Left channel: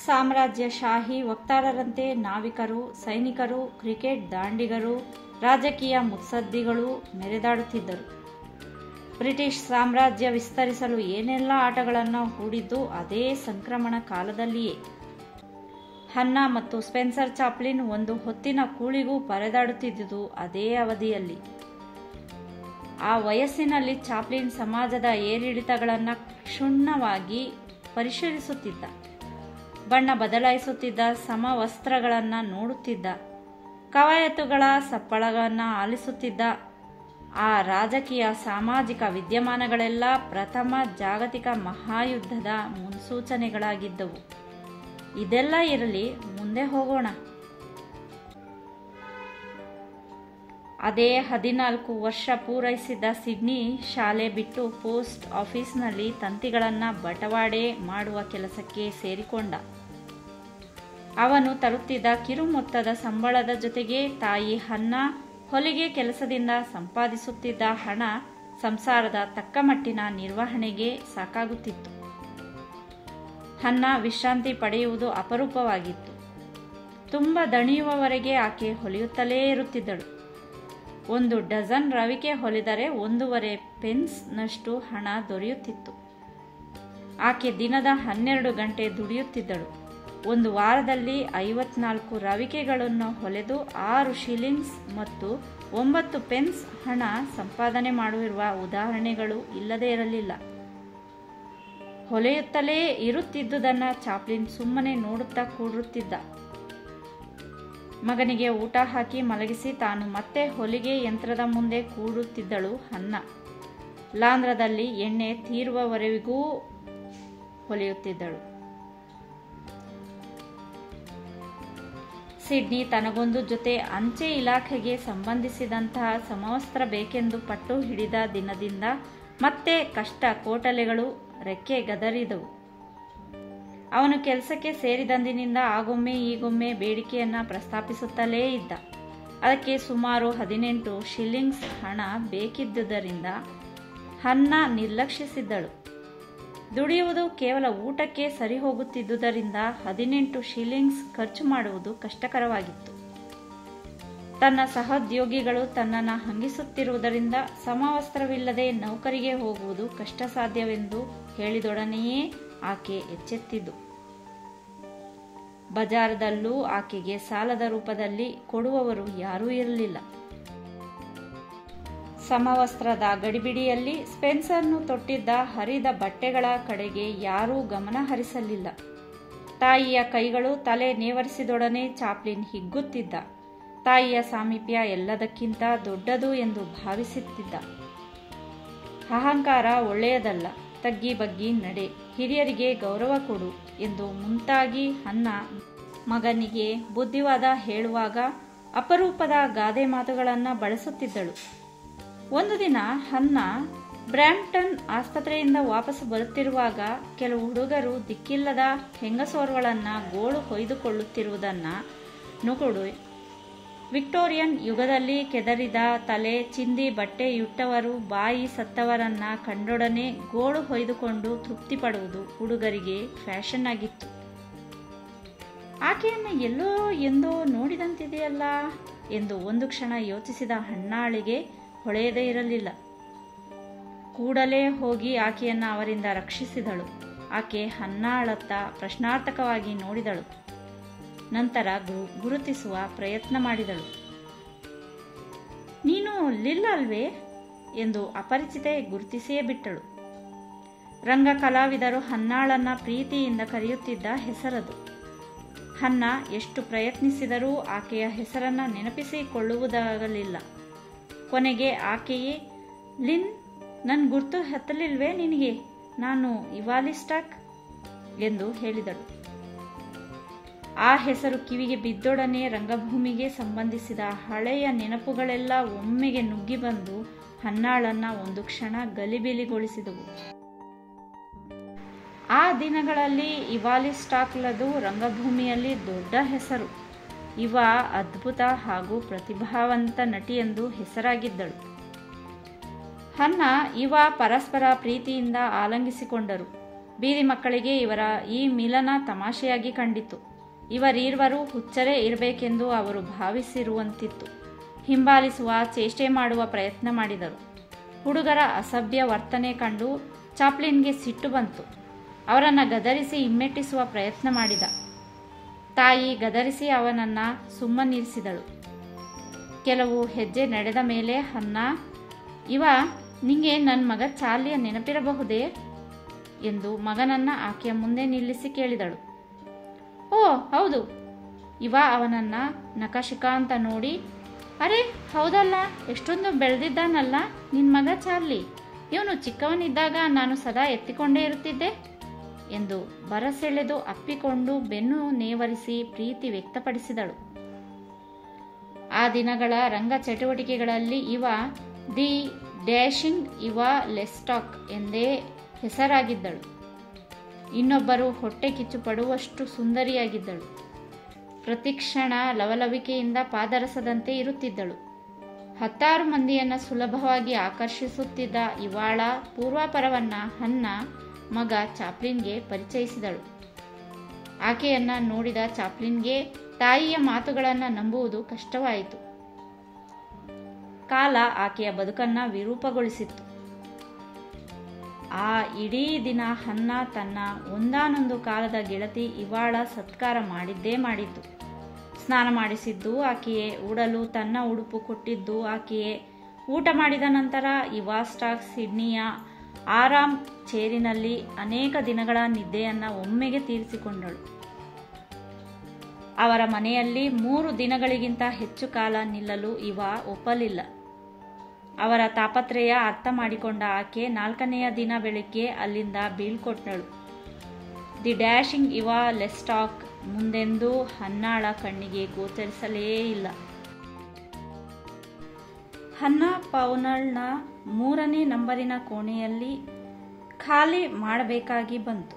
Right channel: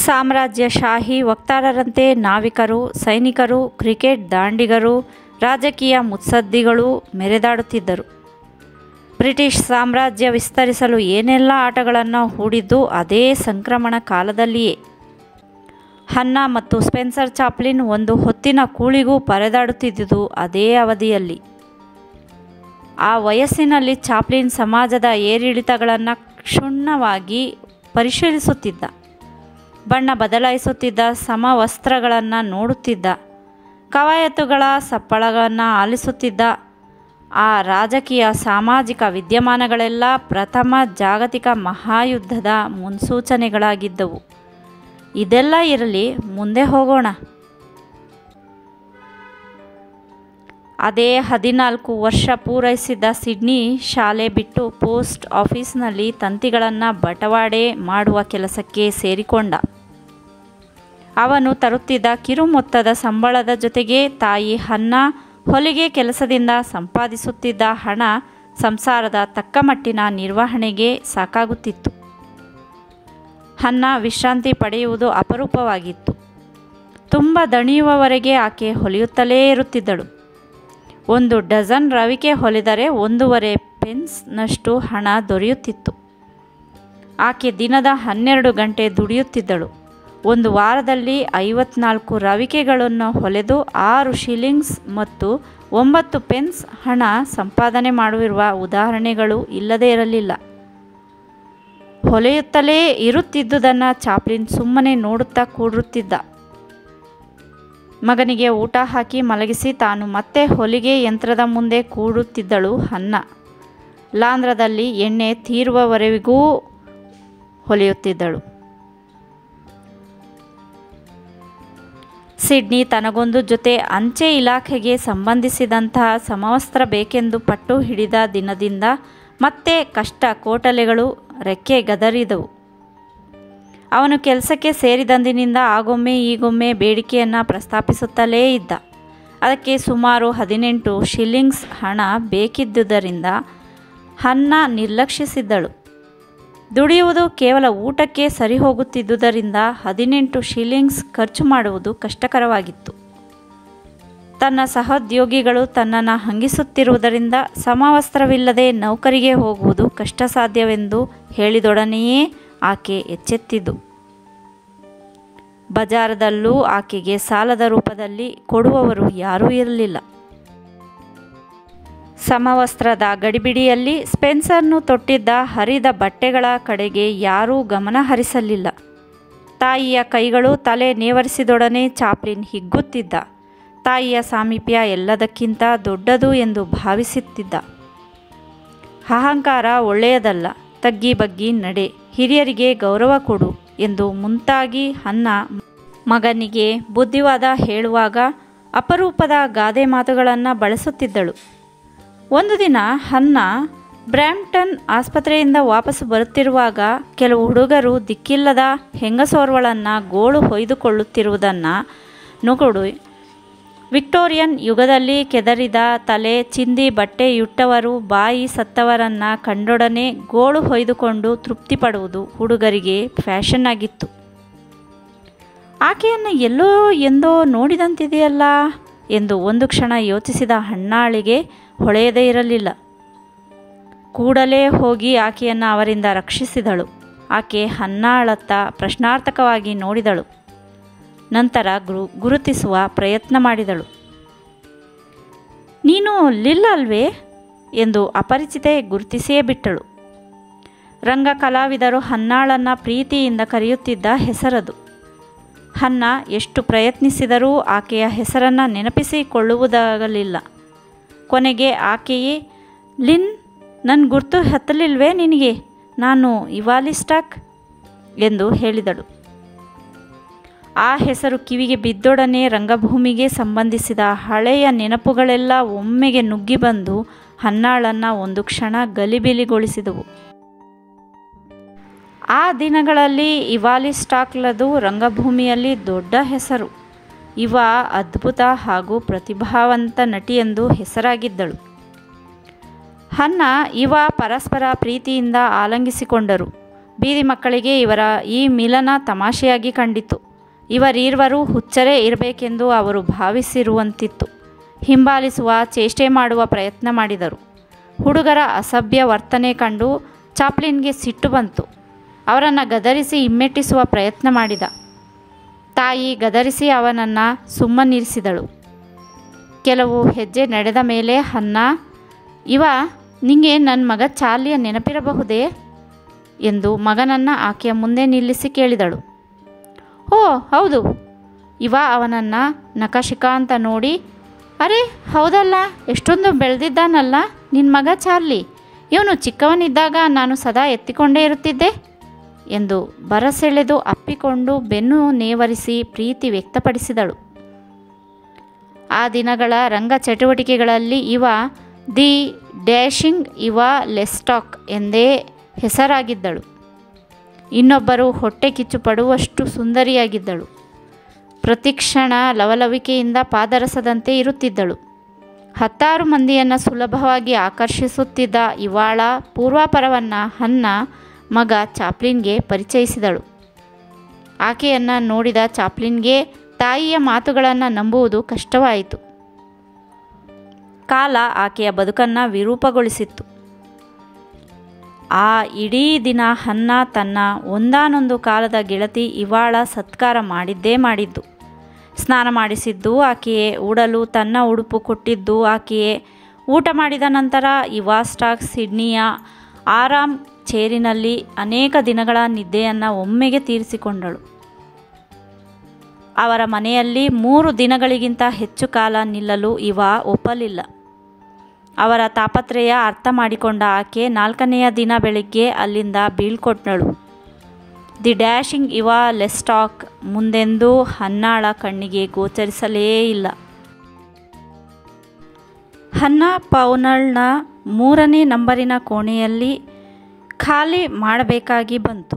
ಸಾಮ್ರಾಜ್ಯಶಾಹಿ ವಕ್ತಾರರಂತೆ ನಾವಿಕರು, ಸೈನಿಕರು, ಕ್ರಿಕೆಟ್ ದಾಂಡಿಗರು, ರಾಜಕೀಯ ಮುತ್ಸದ್ದಿಗಳು ಮೆರೆದಾಡುತ್ತಿದ್ದರು. ಬ್ರಿಟಿಷ್ ಸಾಮ್ರಾಜ್ಯ ವಿಸ್ತರಿಸಲು ಏನೆಲ್ಲ ಆಟಗಳನ್ನು ಹೂಡಿದ್ದು ಅದೇ ಸಂಕ್ರಮಣ ಕಾಲದಲ್ಲಿಯೇ. ಹನ್ನಾ ಮತ್ತು ಸ್ಪೆನ್ಸರ್ ಚಾಪ್ಲಿನ್ ಒಂದು ಹೊತ್ತಿನ ಕೂಳಿಗೂ ಪರದಾಡುತ್ತಿದ್ದುದು ಅದೇ ಅವಧಿಯಲ್ಲಿ. ಆ ವಯಸ್ಸಿನಲ್ಲಿ ಚಾಪ್ಲಿನ್ ಸಮಾಜದ ಏರಿಳಿತಗಳನ್ನು ಕ್ಷುಣ್ಣವಾಗಿ ಪರಿಶೀಲಿಸುತ್ತಿದ್ದ, ಬಣ್ಣ ಬದಲಾಯಿಸುತ್ತಿದ್ದ, ಸಮವಸ್ತ್ರಗಳನ್ನು ನೋಡುತ್ತಿದ್ದ, ಕವಾಯತುಗಳ ಸಪ್ಪಳಗಳನ್ನು ಆಲಿಸುತ್ತಿದ್ದ. ಆ ರಾಜಕೀಯ ಸಾಮಾಜಿಕ ವಿದ್ಯಮಾನಗಳೆಲ್ಲ ಪ್ರಥಮ ಜಾಗತಿಕ ಮಹಾಯುದ್ಧದ ಮುನ್ಸೂಚನೆಗಳಾಗಿದ್ದವು. ಇದೆಲ್ಲ ಇರಲಿ, ಮುಂದೆ ಹೋಗೋಣ. ಅದೇ 14 ವರ್ಷ ಪೂರೈಸಿದ್ದ ಸಿಡ್ನಿ ಶಾಲೆ ಬಿಟ್ಟು ಪೋಸ್ಟ್ ಆಫೀಸ್ನಲ್ಲಿ ತಂತಿಗಳನ್ನು ಬಟವಾಡೆ ಮಾಡುವ ಕೆಲಸಕ್ಕೆ ಸೇರಿಕೊಂಡ. ಅವನು ತರುತ್ತಿದ್ದ ಕಿರು ಮೊತ್ತದ ಸಂಬಳದ ಜೊತೆಗೆ ತಾಯಿ ಹನ್ನಾ ಹೊಲಿಗೆ ಕೆಲಸದಿಂದ ಸಂಪಾದಿಸುತ್ತಿದ್ದ ಹಣ ಸಂಸಾರದ ತಕ್ಕಮಟ್ಟಿನ ನಿರ್ವಹಣೆಗೆ ಸಾಕಾಗುತ್ತಿತ್ತು. ಹನ್ನಾ ವಿಶ್ರಾಂತಿ ಪಡೆಯುವುದು ಅಪರೂಪವಾಗಿತ್ತು. ತುಂಬ ದಣಿಯುವವರೆಗೆ ಆಕೆ ಹೊಲಿಯುತ್ತಲೇ ಇರುತ್ತಿದ್ದಳು. 1 ಡಜನ್ ರವಿಕೆ ಹೊಲಿದರೆ 1.5 ಪೆನ್ಸ್ನಷ್ಟು ಹಣ ದೊರೆಯುತ್ತಿತ್ತು. ಆಕೆ ದಿನದ 12 ಗಂಟೆ ದುಡಿಯುತ್ತಿದ್ದಳು. ಒಂದು ವಾರದಲ್ಲಿ 54 ರವಿಕೆಗಳನ್ನು ಹೊಲೆದು 6 ಶಿಲ್ಲಿಂಗ್ಸ್ ಮತ್ತು 9 ಪೆನ್ಸ್ ಹಣ ಸಂಪಾದನೆ ಮಾಡಿರುವ ಉದಾಹರಣೆಗಳು ಇಲ್ಲದೇ ಇರಲಿಲ್ಲ. ಹೊಲೆಯುತ್ತಲೇ ಇರುತ್ತಿದ್ದುದನ್ನು ಚಾಪ್ಲಿನ್ ಸುಮ್ಮನೆ ನೋಡುತ್ತಾ ಕೂಡುತ್ತಿದ್ದ. ಮಗನಿಗೆ ಊಟ ಹಾಕಿ ಮಲಗಿಸಿ ತಾನು ಮತ್ತೆ ಹೊಲಿಗೆ ಯಂತ್ರದ ಮುಂದೆ ಕೂಡುತ್ತಿದ್ದಳು ಹನ್ನಾ. ಲಾಂಧ್ರದಲ್ಲಿ ಎಣ್ಣೆ ತೀರುವವರೆಗೂ ಹೊಲಿಯುತ್ತಿದ್ದಳು. ಸಿಡ್ನಿ ತನಗೊಂದು ಜೊತೆ ಅಂಚೆ ಇಲಾಖೆಗೆ ಸಂಬಂಧಿಸಿದಂತಹ ಸಮವಸ್ತ್ರ ಬೇಕೆಂದು ಪಟ್ಟು ಹಿಡಿದ ದಿನದಿಂದ ಮತ್ತೆ ಕಷ್ಟ ಕೋಟಲೆಗಳು ರೆಕ್ಕೆ ಗದರಿದವು. ಅವನು ಕೆಲಸಕ್ಕೆ ಸೇರಿದಂದಿನಿಂದ ಆಗೊಮ್ಮೆ ಈಗೊಮ್ಮೆ ಬೇಡಿಕೆಯನ್ನು ಪ್ರಸ್ತಾಪಿಸುತ್ತಲೇ ಇದ್ದ. ಅದಕ್ಕೆ ಸುಮಾರು 18 ಶಿಲ್ಲಿಂಗ್ಸ್ ಹಣ ಬೇಕಿದ್ದುದರಿಂದ ಹನ್ನಾ ನಿರ್ಲಕ್ಷಿಸಿದ್ದಳು. ದುಡಿಯುವುದು ಕೇವಲ ಊಟಕ್ಕೆ ಸರಿಹೋಗುತ್ತಿದ್ದುದರಿಂದ 18 ಶಿಲ್ಲಿಂಗ್ಸ್ ಖರ್ಚು ಮಾಡುವುದು ಕಷ್ಟಕರವಾಗಿತ್ತು. ತನ್ನ ಸಹೋದ್ಯೋಗಿಗಳು ತನ್ನನ್ನು ಹಂಗಿಸುತ್ತಿರುವುದರಿಂದ ಸಮವಸ್ತ್ರವಿಲ್ಲದೆ ನೌಕರಿಗೆ ಹೋಗುವುದು ಕಷ್ಟ ಸಾಧ್ಯವೆಂದು ಹೇಳಿದೊಡನೆಯೇ ಆಕೆ ಎಚ್ಚೆತ್ತಿದ್ದು. ಬಜಾರದಲ್ಲೂ ಆಕೆಗೆ ಸಾಲದ ರೂಪದಲ್ಲಿ ಕೊಡುವವರು ಯಾರೂ ಇರಲಿಲ್ಲ. ಸಮವಸ್ತ್ರದ ಗಡಿಬಿಡಿಯಲ್ಲಿ ಸ್ಪೆನ್ಸರ್ನು ತೊಟ್ಟಿದ್ದ ಹರಿದ ಬಟ್ಟೆಗಳ ಕಡೆಗೆ ಯಾರೂ ಗಮನ ಹರಿಸಲಿಲ್ಲ. ತಾಯಿಯ ಕೈಗಳು ತಲೆ ನೇವರಿಸಿದೊಡನೆ ಚಾಪ್ಲಿನ್ ಹಿಗ್ಗುತ್ತಿದ್ದ. ತಾಯಿಯ ಸಾಮೀಪ್ಯ ಎಲ್ಲದಕ್ಕಿಂತ ದೊಡ್ಡದು ಎಂದು ಭಾವಿಸುತ್ತಿದ್ದ. ಅಹಂಕಾರ ಒಳ್ಳೆಯದಲ್ಲ, ತಗ್ಗಿ ಬಗ್ಗಿ ನಡೆ, ಹಿರಿಯರಿಗೆ ಗೌರವ ಕೊಡು ಎಂದು ಮುಂತಾಗಿ ಹನ್ನಾ ಮಗನಿಗೆ ಬುದ್ಧಿವಾದ ಹೇಳುವಾಗ ಅಪರೂಪದ ಗಾದೆ ಮಾತುಗಳನ್ನು ಬಳಸುತ್ತಿದ್ದಳು. ಒಂದು ದಿನ ಹನ್ನಾ ಬ್ರ್ಯಾಂಪ್ಟನ್ ಆಸ್ಪತ್ರೆಯಿಂದ ವಾಪಸ್ಸು ಬರುತ್ತಿರುವಾಗ ಕೆಲವು ಹುಡುಗರು ದಿಕ್ಕಿಲ್ಲದ ಹೆಂಗಸೋರ್ವಳನ್ನು ಗೋಳು ಹೊಯ್ದುಕೊಳ್ಳುತ್ತಿರುವುದನ್ನು ನುಗುಡು. ವಿಕ್ಟೋರಿಯನ್ ಯುಗದಲ್ಲಿ ಕೆದರಿದ ತಲೆ ಚಿಂದಿ ಬಟ್ಟೆಯುಟ್ಟವರು ಬಾಯಿ ಸತ್ತವರನ್ನು ಕಂಡೊಡನೆ ಗೋಳು ಹೊಯ್ದುಕೊಂಡು ತೃಪ್ತಿಪಡುವುದು ಹುಡುಗರಿಗೆ ಫ್ಯಾಷನ್ ಆಗಿತ್ತು. ಆಕೆಯನ್ನು ಎಲ್ಲೋ ಎಂದೋ ನೋಡಿದಂತಿದೆಯಲ್ಲ ಎಂದು ಒಂದು ಕ್ಷಣ ಯೋಚಿಸಿದ ಹನ್ನಾಳಿಗೆ ಹೊಳೆಯದೇ ಇರಲಿಲ್ಲ. ಕೂಡಲೇ ಹೋಗಿ ಆಕೆಯನ್ನು ಅವರಿಂದ ರಕ್ಷಿಸಿದಳು. ಆಕೆ ಹನ್ನಾಳತ್ತ ಪ್ರಶ್ನಾರ್ಥಕವಾಗಿ ನೋಡಿದಳು. ನಂತರ ಗುರುತಿಸುವ ಪ್ರಯತ್ನ ಮಾಡಿದಳು. ನೀನು ಲಿಲ್ ಅಲ್ವೇ ಎಂದು ಅಪರಿಚಿತೆ ಗುರುತಿಸಿಯೇ ಬಿಟ್ಟಳು. ರಂಗ ಕಲಾವಿದರು ಹನ್ನಾಳನ್ನು ಪ್ರೀತಿಯಿಂದ ಕರೆಯುತ್ತಿದ್ದ ಹೆಸರದು. ಹನ್ನಾ ಎಷ್ಟು ಪ್ರಯತ್ನಿಸಿದರೂ ಆಕೆಯ ಹೆಸರನ್ನು ನೆನಪಿಸಿಕೊಳ್ಳುವುದಾಗಲಿಲ್ಲ. ಕೊನೆಗೆ ಆಕೆಯೇ, ಲಿನ್, ನನ್ನ ಗುರ್ತು ಹತ್ತಲಿಲ್ವೇ ನಿನಗೆ? ನಾನು ಇವಾಲಿಸ್ಟಾಕ್ ಎಂದು ಹೇಳಿದಳು. ಆ ಹೆಸರು ಕಿವಿಗೆ ಬಿದ್ದೊಡನೆ ರಂಗಭೂಮಿಗೆ ಸಂಬಂಧಿಸಿದ ಹಳೆಯ ನೆನಪುಗಳೆಲ್ಲ ಒಮ್ಮೆಗೆ ನುಗ್ಗಿ ಬಂದು ಹನ್ನಾಳನ್ನು ಒಂದು ಕ್ಷಣ ಗಲಿಬಿಲಿಗೊಳಿಸಿದವು. ಆ ದಿನಗಳಲ್ಲಿ ಇವಾಲಿಸ್ಟಾಕ್ಲದು ರಂಗಭೂಮಿಯಲ್ಲಿ ದೊಡ್ಡ ಹೆಸರು. ಇವ ಅದ್ಭುತ ಹಾಗೂ ಪ್ರತಿಭಾವಂತ ನಟಿಯೆಂದು ಹೆಸರಾಗಿದ್ದಳು. ಹನ್ನಾ ಇವ ಪರಸ್ಪರ ಪ್ರೀತಿಯಿಂದ ಆಲಂಗಿಸಿಕೊಂಡರು. ಬೀದಿ ಮಕ್ಕಳಿಗೆ ಇವರ ಈ ಮಿಲನ ತಮಾಷೆಯಾಗಿ ಕಂಡಿತು. ಇವರೀರ್ವರು ಹುಚ್ಚರೇ ಇರಬೇಕೆಂದು ಅವರು ಭಾವಿಸಿರುವಂತಿತ್ತು. ಹಿಂಬಾಲಿಸುವ ಚೇಷ್ಟೆ ಮಾಡುವ ಪ್ರಯತ್ನ ಮಾಡಿದರು. ಹುಡುಗರ ಅಸಭ್ಯ ವರ್ತನೆ ಕಂಡು ಚಾಪ್ಲಿನ್ಗೆ ಸಿಟ್ಟು ಬಂತು. ಅವರನ್ನು ಗದರಿಸಿ ಹಿಮ್ಮೆಟ್ಟಿಸುವ ಪ್ರಯತ್ನ ಮಾಡಿದ. ತಾಯಿ ಗದರಿಸಿ ಅವನನ್ನು ಸುಮ್ಮನಿರಿಸಿದಳು. ಕೆಲವು ಹೆಜ್ಜೆ ನಡೆದ ಮೇಲೆ ಹನ್ನ, ಇವ ನಿಂಗೆ ನನ್ನ ಮಗ ಚಾರ್ಲಿಯ ನೆನಪಿರಬಹುದೇ ಎಂದು ಮಗನನ್ನು ಆಕೆಯ ಮುಂದೆ ನಿಲ್ಲಿಸಿ ಕೇಳಿದಳು. ಓ ಹೌದು. ಇವ ಅವನನ್ನು ನಖಶಿಖ ಅಂತ ನೋಡಿ, ಅರೆ ಹೌದಲ್ಲ, ಎಷ್ಟೊಂದು ಬೆಳೆದಿದ್ದಾನಲ್ಲ ನಿನ್ನ ಮಗ ಚಾರ್ಲಿ. ಇವನು ಚಿಕ್ಕವನಿದ್ದಾಗ ನಾನು ಸದಾ ಎತ್ತಿಕೊಂಡೇ ಇರುತ್ತಿದ್ದೆ ಎಂದು ಬರಸೆಳೆದು ಅಪ್ಪಿಕೊಂಡು ಬೆನ್ನು ನೇವರಿಸಿ ಪ್ರೀತಿ ವ್ಯಕ್ತಪಡಿಸಿದಳು. ಆ ದಿನಗಳ ರಂಗ ಚಟುವಟಿಕೆಗಳಲ್ಲಿ ಇವ ದಿ ಡ್ಯಾಶಿಂಗ್ ಇವ ಲೆಸ್ಟಾಕ್ ಎಂದೇ ಹೆಸರಾಗಿದ್ದಳು. ಇನ್ನೊಬ್ಬರು ಹೊಟ್ಟೆ ಕಿಚ್ಚು ಪಡುವಷ್ಟು ಸುಂದರಿಯಾಗಿದ್ದಳು. ಪ್ರತಿಕ್ಷಣ ಲವಲವಿಕೆಯಿಂದ ಪಾದರಸದಂತೆ ಇರುತ್ತಿದ್ದಳು. 10 ಮಂದಿಯನ್ನು ಸುಲಭವಾಗಿ ಆಕರ್ಷಿಸುತ್ತಿದ್ದ ಇವಳ ಪೂರ್ವಾಪರವನ್ನು ಹನ್ನ ಮಗ ಚಾಪ್ಲಿನ್ಗೆ ಪರಿಚಯಿಸಿದಳು. ಆಕೆಯನ್ನು ನೋಡಿದ ಚಾಪ್ಲಿನ್ಗೆ ತಾಯಿಯ ಮಾತುಗಳನ್ನು ನಂಬುವುದು ಕಷ್ಟವಾಯಿತು. ಕಾಲ ಆಕೆಯ ಬದುಕನ್ನು ವಿರೂಪಗೊಳಿಸಿತ್ತು. ಆ ಇಡೀ ದಿನ ಹನ್ನ ತನ್ನ ಒಂದಾನೊಂದು ಕಾಲದ ಗೆಳತಿ ಇವಳ ಸತ್ಕಾರ ಮಾಡಿದ್ದೇ ಮಾಡಿದ್ದು. ಸ್ನಾನ ಮಾಡಿಸಿದ್ದು ಆಕೆಯೇ, ಉಡಲು ತನ್ನ ಉಡುಪು ಕೊಟ್ಟಿದ್ದು ಆಕೆಯೇ. ಊಟ ಮಾಡಿದ ನಂತರ ಇವಾಸ್ಟಾಕ್ ಸಿಡ್ನಿಯ ಆರಾಮ್ ಚೇರಿನಲ್ಲಿ ಅನೇಕ ದಿನಗಳ ನಿದ್ದೆಯನ್ನು ಒಮ್ಮೆಗೆ ತೀರಿಸಿಕೊಂಡಳು. ಅವರ ಮನೆಯಲ್ಲಿ 3 ದಿನಗಳಿಗಿಂತ ಹೆಚ್ಚು ಕಾಲ ನಿಲ್ಲಲು ಇವ ಒಪ್ಪಲಿಲ್ಲ. ಅವರ ತಾಪತ್ರಯ ಅರ್ಥ ಮಾಡಿಕೊಂಡ ಆಕೆ 4ನೆಯ ದಿನ ಬೆಳಿಗ್ಗೆ ಅಲ್ಲಿಂದ ಬೀಳ್ಕೊಟ್ಟಳು. ದಿ ಡ್ಯಾಶಿಂಗ್ ಇವ ಲೆಸ್ಟಾಕ್ ಮುಂದೆಂದೂ ಹನ್ನಾಳ ಕಣ್ಣಿಗೆ ಗೋಚರಿಸಲೇ ಇಲ್ಲ. ಹನ್ನ ಪೌನಲ್ನ 3ನೇ ನಂಬರಿನ ಕೋಣೆಯಲ್ಲಿ ಖಾಲಿ ಮಾಡಬೇಕಾಗಿ ಬಂತು.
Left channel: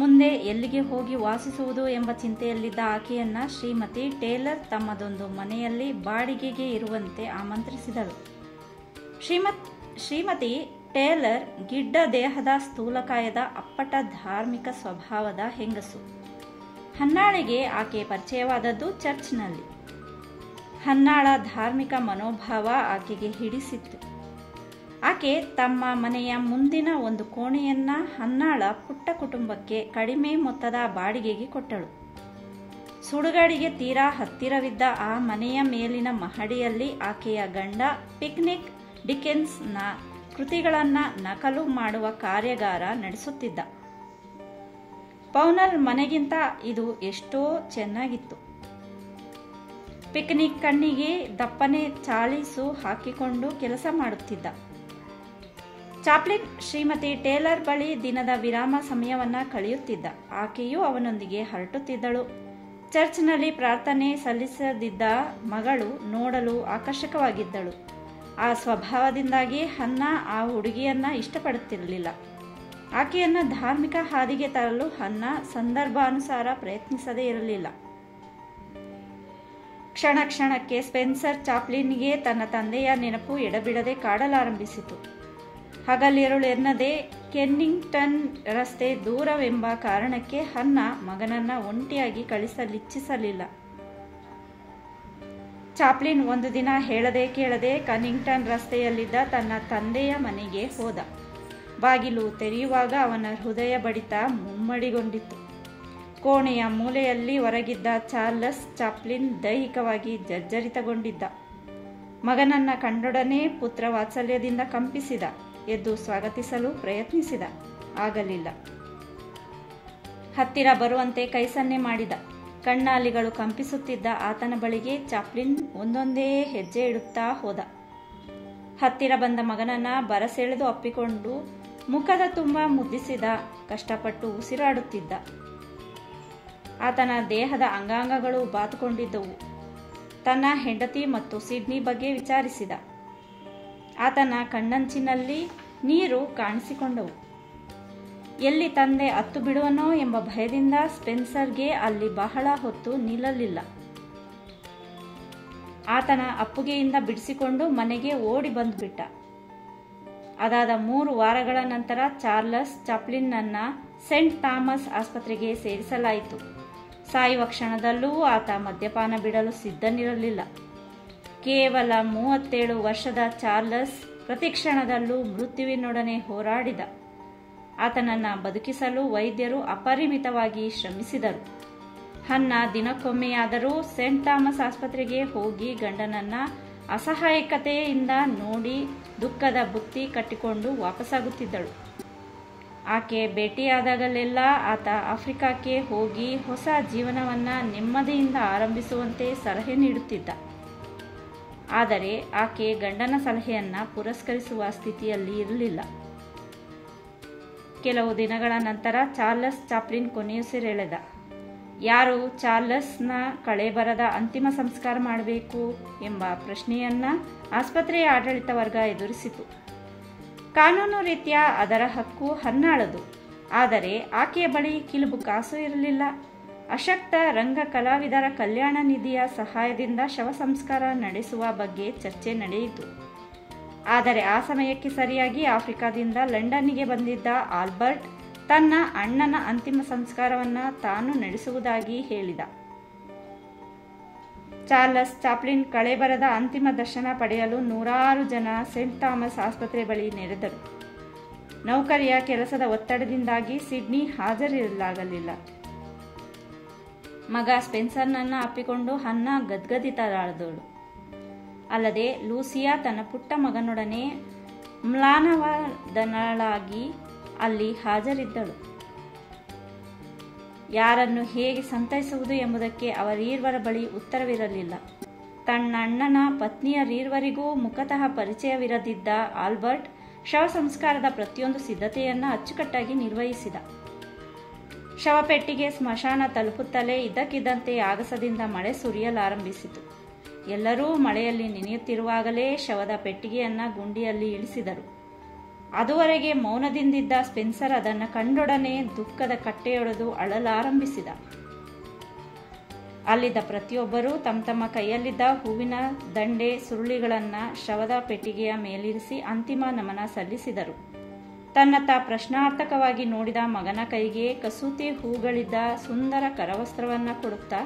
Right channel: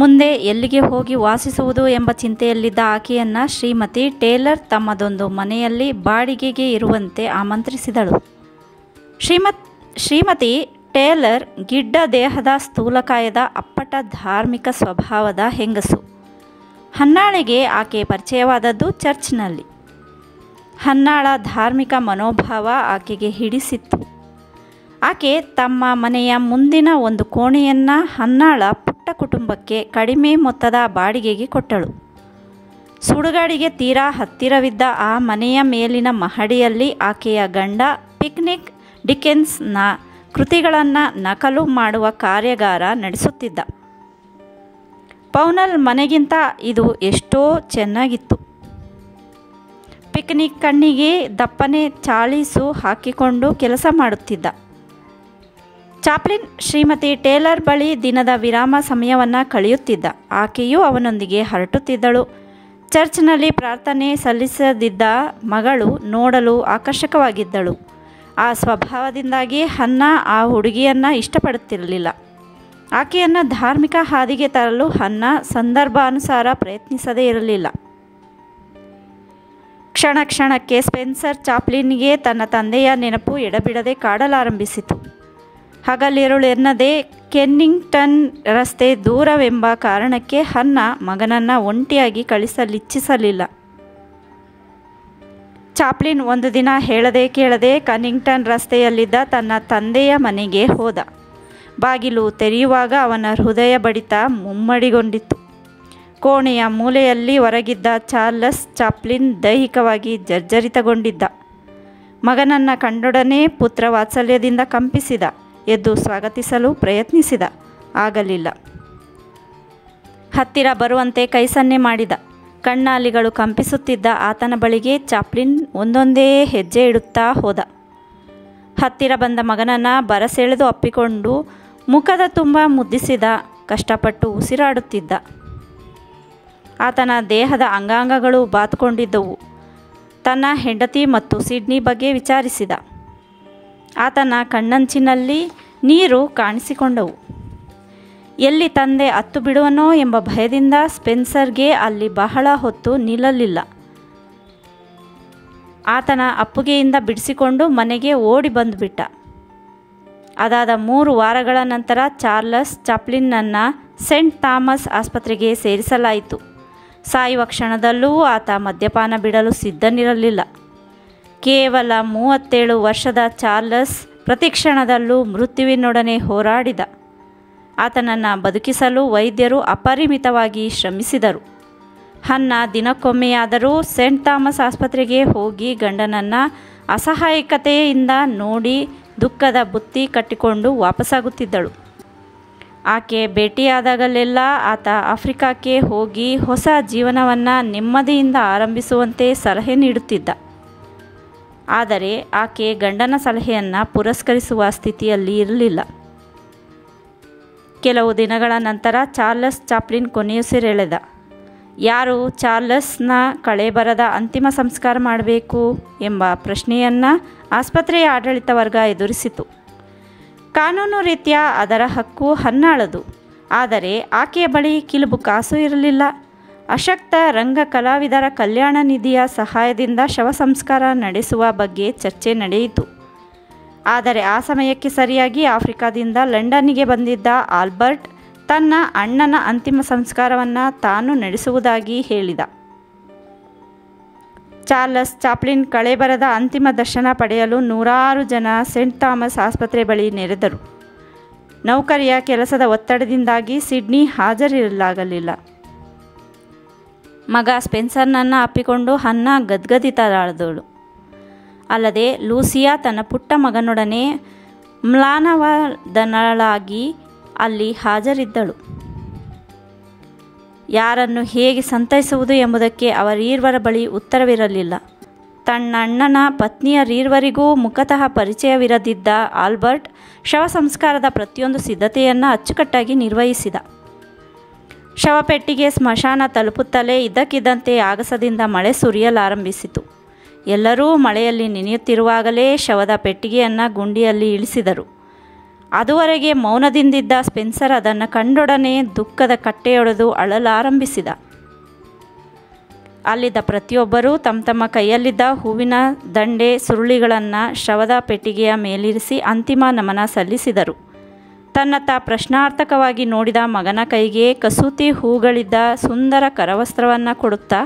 ಮುಂದೆ ಎಲ್ಲಿಗೆ ಹೋಗಿ ವಾಸಿಸುವುದು ಎಂಬ ಚಿಂತೆಯಲ್ಲಿದ್ದ ಆಕೆಯನ್ನು ಶ್ರೀಮತಿ ಟೇಲರ್ ತಮ್ಮದೊಂದು ಮನೆಯಲ್ಲಿ ಬಾಡಿಗೆಗೆ ಇರುವಂತೆ ಆಮಂತ್ರಿಸಿದಳು. ಶ್ರೀಮತಿ ಟೇಲರ್ ಗಿಡ್ಡ ದೇಹದ ಸ್ಥೂಲಕಾಯದ ಅಪ್ಪಟ ಧಾರ್ಮಿಕ ಸ್ವಭಾವದ ಹೆಂಗಸು. ಹನ್ನಾಳಿಗೆ ಆಕೆ ಪರಿಚಯವಾದದ್ದು ಚರ್ಚ್ನಲ್ಲಿ. ಹನ್ನಾಳ ಧಾರ್ಮಿಕ ಮನೋಭಾವ ಆಕೆಗೆ ಹಿಡಿಸಿತ್ತು. ಆಕೆ ತಮ್ಮ ಮನೆಯ ಮುಂದಿನ ಒಂದು ಕೋಣೆಯನ್ನು ಹನ್ನಾಳ ಪುಟ್ಟ ಕುಟುಂಬಕ್ಕೆ ಕಡಿಮೆ ಮೊತ್ತದ ಬಾಡಿಗೆಗೆ ಕೊಟ್ಟಳು. ಸುಡುಗಾಡಿಗೆ ತೀರಾ ಹತ್ತಿರವಿದ್ದ ಆ ಮನೆಯ ಮೇಲಿನ ಮಹಡಿಯಲ್ಲಿ ಆಕೆಯ ಗಂಡ ಪಿಕ್ನಿಕ್ ಡಿಕೆನ್ಸ್ನ ಕೃತಿಗಳನ್ನು ನಕಲು ಮಾಡುವ ಕಾರ್ಯಾಗಾರ ನಡೆಸುತ್ತಿದ್ದ. ಪೌನಲ್ ಮನೆಗಿಂತ ಇದು ಎಷ್ಟೋ ಚೆನ್ನಾಗಿತ್ತು. ಪಿಕ್ನಿಕ್ ಕಣ್ಣಿಗೆ ದಪ್ಪನೆ ಚಾಳೀಸು ಹಾಕಿಕೊಂಡು ಕೆಲಸ ಮಾಡುತ್ತಿದ್ದ. ಚಾಪ್ಲಿನ್ ಶ್ರೀಮತಿ ಟೇಲರ್ ಬಳಿ ದಿನದ ವಿರಾಮ ಸಮಯವನ್ನು ಕಳೆಯುತ್ತಿದ್ದ. ಆಕೆಯೂ ಅವನೊಂದಿಗೆ ಹರಟುತ್ತಿದ್ದಳು. ಚರ್ಚ್ನಲ್ಲಿ ಪ್ರಾರ್ಥನೆ ಸಲ್ಲಿಸದಿದ್ದ ಮಗಳು ನೋಡಲು ಆಕರ್ಷಕವಾಗಿದ್ದಳು. ಆ ಸ್ವಭಾವದಿಂದಾಗಿ ಹನ್ನ ಆ ಹುಡುಗಿಯನ್ನು ಇಷ್ಟಪಡುತ್ತಿರಲಿಲ್ಲ. ಆಕೆಯನ್ನು ಧಾರ್ಮಿಕ ಹಾದಿಗೆ ತರಲು ಹನ್ನ ಸಂದರ್ಭಾನುಸಾರ ಪ್ರಯತ್ನಿಸದೇ ಇರಲಿಲ್ಲ. ಕ್ಷಣ ಕ್ಷಣಕ್ಕೆ ಸ್ಪೆನ್ಸರ್ ಚಾಪ್ಲಿನ್ಗೆ ತನ್ನ ತಂದೆಯ ನೆನಪು ಎಡಬಿಡದೆ ಕಾಡಲಾರಂಭಿಸಿತು. ಹಗಲಿರುಳೆನ್ನದೇ ಕೆನ್ನಿಂಗ್ಟನ್ ರಸ್ತೆ ದೂರವೆಂಬ ಕಾರಣಕ್ಕೆ ಹನ್ನ ಮಗನನ್ನು ಒಂಟಿಯಾಗಿ ಕಳಿಸಲಿಚ್ಛಿಸಲಿಲ್ಲ. ಚಾಪ್ಲಿನ್ ಒಂದು ದಿನ ಹೇಳದೆ ಕೇಳದೆ ಕನ್ನಿಂಗ್ಟನ್ ರಸ್ತೆಯಲ್ಲಿದ್ದ ತನ್ನ ತಂದೆಯ ಮನೆಗೆ ಹೋದ. ಬಾಗಿಲು ತೆರೆಯುವಾಗ ಅವನ ಹೃದಯ ಬಡಿತ ಮುಮ್ಮಡಿಗೊಂಡಿತ್ತು. ಕೋಣೆಯ ಮೂಲೆಯಲ್ಲಿ ಹೊರಗಿದ್ದ ಚಾರ್ಲಸ್ ಚಾಪ್ಲಿನ್ ದೈಹಿಕವಾಗಿ ಜರ್ಜರಿತಗೊಂಡಿದ್ದ. ಮಗನನ್ನು ಕಂಡೊಡನೆ ಪುತ್ರ ವಾತ್ಸಲ್ಯದಿಂದ ಕಂಪಿಸಿದ. ಎದ್ದು ಸ್ವಾಗತಿಸಲು ಪ್ರಯತ್ನಿಸಿದ. ಆಗಲಿಲ್ಲ. ಹತ್ತಿರ ಬರುವಂತೆ ಕೈ ಸನ್ನೆ ಮಾಡಿದ. ಕಣ್ಣಾಲಿಗಳು ಕಂಪಿಸುತ್ತಿದ್ದ ಆತನ ಬಳಿಗೆ ಚಾಪ್ಲಿನ್ ಒಂದೊಂದೇ ಹೆಜ್ಜೆ ಇಡುತ್ತಾ ಹೋದ. ಹತ್ತಿರ ಬಂದ ಮಗನನ್ನು ಬರಸೆಳೆದು ಅಪ್ಪಿಕೊಂಡು ಮುಖದ ತುಂಬ ಮುದ್ದಿಸಿದ. ಕಷ್ಟಪಟ್ಟು ಉಸಿರಾಡುತ್ತಿದ್ದ. ಆತನ ದೇಹದ ಅಂಗಾಂಗಗಳು ಬಾತುಕೊಂಡಿದ್ದವು. ತನ್ನ ಹೆಂಡತಿ ಮತ್ತು ಸಿಡ್ನಿ ಬಗ್ಗೆ ವಿಚಾರಿಸಿದ. ಆತನ ಕಣ್ಣಂಚಿನಲ್ಲಿ ನೀರು ಕಾಣಿಸಿಕೊಂಡವು. ಎಲ್ಲಿ ತಂದೆ ಅತ್ತು ಬಿಡುವನೋ ಎಂಬ ಭಯದಿಂದ ಸ್ಪೆನ್ಸರ್ಗೆ ಅಲ್ಲಿ ಬಹಳ ಹೊತ್ತು ನಿಲ್ಲಲಿಲ್ಲ. ಆತನ ಅಪ್ಪುಗೆಯಿಂದ ಬಿಡಿಸಿಕೊಂಡು ಮನೆಗೆ ಓಡಿ ಬಂದುಬಿಟ್ಟ. ಅದಾದ 3 ವಾರಗಳ ನಂತರ ಚಾರ್ಲಸ್ ಚಾಪ್ಲಿನ್ನನ್ನು ಸೆಂಟ್ ಥಾಮಸ್ ಆಸ್ಪತ್ರೆಗೆ ಸೇರಿಸಲಾಯಿತು. ಸಾಯುವ ಕ್ಷಣದಲ್ಲೂ ಆತ ಮದ್ಯಪಾನ ಬಿಡಲು ಸಿದ್ಧನಿರಲಿಲ್ಲ. ಕೇವಲ 37 ವರ್ಷದ ಚಾರ್ಲಸ್ ಪ್ರತಿಕ್ಷಣದಲ್ಲೂ ಮೃತ್ಯುವಿನೊಡನೆ ಹೋರಾಡಿದ. ಆತನನ್ನು ಬದುಕಿಸಲು ವೈದ್ಯರು ಅಪರಿಮಿತವಾಗಿ ಶ್ರಮಿಸಿದರು. ಹನ್ನಾ ದಿನಕ್ಕೊಮ್ಮೆಯಾದರೂ ಸೆಂಟ್ ಥಾಮಸ್ ಆಸ್ಪತ್ರೆಗೆ ಹೋಗಿ ಗಂಡನನ್ನು ಅಸಹಾಯಕತೆಯಿಂದ ನೋಡಿ ದುಃಖದ ಬುತ್ತಿ ಕಟ್ಟಿಕೊಂಡು ವಾಪಸ್ಸಾಗುತ್ತಿದ್ದಳು. ಆಕೆ ಭೇಟಿಯಾದಾಗಲೆಲ್ಲ ಆತ ಆಫ್ರಿಕಾಕ್ಕೆ ಹೋಗಿ ಹೊಸ ಜೀವನವನ್ನು ನೆಮ್ಮದಿಯಿಂದ ಆರಂಭಿಸುವಂತೆ ಸಲಹೆ ನೀಡುತ್ತಿದ್ದ. ಆದರೆ ಆಕೆ ಗಂಡನ ಸಲಹೆಯನ್ನು ಪುರಸ್ಕರಿಸುವ ಸ್ಥಿತಿಯಲ್ಲಿ ಇರಲಿಲ್ಲ. ಕೆಲವು ದಿನಗಳ ನಂತರ ಚಾರ್ಲಸ್ ಚಾಪ್ಲಿನ್ ಕೊನೆಯುಸಿರೆಳೆದ. ಯಾರು ಚಾರ್ಲಸ್ನ ಕಳೇಬರದ ಅಂತಿಮ ಸಂಸ್ಕಾರ ಮಾಡಬೇಕು ಎಂಬ ಪ್ರಶ್ನೆಯನ್ನು ಆಸ್ಪತ್ರೆಯ ಆಡಳಿತ ವರ್ಗ ಎದುರಿಸಿತು. ಕಾನೂನು ರೀತ್ಯ ಅದರ ಹಕ್ಕು ಹನ್ನಾಳದು. ಆದರೆ ಆಕೆಯ ಬಳಿ ಕಿಲುಬು ಕಾಸು ಇರಲಿಲ್ಲ. ಅಶಕ್ತ ರಂಗ ಕಲಾವಿದರ ಕಲ್ಯಾಣ ನಿಧಿಯ ಸಹಾಯದಿಂದ ಶವ ಸಂಸ್ಕಾರ ನಡೆಸುವ ಬಗ್ಗೆ ಚರ್ಚೆ ನಡೆಯಿತು. ಆದರೆ ಆ ಸಮಯಕ್ಕೆ ಸರಿಯಾಗಿ ಆಫ್ರಿಕಾದಿಂದ ಲಂಡನ್ನಿಗೆ ಬಂದಿದ್ದ ಆಲ್ಬರ್ಟ್ ತನ್ನ ಅಣ್ಣನ ಅಂತಿಮ ಸಂಸ್ಕಾರವನ್ನು ತಾನು ನಡೆಸುವುದಾಗಿ ಹೇಳಿದ. ಚಾರ್ಲಸ್ ಚಾಪ್ಲಿನ್ ಕಳೇಬರದ ಅಂತಿಮ ದರ್ಶನ ಪಡೆಯಲು ನೂರಾರು ಜನ ಸೆಂಟ್ ಥಾಮಸ್ ಆಸ್ಪತ್ರೆ ಬಳಿ ನೆರೆದರು. ನೌಕರಿಯ ಕೆಲಸದ ಒತ್ತಡದಿಂದಾಗಿ ಸಿಡ್ನಿ ಹಾಜರಿರಲಾಗಲಿಲ್ಲ. ಮಗ ಸ್ಪೆನ್ಸರ್ನನ್ನು ಅಪ್ಪಿಕೊಂಡು ಹನ್ನಾ ಗದ್ಗದಿತಳಾದಳು. ಅಲ್ಲದೆ ಲೂಸಿಯಾ ತನ್ನ ಪುಟ್ಟ ಮಗನೊಡನೆ ಮ್ಲಾನವದನಳಾಗಿ ಅಲ್ಲಿ ಹಾಜರಿದ್ದಳು. ಯಾರನ್ನು ಹೇಗೆ ಸಂತೈಸುವುದು ಎಂಬುದಕ್ಕೆ ಅವರೀರ್ವರ ಬಳಿ ಉತ್ತರವಿರಲಿಲ್ಲ. ತನ್ನಣ್ಣನ ಪತ್ನಿಯರೀರ್ವರಿಗೂ ಮುಖತಃ ಪರಿಚಯವಿರದಿದ್ದ ಆಲ್ಬರ್ಟ್ ಶವ ಸಂಸ್ಕಾರದ ಪ್ರತಿಯೊಂದು ಸಿದ್ಧತೆಯನ್ನು ಅಚ್ಚುಕಟ್ಟಾಗಿ ನಿರ್ವಹಿಸಿದ. ಶವಪೆಟ್ಟಿಗೆ ಸ್ಮಶಾನ ತಲುಪುತ್ತಲೇ ಇದ್ದಕ್ಕಿದ್ದಂತೆ ಆಗಸದಿಂದ ಮಳೆ ಸುರಿಯಲಾರಂಭಿಸಿತು. ಎಲ್ಲರೂ ಮಳೆಯಲ್ಲಿ ನೆನೆಯುತ್ತಿರುವಾಗಲೇ ಶವದ ಪೆಟ್ಟಿಗೆಯನ್ನು ಗುಂಡಿಯಲ್ಲಿ ಇಳಿಸಿದರು. ಅದುವರೆಗೆ ಮೌನದಿಂದಿದ್ದ ಸ್ಪೆನ್ಸರ್ ಅದನ್ನು ಕಂಡೊಡನೆ ದುಃಖದ ಕಟ್ಟೆಯೊಡೆದು ಅಳಲಾರಂಭಿಸಿದ. ಅಲ್ಲಿದ್ದ ಪ್ರತಿಯೊಬ್ಬರೂ ತಮ್ಮ ತಮ್ಮ ಕೈಯಲ್ಲಿದ್ದ ಹೂವಿನ ದಂಡೆ ಸುರುಳಿಗಳನ್ನು ಶವದ ಪೆಟ್ಟಿಗೆಯ ಮೇಲಿರಿಸಿ ಅಂತಿಮ ನಮನ ಸಲ್ಲಿಸಿದರು. ತನ್ನತ್ತ ಪ್ರಶ್ನಾರ್ಥಕವಾಗಿ ನೋಡಿದ ಮಗನ ಕೈಗೆ ಕಸೂತಿ ಹೂಗಳಿದ್ದ ಸುಂದರ ಕರವಸ್ತ್ರವನ್ನು ಕೊಡುತ್ತಾ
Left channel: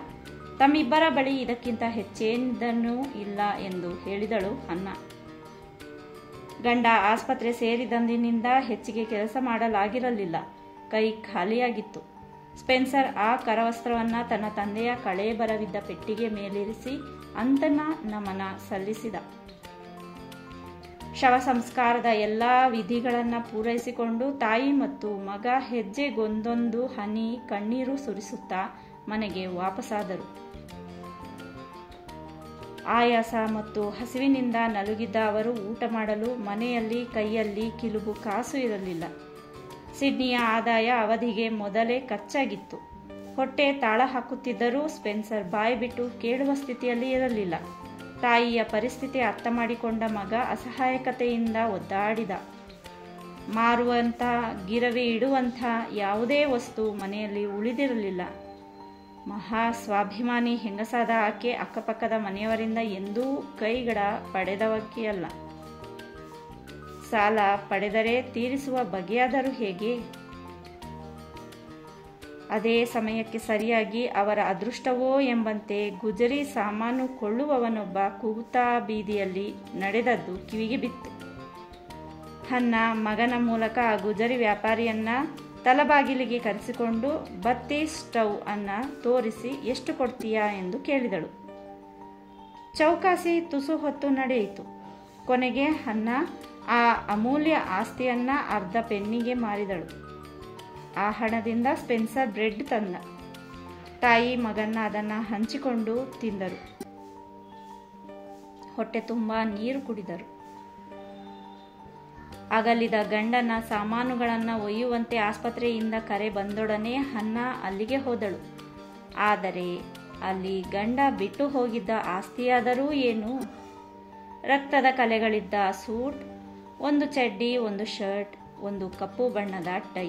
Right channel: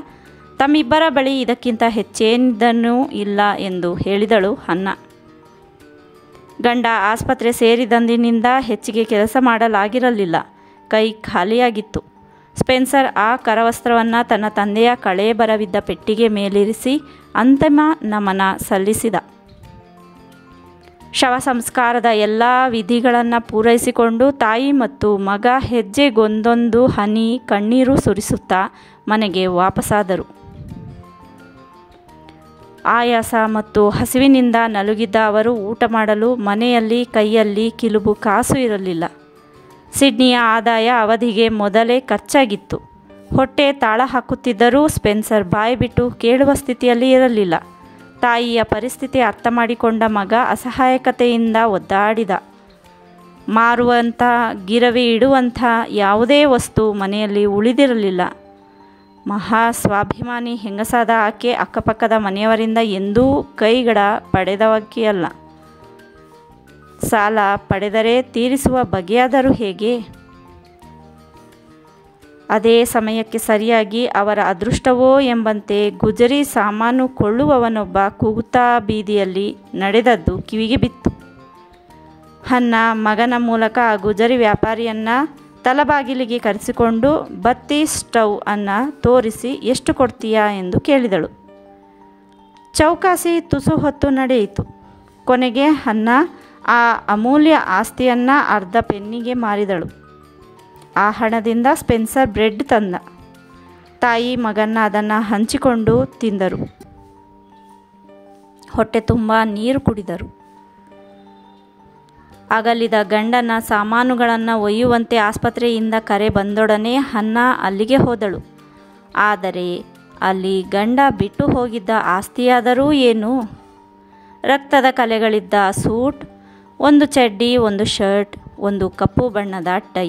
ತಮ್ಮಿಬ್ಬರ ಬಳಿ ಇದಕ್ಕಿಂತ ಹೆಚ್ಚೇನಿದ್ದನೂ ಇಲ್ಲ ಎಂದು ಹೇಳಿದಳು ಹನ್ನಾ. ಗಂಡ ಆಸ್ಪತ್ರೆ ಸೇರಿದಂದಿನಿಂದ ಹೆಚ್ಚಿಗೆ ಕೆಲಸ ಮಾಡಲಾಗಿರಲಿಲ್ಲ. ಕೈ ಖಾಲಿಯಾಗಿತ್ತು. ಸ್ಪೆನ್ಸರ್ ಆ ಕರವಸ್ತ್ರವನ್ನು ತನ್ನ ತಂದೆಯ ಕಳೇಬರವಿದ್ದ ಪೆಟ್ಟಿಗೆ ಮೇಲಿರಿಸಿ ಅಂತಿಮ ನಮನ ಸಲ್ಲಿಸಿದ. ಶವ ಸಂಸ್ಕಾರದ ಎಲ್ಲ ವಿಧಿಗಳನ್ನು ಪೂರೈಸಿಕೊಂಡು ತಾಯಿ ಮತ್ತು ಮಗ ಹೆಜ್ಜೆಗೊಂದೊಂದು ಹನಿ ಕಣ್ಣೀರು ಸುರಿಸುತ್ತಾ ಮನೆಗೆ ವಾಪಸ್ಸಾದರು. ಆಯಾಸ ಮತ್ತು ಹಸಿವಿನಿಂದ ನಲುಗಿದ್ದ ಅವರು ಊಟ ಮಾಡಲು ಮನೆಯಲ್ಲಿ ಕೈಯಲ್ಲಿ ಕಿಲುಬು ಕಾಸು ಇರಲಿಲ್ಲ. ಸಿಡ್ನಿಯ ಆದಾಯ ಅವಧಿಗೆ ಮೊದಲೇ ಖರ್ಚಾಗಿತ್ತು. ಹೊಟ್ಟೆ ತಾಳ ಹಾಕುತ್ತಿದ್ದರೂ ಸ್ಪೆನ್ಸರ್ ಬಾಯಿ ಬಿಟ್ಟು ಕೇಳುವ ಸ್ಥಿತಿಯಲ್ಲಿ ಇರಲಿಲ್ಲ. ತಾಯಿಯ ಪರಿಸ್ಥಿತಿ ಅರ್ಥ ಮಾಡಿಕೊಂಡ ಮಗ ಅಸಹಾಯಕತೆಯಿಂದ ಒದ್ದಾಡಿದ. ಮಾರುವಂಥ ಗಿರವಿ ಇಡುವಂಥ ಯಾವುದೇ ವಸ್ತು ಮನೆಯಲ್ಲಿ ಉಳಿದಿರಲಿಲ್ಲ. ಮಹಾ ಸ್ವಾಭಿಮಾನಿ ಹೆಂಗಸಾದ ಆಕೆ ಅಕ್ಕಪಕ್ಕದ ಮನೆಯವರಿಂದ ಎಂದೂ ಕೈಗಡ ಪಡೆದವಕ್ಕಿಯಲ್ಲ. ಸಾಲ ಪಡೆದರೆ ತೀರಿಸುವ ಬಗೆಯಾದರೂ ಹೇಗೆ? ಅದೇ ಸಮಯಕ್ಕೆ ಸರಿಯಾಗಿ ಅವರ ಅದೃಷ್ಟವೋ ಎಂಬಂತೆ ಗುಜರಿ ಸಾಮಾನು ಕೊಳ್ಳುವವನೊಬ್ಬ ಕೂಗುತ್ತಾ ಬೀದಿಯಲ್ಲಿ ನಡೆದದ್ದು ಕಿವಿಗೆ ಬಿತ್ತು. ಹನ್ನಾ ಮಗನ ಮೂಲಕ ಆ ಗುಜರಿ ವ್ಯಾಪಾರಿಯನ್ನು ತಲಬಾಗಿಲಿಗೆ ಕರೆಸಿಕೊಂಡು ಬತ್ತಿ ಸ್ಟವ್ ಅನ್ನು ತೋರಿಸಿ ಎಷ್ಟು ಕೊಡ್ತೀಯಾ ಎಂದು ಕೇಳಿದಳು. ಚೌಕಾಸಿ ತುಸು ಹೊತ್ತು ನಡೆಯಿತು. ಕೊನೆಗೆ ಹನ್ನಾ ಆ ಅಮೂಲ್ಯ ಆಸ್ತಿಯನ್ನು ಅರ್ಧ ಪೆನ್ನಿಗೆ ಮಾರಿದಳು. ಆ ಹಣದಿಂದ ಸ್ಪೆನ್ಸರ್ ಬ್ರೆಡ್ ತಂದ. ತಾಯಿ ಮಗನ್ನ ಅದನ್ನು ಹಂಚಿಕೊಂಡು ತಿಂದರು. ಹೊಟ್ಟೆ ತುಂಬ ನೀರು ಕುಡಿದರು. ಅಗಲಿದ ಗಂಡನ ಸಾಮಾನುಗಳನ್ನು ಒಯ್ಯುವಂತೆ ಆಸ್ಪತ್ರೆಯಿಂದ ಕರೆ ಬಂದೊಡನೆ ಹನ್ನಾ ಅಲ್ಲಿಗೆ ಹೋದಳು. ಆದರೆ ಅಲ್ಲಿ ಗಂಡ ಬಿಟ್ಟು ಹೋಗಿದ್ದ ಆಸ್ತಿಯಾದರೂ ಏನು? ರಕ್ತದ ಕಲೆಗಳಿದ್ದ ಸೂಟ್, ಒಂದು ಚಡ್ಡಿ, ಒಂದು ಶರ್ಟ್, ಒಂದು ಕಪ್ಪು ಬಣ್ಣದ ಟೈ,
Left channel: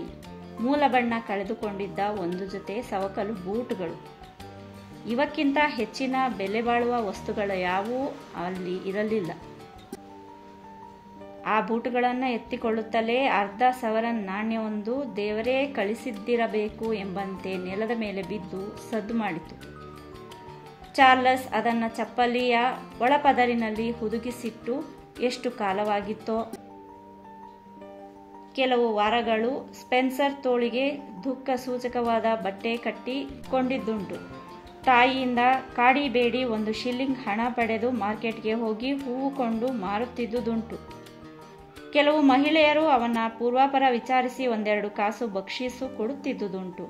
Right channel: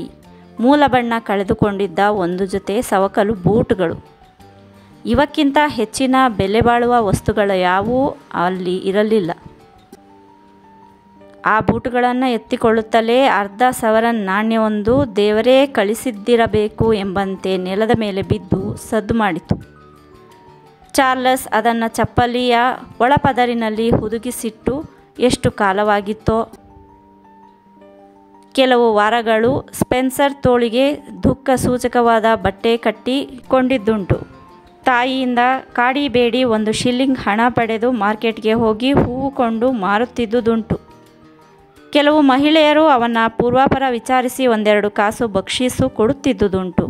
ಮೂಲ ಬಣ್ಣ ಕಳೆದುಕೊಂಡಿದ್ದ ಒಂದು ಜೊತೆ ಸವಕಲು ಬೂಟುಗಳು. ಇವಕ್ಕಿಂತ ಹೆಚ್ಚಿನ ಬೆಲೆ ಬಾಳುವ ವಸ್ತುಗಳು ಯಾವುವೂ ಅಲ್ಲಿ ಇರಲಿಲ್ಲ. ಆ ಬೂಟುಗಳನ್ನು ಎತ್ತಿಕೊಳ್ಳುತ್ತಲೇ ಅರ್ಧ ಸವರನ್ ನಾಣ್ಯವೊಂದು ದೇವರೇ ಕಳಿಸಿದ್ದಿರಬೇಕು ಎಂಬಂತೆ ನೆಲದ ಮೇಲೆ ಬಿದ್ದು ಸದ್ದು ಮಾಡಿತು. ಚಾರ್ಲಸ್ ಅದನ್ನು ಚಪ್ಪಲಿಯ ಒಳಪದರಿನಲ್ಲಿ ಹುದುಗಿಸಿಟ್ಟು ಎಷ್ಟು ಕಾಲವಾಗಿತ್ತೋ. ಕೆಲವು ವಾರಗಳು ಸ್ಪೆನ್ಸರ್ ತೋಳಿಗೆ ದುಃಖ ಸೂಚಕವಾದ ಬಟ್ಟೆ ಕಟ್ಟಿಕೊಂಡಿದ್ದುಂಟು. ತಾಯಿಯಿಂದ ಕಾಡಿಬೇಡಿ 1 ಶಿಲ್ಲಿಂಗ್ ಹಣ ಪಡೆದು ಮಾರ್ಕೆಟ್ಗೆ ಹೋಗಿ ಹೂವು ಕೊಂಡು ಮಾರುತ್ತಿದ್ದುದುಂಟು. ಕೆಲವು ಮಹಿಳೆಯರು ಅವನ ಪೂರ್ವಾಪರ ವಿಚಾರಿಸಿ 1-2 ಕಾಸು ಬಕ್ಷೀಸು ಕೊಡುತ್ತಿದ್ದುದುಂಟು.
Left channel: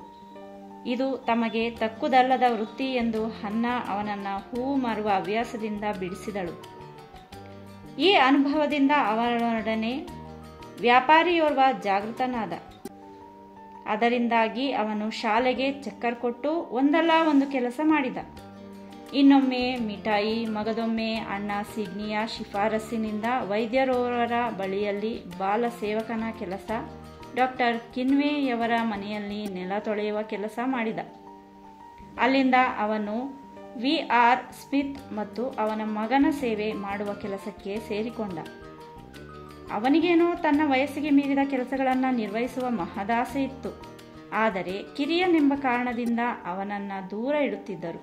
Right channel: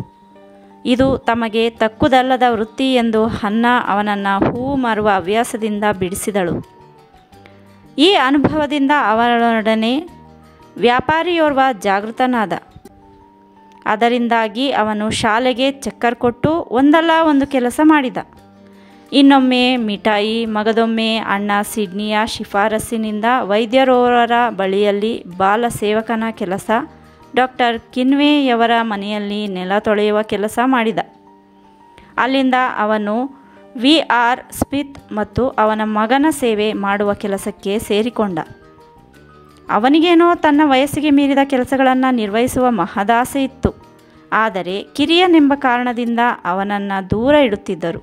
ಇದು ತಮಗೆ ತಕ್ಕುದಲ್ಲದ ವೃತ್ತಿ ಎಂದು ಹನ್ನ ಅವನನ್ನು ಹೂವು ಮಾರುವ ಹವ್ಯಾಸದಿಂದ ಬಿಡಿಸಿದಳು. ಈ ಅನುಭವದಿಂದ ಅವನೊಡನೆ ವ್ಯಾಪಾರಿಯೋರ್ವ ಜಾಗೃತನಾದ. ಅದರಿಂದಾಗಿ ಅವನು ಶಾಲೆಗೆ ಚಕ್ಕರ್ ಕೊಟ್ಟು ಒಂದಲ್ಲ ಒಂದು ಕೆಲಸ ಮಾಡಿದ. ಇನ್ನೊಮ್ಮೆ ಮಿಠಾಯಿ, ಮಗದೊಮ್ಮೆ ಅಣ್ಣ ಸಿಡ್ನಿಯ ಶಿಫಾರಸ್ಸಿನಿಂದ ವೈದ್ಯರೋರರ ಬಳಿಯಲ್ಲಿ ಬಾಲ ಸೇವಕನ ಕೆಲಸ, ಡಾಕ್ಟರ್ ಕಿನ್ವೇಯವರ ಮನೆಯಲ್ಲಿ ನೆಲ ತೊಳೆಯುವ ಕೆಲಸ ಮಾಡಿದ. ಅಲ್ಲಿಂದ ಅವನು VR ಸ್ಮಿತ್ ಮತ್ತು ಅವನ ಮಗನ ಸೇವೆ ಮಾಡುವ ಕೆಲಸಕ್ಕೆ ಸೇರಿಕೊಂಡ. ಅವನಿಗೇನೋ ತನ್ನ ವಯಸ್ಸಿಗೆ ಮೀರಿದ ಕೆಲಸಗಳನ್ನು ನಿರ್ವಹಿಸುವ ಮಹದಾಸೆ ಇತ್ತು. ಆದರೆ ಕಿರಿಯನೆಂಬ ಕಾರಣದಿಂದ ಅವನನ್ನು ದೂರ ಇಡುತ್ತಿದ್ದರು.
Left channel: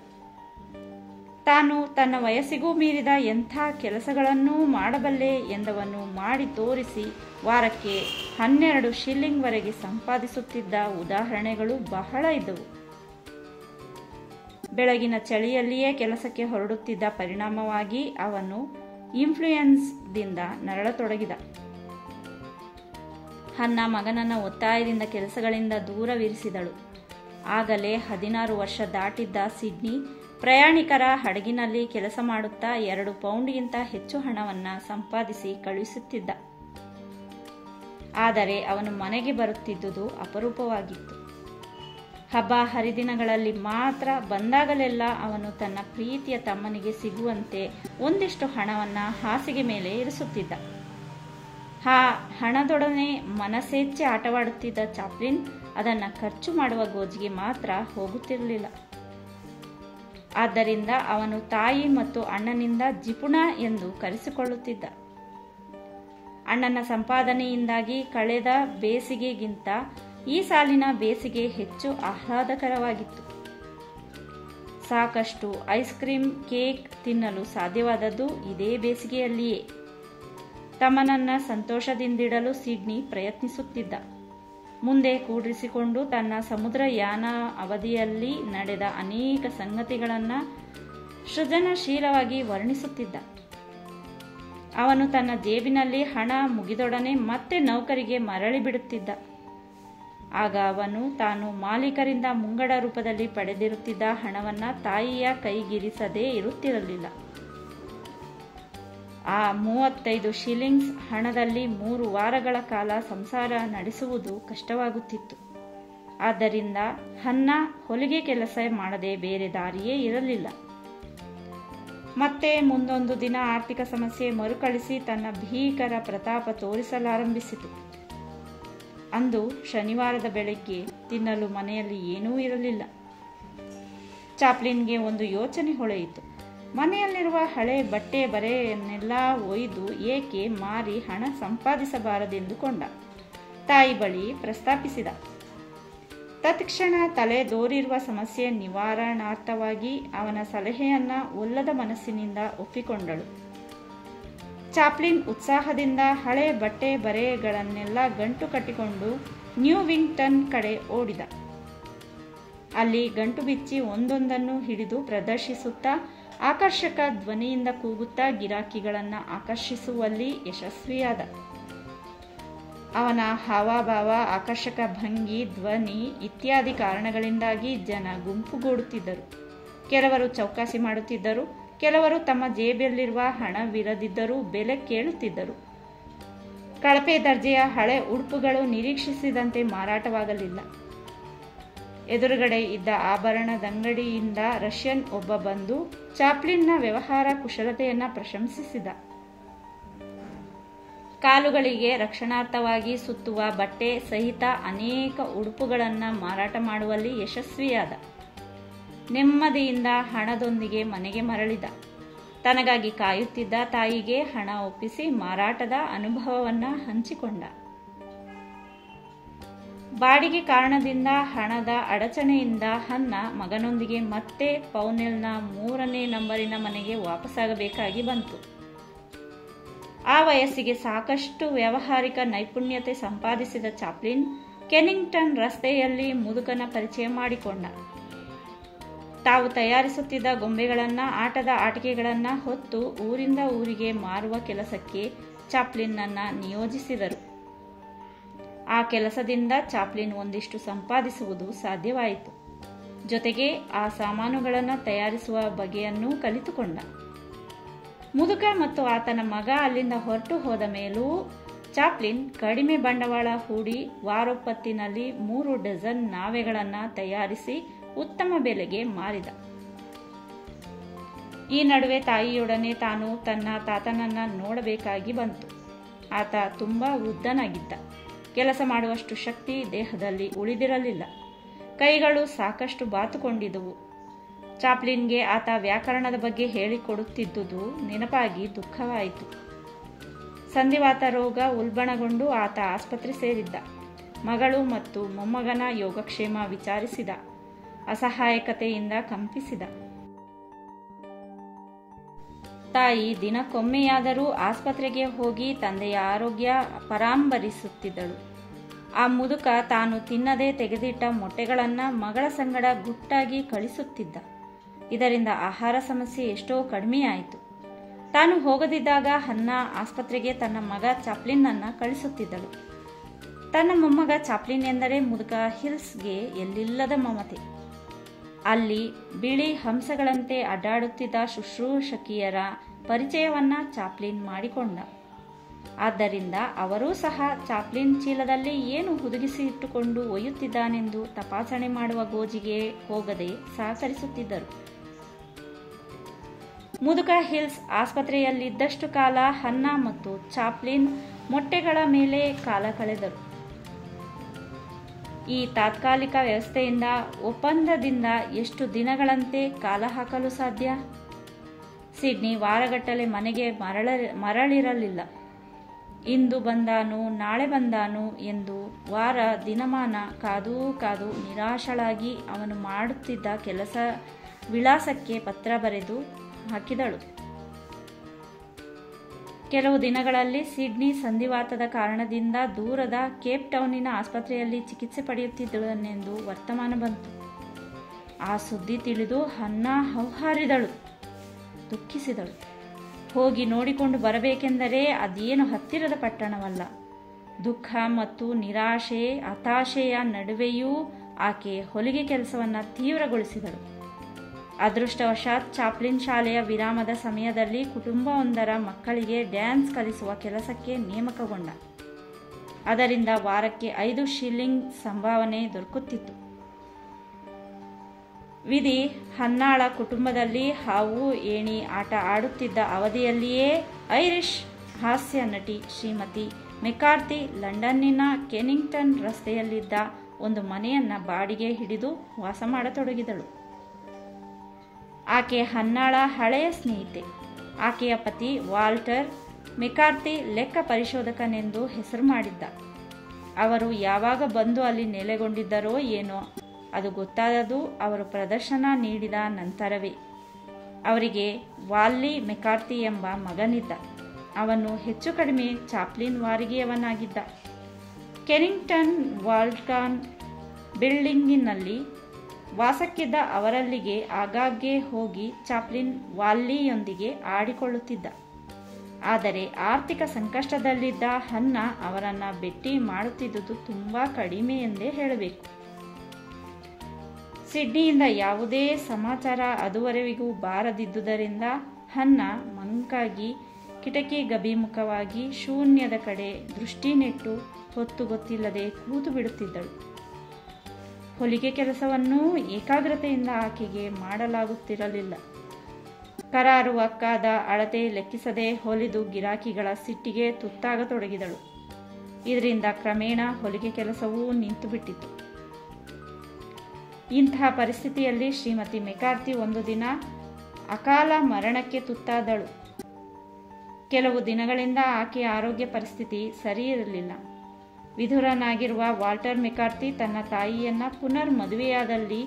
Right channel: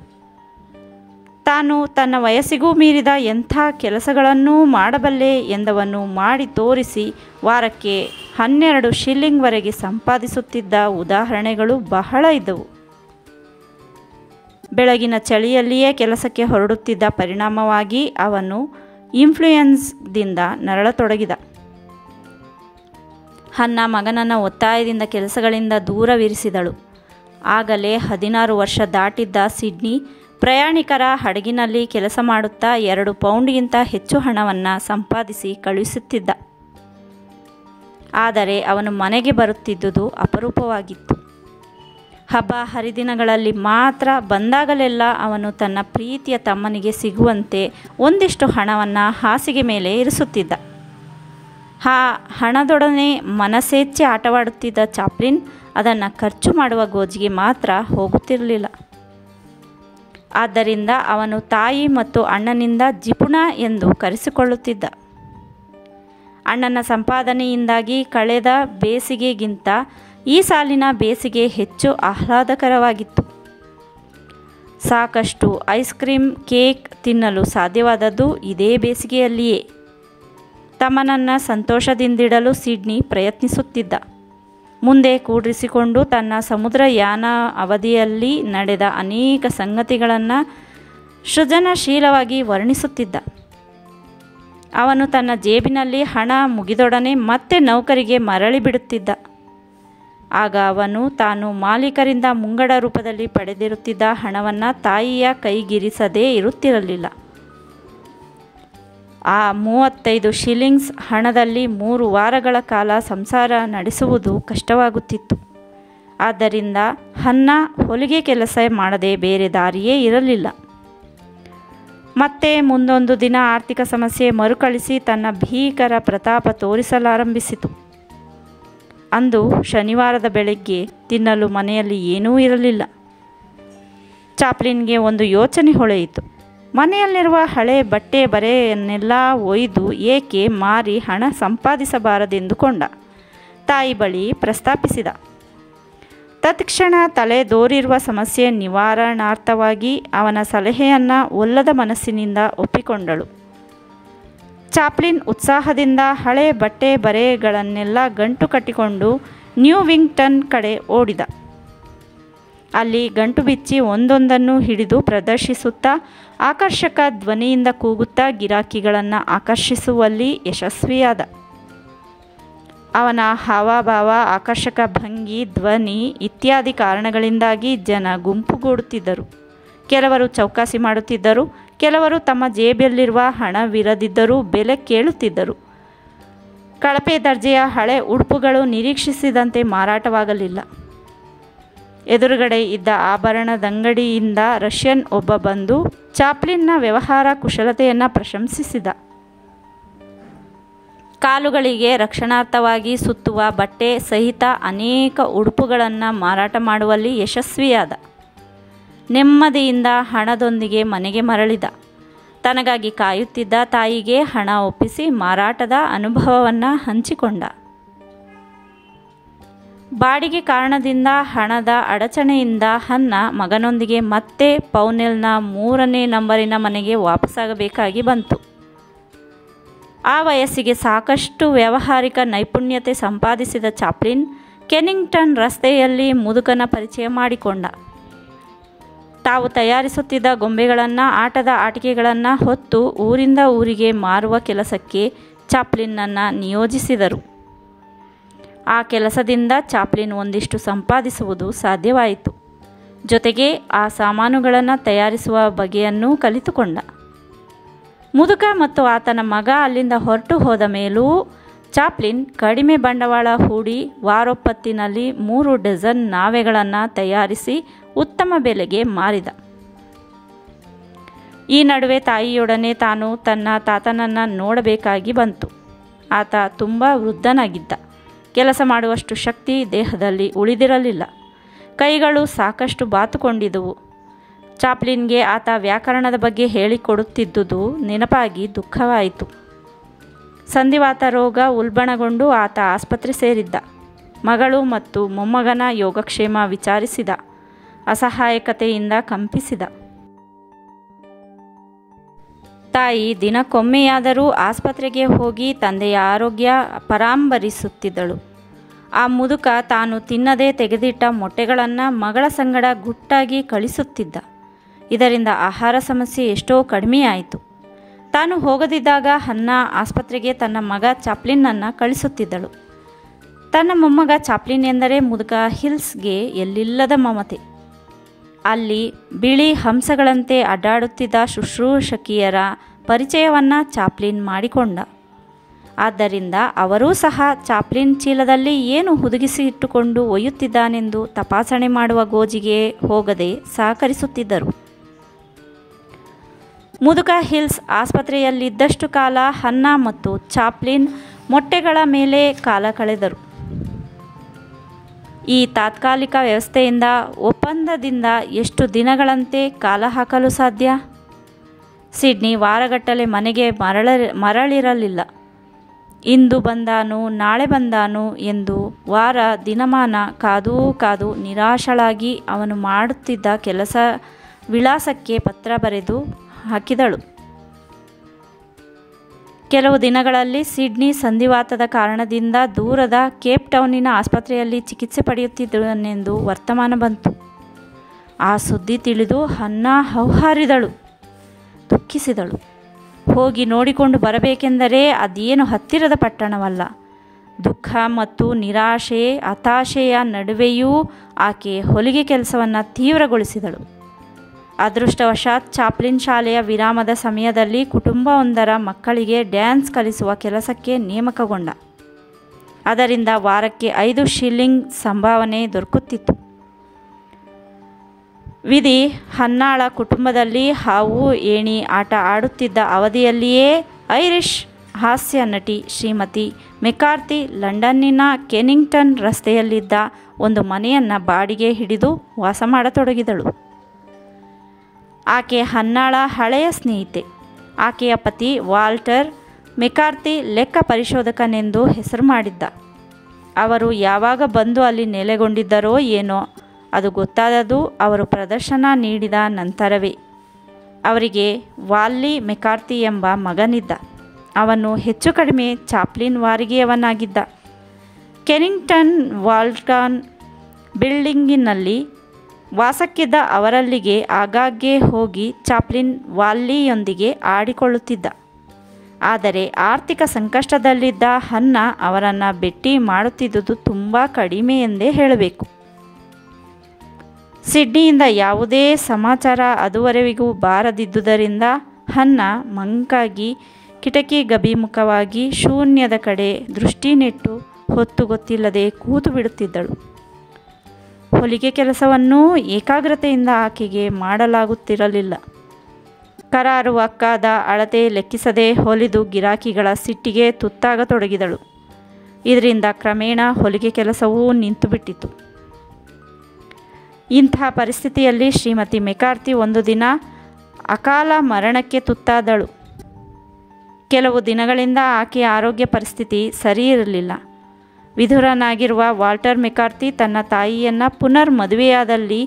ತಾನು ತನ್ನ ವಯಸ್ಸಿಗೂ ಮೀರಿದ ಎಂಥ ಕೆಲಸಗಳನ್ನೂ ಮಾಡಬಲ್ಲೆ ಎಂದವನ್ನು ಮಾಡಿ ತೋರಿಸಿ ವಾರಕ್ಕೆ 12 ಶಿಲ್ಲಿಂಗ್ವರೆಗೆ ಸಂಪಾದಿಸುತ್ತಿದ್ದ ಉದಾಹರಣೆಗಳು ಬಹಳ ಇದ್ದವು. ಬೆಳಗಿನ ಚಳಿಯಲ್ಲಿಯೇ ಕೆಲಸಕ್ಕೆ ಹೊರಡುತ್ತಿದ್ದ ಪರಿಣಾಮವಾಗಿ ಅವನು ಇನ್ಫ್ಲೂಯೆನ್ಸ್ದಿಂದ ನರಳತೊಡಗಿದ. ಹನ್ನ ಮಗನನ್ನು ಒತ್ತಾಯದಿಂದ ಕೆಲಸಗಳಿಂದ ದೂರವಿರಿಸಿದಳು. ಆಗಲೇ 16 ವರ್ಷ ದಾಟಿದ್ದ ಸಿಡ್ನಿ ಪ್ರಯಾಣಿಕರ ಹಡಗಿನಲ್ಲಿ ಕೆಲಸ ಮಾಡುತ್ತಾ 2 ಪೌಂಡ್ಗಿಂತ ಹೆಚ್ಚು ಹಣವನ್ನು ಸಂಪಾದಿಸಿ ಕಳುಹಿಸುತ್ತಿದ್ದ. ಆದರೆ ಅವನು ಮನೆಗೆ ಬರುತ್ತಿದ್ದುದು ಅಪರೂಪವಾಗಿತ್ತು. ಹಬ್ಬ ಹರಿದಿನಗಳಲ್ಲಿ ಮಾತ್ರ ಬಂದಾಗಲೆಲ್ಲ ಅವನು ತನ್ನ ಪ್ರೀತಿಯ ತಮ್ಮನಿಗೆ ಸಿಗುವಂತೆ ಒಂದಿಷ್ಟು ಹಣವನ್ನು ಹಾಸಿಗೆ ಮೇಲೆ ಇರಿಸುತ್ತಿದ್ದ. ಆ ಹಣದೊಡನೆ ಮನಸ್ಸೇಚ್ಛೆ ಆಟವಾಡುತ್ತಿದ್ದ ಚಾಪ್ಲಿನ್ ಅದನ್ನು ಖರ್ಚು ಮಾಡುವ ಗೋಜಿಗೆ ಮಾತ್ರ ಹೋಗುತ್ತಿರಲಿಲ್ಲ. ಆದ್ದರಿಂದ ಅವನು ತಾಯಿ ಮತ್ತು ಅಣ್ಣನಿಂದ ಜಿಪುಣ ಎಂದು ಕರೆಸಿಕೊಳ್ಳುತ್ತಿದ್ದ. ಅಣ್ಣನ ಸಂಪಾದನೆಯಿಂದಾಗಿ ಕಳೆದ ಬೇಸಿಗೆಗಿಂತ ಈ ಸಾಲಿನ ಬೇಸಿಗೆ ಹೆಚ್ಚು ಆಹ್ಲಾದಕರವಾಗಿತ್ತು. ಸಾಕಷ್ಟು ಐಸ್ ಕ್ರೀಮ್, ಕೇಕ್ ತಿನ್ನಲು ಸಾಧ್ಯವಾದದ್ದು ಇದೇ ಬೇಸಿಗೆಯಲ್ಲಿಯೇ. ತಮ್ಮನನ್ನು ಸಂತೋಷದಿಂದಿಡಲು ಸಿಡ್ನಿ ಪ್ರಯತ್ನಿಸುತ್ತಿದ್ದ. ಮುಂದೆ ಕೂಡಿಸಿಕೊಂಡು ತನ್ನ ಸಮುದ್ರಯಾನ ಅವಧಿಯಲ್ಲಿ ನಡೆದ ಅನೇಕ ಸಂಗತಿಗಳನ್ನು ಸೃಜನಶೀಲವಾಗಿ ವರ್ಣಿಸುತ್ತಿದ್ದ. ಅವನು ತನ್ನ ಜೇಬಿನಲ್ಲಿ ಹಣ ಮುಗಿದೊಡನೆ ಮತ್ತೆ ನೌಕರಿಗೆ ಮರಳಿ ಬಿಡುತ್ತಿದ್ದ. ಆಗ ಅವನು ತಾನು ಮಾಲೀಕರಿಂದ ಮುಂಗಡ ರೂಪದಲ್ಲಿ ಪಡೆದಿರುತ್ತಿದ್ದ ಹಣವನ್ನು ತಾಯಿಯ ಕೈಗಿರಿಸದೇ ಇರುತ್ತಿರಲಿಲ್ಲ. ಆ 35 ಶಿಲ್ಲಿಂಗ್ಸ್ ಹಣದಲ್ಲಿ 3 ವಾರಗಳ ಕಾಲ ಸಂಸಾರ ನಡೆಸುವುದು ಕಷ್ಟವಾಗುತ್ತಿತ್ತು. ಆದ್ದರಿಂದ ಹನ್ನ ಹೊಲಿಗೆ ಕೆಲಸ ಮಾಡದೆ ಬೇರೆ ದಾರಿಯೇ ಇರಲಿಲ್ಲ. ಮತ್ತೆ ಮುಂದೊಂದು ದಿನ ಆರ್ಥಿಕ ಸಮಸ್ಯೆ ಮರುಕಳಿಸಿ ತನ್ನ ಭೀಕರ ಪ್ರತಾಪ ತೋರಿಸಲಾರಂಭಿಸಿತು. ಅಂದು ಶನಿವಾರದ ಬೆಳಗ್ಗೆ ತಿನ್ನಲು ಮನೆಯಲ್ಲಿ ಏನೂ ಇರಲಿಲ್ಲ. ಚಾಪ್ಲಿನ್ಗೆ ಒಂದು ಯೋಚನೆ ಹೊಳೆಯಿತು. ಮನೆಯಲ್ಲಿರುವ ಹಳೆ ಬಟ್ಟೆ ಬರೆಯನ್ನೆಲ್ಲ ಒಯ್ದು ಏಕೆ ಮಾರಿ ಹಣ ಸಂಪಾದಿಸಬಾರದೆಂದುಕೊಂಡ. ತಾಯಿ ಬಳಿ ಪ್ರಸ್ತಾಪಿಸಿದ. ತತ್ಕ್ಷಣ ತಲೆದೋರಿರುವ ಸಮಸ್ಯೆ ನಿವಾರಣಾರ್ಥವಾಗಿ ಅವನ ಸಲಹೆಯನ್ನು ಒಲ್ಲದ ಮನಸ್ಸಿನಿಂದ ಒಪ್ಪಿಕೊಂಡಳು. ಚಾಪ್ಲಿನ್ ಉತ್ಸಾಹದಿಂದ ಹಳೆ ಬಟ್ಟೆ ಬರೆಗಳನ್ನೆಲ್ಲ ಗಂಟು ಕಟ್ಟಿಕೊಂಡು ನ್ಯೂವಿಂಗ್ಟನ್ ಕಡೆ ಓಡಿದ. ಅಲ್ಲಿ ಗಂಟು ಬಿಚ್ಚಿ ಒಂದೊಂದನ್ನು ಹಿಡಿದು ಪ್ರದರ್ಶಿಸುತ್ತಾ ಆಕರ್ಷಕ ಧ್ವನಿಯಿಂದ ಕೂಗುತ್ತಾ ಗಿರಾಕಿಗಳನ್ನು ಆಕರ್ಷಿಸುವಲ್ಲಿ ಯಶಸ್ವಿಯಾದ. ಅವನ ಹಾವಭಾವ, ಆಕರ್ಷಕ ಭಂಗಿ, ಧ್ವನಿ ಇತ್ಯಾದಿ ಕಾರಣಗಳಿಂದಾಗಿ ಜನ ಗುಂಪುಗೂಡುತ್ತಿದ್ದರು. ಕೆಲವರು ಚೌಕಾಸಿ ಮಾಡುತ್ತಿದ್ದರು. ಕೆಲವರು ತಮ್ಮ ಜೇಬಿಯಲ್ಲಿರುವ ಹಣವಿರದಿದ್ದರೂ ಬೆಲೆ ಕೇಳುತ್ತಿದ್ದರು. ಕಳಪೆ ದರ್ಜೆಯ ಹಳೆ ಉಡುಪುಗಳು ನಿರೀಕ್ಷಿಸಿದಂತೆ ಮಾರಾಟವಾಗಲಿಲ್ಲ. ಎದುರುಗಡೆ ಇದ್ದ ಆಭರಣದಂಗಡಿಯಿಂದ ರಷ್ಯನ್ ಒಬ್ಬ ಬಂದು ಚಾಪ್ಲಿನ್ನ ವ್ಯವಹಾರ ಕುಶಲತೆಯನ್ನು ಪ್ರಶಂಸಿಸಿದ. ಕಾಲುಗಳಿಗೆ ರಕ್ಷಣಾರ್ಥವಾಗಿ ಸುತ್ತುವ ಬಟ್ಟೆ ಸಹಿತ ಅನೇಕ ಉಡುಪುಗಳನ್ನು ಮಾರಾಟ ಮಾಡುವಲ್ಲಿ ಯಶಸ್ವಿಯಾದ. ನೆಮ್ಮದಿಯಿಂದ ಹಣದೊಂದಿಗೆ ಮನೆಗೆ ಮರಳಿದ. ತನಗಾಗಿ ಕಾಯುತ್ತಿದ್ದ ತಾಯಿಗೆ ಹಣ ಒಪ್ಪಿಸಿ ಮಾರಾಟದ ಅನುಭವವನ್ನು ಹಂಚಿಕೊಂಡ. ಬಾಡಿಗೆ ಕಾರಣದಿಂದ ಹಣದ ಅಡಚಣೆಯಿಂದ ಹನ್ನ ಮಗನೊಂದಿಗೆ ಮತ್ತೆ ಪೌನೆಲ್ನ 3ನೇ ನಂಬರಿನ ಮನೆಗೆ ವಾಪಸ್ಸಾಗಬೇಕಾಗಿ ಬಂತು. ಆ ವಯಸ್ಸಿಗೆ ಸಾಕಷ್ಟು ವ್ಯಾವಹಾರಿಕ ನೈಪುಣ್ಯತೆ ಸಂಪಾದಿಸಿದ ಚಾಪ್ಲಿನ್ ಕೆನಿಂಗ್ಟನ್ ರಸ್ತೆಯಲ್ಲಿ ಮುದುಕನ ಪರಿಚಯ ಮಾಡಿಕೊಂಡ. ತಾವು ತಯಾರಿಸುತ್ತಿದ್ದ ಗೊಂಬೆಗಳನ್ನು, ಆಟದ ಆಟಿಕೆಗಳನ್ನು ಹೊತ್ತು ಊರಿಂದ ಊರಿಗೆ ಮಾರುವ ಕೆಲಸಕ್ಕೆ ಚಾಪ್ಲಿನ್ನನ್ನು ನಿಯೋಜಿಸಿದರು. ಆ ಕೆಲಸದಿಂದ ಚಾಪ್ಲಿನ್ ಒಂದಿಷ್ಟು ಸಂಪಾದಿಸುವುದು ಸಾಧ್ಯವಾಯಿತು. ಜೊತೆಗೆ ಆ ಸಾಮಾನುಗಳನ್ನು ತಯಾರಿಸುವ ಬಗೆಯನ್ನೂ ಕಲಿತುಕೊಂಡ. ಮುದುಕ ಮತ್ತು ಆತನ ಮಗ ಅಲ್ಲಿಂದ ಹೊರಟು ಹೋದ ಮೇಲೂ ಚಾಪ್ಲಿನ್ ಕಡಿಮೆ ಬಂಡವಾಳ ಹೂಡಿ ವಾರೊಪ್ಪತ್ತಿನಲ್ಲಿ 3 ಡಜನ್ ನಾವೆಗಳನ್ನು ತಯಾರಿಸಿ ಉತ್ತಮ ಬೆಲೆಗೆ ಮಾರಿದ. ಈ ನಡುವೆ ತಾಯಿಯೊಡನೆ ತಾನು ತನ್ನ ತಾತನನ್ನು ನೋಡಬೇಕಾಗಿ ಬಂತು. ಆತ ತುಂಬ ವೃದ್ಧನಾಗಿದ್ದ. ಕೆಲಸ ಮಾಡುವಷ್ಟು ಶಕ್ತಿ ದೇಹದಲ್ಲಿ ಉಳಿದಿರಲಿಲ್ಲ. ಕೈಗಳು ಸಾಕಷ್ಟು ಬಾತುಕೊಂಡಿದ್ದವು. ಚಾಪ್ಲಿನ್ಗೆ ಆತ ವ್ಯಾಕರಣದ ಬಗ್ಗೆ ಹೇಳಿಕೊಡುತ್ತಿದ್ದುದು ನೆನಪಾಗಿ ದುಃಖವಾಯಿತು. ಸಂಧಿವಾತ ರೋಗ ಉಲ್ಬಣಗೊಂಡು ಆತ ಆಸ್ಪತ್ರೆ ಸೇರಿದ್ದ. ಮಗಳು ಮತ್ತು ಮೊಮ್ಮಗನ ಯೋಗಕ್ಷೇಮ ವಿಚಾರಿಸಿದ. ಅಸಹಾಯಕತೆಯಿಂದ ಕಂಪಿಸಿದ. ತಾಯಿ ದಿನಕ್ಕೊಮ್ಮೆಯಾದರೂ ಆಸ್ಪತ್ರೆಗೆ ಹೋಗಿ ತಂದೆಯ ಆರೋಗ್ಯ ಪರಾಂಬರಿಸುತ್ತಿದ್ದಳು. ಆ ಮುದುಕ ತಾನು ತಿನ್ನದೇ ತೆಗೆದಿಟ್ಟ ಮೊಟ್ಟೆಗಳನ್ನು ಮಗಳ ಸಂಗಡ ಗುಟ್ಟಾಗಿ ಕಳಿಸುತ್ತಿದ್ದ. ಇದರಿಂದ ಆಹಾರ ಸಮಸ್ಯೆ ಎಷ್ಟೋ ಕಡಿಮೆಯಾಯಿತು. ತಾನು ಹೋಗದಿದ್ದಾಗ ಹನ್ನ ಆಸ್ಪತ್ರೆಗೆ ತನ್ನ ಮಗ ಚಾಪ್ಲಿನ್ನನ್ನು ಕಳಿಸುತ್ತಿದ್ದಳು. ತನ್ನ ಮೊಮ್ಮಗ ಚಾಪ್ಲಿನ್ ಎಂದರೆ ಮುದುಕ ಹಿಲ್ಸ್ಗೆ ಎಲ್ಲಿಲ್ಲದ ಮಮತೆ. ಅಲ್ಲಿ ಬಿಳಿ ಹಂಸಗಳಂತೆ ಅಡ್ಡಾಡುತ್ತಿದ್ದ ಶುಶ್ರೂಷಕಿಯರ ಪರಿಚಯವನ್ನು ಚಾಪ್ಲಿನ್ ಮಾಡಿಕೊಂಡ. ಆದ್ದರಿಂದ ಅವರೂ ಸಹ ಚಾಪ್ಲಿನ್ ಚೀಲದಲ್ಲಿ ಏನು ಹುದುಗಿಸಿ ಇಟ್ಟುಕೊಂಡು ಒಯ್ಯುತ್ತಿದ್ದಾನೆಂದು ತಪಾಸಣೆ ಮಾಡುವ ಗೋಜಿಗೆ ಹೋಗದೆ ಸಹಕರಿಸುತ್ತಿದ್ದರು. ಮುದುಕ ಹಿಲ್ಸ್ ಆಸ್ಪತ್ರೆಯಲ್ಲಿದ್ದಷ್ಟು ಕಾಲ ಹನ್ನ ಮತ್ತು ಚಾಪ್ಲಿನ್ ಮೊಟ್ಟೆಗಳ ಮೇಲೆ ಕಾಲ ಕಳೆದರು. ಈ ತಾತ್ಕಾಲಿಕ ವ್ಯವಸ್ಥೆಯಿಂದ ಒಪ್ಪಂದದಿಂದ ಎಷ್ಟು ದಿನಗಳಂತೆ ಕಾಲ ಹಾಕಲು ಸಾಧ್ಯ? ಸಿಡ್ನಿ ವಾರಗಟ್ಟಲೆ ಮನೆಗೆ ಮರಳಿರಲಿಲ್ಲ. ಇಂದು ಬಂದಾನು ನಾಳೆ ಬಂದಾನು ಎಂದು ವಾರ ದಿನಮಾನ ಕಾದೂ ಕಾದು ನಿರಾಶಳಾಗಿ ಅವನು ಮಾಡುತ್ತಿದ್ದ ಕೆಲಸ ವಿಳಾಸಕ್ಕೆ ಪತ್ರ ಬರೆದು ಹಾಕಿದಳು. ಕೆಲವು ದಿನಗಳಲ್ಲಿ ಸಿಡ್ನಿ ಸಂಧಿವಾತದ ಕಾರಣದಿಂದ ದೂರದ ಕೇಪ್ ಟೌನಿನ ಆಸ್ಪತ್ರೆಯಲ್ಲಿ ಚಿಕಿತ್ಸೆ ಪಡೆಯುತ್ತಿದ್ದನೆಂದು ವರ್ತಮಾನ ಬಂತು. ಆ ಸುದ್ದಿ ತಿಳಿದು ಹನ್ನ ಹೌಹಾರಿದಳು, ದುಃಖಿಸಿದಳು. ಹೋಗಿ ನೋಡಿಕೊಂಡು ಬರಬೇಕೆಂದರೆ ಅದೇನು ಹತ್ತಿರದ ಪಟ್ಟಣವಲ್ಲ. ದುಃಖ ಮತ್ತು ನಿರಾಶೆ, ಹತಾಶೆಯ ನಡುವೆಯೂ ಆಕೆ ಹೊಲಿಗೆ ಕೆಲಸವನ್ನು ತೀವ್ರಗೊಳಿಸಿದಳು. ಅದೃಷ್ಟವಶಾತ್ ಚಾಪ್ಲಿನ್ ಶಾಲೆಯ ವಿರಾಮದ ಸಮಯದಲ್ಲಿ ಕುಟುಂಬವೊಂದರ ಮಕ್ಕಳಿಗೆ ಡ್ಯಾನ್ಸ್ ಕಲಿಸುವ ಕೆಲಸಕ್ಕೆ ನೇಮಕಗೊಂಡ. ಅದರಿಂದ ವಾರಕ್ಕೆ 5 ಶಿಲ್ಲಿಂಗ್ ಸಂಭಾವನೆ ದೊರಕುತ್ತಿತ್ತು. ವಿಧಿ ಹನ್ನಾಳ ಕುಟುಂಬದಲ್ಲಿ ಹಾವು ಏಣಿ ಆಟ ಆಡುತ್ತಿದ್ದ ಅವಧಿಯಲ್ಲಿಯೇ ಐರಿಷ್ ಹಾಸ್ಯ ನಟಿ ಶ್ರೀಮತಿ ಮೆಕಾರ್ಥಿ ಲಂಡನ್ನಿನ ಕೆನಿಂಗ್ಟನ್ ರಸ್ತೆಯಲ್ಲಿದ್ದ ಒಂದು ಮನೆಯನ್ನು ಬಾಡಿಗೆ ಹಿಡಿದು ವಾಸ ಮಾಡತೊಡಗಿದಳು. ಆಕೆ ಹನ್ನಾಳ ಹಳೆಯ ಸ್ನೇಹಿತೆ. ಆಕೆಯ ಪತಿ ವಾಲ್ಟರ್ ಮೆಕಾರ್ಥಿ ಲೆಕ್ಕ ಪರಿಶೋಧಕನೆಂದು ಹೆಸರು ಮಾಡಿದ್ದ. ಅವರು ಯಾವಾಗ ಬಂದು ಅಲ್ಲಿ ನೆಲೆಗೊಂಡಿದ್ದರೋ ಏನೋ, ಅದು ಗೊತ್ತಾದದ್ದು ಅವರು ಪ್ರದರ್ಶನ ನೀಡಿದ ನಂತರವೇ. ಅವರಿಗೆ ವಾಲ್ಲಿ ಮೆಕಾರ್ಥಿ ಎಂಬ ಮಗನಿದ್ದ. ಅವನು ಹೆಚ್ಚು ಕಡಿಮೆ ಚಾಪ್ಲಿನ್ ವಾರಿಗೆಯವನಾಗಿದ್ದ. ಕೆನಿಂಗ್ಟನ್ ವಾಲ್ಟನ್ ಬಿಲ್ಡಿಂಗಿನಲ್ಲಿ ವಾಸಕ್ಕಿದ್ದ ಅವರಲ್ಲಿಗೆ ಆಗಾಗ್ಗೆ ಹೋಗಿ ಚಾಪ್ಲಿನ್ ವಾಲ್ಲಿಯೊಂದಿಗೆ ಆಡಿಕೊಳ್ಳುತ್ತಿದ್ದ. ಆದರೆ ಆರ್ಥಿಕ ಸಂಕಷ್ಟದಲ್ಲಿದ್ದ ಹನ್ನ ಅವರನ್ನು ಭೇಟಿ ಮಾಡುತ್ತಿದ್ದುದು ತುಂಬ ಕಡಿಮೆ ಎಂದೇ ಹೇಳಬೇಕು. ಸಿಡ್ನಿಯಿಂದ ಯಾವುದೇ ಸಮಾಚಾರ ಅದುವರೆವಿಗೂ ಬಾರದಿದ್ದುದರಿಂದ ಹನ್ನ ಮಂಕಾಗಿ ಕಿಟಕಿ ಗಭಿಮುಖವಾಗಿ ಶೂನ್ಯದ ಕಡೆ ದೃಷ್ಟಿ ನೆಟ್ಟು ಹೊತ್ತು ಗೊತ್ತಿಲ್ಲದೆ ಕೂತು ಬಿಡುತ್ತಿದ್ದಳು. ಹೊಲಿಗೆ ಕೆಲಸವನ್ನೂ ಏಕಾಗ್ರತೆಯಿಂದ ಆಕೆಗೆ ಮಾಡಲಾಗುತ್ತಿರಲಿಲ್ಲ. ಕರಾರುವಕ್ಕಾದ ಅಳತೆ ಲೆಕ್ಕಿಸದೆ ಹೊಲಿದು ಗಿರಾಕಿಗಳ ಸಿಟ್ಟಿಗೆ ತುತ್ತಾಗತೊಡಗಿದಳು. ಇದರಿಂದ ಕ್ರಮೇಣ ಹೊಲಿಗೆ ಕೆಲಸವೂ ನಿಂತುಬಿಟ್ಟಿತು. ಇಂಥ ಪರಿಸ್ಥಿತಿಯಲ್ಲಿ ಶ್ರೀಮತಿ ಮೆಕಾರ್ಥಿ ಒಂದು ದಿನ ಅಕಾಲ ಮರಣಕ್ಕೆ ತುತ್ತಾದಳು. ಕೆಲವು ದಿನಗಳಿಂದ ಆಕೆಯ ಆರೋಗ್ಯ ಪರಿಸ್ಥಿತಿ ಸರಿ ಇರಲಿಲ್ಲ. ವಿಧುರನಾಗಿರುವ ವಾಲ್ಟರ್ ಮೆಕಾರ್ಥಿ ತನ್ನ ತಾಯಿಯನ್ನು ಪುನರ್ ಮದುವೆಯಾದಲ್ಲಿ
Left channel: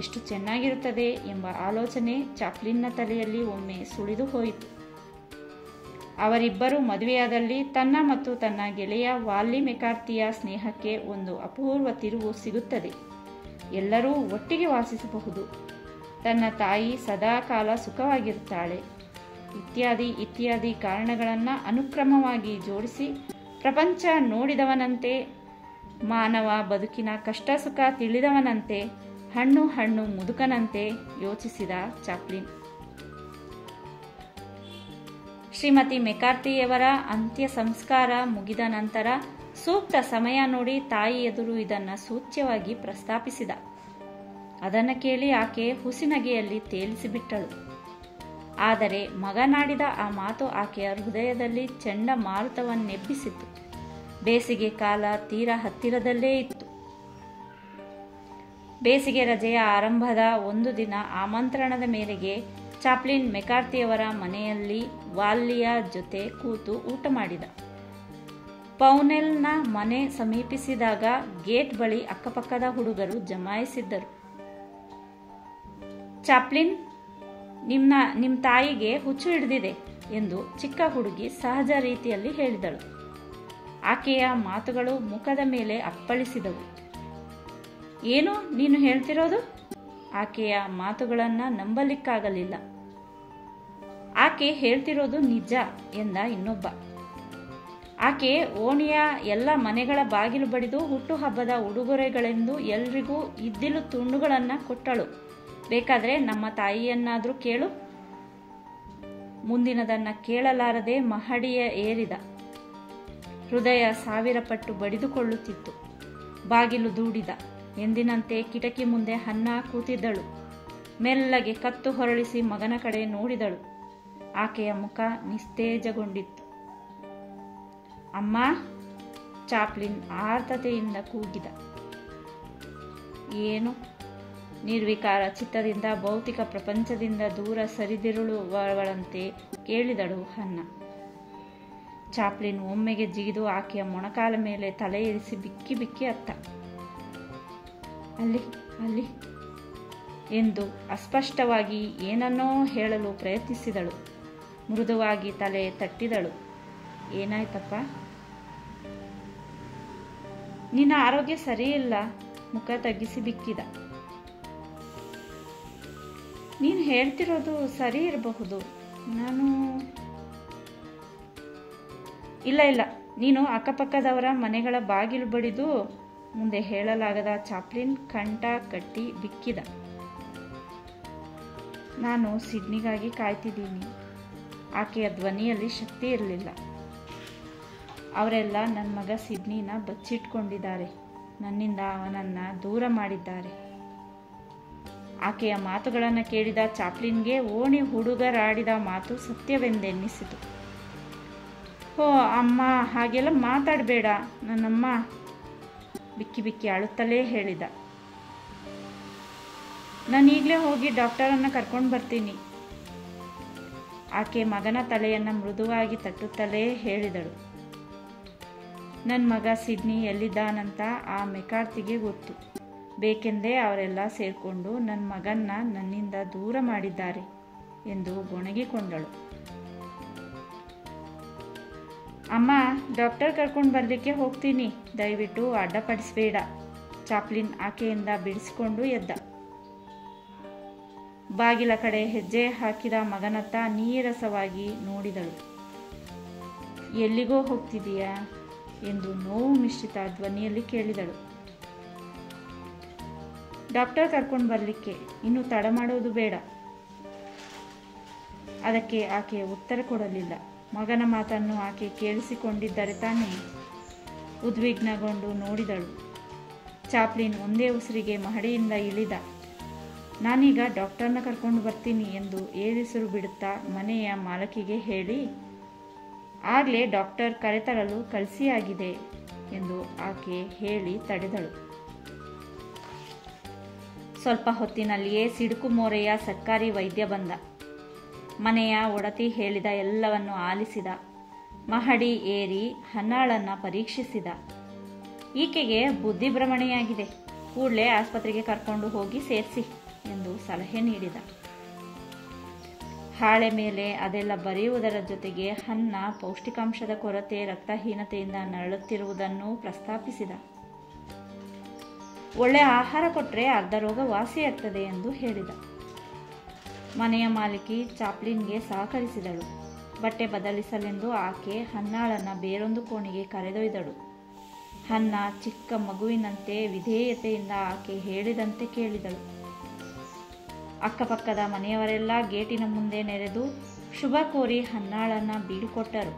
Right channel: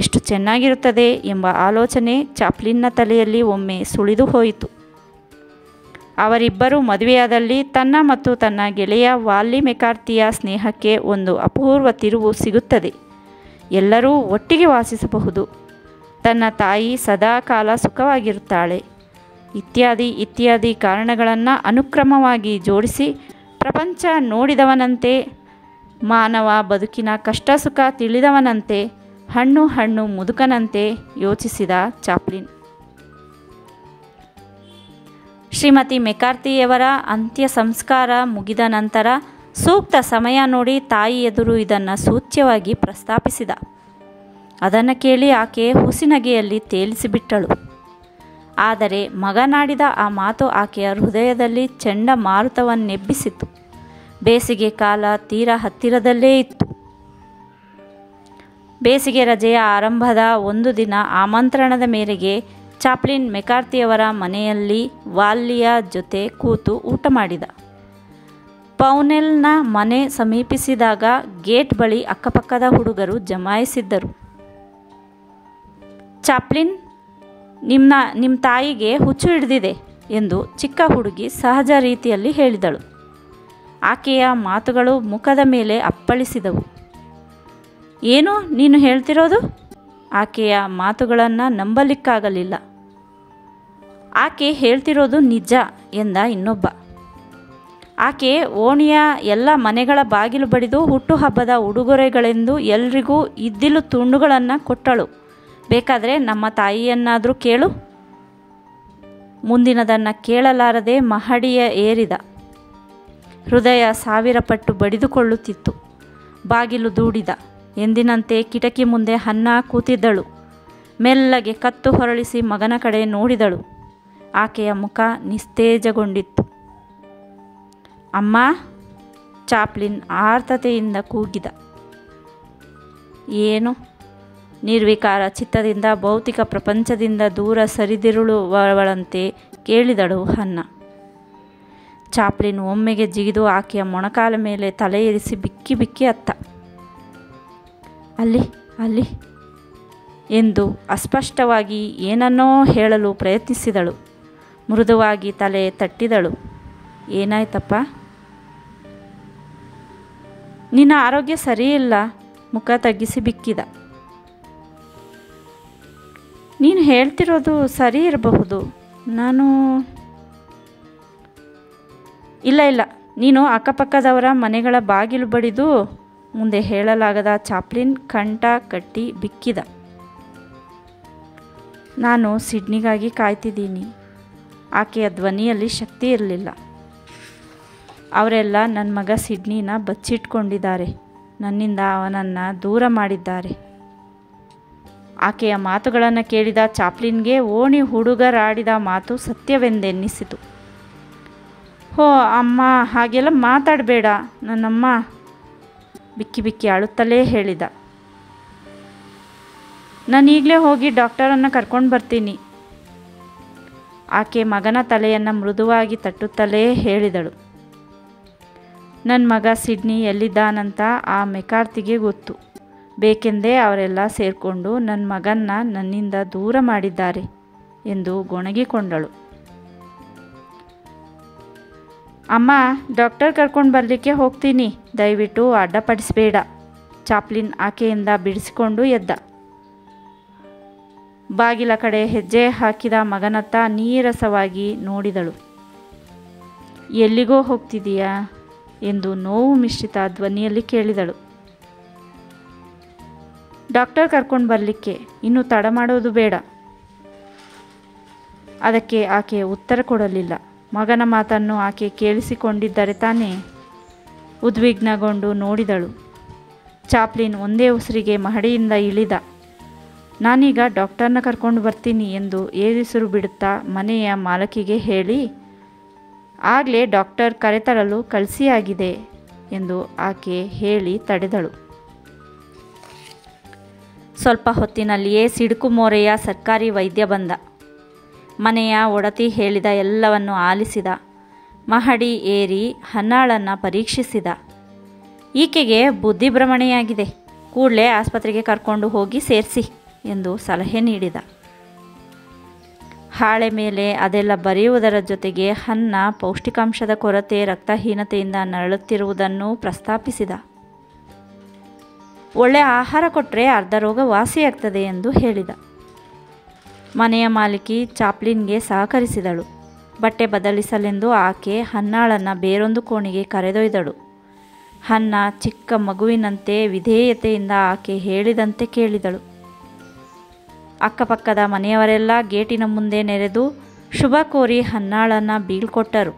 ಎಷ್ಟು ಚೆನ್ನಾಗಿರುತ್ತದೆ ಎಂಬ ಆಲೋಚನೆ ಚಾಪ್ಲಿನ್ನ ತಲೆಯಲ್ಲಿ ಒಮ್ಮೆ ಸುಳಿದು ಹೋಯಿತು. ಅವರಿಬ್ಬರೂ ಮದುವೆಯಾದಲ್ಲಿ ತನ್ನ ಮತ್ತು ತನ್ನ ಗೆಳೆಯ ವಾಲ್ಲಿ ಮೆಕಾರ್ಥಿಯ ಸ್ನೇಹಕ್ಕೆ ಒಂದು ಅಪೂರ್ವ ತಿರುವು ಸಿಗುತ್ತದೆ. ಎಲ್ಲರೂ ಒಟ್ಟಿಗೆ ವಾಸಿಸಬಹುದು. ತನ್ನ ತಾಯಿ ಸದಾ ಕಾಲ ಸುಖವಾಗಿರುತ್ತಾಳೆ. ಇತ್ಯಾದಿ ಇತ್ಯಾದಿ ಕಾರಣಗಳನ್ನು ಅನುಕ್ರಮವಾಗಿ ಜೋಡಿಸಿ ಪ್ರಪಂಚ ನೋಡಿದವನಂತೆ, ಮಾನವ ಬದುಕಿನ ಕಷ್ಟ ಸುಖ ತಿಳಿದವನಂತೆ, ಹಣ್ಣು ಮುದುಕನಂತೆ ಯೋಚಿಸಿದ ಚಾಪ್ಲಿನ್. ಶ್ರೀಮತಿ ಮೆಕಾರ್ಥಿಯವರ ಅಂತ್ಯ ಸಂಸ್ಕಾರ ಮುಗಿದ ನಂತರ ಸೂಕ್ತ ಸಮಯ ನೋಡಿ ತಾಯಿ ಎದುರು ಇದನ್ನು ಸೂಚ್ಯವಾಗಿ ಪ್ರಸ್ತಾಪಿಸಿದ. ಅದನ್ನು ಕೇಳಿ ಆಕೆ ಹುಸಿನಗೆಯಲ್ಲಿ ತೇಲಿಸಿಬಿಟ್ಟಳು. ಆದರೆ ಮಗನಾಡಿದ ಆ ಮಾತು ಆಕೆಯ ಹೃದಯದಲ್ಲಿ ಚಂಡಮಾರುತವನ್ನೆಬ್ಬಿಸಿತು. ಬೇಸಿಗೆ ಕಾಲ ತೀರ ಹತ್ತಿರದಲ್ಲೇ ಇತ್ತು. ಬೇಸಿಗೆ ರಜೆಯ ಆರಂಭದ ಒಂದು ದಿನ ಆಮಂತ್ರಣದ ಮೇರೆಗೆ ಚಾಪ್ಲಿನ್ ಮೆಕಾರ್ಥಿಯವರ ಮನೆಯಲ್ಲಿ ವಾಲ್ಲಿಯ ಜೊತೆ ಕೂತು ಊಟ ಮಾಡಿದ. ಪೌನೆಲ್ನ ಮನೆ ಸಮೀಪಿಸಿದಾಗ ಗೇಟ್ ಬಳಿ ಅಕ್ಕಪಕ್ಕದ ಹುಡುಗರು ಜಮಾಯಿಸಿದ್ದರು. ಚಾಪ್ಲಿನ್, ನಿಮ್ಮ ತಾಯಿಗೆ ಹುಚ್ಚು ಹಿಡಿದಿದೆ ಎಂದು ಚಿಕ್ಕ ಹುಡುಗಿ ಸಹಜ ರೀತಿಯಲ್ಲಿ ಹೇಳಿದಳು. ಆಕೆಯ ಮಾತುಗಳು ಮುಖದ ಮೇಲೆ ಅಪ್ಪಳಿಸಿದವು. ಏನು ನೀನು ಹೇಳ್ತಿರೋದು? ಆಕೆಯ ಮಾತುಗಳನ್ನು ನಂಬಲಿಕ್ಕಾಗಲಿಲ್ಲ. ಆಕೆ ಹೇಳ್ತಿರೋದು ನಿಜ ಎಂದ ಇನ್ನೊಬ್ಬ. ಆಕೆ ಓಣಿಯ ಎಲ್ಲ ಮನೆಗಳ ಬಾಗಿಲು ಬಡಿದು ಹುಟ್ಟುಹಬ್ಬದ ಉಡುಗೊರೆಗಳೆಂದು ಎಲ್ರಿಗೂ ಇದ್ದಿಲು ತುಂಡುಗಳನ್ನು ಕೊಟ್ಟಳು. ಬೇಕಾದರೆ ನಮ್ಮ ತಾಯಿಯನ್ನಾದರೂ ಕೇಳು. ಮುಂದಿನದನ್ನು ಕೇಳಲಾರದೆ ಮಹಡಿಯ ಏರಿದ. ಹೃದಯ 1000 ಪಟ್ಟು ಬಡಿದುಕೊಳ್ಳುತ್ತಿತ್ತು. ಬಾಗಿಲು ದೂಡಿದ. ಎಂದಿನಂತೆ ಕಿಟಕಿ ಮುಂದೆ ಹನ್ನ ಕೂತಿದ್ದಳು. ಮೆಲ್ಲಗೆ ಕತ್ತು ಹೊರಳಿಸಿ ಮಗನ ಕಡೆ ನೋಡಿದಳು. ಆಕೆಯ ಮುಖ ನಿಸ್ತೇಜಗೊಂಡಿತ್ತು. ಅಮ್ಮ, ಚಾಪ್ಲಿನ್ ಆರ್ತತೆಯಿಂದ ಕೂಗಿದ. ಏನು? ನಿರ್ವಿಕಾರ ಚಿತ್ತದಿಂದ ಭೌತಿಕ ಪ್ರಪಂಚದಿಂದ ದೂರ ಸರಿದಿರುಳುವವಳಂತೆ ಕೇಳಿದಳು ಹನ್ನ. ಚಾಪ್ಲಿನ್ ಒಮ್ಮೆಗೆ ಜಿಗಿದು ಆಕೆಯ ಮೊಣಕಾಲ ಮೇಲೆ ತಲೆ ಇರಿಸಿ ಬಿಕ್ಕಿ ಬಿಕ್ಕಿ ಅತ್ತ. ಅಲ್ಲಿ ಅಲ್ಲಿ ಎಂದು ಅಸ್ಪಷ್ಟವಾಗಿ ಏನನ್ನೋ ಹೇಳಲು ಪ್ರಯತ್ನಿಸಿದಳು. ಮೃದುವಾಗಿ ತಲೆ ತಟ್ಟಿದಳು. ಏನಾಯ್ತಪ್ಪ? ನಿನ್ನ ಆರೋಗ್ಯ ಸರಿಯಿಲ್ಲ. ಮುಖ ತಗ್ಗಿಸಿ ಬಿಕ್ಕಿದ. ನೀನು ಹೇಳ್ತಿರೋದು ಸರಿ ಇರಬಹುದು. ನಾನು ಇಲ್ಲ, ನೀನು ಅಕ್ಕಪಕ್ಕದವರ ಮನೆಗಳ ಬಾಗಿಲು ಬಡಿದು ಮುಂದೆ ಹೇಳಲಾಗದ ಚಾಪ್ಲಿನ್ ಕಂಠ ಕಟ್ಟಿ ಬಿಕ್ಕಿದ. ನಾನು ಸಿಡ್ನಿಗಾಗಿ ಕಾಯ್ತಿದ್ದೀನಿ. ಆಕೆಯ ಧ್ವನಿಯಲ್ಲಿ ಶಕ್ತಿ ಇರಲಿಲ್ಲ. ಅವರೆಲ್ಲ ನನ್ನ ಮಗ ಸಿಡ್ನಿನ ಬಚ್ಚಿಟ್ಕೊಂಡಿದ್ದಾರೆ. ನನ್ನಿಂದ ಅವನನ್ನು ದೂರ ಮಾಡಿದ್ದಾರೆ. ಆಕೆಯ ಮಾತುಗಳನ್ನು ಕೇಳಿದ ಚಾಪ್ಲಿನ್ಗೆ ಓಣಿ ಹುಡುಗರಾಡಿದ ಮಾತು ಸತ್ಯವೆಂದೆನ್ನಿಸಿತು. ಹೋ ಅಮ್ಮ, ಹಾಗೆಲ್ಲ ಮಾತಾಡಬೇಡ. ನನ್ನಮ್ಮ ಬಿಕ್ಕಿ ಬಿಕ್ಕಿ ಅಳುತ್ತಲೇ ಹೇಳಿದ. ನಾನೀಗಲೇ ಹೋಗಿ ಡಾಕ್ಟರನ್ನು ಕರ್ಕೊಂಡು ಬರ್ತೀನಿ. ಆಕೆ ಮಗನ ತಲೆಯನ್ನು ಮೃದುವಾಗಿ ತಟ್ಟುತ್ತಲೇ ಹೇಳಿದಳು. ನನ್ನ ಮಗ ಸಿಡ್ನಿ ಎಲ್ಲಿದ್ದಾನಂತ ಆ ಮೆಕಾರ್ಥಿಗೆ ಗೊತ್ತು. ಬೇಕೆಂದೇ ಅವರೆಲ್ಲ ಸೇರಿಕೊಂಡು ನನ್ನ ಮಗನ್ನ ನನ್ನಿಂದ ದೂರ ಮಾಡಿದ್ದಾರೆ ಎಂದು ಗೊಣಗಿಕೊಂಡಳು. ಅಮ್ಮ, ಡಾಕ್ಟರ್ ಕರ್ಕೊಂಡು ಬರಲಿಕ್ಕೆ ಹೋಗ್ತೀನಿ. ದಯವಿಟ್ಟು ಅಡ್ಡಪಡಿಸಬೇಡ. ಚಾಪ್ಲಿನ್ ಆಕೆಯಿಂದ ಬಿಡಿಸಿಕೊಂಡು ಎದ್ದ. ಬಾಗಿಲ ಕಡೆ ಹೆಜ್ಜೆ ಹಾಕಿದ ಮಗನತ್ತ ನೀರಸವಾಗಿ ನೋಡಿದಳು. ಎಲ್ಲಿಗೋ ಹೋಗ್ತಿದೀಯಾ ಎಂದು ನೋವು ಮಿಶ್ರಿತ ಧ್ವನಿಯಲ್ಲಿ ಕೇಳಿದಳು. ಡಾಕ್ಟರ್ ಕರ್ಕೊಂಡು ಬರಲಿಕ್ಕೆ. ಇನ್ನೂ ತಡ ಮಾಡೋದು ಬೇಡ. ಅದಕ್ಕೆ ಆಕೆ ಉತ್ತರ ಕೊಡಲಿಲ್ಲ. ಮಗನ ಮಾತನ್ನು ಆಕೆ ಕೇಳಿಸಿಕೊಂಡಿದ್ದರೆ ತಾನೇ. ಉದ್ವಿಗ್ನಗೊಂಡು ನೋಡಿದಳು. ಚಾಪ್ಲಿನ್ ಒಂದೇ ಉಸಿರಿಗೆ ಮಹಡಿಯಿಂದ ಇಳಿದ. ನಾನೀಗ ಡಾಕ್ಟರ್ನ ಕರ್ಕೊಂಡು ಬರ್ತೀನಿ ಎಂದು ಏರಿಸಿರು ಬಿಡುತ್ತಾ ಮನೆಯ ಮಾಲಕಿಗೆ ಹೇಳಿ, ಆಗಲೇ ಡಾಕ್ಟರ್ ಕರೆತರಲು ಕಳಿಸಿಯಾಗಿದೆ ಎಂದು ಆಕೆ ಹೇಳಿ ತಡೆದಳು. ಸ್ವಲ್ಪ ಹೊತ್ತಿನಲ್ಲಿಯೇ ಸಿಡುಕು ಮೋರೆಯ ಸರ್ಕಾರಿ ವೈದ್ಯ ಬಂದ. ಮನೆಯ ಒಡತಿ ಹೇಳಿದ ಎಲ್ಲವನ್ನು ಆಲಿಸಿದ. ಮಹಡಿ ಏರಿ ಹನ್ನಾಳನ್ನು ಪರೀಕ್ಷಿಸಿದ. ಈಕೆಗೆ ಬುದ್ಧಿಭ್ರಮಣೆಯಾಗಿದೆ, ಕೂಡಲೇ ಆಸ್ಪತ್ರೆಗೆ ಕರ್ಕೊಂಡು ಹೋಗಿ ಸೇರಿಸಿ ಎಂದು ಸಲಹೆ ನೀಡಿದ. ಹಾಳೆ ಮೇಲೆ ಅದೆಲ್ಲ ಬರೆಯುವುದರ ಜೊತೆಗೆ ಹನ್ನ ಪೌಷ್ಟಿಕಾಂಶದ ಕೊರತೆ, ರಕ್ತಹೀನತೆಯಿಂದ ನರಳುತ್ತಿರುವುದನ್ನು ಪ್ರಸ್ತಾಪಿಸಿದ. ಒಳ್ಳೆಯ ಆಹಾರ ಕೊಟ್ಟರೆ ಅರ್ಧ ರೋಗ ವಾಸಿಯಾಗ್ತದೆ ಎಂದು ಹೇಳಿದ. ಮನೆಯ ಮಾಲಕಿ ಚಾಪ್ಲಿನ್ಗೆ ಸಹಕರಿಸಿದಳು. ಬಟ್ಟೆ ಬದಲಿಸಲೆಂದು ಆಕೆ ಹನ್ನಾಳನ್ನು ಬೇರೊಂದು ಕೋಣೆಗೆ ಕರೆದೊಯ್ದಳು. ಹನ್ನ ಚಿಕ್ಕ ಮಗುವಿನಂತೆ ವಿಧೇಯತೆಯಿಂದ ಆಕೆ ಹೇಳಿದಂತೆ ಕೇಳಿದಳು. ಅಕ್ಕಪಕ್ಕದ ಮನೆಯವರೆಲ್ಲ ಗೇಟಿನ ಮುಂದೆ ನೆರೆದು ಶುಭ ಕೋರಿ ಹನ್ನಾಳನ್ನು ಬೀಳ್ಕೊಟ್ಟರು.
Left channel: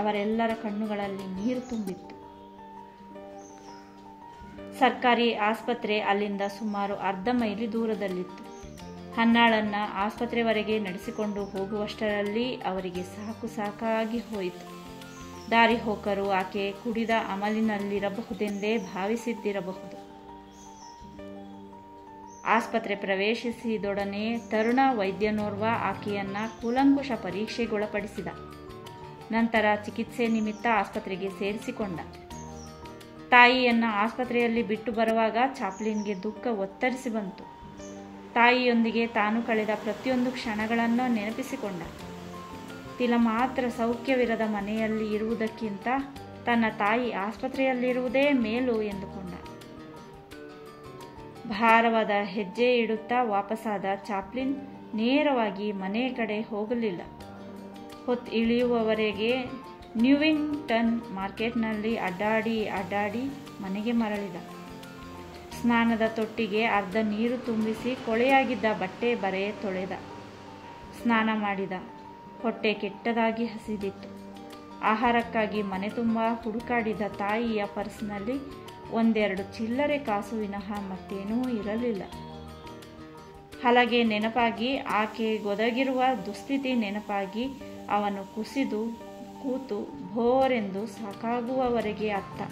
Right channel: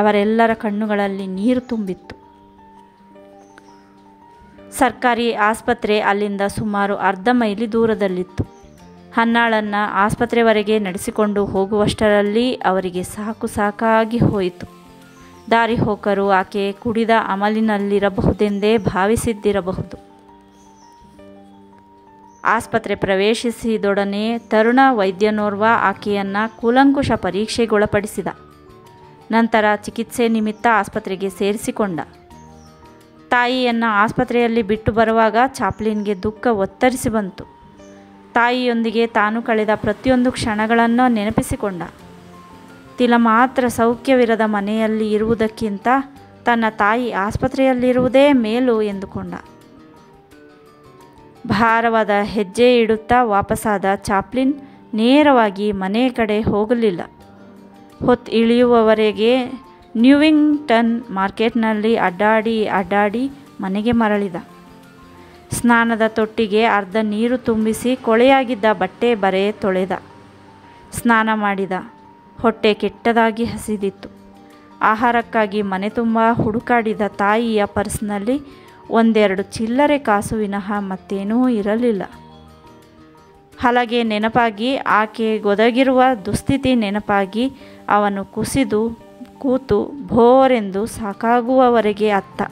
ಅವರೆಲ್ಲರ ಕಣ್ಣುಗಳಲ್ಲಿ ನೀರು ತುಂಬಿತ್ತು. ಸರ್ಕಾರಿ ಆಸ್ಪತ್ರೆ ಅಲ್ಲಿಂದ ಸುಮಾರು ಅರ್ಧ ಮೈಲಿ ದೂರದಲ್ಲಿತ್ತು. ಹನ್ನಾಳನ್ನು ಆಸ್ಪತ್ರೆವರೆಗೆ ನಡೆಸಿಕೊಂಡು ಹೋಗುವಷ್ಟರಲ್ಲಿ ಅವರಿಗೆ ಸಾಕಾಗಿ ಹೋಯಿತು. ದಾರಿ ಹೋಕರು ಆಕೆ ಕುಡಿದ ಅಮಲಿನಲ್ಲಿರಬಹುದೆಂದೇ ಭಾವಿಸಿದ್ದಿರಬಹುದು. ಆಸ್ಪತ್ರೆ ಪ್ರವೇಶಿಸಿದೊಡನೆ ತರುಣ ವೈದ್ಯನೋರ್ವ ಆಕೆಯನ್ನು ಕೂಲಂಕುಷ ಪರೀಕ್ಷೆಗೊಳಪಡಿಸಿದ. ನಂತರ ಚಿಕಿತ್ಸೆ ನಿಮಿತ್ತ ಆಸ್ಪತ್ರೆಗೆ ಸೇರಿಸಿಕೊಂಡ. ತಾಯಿಯನ್ನು ಆಸ್ಪತ್ರೆಯಲ್ಲಿ ಬಿಟ್ಟು ಬರುವಾಗ ಚಾಪ್ಲಿನ್ಗೆ ದುಃಖ ಒತ್ತರಿಸಿ ಬಂತು. ತಾಯಿಯೊಂದಿಗೆ ತಾನು ಕಳೆದ ಪ್ರತಿಯೊಂದು ಕ್ಷಣಗಳನ್ನು ನೆನಪಿಸಿಕೊಂಡ. ತಿಲ ಮಾತ್ರ ಸೌಖ್ಯವಿರದ ಮನೆಯಲ್ಲಿ ಇರುವುದಕ್ಕಿಂತ ತನ್ನ ತಾಯಿ ಆಸ್ಪತ್ರೆಯಲ್ಲಿರುವುದೇ ಮೇಲು ಎಂದುಕೊಂಡ. ಭಾರವಾದ ಹೆಜ್ಜೆ ಇಡುತ್ತಾ ವಾಪಸ್ಸಾದ ಚಾಪ್ಲಿನ್ ನೇರವಾಗಿ ಮನೆಯ ಕಡೆ ಹೋಗಲಿಲ್ಲ. ಹೊತ್ತು ಇಳಿಯುವವರೆಗೆ ನ್ಯೂವಿಂಗ್ಟನ್ ಮಾರ್ಕೆಟ್ನಲ್ಲಿ ಅಡ್ಡಾಡಿ ಮನೆಗೆ ಮರಳಿದ. ಸ್ನಾನದ ತೊಟ್ಟಿಗೆ ಅರ್ಧ ನೀರು ತುಂಬಿಸಿ ಕೊಳೆಯಾಗಿದ್ದ ಬಟ್ಟೆ ಬರೆ ತೊಳೆದ. ಸ್ನಾನ ಮಾಡಿದ. ಹೊಟ್ಟೆ ಕೆಟ್ಟದಾಗಿ ಹಸಿದಿತ್ತು. ಆಹಾರಕ್ಕಾಗಿ ಮನೆ ತುಂಬ ಹುಡುಕಾಡಿದ ತಾಯಿಯ ಪರ್ಸ್ನಲ್ಲಿ ಒಂದೆರಡು ಚಿಲ್ಲರೆ ಕಾಸು ವಿನಃ ಮತ್ತೇನೂ ಇರಲಿಲ್ಲ. ಹಲಗೆ ನೆನಪಾಗಿ, ಆಕೆ ಗೊದಗಿರುವ ದುಸ್ಥಿತಿ ನೆನಪಾಗಿ ಅವನು ಕುಸಿದು ಕೂತು ಭೋರೆಂದು ಸಾಕಾಗುವವರೆಗೆ ಅತ್ತ.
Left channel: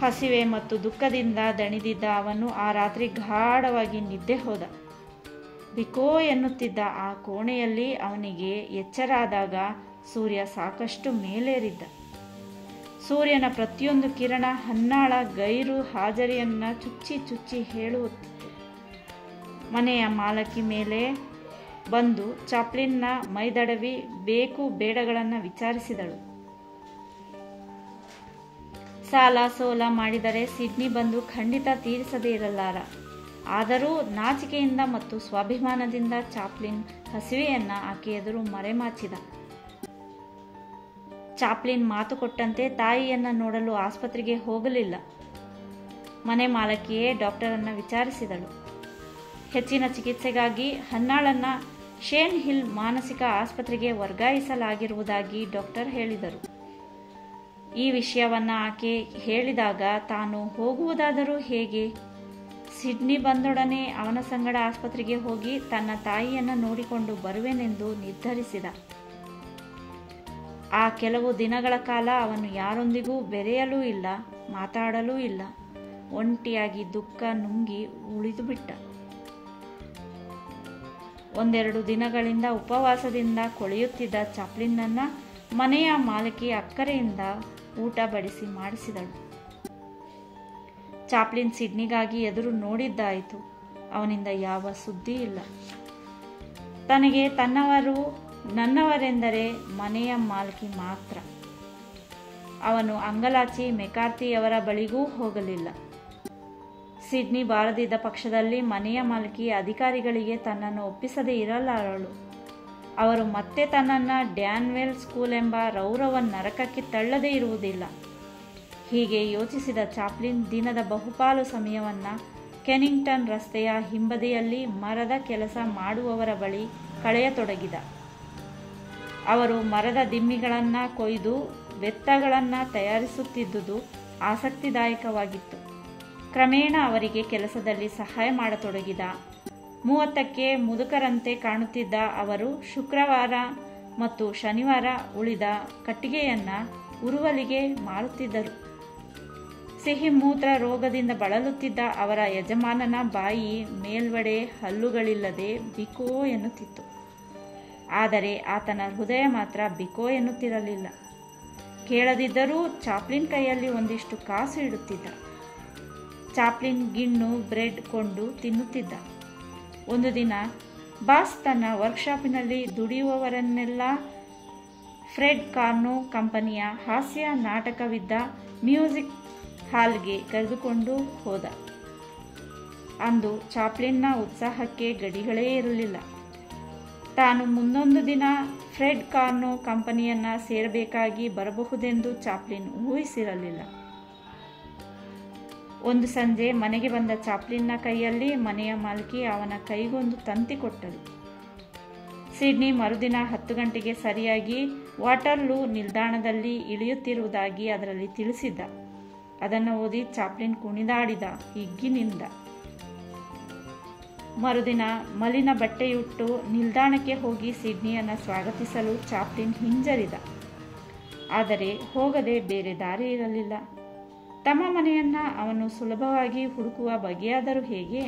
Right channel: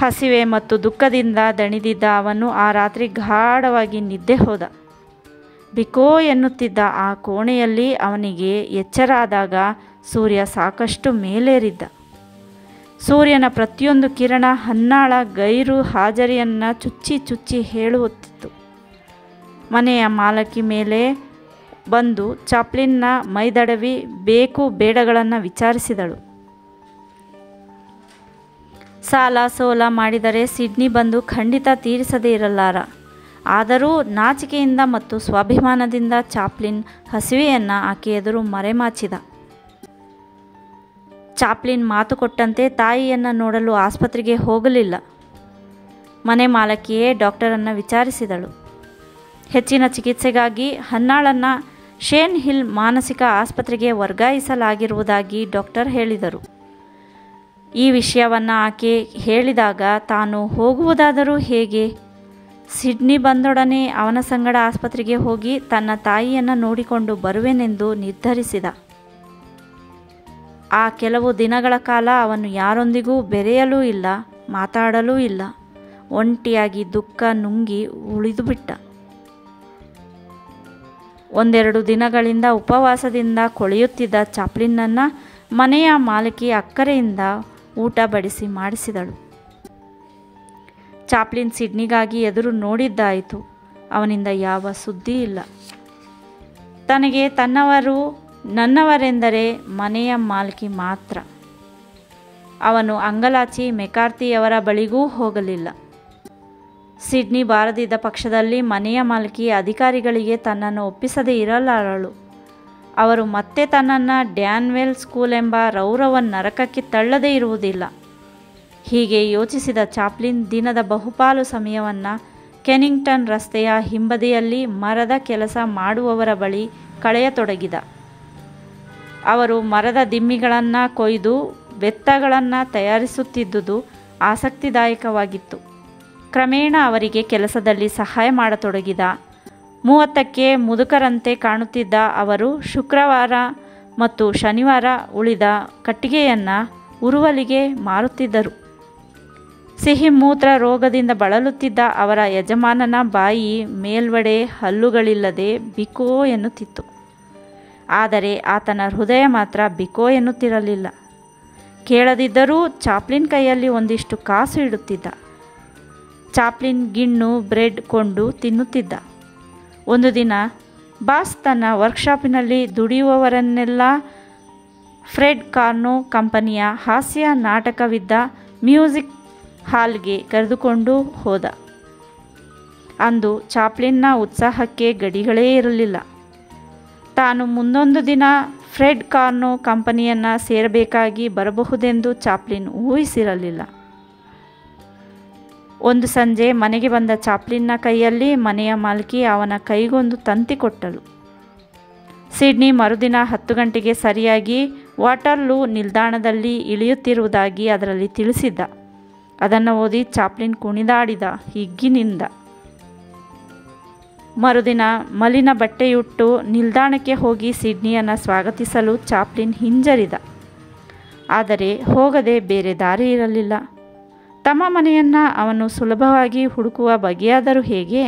ಹಸಿವೆ ಮತ್ತು ದುಃಖದಿಂದ ದಣಿದಿದ್ದ ಅವನು ಆ ರಾತ್ರಿ ಗಾಢವಾಗಿ ನಿದ್ದೆ ಹೋದ. ಬಿಕೋ ಎನ್ನುತ್ತಿದ್ದ ಆ ಕೋಣೆಯಲ್ಲಿ ಅವನಿಗೆ ಎಚ್ಚರ ಆದಾಗ ಸೂರ್ಯ ಸಾಕಷ್ಟು ಮೇಲೇರಿದ್ದ. ಸೂರ್ಯನ ಪ್ರತಿಯೊಂದು ಕಿರಣ ಹನ್ನಾಳ ಗೈರು ಹಾಜರಿಯನ್ನು ಚುಚ್ಚಿ ಹೇಳುತ್ತಿತ್ತು. ಮನೆಯ ಮಾಲಕಿ ಮೇಲೆ ಬಂದು ಚಾಪ್ಲಿನ್ನ ಮೈದಡವಿ ಬೇಕು ಬೇಡಗಳನ್ನು ವಿಚಾರಿಸಿದಳು. ಸಾಲ ಸೋಲ ಮಾಡಿದರೆ ಸಿಡ್ನಿ ಬಂದು ಖಂಡಿತ ತೀರಿಸದೇ ಇರಲಾರ. ಆದರೂ ನಾಚಿಕೆಯಿಂದ ಮತ್ತು ಸ್ವಾಭಿಮಾನದಿಂದ ಚಾಪ್ಲಿನ್ ಹಸಿವೆಯನ್ನು ಆಕೆ ಎದುರು ಮರೆಮಾಚಿದ. ಚಾಪ್ಲಿನ್ ಮಾತು ಕೊಟ್ಟಂತೆ ತಾಯಿಯನ್ನು ನೋಡಲು ಆಸ್ಪತ್ರೆಗೆ ಹೋಗಲಿಲ್ಲ. ಮನೆ ಮಾಲಕಿಯೇ ಡಾಕ್ಟರನ್ನು ವಿಚಾರಿಸಿದಳು. ಹೆಚ್ಚಿನ ಚಿಕಿತ್ಸೆಗಾಗಿ ಹನ್ನಾಳನ್ನು ಶೇನ್ ಹಿಲ್ ಮಾನಸಿಕ ಆಸ್ಪತ್ರೆಗೆ ವರ್ಗಾಯಿಸಲಾಗಿರುವುದಾಗಿ ಡಾಕ್ಟರ್ ಹೇಳಿದರು. ಈ ವಿಷಯವನ್ನು ಆಕೆ ಹೇಳಿದಾಗ ತಾನು ಹೋಗುವುದಾದರೂ ಹೇಗೆ? ಸಿಡ್ನಿ ಬಂದೊಡನೆ ಅವನ ಸಂಗಡ ಆಸ್ಪತ್ರೆಗೆ ಹೋಗಿ ತನ್ನ ತಾಯಿಯನ್ನು ನೋಡಿಕೊಂಡು ಬರುವೆನೆಂದು ನಿರ್ಧರಿಸಿದ. ಆ ಕೆಲವು ದಿನಗಳ ಕಾಲ ಅವನು ಯಾರೊಂದಿಗೂ ಬೆರೆಯಲೂ ಇಲ್ಲ, ಮಾತಾಡಲೂ ಇಲ್ಲ. ಒಂಟಿಯಾಗಿ ದುಃಖ ನುಂಗಿ ಉಳಿದುಬಿಟ್ಟ. ಒಂದೆರಡು ದಿನಗಳಿಂದ ಉಪವಾಸದಿಂದ ಕೊಳೆಯುತ್ತಿದ್ದ ಚಾಪ್ಲಿನ್ನನ್ನು ಮನೆಯ ಮಾಲಕಿ ಅಕ್ಕರೆಯಿಂದ ಊಟ ಬಡಿಸಿ ಮಾಡಿಸಿದಳು. ಚಾಪ್ಲಿನ್ ಸಿಡ್ನಿಗಾಗಿ ಎದುರು ನೋಡಿದ್ದಾಯಿತು. ಅವನಿಂದ ಯಾವ ಸುದ್ದಿ ಇಲ್ಲ. ತನಗೆ ತನ್ನವರು ನನ್ನವರೆಂದರೆ ಮನೆಯ ಮಾಲಕಿ ಮಾತ್ರ. ಅವನು ಅಂಗಲಾಚಿ ಮೆಕಾರ್ತಿಯವರ ಬಳಿಗೂ ಹೋಗಲಿಲ್ಲ. ಸಿಡ್ನಿ ಬಾರದಿದ್ದ ಪಕ್ಷದಲ್ಲಿ ಮನೆಯ ಮಾಲಕಿ ಅಧಿಕಾರಿಗಳಿಗೆ ತನ್ನನ್ನು ಒಪ್ಪಿಸದೇ ಇರಲಾರಳು. ಅವರು ಮತ್ತೆ ತನ್ನನ್ನು ಡ್ಯಾನ್ವೆಲ್ ಸ್ಕೂಲ್ ಎಂಬ ರೌರವ ನರಕಕ್ಕೆ ತಳ್ಳದೇ ಇರುವುದಿಲ್ಲ. ಹೀಗೆ ಯೋಚಿಸಿದ ಚಾಪ್ಲಿನ್ ದಿನದ ಬಹುಪಾಲು ಸಮಯವನ್ನು ಕೆನಿಂಗ್ಟನ್ ರಸ್ತೆಯ ಹಿಂಬದಿಯಲ್ಲಿ ಮರದ ಕೆಲಸ ಮಾಡುವವರ ಬಳಿ ಕಳೆಯತೊಡಗಿದ. ಅವರು ಮರದ ದಿಮ್ಮಿಗಳನ್ನು ಕೊಯ್ದು ಬೆತ್ತಗಳನ್ನು ತಯಾರಿಸುತ್ತಿದ್ದುದು ಆಸಕ್ತಿದಾಯಕವಾಗಿತ್ತು. ಕ್ರಮೇಣ ಅವರಿಗೆ ಕೆಲಸದಲ್ಲಿ ಸಹಾಯ ಮಾಡತೊಡಗಿದ. 30ಕ್ಕೆ ಮುದುಕರಂತೆ ಕಾಣುತ್ತಿದ್ದ ಅವರು ಶುಕ್ರವಾರ ಮತ್ತು ಶನಿವಾರ ಉಳಿದ ಕಟ್ಟಿಗೆಯನ್ನು ಉರುವಲಿಗೆ ಮಾರುತ್ತಿದ್ದರು. ಸಿಹಿ ಮೂತ್ರ ರೋಗದಿಂದ ಬಳಲುತ್ತಿದ್ದ ಅವರ ಯಜಮಾನನ ಬಾಯಿ ಮೇಲ್ವಡೆ ಹಲ್ಲುಗಳಿಲ್ಲದೆ ಬಿಕೋ ಎನ್ನುತ್ತಿತ್ತು. ಆದರೆ ಆತನ ಹೃದಯ ಮಾತ್ರ ಬಿಕೋ ಎನ್ನುತ್ತಿರಲಿಲ್ಲ. ಕೇಳದಿದ್ದರೂ ಚಾಪ್ಲಿನ್ ಕೈಯಲ್ಲಿ ಒಂದಿಷ್ಟು ಕಾಸು ಇಡುತ್ತಿದ್ದ. ಚಾಪ್ಲಿನ್ ಗಿಣ್ಣು ಬ್ರೆಡ್ ಕೊಂಡು ತಿನ್ನುತ್ತಿದ್ದ. ಒಂದು ದಿನ ಬಾಸ್ ತನ್ನ ವರ್ಕ್ಶಾಪಿನಲ್ಲಿ ದುಡಿಯುವವರನ್ನೆಲ್ಲ ಫ್ರೆಡ್ ಕಾರ್ನೋ ಕಂಪನಿಯ ಹಾಸ್ಯ ನಾಟಕವಿದ್ದ ಮ್ಯೂಸಿಕ್ ಹಾಲ್ಗೆ ಕರೆದುಕೊಂಡು ಹೋದ. ಅಂದು ಚಾಪ್ಲಿನ್ನ ಉತ್ಸಾಹಕ್ಕೆ ಗಡಿಗಳೇ ಇರಲಿಲ್ಲ. ತಾನು ಮುಂದೊಂದು ದಿನ ಫ್ರೆಡ್ ಕಾರ್ನೋ ಕಂಪನಿಯನ್ನು ಸೇರಬೇಕಾಗಿ ಬರಬಹುದೆಂದು ಚಾಪ್ಲಿನ್ ಊಹಿಸಿರಲಿಲ್ಲ. ಒಂದು ಸಂಜೆ ಮನೆಗೆ ಬಂದ ಚಾಪ್ಲಿನ್ನ ಕೈಯಲ್ಲಿ ಮನೆಯ ಮಾಲಕಿ ಅವನ ಕೈಗೊಂದು ತಂತಿ ಕೊಟ್ಟಳು. ಸಿಡ್ನಿ ಮರುದಿನ 10 ಗಂಟೆಗೆ ಸರಿಯಾಗಿ ವಾಟರ್ಲೂ ನಿಲ್ದಾಣದಲ್ಲಿ ಇಳಿಯುತ್ತಿರುವುದಾಗಿ ಅದರಲ್ಲಿ ತಿಳಿಸಿದ್ದ. ಅದನ್ನು ಓದಿ ಚಾಪ್ಲಿನ್ ಕುಣಿದಾಡಿದ ಹಿಗ್ಗಿನಿಂದ. ಮರುದಿನ ಮಲಿನ ಬಟ್ಟೆಯುಟ್ಟು ನಿಲ್ದಾಣಕ್ಕೆ ಹೋಗಿ ಸಿಡ್ನಿಯನ್ನು ಸ್ವಾಗತಿಸಲು ಚಾಪ್ಲಿನ್ ಹಿಂಜರಿದ. ಆದರೆ ಹೋಗದೆ ಬೇರೆ ದಾರಿ ಇರಲಿಲ್ಲ. ತಮ್ಮ ಮನೆಯನ್ನು ಅವನು ಸುಲಭವಾಗಿ ಹುಡುಕುವ ಬಗೆಯಾದರೂ ಹೇಗೆ?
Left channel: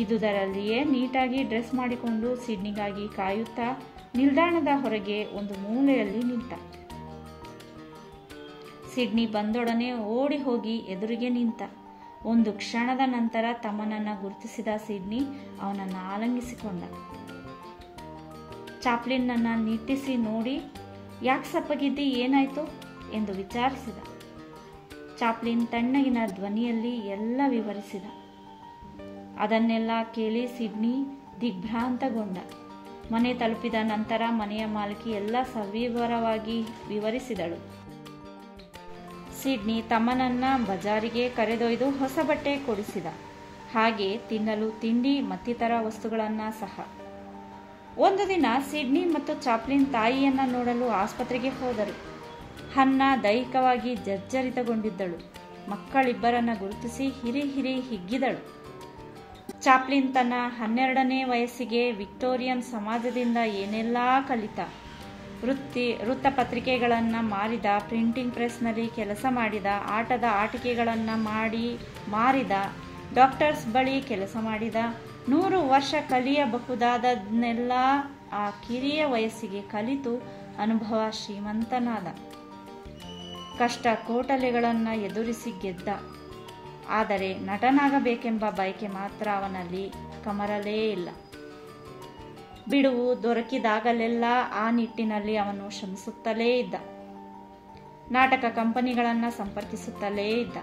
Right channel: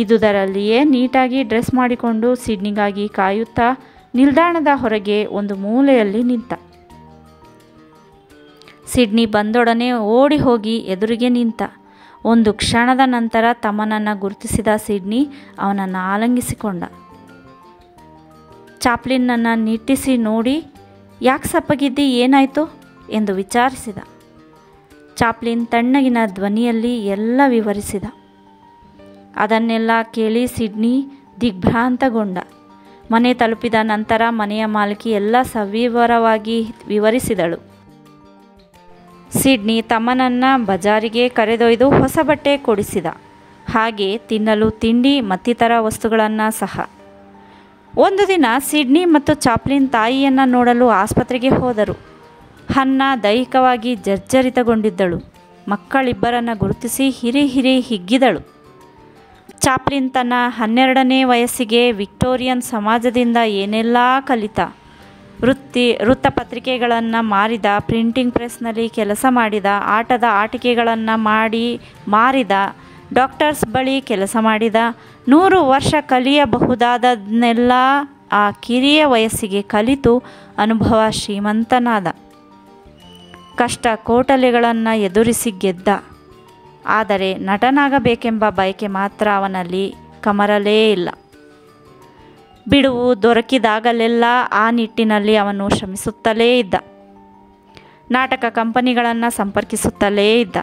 ಇದುದರಲ್ಲಿಯೇ ನೀಟಾಗಿ ಡ್ರೆಸ್ ಮಾಡಿಕೊಂಡು ಸಿಡ್ನಿಗಾಗಿ ಕಾಯುತ್ತಾ ನಿಲ್ದಾಣದ ಹೊರಗೆ ಒಂದು ಮೂಲೆಯಲ್ಲಿ ನಿಂತ. ಸಿಡ್ನಿ ಬಂದೊಡನೆ ಓಡಿ ಹೋಗಿ ಎದುರಿಗೆ ನಿಂತ. ಒಂದು ಕ್ಷಣದ ನಂತರ ತಮ್ಮನನ್ನು ಗುರುತಿಸಿದ ಸಿಡ್ನಿ ಅವನನ್ನು ಆಲಂಗಿಸಿಕೊಂಡ. ಚಾಪ್ಲಿನ್ನನ್ನು ನಿಟ್ಟಿಸಿ ನೋಡಿ, ಯಾಕೆ ಸಪ್ಪಗಿದ್ದಿ, ಏನಾಯಿತು ಎಂದು ವಿಚಾರಿಸಿದ. ಚಾಪ್ಲಿನ್ ತಣ್ಣಗಿನ ಧ್ವನಿಯಲ್ಲಿ ಎಲ್ಲ ವಿವರಿಸಿದ. ಅದನ್ನೆಲ್ಲ ಕೇಳಿ ಸಿಡ್ನಿ ದಿಗ್ಭ್ರಾಂತಗೊಂಡ. ಮನೆ ತಲುಪಿದ ನಂತರ ಮನೆಯ ಮಾಲಕಿ ಎಲ್ಲ ಸವಿವರವಾಗಿ ವಿವರಿಸಿದಳು. ಸಿಡ್ನಿ ತಮ್ಮನನ್ನು ಬಜಾರಿಗೆ ಕರೆದೊಯ್ದು ಹೊಸ ಬಟ್ಟೆ ಕೊಡಿಸಿದ. ಹಾಗೆ ತಿನ್ನಲು ತಿಂಡಿ ಮತ್ತಿತರ ವಸ್ತುಗಳನ್ನು ಸಹ. ಒಂದು ದಿನ ಸಿಡ್ನಿ ಮತ್ತು ಚಾಪ್ಲಿನ್ ತಾಯಿಯನ್ನು ನೋಡಲು ಆಸ್ಪತ್ರೆಗೆ ಹೋದರು. ಹನ್ನಾ ದೈಹಿಕವಾಗಿ ಜರ್ಜರಿತಗೊಂಡಿದ್ದಳು. ಮಕ್ಕಳಿಬ್ಬರನ್ನು ಗುರುತಿಸಿ ಹಿರಿ ಹಿಗ್ಗಿದಳು. ಚಾಪ್ಲಿನ್ ತನ್ನ 12ನೇ ವಯಸ್ಸಿಗೆ ವಿಕ್ಟೋರಿಯನ್ ಸಮಾಜದಿಂದ ಏನೆಲ್ಲ ಕಲಿತ. ವೃತ್ತಪತ್ರಿಕೆಗಳನ್ನು ಮಾರಿದ, ಪ್ರಿಂಟಿಂಗ್ ಪ್ರೆಸ್ನಲ್ಲಿ ಕೆಲಸ ಮಾಡಿದ, ಆಟದ ಆಟಿಕೆಗಳನ್ನು ಮಾರಿದ, ಡಾಕ್ಟರ್ಸ್ ಬಳಿ ಕೆಲಸ ಮಾಡಿದ. 100 ವರ್ಷ ಕಲಿಯಬಹುದಾದನ್ನೆಲ್ಲ ಆ ಕಿರಿಯ ವಯಸ್ಸಿಗೆ ಕಲಿತು ಅನುಭವ ಶ್ರೀಮಂತನಾದ. ಕಷ್ಟ ಕೋಟಲೆಗಳನ್ನು ಎದುರಿಸಿ ಗೆದ್ದ. ಆದರೆ ನಟನಾಗಬೇಕೆಂಬ ಬಯಕೆ ಮಾತ್ರ ಅವನಲ್ಲಿ ಕಮರಲೇ ಇಲ್ಲ. ಬಿಡುವು ದೊರಕಿದಾಗಲೆಲ್ಲ ಆ ನಿಟ್ಟಿನಲ್ಲಿ ಅವನು ಶ್ರಮಿಸುತ್ತಲೇ ಇದ್ದ. ನಾಟಕ ಕಂಪನಿಗಳನ್ನು ಸಂಪರ್ಕಿಸುತ್ತಲೇ ಇದ್ದ.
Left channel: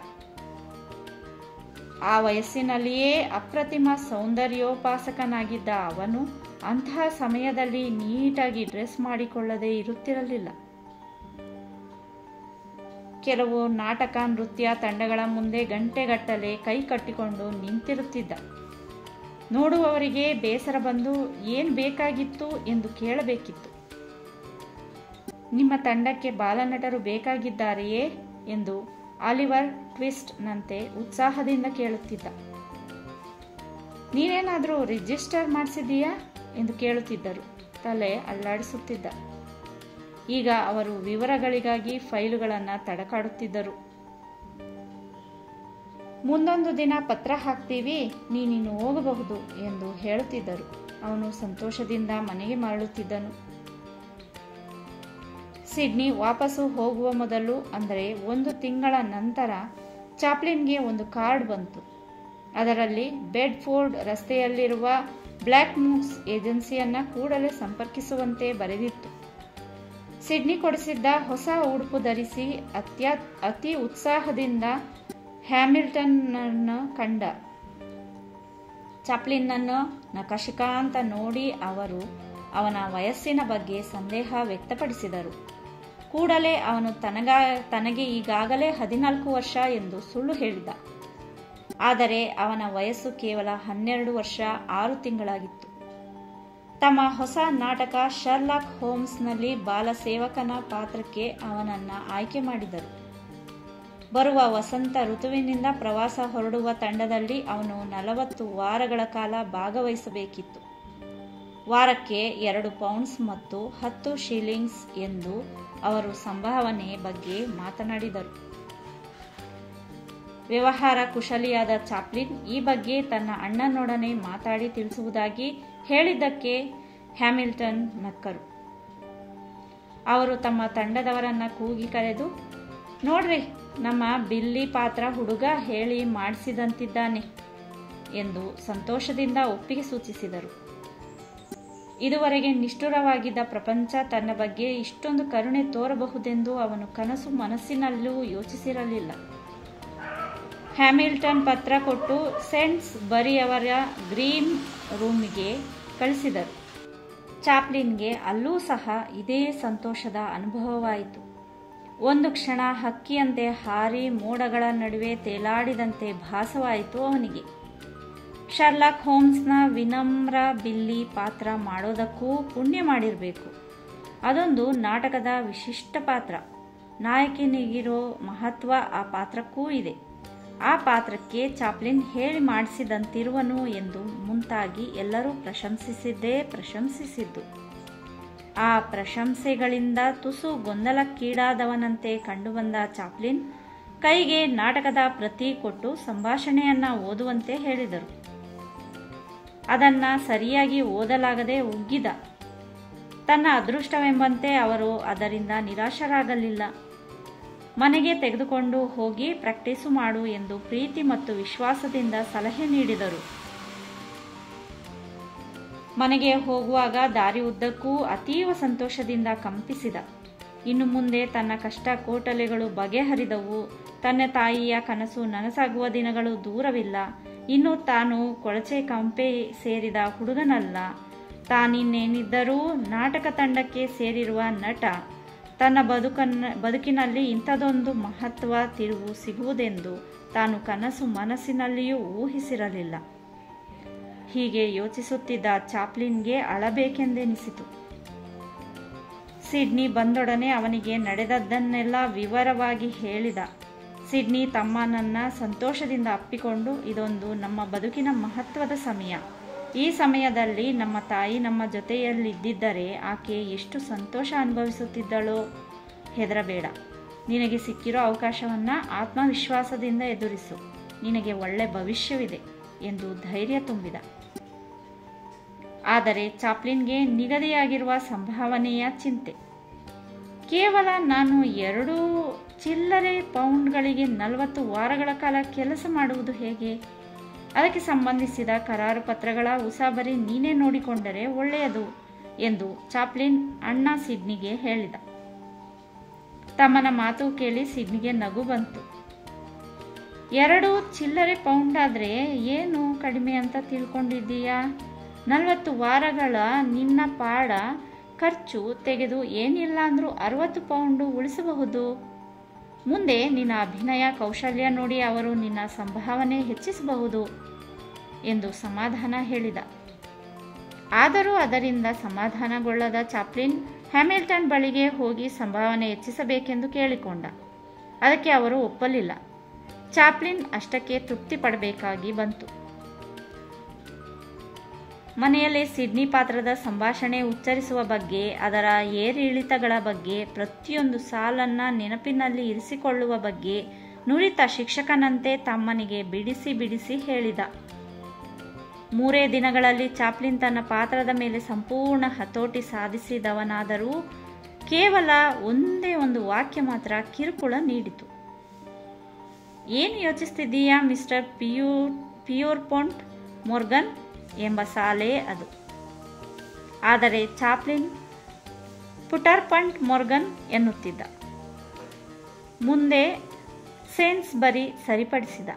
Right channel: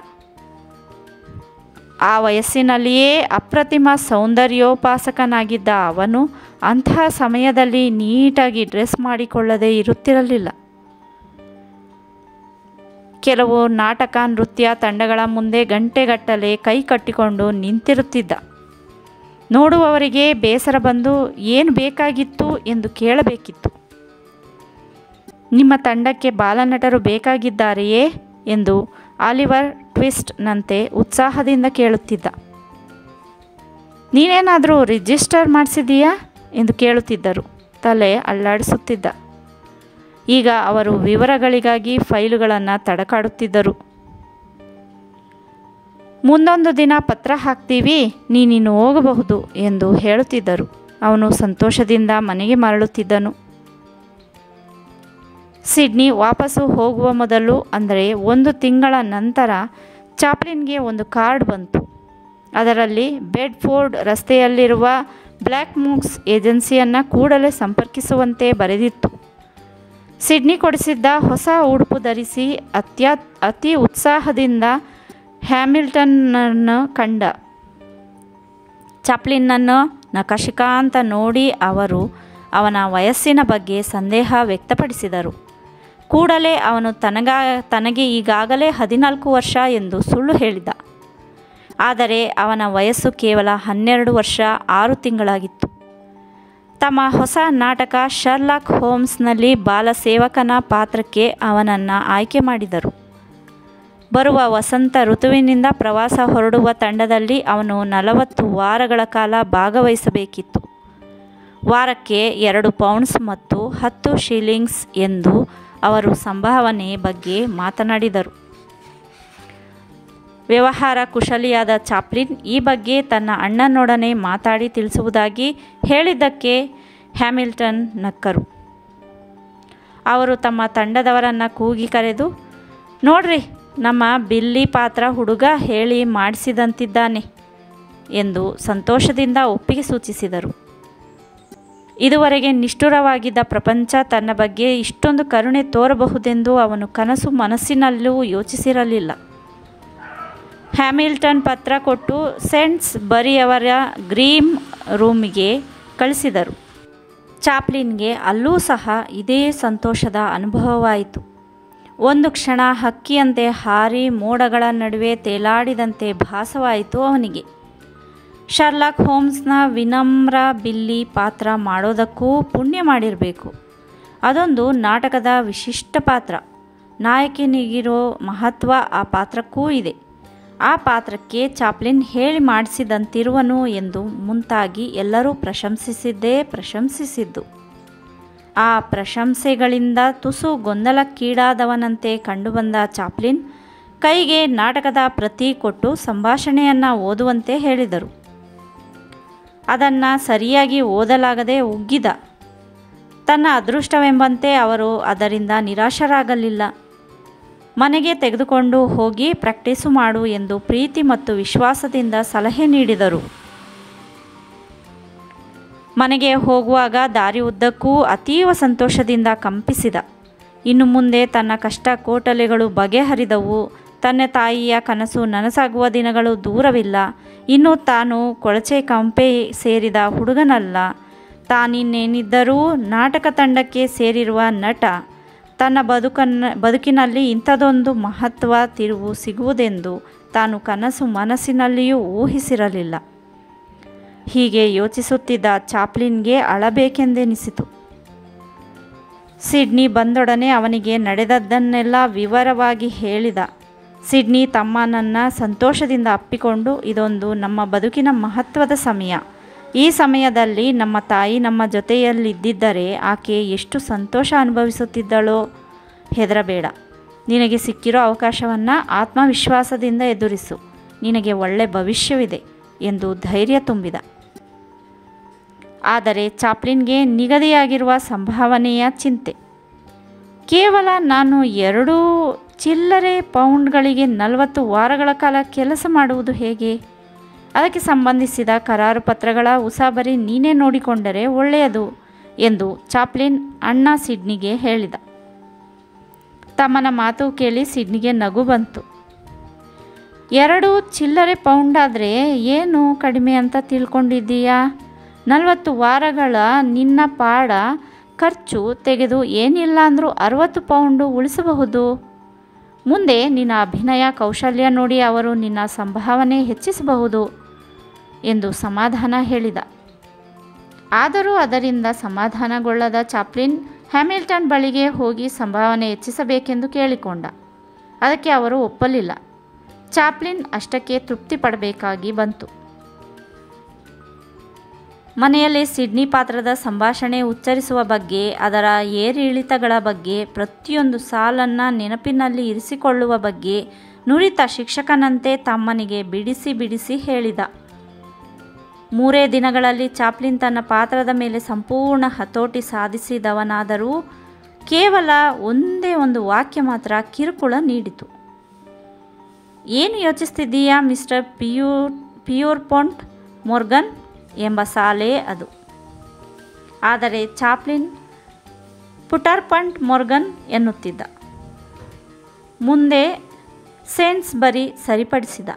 ಆ ವಯಸ್ಸಿನಲ್ಲಿಯೇ ಅಪ್ರತಿಮ ಸೌಂದರ್ಯೋಪಾಸಕನಾಗಿದ್ದ ಅವನು ಅಂತಹ ಸಮಯದಲ್ಲಿ ನೀಟಾಗಿ ಡ್ರೆಸ್ ಮಾಡಿಕೊಳ್ಳದೆ ಇರುತ್ತಿರಲಿಲ್ಲ. ಕೆಲವು ನಾಟಕ ನೃತ್ಯ ತಂಡಗಳ ಮುಂದೆ ಗಂಟೆಗಟ್ಟಲೆ ಕೈ ಕಟ್ಟಿಕೊಂಡು ನಿಂತಿರುತ್ತಿದ್ದ. ನೋಡುವವರಿಗೆ ಬೇಸರ ಬಂದು ಏನು ಬೇಕಾಗಿತ್ತು ಎಂದು ಕೇಳಬೇಕಿತ್ತು. ನಿಮ್ಮ ತಂಡಕ್ಕೆ ಬಾಲನಟರು ಬೇಕಾಗಿದ್ದಾರೆಯೇ ಎಂದು ಆಲಿವರ್ ಟ್ವಿಸ್ಟ್ನಂತೆ ಉತ್ಸಾಹದಿಂದ ಕೇಳುತ್ತಿದ್ದ. ನೀನೇನಾದರೂ ರಿಜಿಸ್ಟರ್ ಮಾಡಿಸಿದೀಯಾ ಎಂದು ಕೇಳುತ್ತಿದ್ದರು. ತಲೆ ಅಲ್ಲಾಡಿಸುತ್ತಿದ್ದ. ಈಗ ಅವರು ವಿವರಗಳಿಗಾಗಿ ಫೈಲುಗಳನ್ನು ತಡಕಾಡುತ್ತಿದ್ದರು. ಮುಂದೊಂದು ದಿನ ಪತ್ರ ಹಾಕ್ತೀವಿ, ನೀನಿನ್ನು ಹೋಗಬಹುದು ಎಂದು ಹೇಳುತ್ತಿದ್ದರು. ಅವನು ಸಂತೋಷದಿಂದ ಮನೆಗೆ ಮರಳುತ್ತಿದ್ದನು. ಸಿಡ್ನಿ ವಾಪಸ್ಸು ಹೋಗುವ ಮೊದಲು, ಅಂದರೆ 1 ತಿಂಗಳ ನಂತರ, ಚಾಪ್ಲಿನ್ಗೆ ಒಂದು ಕಾರ್ಡ್ ಬಂತು. ಅದರಲ್ಲಿ ಬೆಡ್ಫೋರ್ಡ್ ರಸ್ತೆಯಲ್ಲಿರುವ ಬ್ಲ್ಯಾಕ್ ಮೂಕ್ಸ್ ಏಜೆನ್ಸಿಯನ್ನು ಕೂಡಲೇ ಸಂಪರ್ಕಿಸುವಂತೆ ಬರೆದಿತ್ತು. ಸಿಡ್ನಿ ಕೊಡಿಸಿದ್ದ ಹೊಸ ಉಡುಪು ಧರಿಸಿ ಅತಿ ಉತ್ಸಾಹದಿಂದ ಹ್ಯಾಮಿಲ್ಟನ್ನನ್ನು ಕಂಡ. ಚಾಪ್ಲಿನ್ನನ್ನು ನಖಶಿಖಾಂತ ನೋಡಿ ಅವರು ಅವನ ವಯಸ್ಸಿನ ಬಗ್ಗೆ ಸಂದೇಹ ವ್ಯಕ್ತಪಡಿಸಿದರು. ಕೂಡಲೇ ಅವನು ತನಗೆ ಈಗಾಗಲೇ 14 ವರ್ಷ ಎಂದು ಸುಳ್ಳು ಹೇಳಿದ. ಆದರೆ ಅವನ ವಯಸ್ಸು ಕೇವಲ 12 ವರ್ಷ 6 ತಿಂಗಳಾಗಿತ್ತು. ತಮ್ಮ ಹೊಸ ನಾಟಕ ಶರ್ಲಾಕ್ ಹೋಮ್ಸ್ನಲ್ಲಿ ಬಾಲಸೇವಕನ ಪಾತ್ರಕ್ಕೆ ಅವನನ್ನು ಆಯ್ಕೆ ಮಾಡಿದರು. ಬರುವ ವಸಂತ ಋತುವಿನಿಂದ ಪ್ರವಾಸ ಹೊರಡುವ ತಂಡದಲ್ಲಿ ಅವನು 40 ವಾರಗಳ ಕಾಲ ಭಾಗವಹಿಸಬೇಕಿತ್ತು. ವಾರಕ್ಕೆ 2 ಪೌಂಡ್ಸ್ ಮತ್ತು 10 ಶಿಲ್ಲಿಂಗ್ಸ್ ಎಂದು ಅವರು ಸಂಭಾವನೆ ಬಗ್ಗೆ ಮಾತನಾಡಿದರು. ವ್ಯವಹಾರ ಕುಶಲಿಯಾದ ಚಾಪ್ಲಿನ್ ಈ ಬಗ್ಗೆ ತನ್ನ ಅಣ್ಣನೊಡನೆ ಮಾತಾಡಿ ತಿಳಿಸುವುದಾಗಿ ಹೇಳಿದ್ದಕ್ಕೆ ಹ್ಯಾಮಿಲ್ಟನ್ ನಕ್ಕರು. ಅವರು ತಮ್ಮ ತಂಡದವರನ್ನು ಕೂಗಿ ಕರೆದು, ನೋಡ್ರಿ, ನಮ್ಮ ಬಿಲ್ಲಿ ಪಾತ್ರ ಹುಡುಗ ಹೇಳಿ ಮಾಡಿಸಿದಂತಿದ್ದಾನೆ ಎಂದು ಸಂತೋಷದಿಂದ ಒಪ್ಪಿಗೆ ಸೂಚಿಸಿದರು. ಇದುವರೆಗೆ ನಿಷ್ಠುರವಾಗಿದ್ದ ಪ್ರಪಂಚ ತನ್ನ ಬಗ್ಗೆ ಇಷ್ಟೊಂದು ಕರುಣೆ ತೋರಬಹುದೆಂದು ಅವನು ಕನಸು ಮನಸ್ಸಿನಲ್ಲೂ ಯೋಚಿಸಿರಲಿಲ್ಲ. ಹ್ಯಾಮಿಲ್ಟನ್ ಪತ್ರ ಕೊಟ್ಟು ಸೇಂಟ್ಸ್ ಬರಿಯವರ ಗ್ರೀನ್ ರೂಮಿಗೆ ಕಳಿಸಿದರು. ಚಾಪ್ಲಿನ್ಗೆ ಅಲ್ಲೂ ಸಹ ಇದೇ ಸಂತೋಷದ ಅನುಭವವಾಯಿತು. ಒಂದು ಕ್ಷಣ ಹಕ್ಕಿಯಂತೆ ಹಾರಿ ಮೋಡಗಳ ನಡುವೆ ತೇಲಾಡಿದಂತೆ ಭಾಸವಾಯಿತು ಅವನಿಗೆ. ಶರ್ಲಾಕ್ ಹೋಮ್ಸ್ನ ವಿನಮ್ರ ಬಿಲ್ಲಿ ಪಾತ್ರ ಮಾಡೋದಕ್ಕೂ ಪುಣ್ಯ ಮಾಡಿರಬೇಕು. ಅದೊಂದು ನಾಟಕದ ವಿಶಿಷ್ಟ ಪಾತ್ರ. ನಾಯಕನಿಗಿರೋ ಮಹತ್ವ ಆ ಪಾತ್ರಕ್ಕೂ ಇದೆ. ಆ ಪಾತ್ರಕ್ಕೆ ಚಾಪ್ಲಿನ್ ಹೇಳಿ ಮಾಡಿಸಿದಂತಿರುವನು ಎಂದು ಮುಂತಾಗಿ ಎಲ್ಲರೂ ಪ್ರಶಂಸಿಸಿದ್ದು. ಆ ಪ್ರಶಂಸೆಗಳಿಂದ ತುಸು ಗೊಂದಲಕ್ಕೀಡಾದವನಂತೆ ಕಂಡುಬಂದ ಚಾಪ್ಲಿನ್ ಕೈಗೆ ನಾಟಕದ ಪ್ರತಿ ಕೊಟ್ಟು ಸಂಭಾಷಣೆಯನ್ನು ಓದುವಂತೆ ಹೇಳಿದರು. ಅದನ್ನು ಸರಿಯಾಗಿ ಓದಲಾಗದೆ ಉಗ್ಗಿದ. ತನ್ನ ಅದೃಷ್ಟವೆಂಬಂತೆ ಅವರು ಅದರಿಂದ ನಿರಾಶರಾಗಲಿಲ್ಲ. ಮನೆಗೆ ತೆಗೆದುಕೊಂಡು ಹೋಗಿ ಪ್ರಾಕ್ಟೀಸು ಮಾಡು ಎಂದು ಪ್ರೀತಿ ಮತ್ತು ವಿಶ್ವಾಸದಿಂದ ಸಲಹೆ ನೀಡಿದರು. ಮನೆಗೆ ಹೋಗುವಾಗ ದಾರಿ ಉದ್ದಕ್ಕೂ ಅತೀವ ಸಂತೋಷದಿಂದ ಕಂಪಿಸಿದ. ಇನ್ನು ಮುಂದೆ ತನ್ನ ಕಷ್ಟ ಕೋಟಲೆಗಳು ಬಗೆಹರಿದವು. ತನ್ನ ತಾಯಿಯ ಕನಸು ನನಸಾಗುವ ದಿನಗಳು ದೂರವಿಲ್ಲ. ಇನ್ನು ತಾನು ಕೊಳಚೆ ಕಂಪೆ ಸೇರಿದ ಹುಡುಗನಲ್ಲ. ತಾನಿನ್ನೇನಿದ್ದರೂ ನಾಟಕ ತಂಡಕ್ಕೆ ಸೇರಿರುವ ನಟ. ತನ್ನ ಬದುಕಿನಲ್ಲಿ ಇಂಥದೊಂದು ಮಹತ್ವ ತಿರುವು ಸಿಗುವುದೆಂದು ತಾನು ಕನಸು ಮನಸ್ಸಿನಲ್ಲಿಯೂ ಊಹಿಸಿರಲಿಲ್ಲ. ಹೀಗೆ ಯೋಚಿಸುತ್ತಿದ್ದ ಚಾಪ್ಲಿನ್ಗೆ ಅಳಬೇಕೆಂದೆನಿಸಿತು. ಸಿಡ್ನಿ ಬಂದೊಡನೆ ಅವನಿಗೆ ನಡೆದದ್ದನ್ನೆಲ್ಲ ವಿವರವಾಗಿ ಹೇಳಿದ. ಸಿಡ್ನಿ ತಮ್ಮನನ್ನು ಸಂತೋಷದಿಂದ ಅಪ್ಪಿಕೊಂಡು, ಇದೊಂದು ನಮ್ಮ ಬದುಕಿನ ಮಹತ್ವದ ಸಮಯ. ಈ ಸಮಯದಲ್ಲಿ ನಮ್ಮ ತಾಯಿ ನಮ್ಮ ಜೊತೆಯಲ್ಲಿದ್ದಿದ್ದರೆ ಆಕೆ ಎಷ್ಟು ಸಂತೋಷ ಅನುಭವಿಸುತ್ತಿದ್ದಳೋ. ಹೆದರಬೇಡ. ನಿನಗೆ ಸಿಕ್ಕಿರೋ ಅವಕಾಶವನ್ನು ಆತ್ಮವಿಶ್ವಾಸದಿಂದ ಎದುರಿಸು. ನಿನಗೆ ಒಳ್ಳೆ ಭವಿಷ್ಯವಿದೆ ಎಂದು ಧೈರ್ಯ ತುಂಬಿದ. ಆದರೆ ಚಾಪ್ಲಿನ್ಗೆ ನಿಗದಿಯಾಗಿರುವ ಸಂಭಾವನೆಯ ಚಿಂತೆ. ಕೇವಲ ನಾನು 2 ಚಿಲ್ಲರೆ ಪೌಂಡ್ಗಳಿಗೆ 40 ವಾರಗಳ ಕಾಲ ಕೆಲಸ ಮಾಡುವುದು ಹೇಗೆ? ಅದಕ್ಕೆ ಸಂಬಂಧಿಸಿದ ಕರಾರು ಪತ್ರಗಳ ಉಸಾಬರಿ ನೀನೇ ನೋಡಿಕೊಂಡರೆ ಒಳ್ಳೆಯದು ಎಂದು ಚಾಪ್ಲಿನ್ ಅಣ್ಣ ಸಿಡ್ನಿಗೆ ಹೇಳಿದ. ತಮ್ಮನ ಮಾತು ಕೇಳಿ ಸಿಡ್ನಿಗೆ ನಗು ಬಂತು. 2 ಚಿಲ್ಲರೆ ಪೌಂಡಾದರೆ ಏನು ಕಡಿಮೆ ಅಂತ ತಿಳ್ಕೊಂಡಿದ್ದೀಯಾ? 40 ವಾರಗಳ ನಿನ್ನ ಪಾಡ ಖರ್ಚು ತೆಗೆದು ಏನಿಲ್ಲ ಅಂದರೂ 60 ಪೌಂಡು ಉಳಿಸಬಹುದು. ಮುಂದೆ ನಿನ್ನ ಅಭಿನಯ ಕೌಶಲ್ಯ ನೋಡಿ ಅವರು ನಿನ್ನ ಸಂಭಾವನೆ ಹೆಚ್ಚಿಸಬಹುದು ಎಂದು ಸಮಾಧಾನ ಹೇಳಿದ. ಆದರೂ ಅದರಿಂದ ಸಮಾಧಾನಗೊಳ್ಳದ ಚಾಪ್ಲಿನ್ ಹ್ಯಾಮಿಲ್ಟನ್ ಬಳಿಗೆ ಹೋಗಿ ಸಂಭಾವನೆ ಹೆಚ್ಚಿಸಬೇಕೆಂದು ಕೇಳಿಕೊಂಡ. ಅದಕ್ಕೆ ಅವರು ಒಪ್ಪಲಿಲ್ಲ. ಚಾಪ್ಲಿನ್ ಅಷ್ಟಕ್ಕೆ ತೃಪ್ತಿ ಪಡಬೇಕಾಗಿ ಬಂತು. ಮನೆಯಲ್ಲಿ ಸಿಡ್ನಿ ಪಾತ್ರದ ಸಂಭಾಷಣೆ ಉಚ್ಚರಿಸುವ ಬಗ್ಗೆ, ಅದರ ಏರಿಳಿತಗಳ ಬಗ್ಗೆ, ಪ್ರತಿಯೊಂದು ಸಾಲನ್ನು ನೆನಪಿನಲ್ಲಿ ಇರಿಸಿಕೊಳ್ಳುವ ಬಗ್ಗೆ ನುರಿತ ಶಿಕ್ಷಕನಂತೆ ತಮ್ಮನಿಗೆ ಬಿಡಿಸಿ ಹೇಳಿದ. 3 ದಿನಗಳಲ್ಲಿ ಚಾಪ್ಲಿನ್ ತನ್ನ ಪಾತ್ರದ ಮೇಲೆ ಸಂಪೂರ್ಣ ಹತೋಟಿ ಸಾಧಿಸಿದವನಾದರೂ ಕೇವಲ ಒಂದೇ ಒಂದು ವಾಕ್ಯ ಮಾತ್ರ ಕಿರುಕುಳ ನೀಡಿತು. ಏನು ಯೋಚಿಸ್ತಿದ್ದೀಯಾ ಮಿಸ್ಟರ್ ಪಿಯೂರ್ಪೊಂಟ್ ಮೊರ್ಗನ್ ಎಂಬ ಸಾಲೆ ಅದು. ಆದರೆ ಚಾಪ್ಲಿನ್ ಪುಟರ್ಪಂಟ್ ಮೊರ್ಗನ್ ಎನ್ನುತ್ತಿದ್ದ. ಮುಂದೆ ಸೇನ್ಸ್ಬರಿ ಸರಿಪಡಿಸಿದ.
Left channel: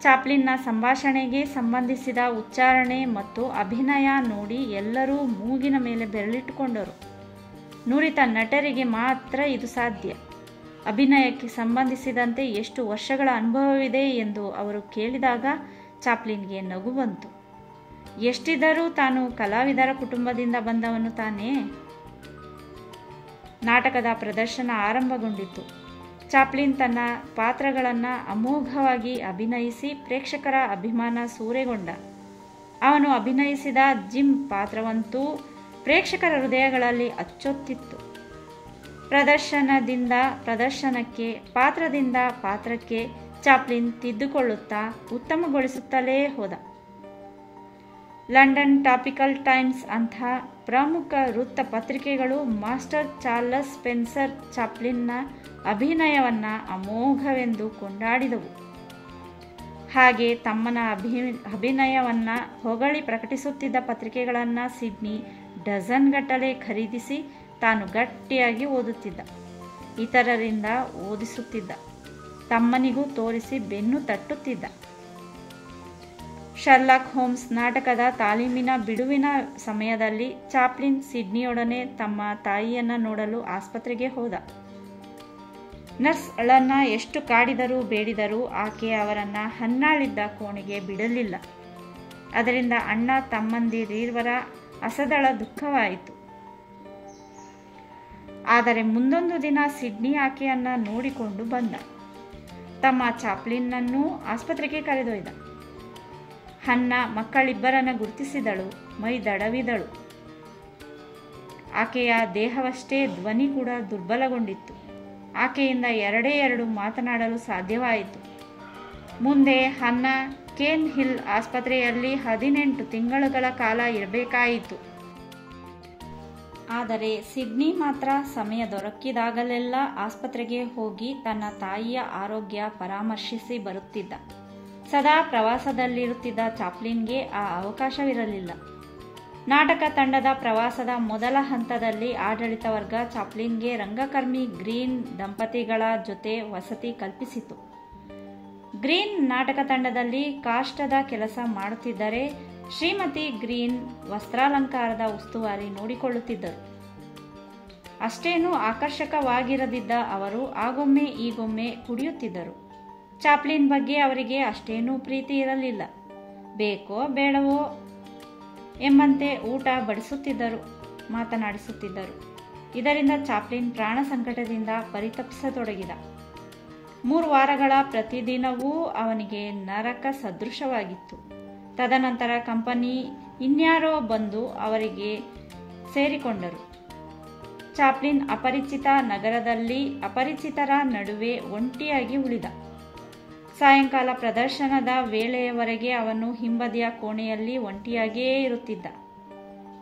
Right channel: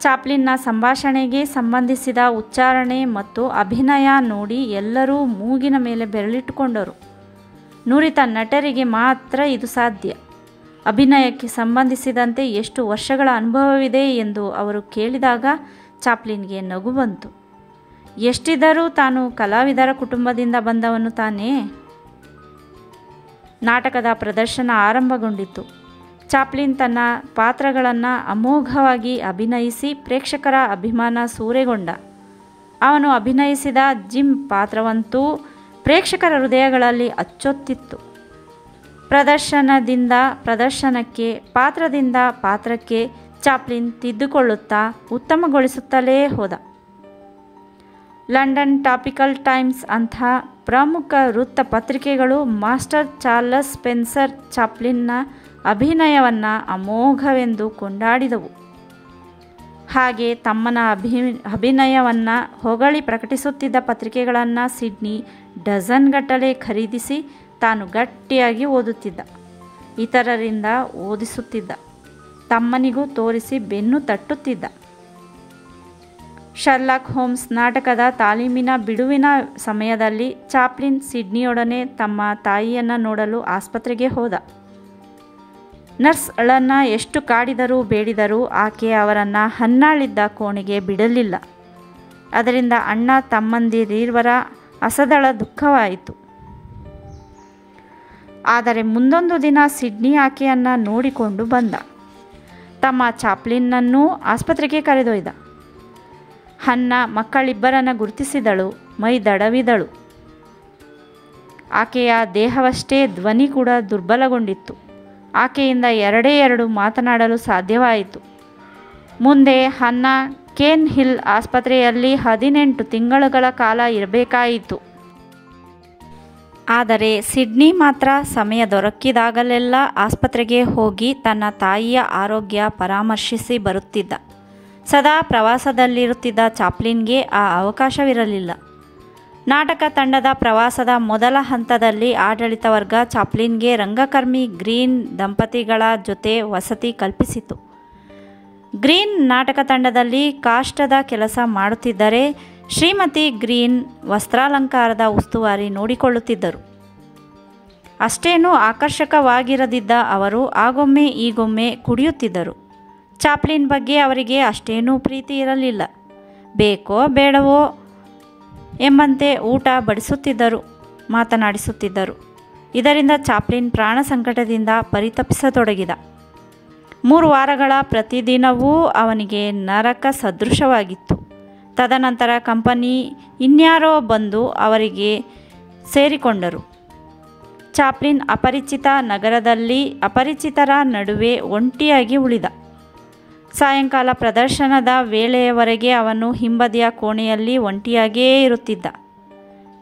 ಚಾಪ್ಲಿನ್ನ ಸಂಭಾಷಣೆಗೆ ಸಂಬಂಧಿಸಿದ ಉಚ್ಚಾರಣೆ ಮತ್ತು ಅಭಿನಯ ನೋಡಿ ಎಲ್ಲರೂ ಮೂಗಿನ ಮೇಲೆ ಬೆರಳಿಟ್ಟುಕೊಂಡರು. ನುರಿತ ನಟರಿಗೆ ಮಾತ್ರ ಇದು ಸಾಧ್ಯ. ಅಭಿನಯಕ್ಕೆ ಸಂಬಂಧಿಸಿದಂತೆ ಎಷ್ಟು ವರ್ಷಗಳ ಅನುಭವವಿದೆ ಎಂದು ಅವರು ಕೇಳಿದಾಗ ಚಾಪ್ಲಿನ್ಗೆ ನಗು ಬಂತು. ಎಷ್ಟಿದ್ದರೂ ತಾನು ಕಲಾವಿದರ ಕುಟುಂಬದಿಂದ ಬಂದವನು ತಾನೇ. ನಾಟಕದ ಪ್ರದರ್ಶನ ಆರಂಭಗೊಂಡಿತು. ಚಾಪ್ಲಿನ್ ತನ್ನ ಪಾತ್ರಗಳನ್ನು ಅಮೋಘವಾಗಿ ಅಭಿನಯಿಸಿ ಪ್ರೇಕ್ಷಕರ ಅಭಿಮಾನ ಸೂರೆಗೊಂಡ. ಅವನು ಅಭಿನಯಿಸಿದ ಜಿಮ್ ಪಾತ್ರವಂತೂ ಪ್ರೇಕ್ಷಕರ ಹೃದಯಗಳಲ್ಲಿ ಅಚ್ಚೊತ್ತಿತ್ತು. ಪ್ರದರ್ಶನದಿಂದ ಪ್ರದರ್ಶನಕ್ಕೆ, ಪಾತ್ರದಿಂದ ಪಾತ್ರಕ್ಕೆ ಚಾಪ್ಲಿನ್ ತಿದ್ದುಕೊಳ್ಳುತ್ತಾ ಉತ್ತಮಗೊಳಿಸುತ್ತಲೇ ಹೋದ. ಲಂಡನ್ ಟಾಪಿಕಲ್ ಟೈಮ್ಸ್ ಅಂಥ ಪ್ರಮುಖ ವೃತ್ತಪತ್ರಿಕೆಗಳು ಮಾಸ್ಟರ್ ಚಾರ್ಲಸ್ ಸ್ಪೆನ್ಸರ್ ಚಾಪ್ಲಿನ್ನ ಅಭಿನಯವನ್ನು ಅಮೋಘವೆಂದು ಕೊಂಡಾಡಿದವು. ಹಾಗೆ ತಮ್ಮನ ಅಭಿನಯವನ್ನು ಹೊಗಳಿ ಪ್ರಕಟಿಸುತ್ತಿದ್ದ ಪತ್ರಿಕೆಗಳನ್ನು ಸಿಡ್ನಿ ಡಜನ್ಗಟ್ಟಲೆ ಖರೀದಿಸಿ ತಾನು ಗಟ್ಟಿಯಾಗಿ ಓದುತ್ತಿದ್ದ, ಇತರರಿಂದ ಓದಿಸುತ್ತಿದ್ದ, ತಮ್ಮನಿಗೂ ತೋರಿಸಿ ಬೆನ್ನು ತಟ್ಟುತ್ತಿದ್ದ. ಶರ್ಲಾಕ್ ಹೋಮ್ಸ್ ನಾಟಕದ ತಾಲೀಮಿನ ಬಿಡುವಿನ ಸಮಯದಲ್ಲಿ ಚಾಪ್ಲಿನ್ ಸಿಡ್ನಿಯೊಡನೆ ತಮ್ಮ ತಾಯಿಯನ್ನು ನೋಡಲು ಆಸ್ಪತ್ರೆಗೆ ಹೋದ. ನರ್ಸ್ಗಳನ್ನು ಎಷ್ಟು ಕಾಡಿದರೂ ಬೇಡಿದರೂ ಆಕೆ ಅವರನ್ನು ಹನ್ನಾಳಿದ್ದ ಕೋಣೆಗೆ ಬಿಡಲಿಲ್ಲ. ಅದರಿಂದ ಅಣ್ಣ ತಮ್ಮಂದಿರಿರುವರ ಅಸದಳ ದುಃಖವಾಯಿತು. ಆದರೆ ಮುಂದೊಂದು ದಿನ ಸಿಡ್ನಿ ಆಕೆಯನ್ನು ನೋಡಿಕೊಂಡು ಬಂದ. ತಮ್ಮ ಚಾಪ್ಲಿನ್ನನ್ನೂ ಆಸ್ಪತ್ರೆಗೆ ಕರೆದೊಯ್ದ. ಹನ್ನ ಮಕ್ಕಳಿಬ್ಬರನ್ನು ಗುರುತಿಸಿದಳು, ಮೈ ದಡವಿದಳು. ಆಕೆಯ ದೇಹವಷ್ಟೇ ಧ್ವನಿ ಕೂಡ ದುರ್ಬಲಗೊಂಡಿತ್ತು. ಆಕೆಯಿಂದ ಎರಡು ಮಾತನಾಡಲು ಸಾಧ್ಯವಾಯಿತು. ಮುಂದೆ ಹನ್ನ ಕೇನ್ ಹಿಲ್ ಆಸ್ಪತ್ರೆಯಲ್ಲಿ 18 ತಿಂಗಳುಗಳ ಕಾಲ ಇರಬೇಕಾಯಿತು. ಆದರೆ ಸಿಡ್ನಿ ಮಾತ್ರ ಸಮಯ ದೊರಕಿದಾಗಲೆಲ್ಲ ಆಸ್ಪತ್ರೆಗೆ ಹೋಗಿ ತನ್ನ ತಾಯಿಯ ಆರೋಗ್ಯ ಪರಾಮರ್ಶಿಸಿ ಬರುತ್ತಿದ್ದ. ಸದಾ ಪ್ರವಾಸದಲ್ಲಿರುತ್ತಿದ್ದ ಚಾಪ್ಲಿನ್ಗೆ ಆ ಅವಕಾಶವಿರಲಿಲ್ಲ. ನಾಟಕ ತಂಡದ ಪ್ರವಾಸದ ಮೊದಲ ಹಂತದಲ್ಲಿ ಆಡಳಿತ ವರ್ಗ ಚಾಪ್ಲಿನ್ಗೆ ರಂಗಕರ್ಮಿ ಗ್ರೀನ್ ದಂಪತಿಗಳ ಜೊತೆ ವಸತಿ ಕಲ್ಪಿಸಿತು. ಗ್ರೀನ್ ನಾಟಕ ತಂಡದಲ್ಲಿ ಕಾಷ್ಟದ ಕೆಲಸ ಮಾಡುತ್ತಿದ್ದರೆ ಶ್ರೀಮತಿ ಗ್ರೀನ್ ವಸ್ತ್ರಾಲಂಕಾರದ ಉಸ್ತುವಾರಿ ನೋಡಿಕೊಳ್ಳುತ್ತಿದ್ದರು. ಅಷ್ಟೇನೂ ಆಕರ್ಷಕವಾಗಿರದಿದ್ದ ಅವರು ಆಗೊಮ್ಮೆ ಈಗೊಮ್ಮೆ ಕುಡಿಯುತ್ತಿದ್ದರು. ಚಾಪ್ಲಿನ್ ಬಗ್ಗೆ ಅವರಿಗೆ ಅಷ್ಟೇನೂ ಪ್ರೀತಿ ಇರಲಿಲ್ಲ. ಬೇಕೋ ಬೇಡವೋ ಎಂಬಂತೆ ಊಟ ಬಡಿಸುತ್ತಿದ್ದರು, ಮಾತನಾಡಿಸುತ್ತಿದ್ದರು. ಇದರಿಂದ ಚಾಪ್ಲಿನ್ ಪ್ರಾಣ ಸಂಕಟದಿಂದ ಪರಿತಪಿಸತೊಡಗಿದ. 3 ವಾರಗಳ ಪ್ರತಿದಿನವೂ ಅವನಿಗೆ ನರಕ ಸದೃಶವಾಗಿತ್ತು. ತದನಂತರ ಕಂಪನಿ ಇನ್ಯಾರೋ ಬಂದು ಅವರಿಗೆ ಸೇರಿಕೊಂಡರು. ಚಾಪ್ಲಿನ್ ಅಪರಿಚಿತ ನಗರದಲ್ಲಿ ಅಪರಿಚಿತರ ನಡುವೆ ಒಂಟಿಯಾಗಿ ಉಳಿದ. ಸಾಯಂಕಾಲ ಪ್ರದರ್ಶನದ ವೇಳೆಯವರೆಗೆ ಅವನು ಹಿಂಬದಿಯ ಕೋಣೆಯಲ್ಲಿ ಒಂಟಿಯಾಗಿಯೇ ಇರುತ್ತಿದ್ದ.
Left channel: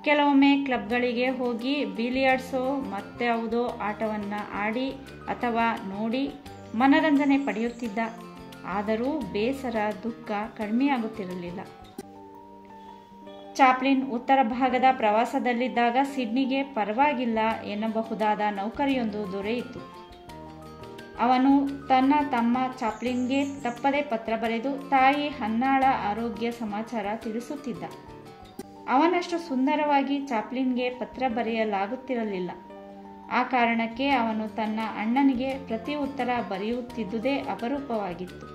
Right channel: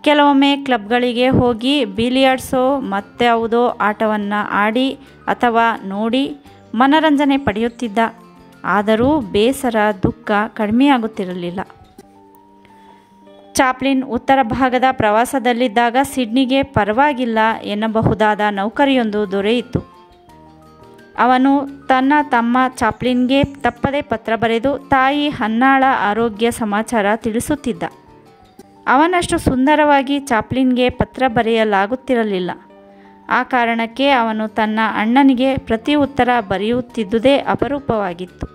ಕೆಲವೊಮ್ಮೆ ಕ್ಲಬ್ಗಳಿಗೆ ಹೋಗಿ ಬಿಲಿಯರ್ಡ್ಸೋ ಮತ್ಯಾವುದೋ ಆಟವನ್ನು ಆಡಿ ಅಥವಾ ನೋಡಿ ಮನರಂಜನೆ ಪಡೆಯುತ್ತಿದ್ದ. ಆದರೂ ಬೇಸರ, ದುಃಖ ಕಡಿಮೆಯಾಗುತ್ತಿರಲಿಲ್ಲ. ಚಾಪ್ಲಿನ್ ಉತ್ತರ ಭಾಗದ ಪ್ರವಾಸದಲ್ಲಿದ್ದಾಗ ಸಿಡ್ನಿಗೆ ಪರವಾಗಿಲ್ಲ ಎನ್ನಬಹುದಾದ ನೌಕರಿಯೊಂದು ದೊರೆಯಿತು. ಅವನು ತನ್ನ ತಮ್ಮ ಚಾಪ್ಲಿನ್ಗೆ ತಪ್ಪದೆ ಪತ್ರ ಬರೆದು ತಾಯಿ ಹನ್ನಾಳ ಆರೋಗ್ಯ ಸಮಾಚಾರ ತಿಳಿಸುತ್ತಿದ್ದ. ಅವನಷ್ಟು ಸುಂದರವಾಗಿ ಚಾಪ್ಲಿನ್ಗೆ ಪತ್ರ ಬರೆಯಲಾಗುತ್ತಿರಲಿಲ್ಲ. ಆ ಕಾರಣಕ್ಕೆ ಅವನು ತನ್ನ ಅಣ್ಣನಿಗೆ ಪ್ರತಿ ಉತ್ತರ ಬರೆಯುತ್ತಿದ್ದುದೇ ಅಪರೂಪವಾಗಿತ್ತು.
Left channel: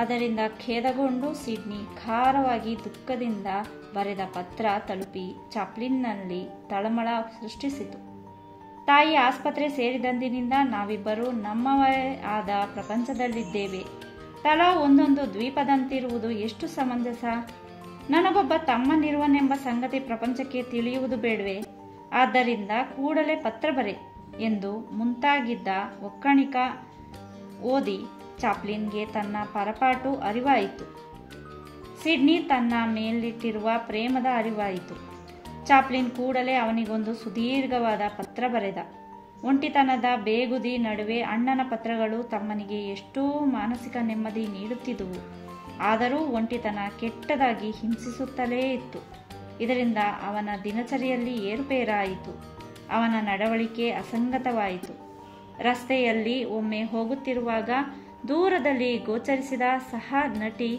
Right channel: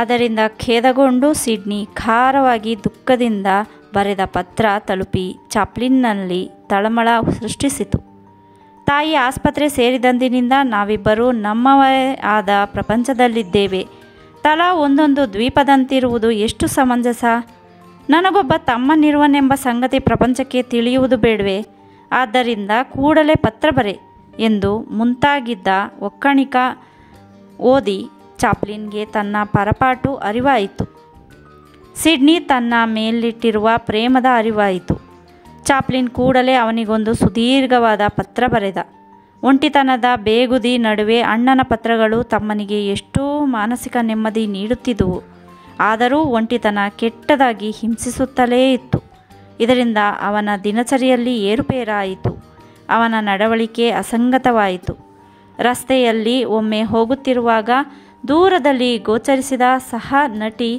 ಅದರಿಂದ ಖೇದಗೊಂಡು ಸಿಡ್ನಿ ಖಾರವಾಗಿ ದುಃಖದಿಂದ ಬರೆದ ಪತ್ರ ತಲುಪಿ ಚಾಪ್ಲಿನ್ನಲ್ಲಿ ತಳಮಳ ಸೃಷ್ಟಿಸಿತು. ತಾಯಿ ಆಸ್ಪತ್ರೆ ಸೇರಿದಂದಿನಿಂದ ನಾವಿಬ್ಬರೂ ನಮ್ಮವೇ ಆದ ಪ್ರಪಂಚದಲ್ಲಿದ್ದೇವೆ. ತಲಾ ಒಂದೊಂದು ದ್ವೀಪದಂತಿರುವುದು ಎಷ್ಟು ಸಮಂಜಸ. ನನಗೊಬ್ಬ ತಮ್ಮನಿರುವನೆಂಬ ಸಂಗತಿ ಪ್ರಪಂಚಕ್ಕೆ ತಿಳಿಯುವುದು ಬೇಡವೇ? ಆದ್ದರಿಂದ ಕೂಡಲೇ ಪತ್ರ ಬರೆ ಎಂದು ಮುಂತಾಗಿದ್ದ ಒಕ್ಕಣಿಕ ಓದಿ ಚಾಪ್ಲಿನ್ಗೆ ತನ್ನ ಪರಪಾಟು ಅರಿವಾಯಿತು. ಸಿಡ್ನಿ ತನ್ನ ಮೇಲಿಟ್ಟಿರುವ ಪ್ರೇಮದ ಅರಿವಾಯಿತು. ಚಾಪ್ಲಿನ್ ಕೂಡಲೇ ಅವನಿಗೊಂದು ಸುದೀರ್ಘವಾದ ಪತ್ರ ಬರೆದ. ಒಂಟಿತನದ ಬೇಗುದಿ ನಡುವೆ ಅಣ್ಣನ ಪತ್ರಗಳು ತಮ್ಮನಿಗೆ ಎಷ್ಟೂ ಮಾನಸಿಕ ನೆಮ್ಮದಿ ನೀಡುತ್ತಿದ್ದುವು. ಆದರೂ ಒಂಟಿತನ ಕೆಟ್ಟದಾಗಿ ಹಿಂಸಿಸುತ್ತಲೇ ಇತ್ತು. ಇದರಿಂದ ಅವನ ದಿನಚರಿಯಲ್ಲಿ ಏರುಪೇರಾಯಿತು. ಅವನ ನಡವಳಿಕೆ ಅಸಂಗತವಾಯಿತು. ರಸ್ತೆಯಲ್ಲಿ ಒಮ್ಮೆ ಹೋಗುತ್ತಿರುವಾಗ ದೂರದಲ್ಲಿ ಗೋಚರಿಸಿದ ಸಹ ನಟಿ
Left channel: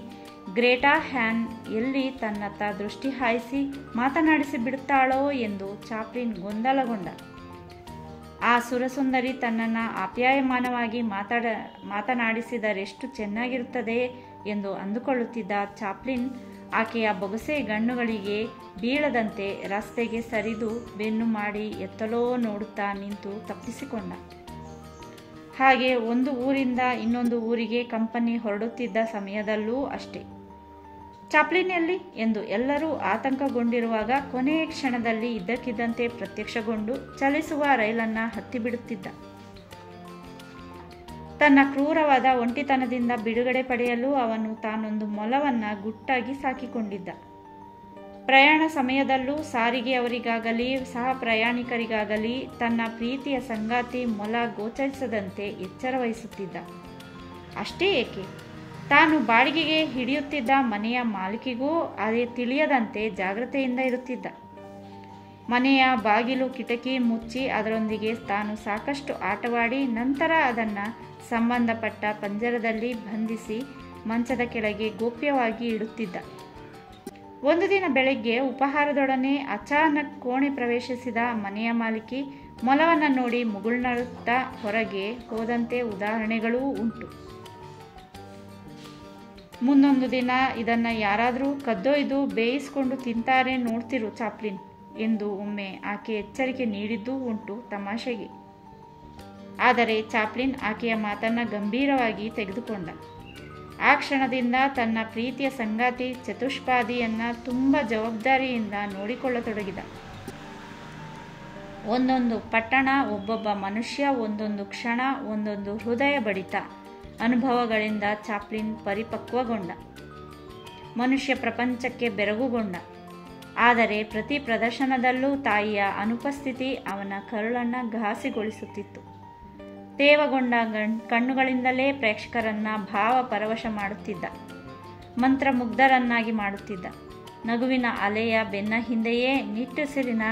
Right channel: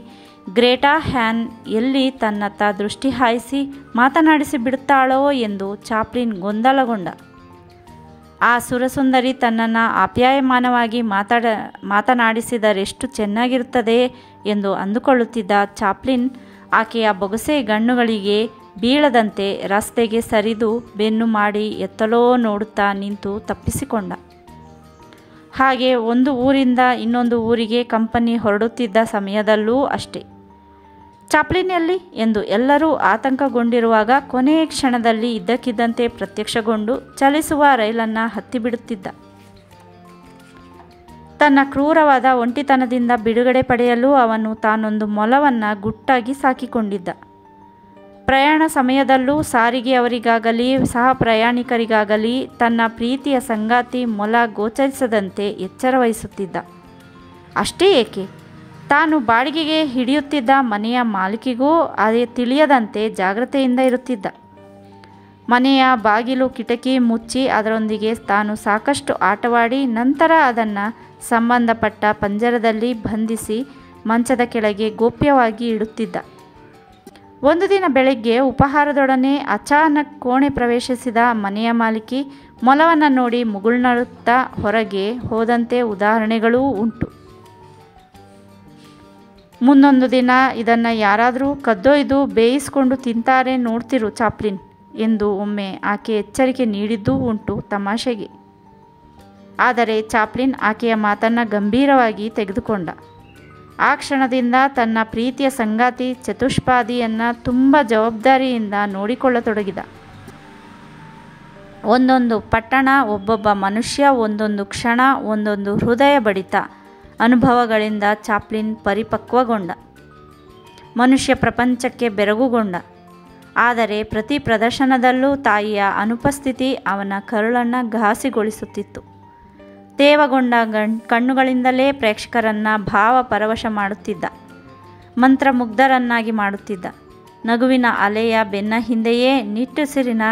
ಗ್ರೇಟಾ ಹ್ಯಾನ್ ಎಲ್ಲಿ ತನ್ನತ್ತ ದೃಷ್ಟಿ ಹಾಯಿಸಿ ಮಾತನಾಡಿಸಿ ಬಿಡುತ್ತಾಳೋ ಎಂದು ಚಾಪ್ಲಿನ್ ಗೊಂದಲಗೊಂಡ. ಆ ಸುರಸುಂದರಿ ತನ್ನನ್ನು ಆಪ್ಯಾಯಮಾನವಾಗಿ ಮಾತನಾಡಿಸಿದರೆಷ್ಟು ಚೆನ್ನಾಗಿರುತ್ತದೆ ಎಂದು ಅಂದುಕೊಳ್ಳುತ್ತಿದ್ದ ಚಾಪ್ಲಿನ್ ಆಕೆಯ ಬೊಗಸೆ ಗಣ್ಣುಗಳಿಗೆ ಬೀಳದಂತೆ ರಸ್ತೆಗೆ ಸರಿದು ಬೆನ್ನು ಮಾಡಿ ಎತ್ತಲೋ ನೋಡುತ್ತಾ ನಿಂತು ತಪ್ಪಿಸಿಕೊಂಡ. ಹಾಗೆ ಒಂದು ಊರಿಂದ ಇನ್ನೊಂದು ಊರಿಗೆ ಕಂಪನಿ ಹೊರಡುತ್ತಿದ್ದ ಸಮಯದಲ್ಲೂ ಅಷ್ಟೆ. ಚಾಪ್ಲಿನ್ ಎಲ್ಲಿ ಎಂದು ಎಲ್ಲರೂ ಆತಂಕಗೊಂಡಿರುವಾಗ ಕೊನೆಯ ಕ್ಷಣದಲ್ಲಿ ಇದ್ದಕ್ಕಿದ್ದಂತೆ ಪ್ರತ್ಯಕ್ಷಗೊಂಡು ಚಲಿಸುವ ರೈಲನ್ನು ಹತ್ತಿಬಿಡುತ್ತಿದ್ದ. ತನ್ನ ಕ್ರೂರವಾದ ಒಂಟಿತನದಿಂದ ಬಿಡುಗಡೆ ಪಡೆಯಲು ಅವನು ತಾನೊಂದು ಮೊಲವನ್ನು ಗುಟ್ಟಾಗಿ ಸಾಕಿಕೊಂಡಿದ್ದ. ಪ್ರಯಾಣ ಸಮಯದಲ್ಲೂ ಸಾರಿಗೆಯವರಿಗಾಗಲಿ ಸಹ ಪ್ರಯಾಣಿಕರಿಗಾಗಲಿ ತನ್ನ ಪ್ರೀತಿಯ ಸಂಗಾತಿ ಮೊಲ ಗೋಚರಿಸದಂತೆ ಎಚ್ಚರ ವಹಿಸುತ್ತಿದ್ದ. ಅಷ್ಟೇ ಏಕೆ, ತಾನು ಬಾಡಿಗೆಗೆ ಹಿಡಿಯುತ್ತಿದ್ದ ಮನೆಯ ಮಾಲೀಕಿಗೂ ಅದೇ ತಿಳಿಯದಂತೆ ಜಾಗ್ರತೆಯಿಂದ ಇರುತ್ತಿದ್ದ. ಮನೆಯ ಬಾಗಿಲು ಕಿಟಕಿ ಮುಚ್ಚಿ ಅದರೊಂದಿಗೆ ತಾನು ಸಾಕಷ್ಟು ಆಟವಾಡಿ ನಂತರ ಅದನ್ನು ಸಂಬಂಧಪಟ್ಟ ಪಂಜರದಲ್ಲಿ ಬಂಧಿಸಿ ಮಂಚದ ಕೆಳಗೆ ಗೋಪ್ಯವಾಗಿ ಇಡುತ್ತಿದ್ದ. ಒಂದು ದಿನ ಬೆಳಗ್ಗೆ ಉಪಹಾರದೊಡನೆ ಅಚಾನಕ್ ಕೋಣೆ ಪ್ರವೇಶಿಸಿದ ಮನೆಯ ಮಾಲೀಕಿ ಮೊಲವನ್ನು ನೋಡಿ ಮುಗುಳ್ನಡುತ್ತಾ ಹೊರಗೆ ಹೋದಂತೆ ಉದಾಹರಣೆಗಳೂ ಉಂಟು. ಮುಂದೊಂದು ದಿನ ಇದನ್ನು ಯಾರಾದರೂ ಕದ್ದೊಯ್ದು ಬೇಯಿಸಿಕೊಂಡು ತಿಂತಾರೆ ನೋಡ್ತಿರು ಚಾಪ್ಲಿನ್ ಎಂದು ಒಮ್ಮೆ ಆಕೆ ಎಚ್ಚರಿಕೆ ನೀಡಿದ್ದೂ ಉಂಟು ತಮಾಷೆಗೆ. ಆದರೆ ಚಾಪ್ಲಿನ್ ಆಕೆಯ ಮಾತನ್ನು ಗಂಭೀರವಾಗಿ ತೆಗೆದುಕೊಂಡ. ಆ ಕ್ಷಣದಿಂದ ತನ್ನ ಪ್ರೀತಿಯ ಸಂಗಾತಿ ಚತುಷ್ಪಾದಿಯನ್ನು ತುಂಬ ಜವಾಬ್ದಾರಿಯಿಂದ ನೋಡಿಕೊಳ್ಳತೊಡಗಿದ. ಒಂದೊಂದು ಪಟ್ಟಣ, ಒಬ್ಬೊಬ್ಬ ಮನುಷ್ಯ, ಒಂದೊಂದು ಕ್ಷಣ, ಒಂದೊಂದು ಹೃದಯ ಬಡಿತ ಅನುಭವಗಳಿಂದ ಚಾಪ್ಲಿನ್ ಪರಿಪಕ್ವಗೊಂಡ. ಮನುಷ್ಯ ಪ್ರಪಂಚಕ್ಕೆ ಬೆರಗುಗೊಂಡ. ಆದರೆ ಪ್ರತಿ ಪ್ರದರ್ಶನದಲ್ಲೂ ತಾಯಿಯ ಅನುಪಸ್ಥಿತಿ ಅವನ ಕರುಳನ್ನು ಘಾಸಿಗೊಳಿಸುತ್ತಿತ್ತು. ತೇವಗೊಂಡ ಕಣ್ಣುಗಳಿಂದಲೇ ಪ್ರೇಕ್ಷಕರನ್ನು ಭಾವಪರವಶ ಮಾಡುತ್ತಿದ್ದ. ಮಂತ್ರಮುಗ್ಧರನ್ನಾಗಿ ಮಾಡುತ್ತಿದ್ದ. ನಗುವಿನ ಅಲೆಯ ಬೆನ್ನ ಹಿಂದೆಯೇ ನಿಟ್ಟುಸಿರಿನ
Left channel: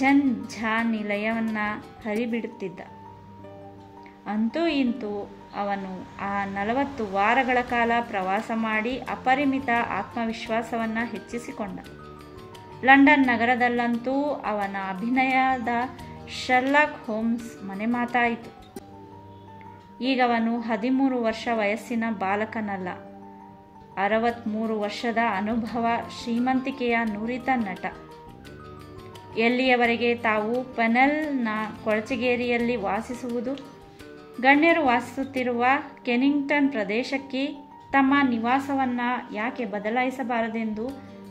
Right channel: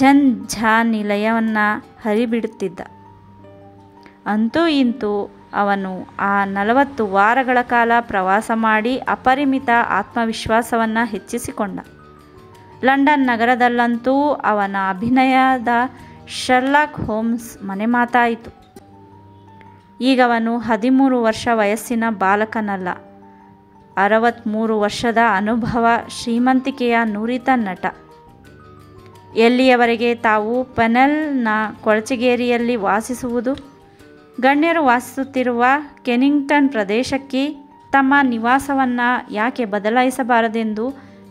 ಝಂಝಾನಿಲಯವನ್ನು ಹರಿಬಿಡುತ್ತಿದ್ದ. ಅಂತೂ ಇಂತೂ ಅವನು ಆ 40 ವಾರಗಳ ಕಾಲ ಪ್ರವಾಸ ಮಾಡಿ ಅಪರಿಮಿತ ಆತ್ಮವಿಶ್ವಾಸವನ್ನು ಹೆಚ್ಚಿಸಿಕೊಂಡ. ಲಂಡನ್ ನಗರದಲ್ಲಂತೂ ಅವನ ಅಭಿನಯದ ಶರ್ಲಾಕ್ ಹೋಮ್ಸ್ ಮನೆಮಾತಾಯಿತು. ಈಗವನು 13 ವರ್ಷ ವಯಸ್ಸಿನ ಬಾಲಕನಲ್ಲ, 63 ವರ್ಷದ ಅನುಭವ ಶ್ರೀಮಂತಿಕೆಯ ನುರಿತ ನಟ. ಎಲ್ಲಿಯವರೆಗೆ ತಾವು ಪೆನೆಲ್ನ ಕೊಳಚೆಗೇರಿಯಲ್ಲಿ ವಾಸಿಸುವುದು, ಗಣ್ಯರು ವಾಸಿಸುತ್ತಿರುವ ಕೆನಿಂಗ್ಟನ್ ಪ್ರದೇಶಕ್ಕೆ ತಮ್ಮ ನಿವಾಸವನ್ನು ಯಾಕೆ ಬದಲಾಯಿಸಬಾರದೆಂದು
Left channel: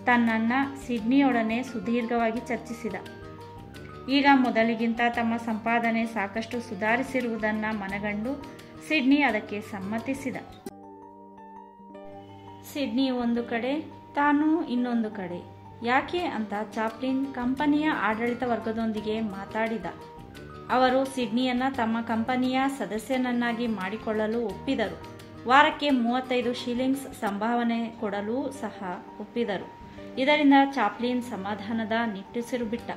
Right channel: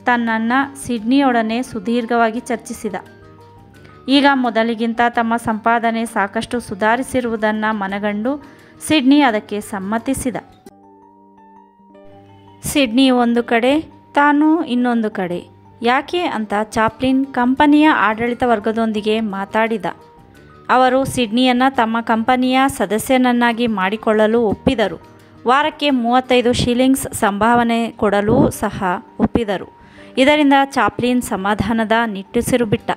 ತನ್ನನ್ನು ಸಿಡ್ನಿಯೊಡನೆ ಸುದೀರ್ಘವಾಗಿ ಚರ್ಚಿಸಿದ. ಈಗ ಮೊದಲಿಗಿಂತ ತಮ್ಮ ಸಂಪಾದನೆ ಸಾಕಷ್ಟು ಸುಧಾರಿಸಿರುವುದನ್ನು ಮನಗಂಡು ಸಿಡ್ನಿ ಅದಕ್ಕೆ ಸಮ್ಮತಿಸಿದ. ಸಿಡ್ನಿ ಒಂದು ಕಡೆ, ತಾನು ಇನ್ನೊಂದು ಕಡೆ. ಯಾಕೆ ಅಂತ ಚಾಪ್ಲಿನ್ ಕಂಪನಿಯ ಆಡಳಿತ ವರ್ಗದೊಂದಿಗೆ ಮಾತಾಡಿದ. ಅವರು ಸಿಡ್ನಿಯನ್ನು ತಮ್ಮ ಕಂಪನಿಯ ಸದಸ್ಯನನ್ನಾಗಿ ಮಾಡಿಕೊಳ್ಳಲು ಒಪ್ಪಿದರು. ವಾರಕ್ಕೆ 35 ಶಿಲ್ಲಿಂಗ್ಸ್ ಸಂಭಾವನೆ ಕೊಡಲು ಸಹ ಒಪ್ಪಿದರು. ಇದರಿಂದ ಚಾಪ್ಲಿನ್ ಸಮಾಧಾನದ ನಿಟ್ಟುಸಿರು ಬಿಟ್ಟ.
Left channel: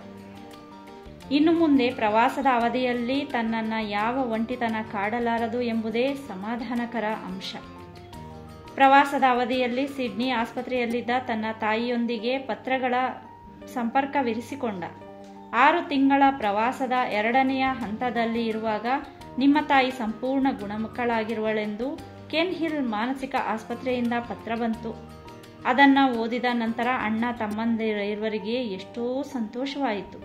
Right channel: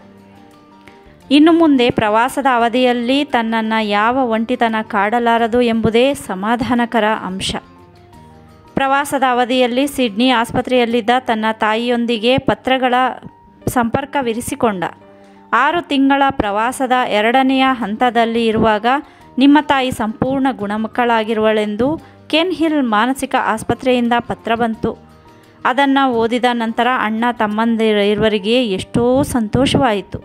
ಇನ್ನು ಮುಂದೆ ಪ್ರವಾಸದ ಅವಧಿಯಲ್ಲಿ ತನ್ನನ್ನು ಯಾವ ಒಂಟಿತನ ಕಾಡಲಾರದು ಎಂಬುದೇ ಸಮಾಧಾನಕರ ಅಂಶ. ಪ್ರವಾಸದ ಅವಧಿಯಲ್ಲಿ ಸಿಡ್ನಿ ಆಸ್ಪತ್ರೆಯಲ್ಲಿದ್ದ ತನ್ನ ತಾಯಿಯೊಂದಿಗೆ ಪತ್ರಗಳ ಸಂಪರ್ಕವಿರಿಸಿಕೊಂಡ. 6 ತಿಂಗಳ ಪ್ರವಾಸದ 2ನೆಯ ಹಂತದಲ್ಲಿ ಇರುವಾಗ ನಿಮ್ಮ ತಾಯಿ ಸಂಪೂರ್ಣ ಗುಣಮುಖಳಾಗಿರುವಳೆಂದು ಕೆನ್ ಹಿಲ್ ಮಾನಸಿಕ ಆಸ್ಪತ್ರೆಯಿಂದ ಪತ್ರ ಬಂತು. ಅದನ್ನು ಓದಿದ ನಂತರ ಅಣ್ಣ ತಮ್ಮಂದಿರಿರುವರಿಗೆ ಎಷ್ಟೋ ಸಂತೋಷವಾಯಿತು.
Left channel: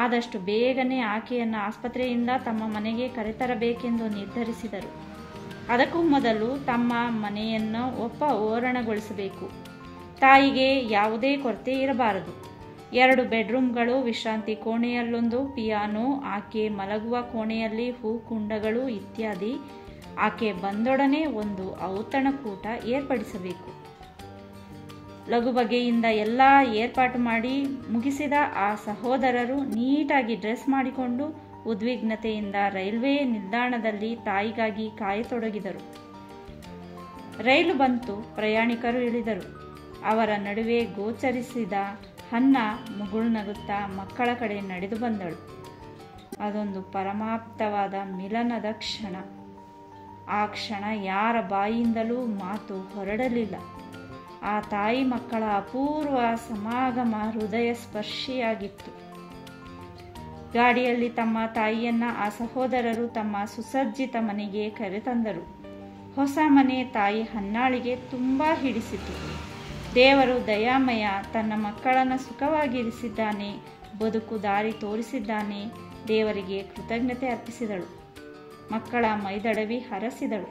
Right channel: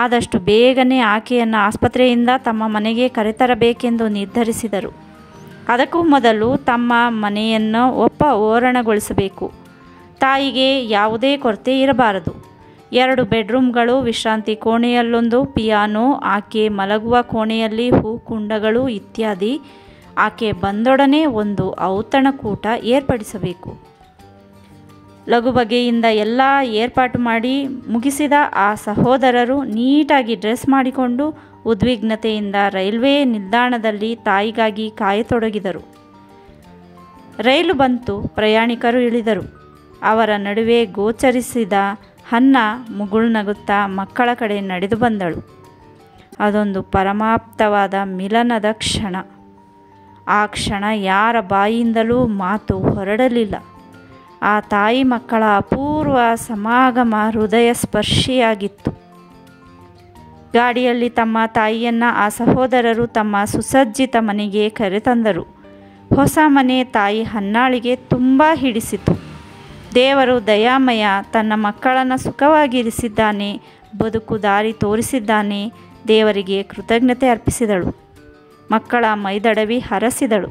ಆದಷ್ಟು ಬೇಗನೆ ಆಕೆಯನ್ನು ಆಸ್ಪತ್ರೆಯಿಂದ ತಮ್ಮ ಮನೆಗೆ ಕರೆತರಬೇಕೆಂದು ನಿರ್ಧರಿಸಿದರು. ಅದಕ್ಕೂ ಮೊದಲು ತಮ್ಮ ಮನೆಯನ್ನು ಓರಣಗೊಳಿಸಬೇಕು. ತಾಯಿಗೆ ಯಾವುದೇ ಕೊರತೆ ಇರಬಾರದು. 2 ಬೆಡ್ರೂಮ್ಗಳು, ವಿಶ್ರಾಂತಿ ಕೋಣೆಯಲ್ಲೊಂದು ಪಿಯಾನೋ, ಆಕೆ ಮಲಗುವ ಕೋಣೆಯಲ್ಲಿ ಹೂಕುಂಡಗಳು ಇತ್ಯಾದಿ. ಆಕೆ ಬಂದೊಡನೆ ಒಂದು ಔತಣಕೂಟ ಏರ್ಪಡಿಸಬೇಕು. ಲಘು ಬಗೆಯಿಂದ ಎಲ್ಲ ಏರ್ಪಾಟು ಮಾಡಿ ಮುಗಿಸಿದ ಆ ಸಹೋದರರು ನೀಟಾಗಿ ಡ್ರೆಸ್ ಮಾಡಿಕೊಂಡು ಉದ್ವಿಗ್ನತೆಯಿಂದ ರೈಲ್ವೆ ನಿಲ್ದಾಣದಲ್ಲಿ ತಾಯಿಗಾಗಿ ಕಾಯತೊಡಗಿದರು. ರೈಲು ಬಂತು. ಪ್ರಯಾಣಿಕರು ಇಳಿದರು. ಅವರ ನಡುವೆ ಗೋಚರಿಸಿದ ಹನ್ನಾ ಮುಗುಳ್ನಗುತ್ತಾ ಮಕ್ಕಳ ಕಡೆ ನಡೆದು ಬಂದಳು. ಅದೊಂದು ಪರಮಾಪ್ತವಾದ ಮಿಲನದ ಕ್ಷಣ. ಆ ಕ್ಷಣ ಯಾರ ಬಾಯಿಯಿಂದಲೂ ಮಾತು ಹೊರಡಲಿಲ್ಲ. ಆ ತಾಯಿ ಮಕ್ಕಳ ಅಪೂರ್ವ ಸಮಾಗಮ ಹೃದಯ ಸ್ಪರ್ಶಿಯಾಗಿತ್ತು. ಗಾಡಿಯಲ್ಲಿ ತಮ್ಮ ತಾಯಿಯನ್ನು ಆ ಸಹೋದರರು ತಮ್ಮ ಸುಸಜ್ಜಿತ ಮನೆಗೆ ಕರೆತಂದರು. ಹೊಸ ಮನೆ ತಾಯಿ ಹನ್ನಾಳಿಗೆ ತುಂಬ ಹಿಡಿಸಿತು. ದೇವರು ದಯಾಮಯ, ತನ್ನ ಮಕ್ಕಳನ್ನು ಸುಖವಾಗಿರಿಸಿದ್ದಾನೆ, ಬದುಕು ದಾರಿ ತೋರಿಸಿದ್ದಾನೆ. ದೇವರಿಗೆ ಕೃತಜ್ಞತೆ ಅರ್ಪಿಸಿದಳು. ಮಕ್ಕಳ ಮೈದಡವಿ ಹರಸಿದಳು.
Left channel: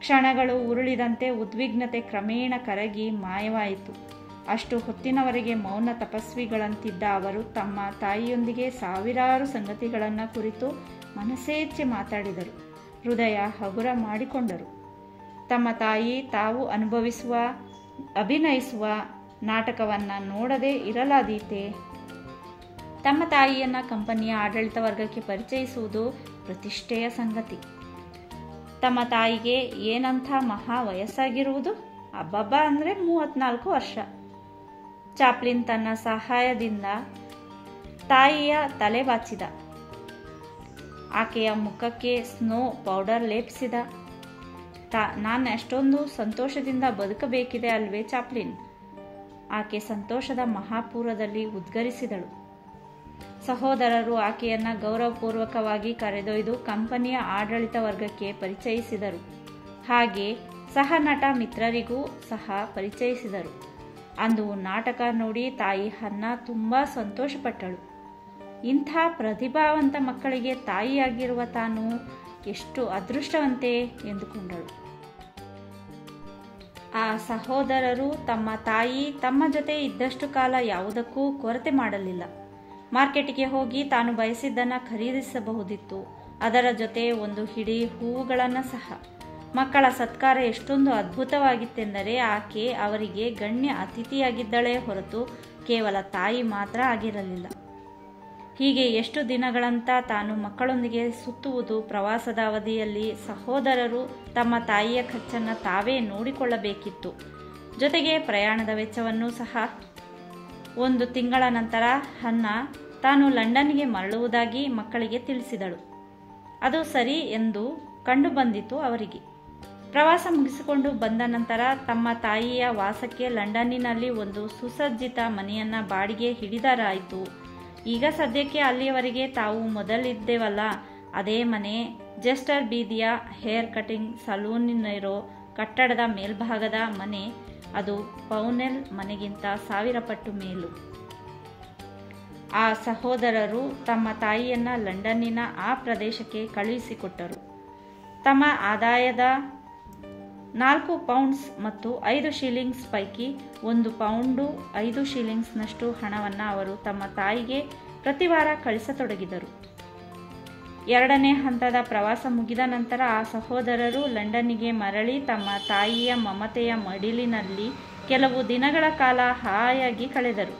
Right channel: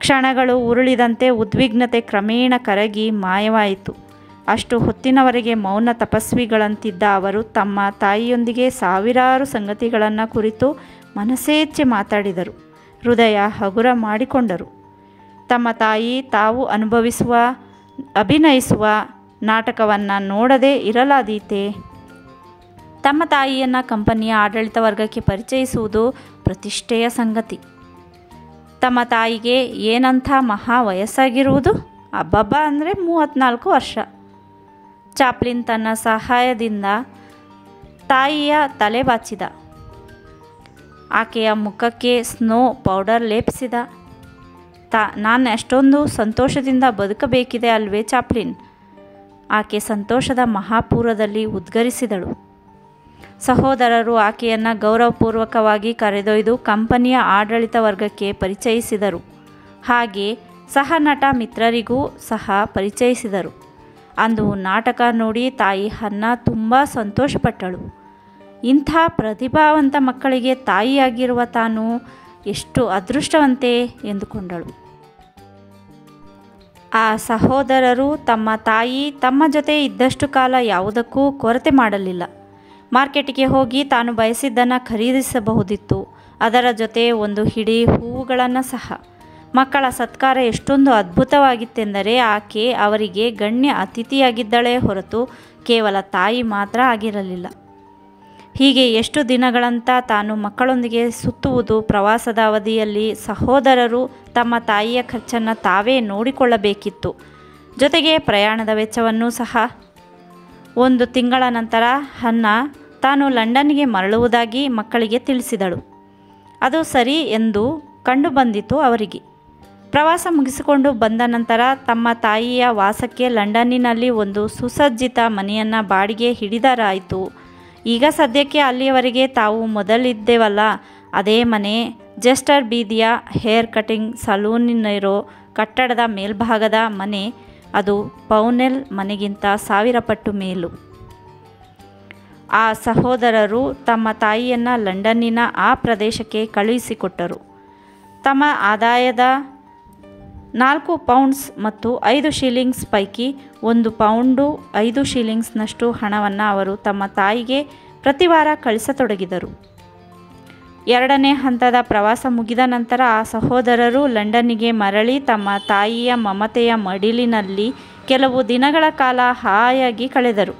ಕ್ಷಣಗಳು ಉರುಳಿದಂತೆ ಉದ್ವಿಗ್ನತೆ ಕ್ರಮೇಣ ಕರಗಿ ಮಾಯವಾಯಿತು. ಅಷ್ಟು ಹೊತ್ತಿನವರೆಗೆ ಮೌನ ತಪಸ್ವಿಗಳಂತಿದ್ದ ಅವರು ತಮ್ಮ ತಾಯಿಯೊಂದಿಗೆ ಸಾವಿರಾರು ಸಂಗತಿಗಳನ್ನು ಕುರಿತು ಮನಸೇಚ್ಛೆ ಮಾತಾಡಿದರು. ಹೃದಯ ಹಗುರ ಮಾಡಿಕೊಂಡರು. ತಮ್ಮ ತಾಯಿ ತಾವು ಅಭಿನಯಿಸುವ ನಾಟಕವನ್ನು ನೋಡದೇ ಇರಲಾದೀತೆ. ತಮ್ಮ ತಾಯಿಯನ್ನು ಕಂಪನಿಯ ಆಡಳಿತ ವರ್ಗಕ್ಕೆ ಪರಿಚಯಿಸುವುದು ಪ್ರತಿಷ್ಠೆಯ ಸಂಗತಿ. ತಮ್ಮ ತಾಯಿಗೆ ಏನಂಥ ಮಹಾ ವಯಸ್ಸಾಗಿರುವುದು? ಅಬ್ಬಬ್ಬ ಅಂದರೆ 34 ವರ್ಷ. ಚಾಪ್ಲಿನ್ ತನ್ನ ಸಹಾಯದಿಂದ ತಾಯಿಯ ತಲೆ ಬಾಚಿದ. ಆಕೆಯ ಮುಖಕ್ಕೆ ಸ್ನೋ ಪೌಡರ್ ಲೇಪಿಸಿದ. ನಾನು ಎಷ್ಟೊಂದು ಸಂತೋಷದಿಂದ ಬದುಕಬೇಕಿದೆ ಅಲ್ವೇ ಚಾಪ್ಲಿನ್? ಆಕೆ ಸಂತೋಷದ ಮಹಾಪೂರದಲ್ಲಿ ಉದ್ಗರಿಸಿದಳು. ಸಹೋದರರು ಆಕೆಯನ್ನು ಗೌರವಪೂರ್ವಕವಾಗಿ ಕರೆದೊಯ್ದು ಕಂಪನಿಯ ಆಡಳಿತ ವರ್ಗಕ್ಕೆ ಪರಿಚಯಿಸಿದರು. ಹಾಗೆ ಸಹ ನಟ ಮಿತ್ರರಿಗೂ ಸಹ ಪರಿಚಯಿಸಿದರು. ಅಂದು ನಾಟಕ ನೋಡಿ ತಾಯಿ ಹನ್ನಾ ತುಂಬ ಸಂತೋಷಪಟ್ಟಳು. ಇಂಥ ಪ್ರತಿಭಾವಂತ ಮಕ್ಕಳಿಗೆ ತಾಯಿಯಾಗಿರುವ ತಾನು ಎಷ್ಟು ಅದೃಷ್ಟವಂತೆ ಎಂದುಕೊಂಡಳು. ಆ ಸಹೋದರರು ತಮ್ಮ ತಾಯಿ ತಮ್ಮ ಜೊತೆ ಇದ್ದಷ್ಟು ಕಾಲ ಯಾವುದಕ್ಕೂ ಕೊರತೆ ಮಾಡಲಿಲ್ಲ. ಮಾರ್ಕೆಟಿಗೆ ಹೋಗಿ ತಾನು ಬಯಸಿದ್ದನ್ನು ಖರೀದಿಸಬಹುದಿತ್ತು. ಅದರ ಜೊತೆ ಒಂದು ಹಿಡಿ ಹೂವುಗಳನ್ನು ಸಹ. ಮಕ್ಕಳ ಸತ್ಕಾರ ಎಷ್ಟೊಂದು ಅದ್ಭುತವಾಗಿತ್ತೆಂದರೆ ಆಕೆ ಅವರಿಗೆ ಗಣ್ಯ ಅತಿಥಿಯಾಗಿದ್ದಳೇ ಹೊರತು ಕೇವಲ ತಾಯಿ ಮಾತ್ರ ಆಗಿರಲಿಲ್ಲ. ಹೀಗೆ ಎಷ್ಟು ದಿನಗಳಂತ ತಾನು ಮಕ್ಕಳೊಂದಿಗೆ ಸುತ್ತುವುದು. ಪ್ರವಾಸದ ಅವಧಿಯಲ್ಲಿ ಸಹೋದರರು ತಮ್ಮ ತಾಯಿಯ ಖರ್ಚನ್ನು ತಾವೇ ನೋಡಿಕೊಳ್ಳಬೇಕಿತ್ತು. ಜೊತೆಗೆ ಪ್ರಯಾಣದ ವೆಚ್ಚವನ್ನೂ ಸಹ. 1 ತಿಂಗಳ ನಂತರ ಹನ್ನಾ ತಾನು ಲಂಡನ್ನಿಗೆ ಮರಳುವುದಾಗಿ ಮಕ್ಕಳಿಗೆ ತಿಳಿಸಿದಳು. ಅದು ಸರಿ ಎಂದು ಕಂಡುಬಂದಿತು ಅವರಿಗೆ. ಪ್ರವಾಸ ಮುಗಿಸಿಕೊಂಡು ಬಂದ ನಂತರ ತಮ್ಮ ತಾಯಿಯ ವಾಸಕ್ಕೆ ಲಂಡನ್ನಿನಲ್ಲಿ ಒಂದು ಸುಸಜ್ಜಿತ ಮನೆಯನ್ನು ಬಾಡಿಗೆ ಹಿಡಿದರಾಯಿತು. ಈಗ ಸದ್ಯಕ್ಕೆ ಅಲ್ಲಿಯವರೆಗೆ ತಾವು ಮೊದಲಿದ್ದೆವಲ್ಲ ಅದೇ ಮನೆ, ಜೆಸ್ಟರ್ ಬೀದಿಯ ಹೇರ್ ಕಟಿಂಗ್ ಸಲೂನಿರೋ ಕಟ್ಟಡದ ಮೇಲ್ಭಾಗದ ಮನೆ. ಅದು ಪೌನೆಲ್ ಮನೆಗಿಂತ 1000 ಪಟ್ಟು ಮೇಲು. ಆ ಸಹೋದರರು ತಮ್ಮ ತಾಯಿಯನ್ನು ಲಂಡನ್ನಿನ ಆ ಪ್ರದೇಶಕ್ಕೆ ಕಳುಹಿಸಿಕೊಟ್ಟರು. ತಮ್ಮ ಆದಾಯದ 4 ಪೌಂಡ್ಸ್ ಮತ್ತು 5 ಶಿಲ್ಲಿಂಗ್ಸ್ ಪೈಕಿ 1 ಪೌಂಡು 5 ಶಿಲ್ಲಿಂಗ್ಸ್ನಷ್ಟು ಹಣವನ್ನು ಅವರು ತಮ್ಮ ತಾಯಿಗೆ ಪ್ರತಿ ವಾರ ಕಳಿಸತೊಡಗಿದರು. 2ನೇ ಹಂತದ ಪ್ರವಾಸ ಮುಗಿದ ನಂತರ ಆ ಸಹೋದರರು ಲಂಡನ್ನಿಗೆ ಮರಳಿ ತಮ್ಮ ತಾಯಿಯ ಮಮತೆಯ ಮಡಿಲಿನಲ್ಲಿ ಕೆಲವು ದಿನಗಳ ಕಾಲ ಹಾಯಾಗಿ ಕಳೆದರು.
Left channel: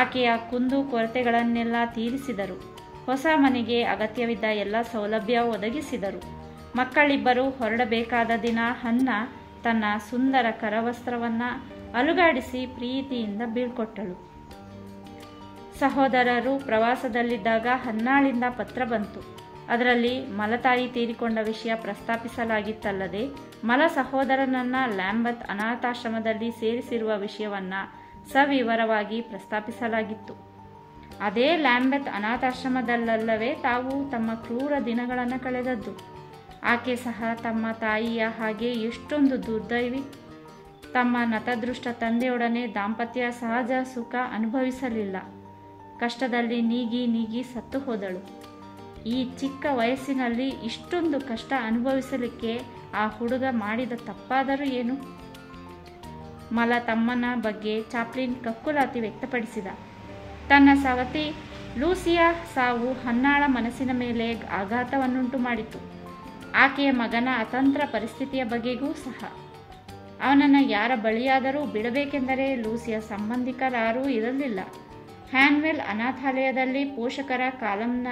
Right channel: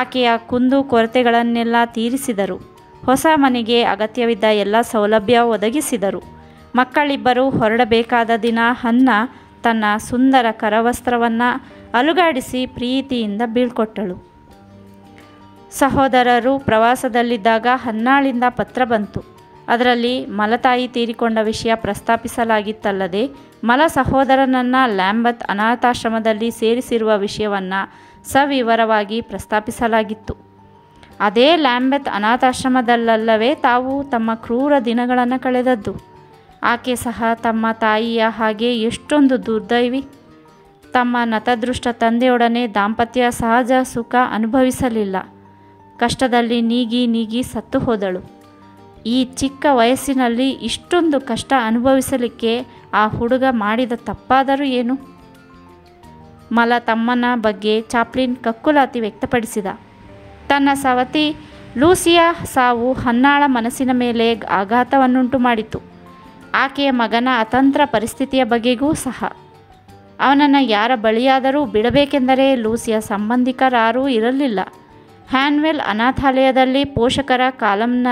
ಆಕೆಯ ಕುಂದು ಕೊರತೆಗಳನ್ನೆಲ್ಲ ತೀರಿಸಿದರು. ಹೊಸ ಮನೆಗೆ ಅಗತ್ಯವಿದ್ದ ಎಲ್ಲ ಸೌಲಭ್ಯ ಒದಗಿಸಿದರು. ಮಕ್ಕಳಿಬ್ಬರು ಹೊರಡಬೇಕಾದ ದಿನ ಹನ್ನಾ ತನ್ನ ಸುಂದರ ಕರವಸ್ತ್ರವನ್ನು ಅಲುಗಾಡಿಸಿ ಪ್ರೀತಿಯಿಂದ ಬೀಳ್ಕೊಟ್ಟಳು. ಸಹೋದರರು ಪ್ರವಾಸದಲ್ಲಿದ್ದಾಗ ಹನ್ನಾಳಿಂದ ಪತ್ರ ಬಂತು. ಅದರಲ್ಲಿ ಮಲತಾಯಿ ತೀರಿಕೊಂಡ ವಿಷಯ ಪ್ರಸ್ತಾಪಿಸಲಾಗಿತ್ತಲ್ಲದೆ ಸಹೋದರನನ್ನು ಲ್ಯಾಂಬತ್ ಅನಾಥಾಶ್ರಮದಲ್ಲಿ ಸೇರಿಸಿರುವ ವಿಷಯವನ್ನು ಸವಿವರವಾಗಿ ಪ್ರಸ್ತಾಪಿಸಲಾಗಿತ್ತು. ಅದೇ ಲ್ಯಾಂಬೆತ್ ಅನಾಥಾಶ್ರಮದಲ್ಲವೇ ತಾವು ತಮ್ಮ ಕ್ರೂರ ದಿನಗಳನ್ನು ಕಳೆದದ್ದು. ಆಕೆ ಸಹ ತಮ್ಮ ತಾಯಿಯ ಹಾಗೆ ಎಷ್ಟೊಂದು ದುರ್ದೈವಿ. ತಮ್ಮ ನತದೃಷ್ಟ ತಂದೆಯೊಡನೆ ದಾಂಪತ್ಯ ಸಹಜ ಸುಖ ಅನುಭವಿಸಲಿಲ್ಲ. ಕಷ್ಟದಲ್ಲಿ ನೀಗಿ ಸತ್ತು ಹೋದಳು. ಈ ಚಿಕ್ಕ ವಯಸ್ಸಿನಲ್ಲಿ ಇಷ್ಟೊಂದು ಕಷ್ಟ ಅನುಭವಿಸಲಿಕ್ಕೆ ಆ ಹುಡುಗ ಮಾಡಿದ ತಪ್ಪಾದರೂ ಏನು? ತಮ್ಮನ ಬಗ್ಗೆ ಚಾಪ್ಲಿನ್ ಕಕ್ಕುಲಾತಿ ವ್ಯಕ್ತಪಡಿಸಿದ. ತನ್ನ ಸವತಿ ಲೂಸಿಯ ಸಾವು ಹನ್ನಾಳ ಮನಸ್ಸಿನ ಮೇಲೆ ಆಘಾತವನ್ನುಂಟು ಮಾಡಿತು. ಆಕೆಯ ಮಗನ ಅತಂತ್ರ ಪರಿಸ್ಥಿತಿಯ ಬಗೆಗೂ ಸಹ. ಅವನನ್ನು ಯಾರ ಬಳಿಯಾದರೂ ಬಿಡಬೇಕೆಂದರೆ ಲೂಸಿಯ ಸಂಬಂಧಿಕರಾರೂ ಇರಲಿಲ್ಲ. ಹ್ಯಾನ್ವೆಲ್ ಅನಾಥಾಲಯದಲ್ಲಿ ಪೋಷಕರ ಕಾಲಂನ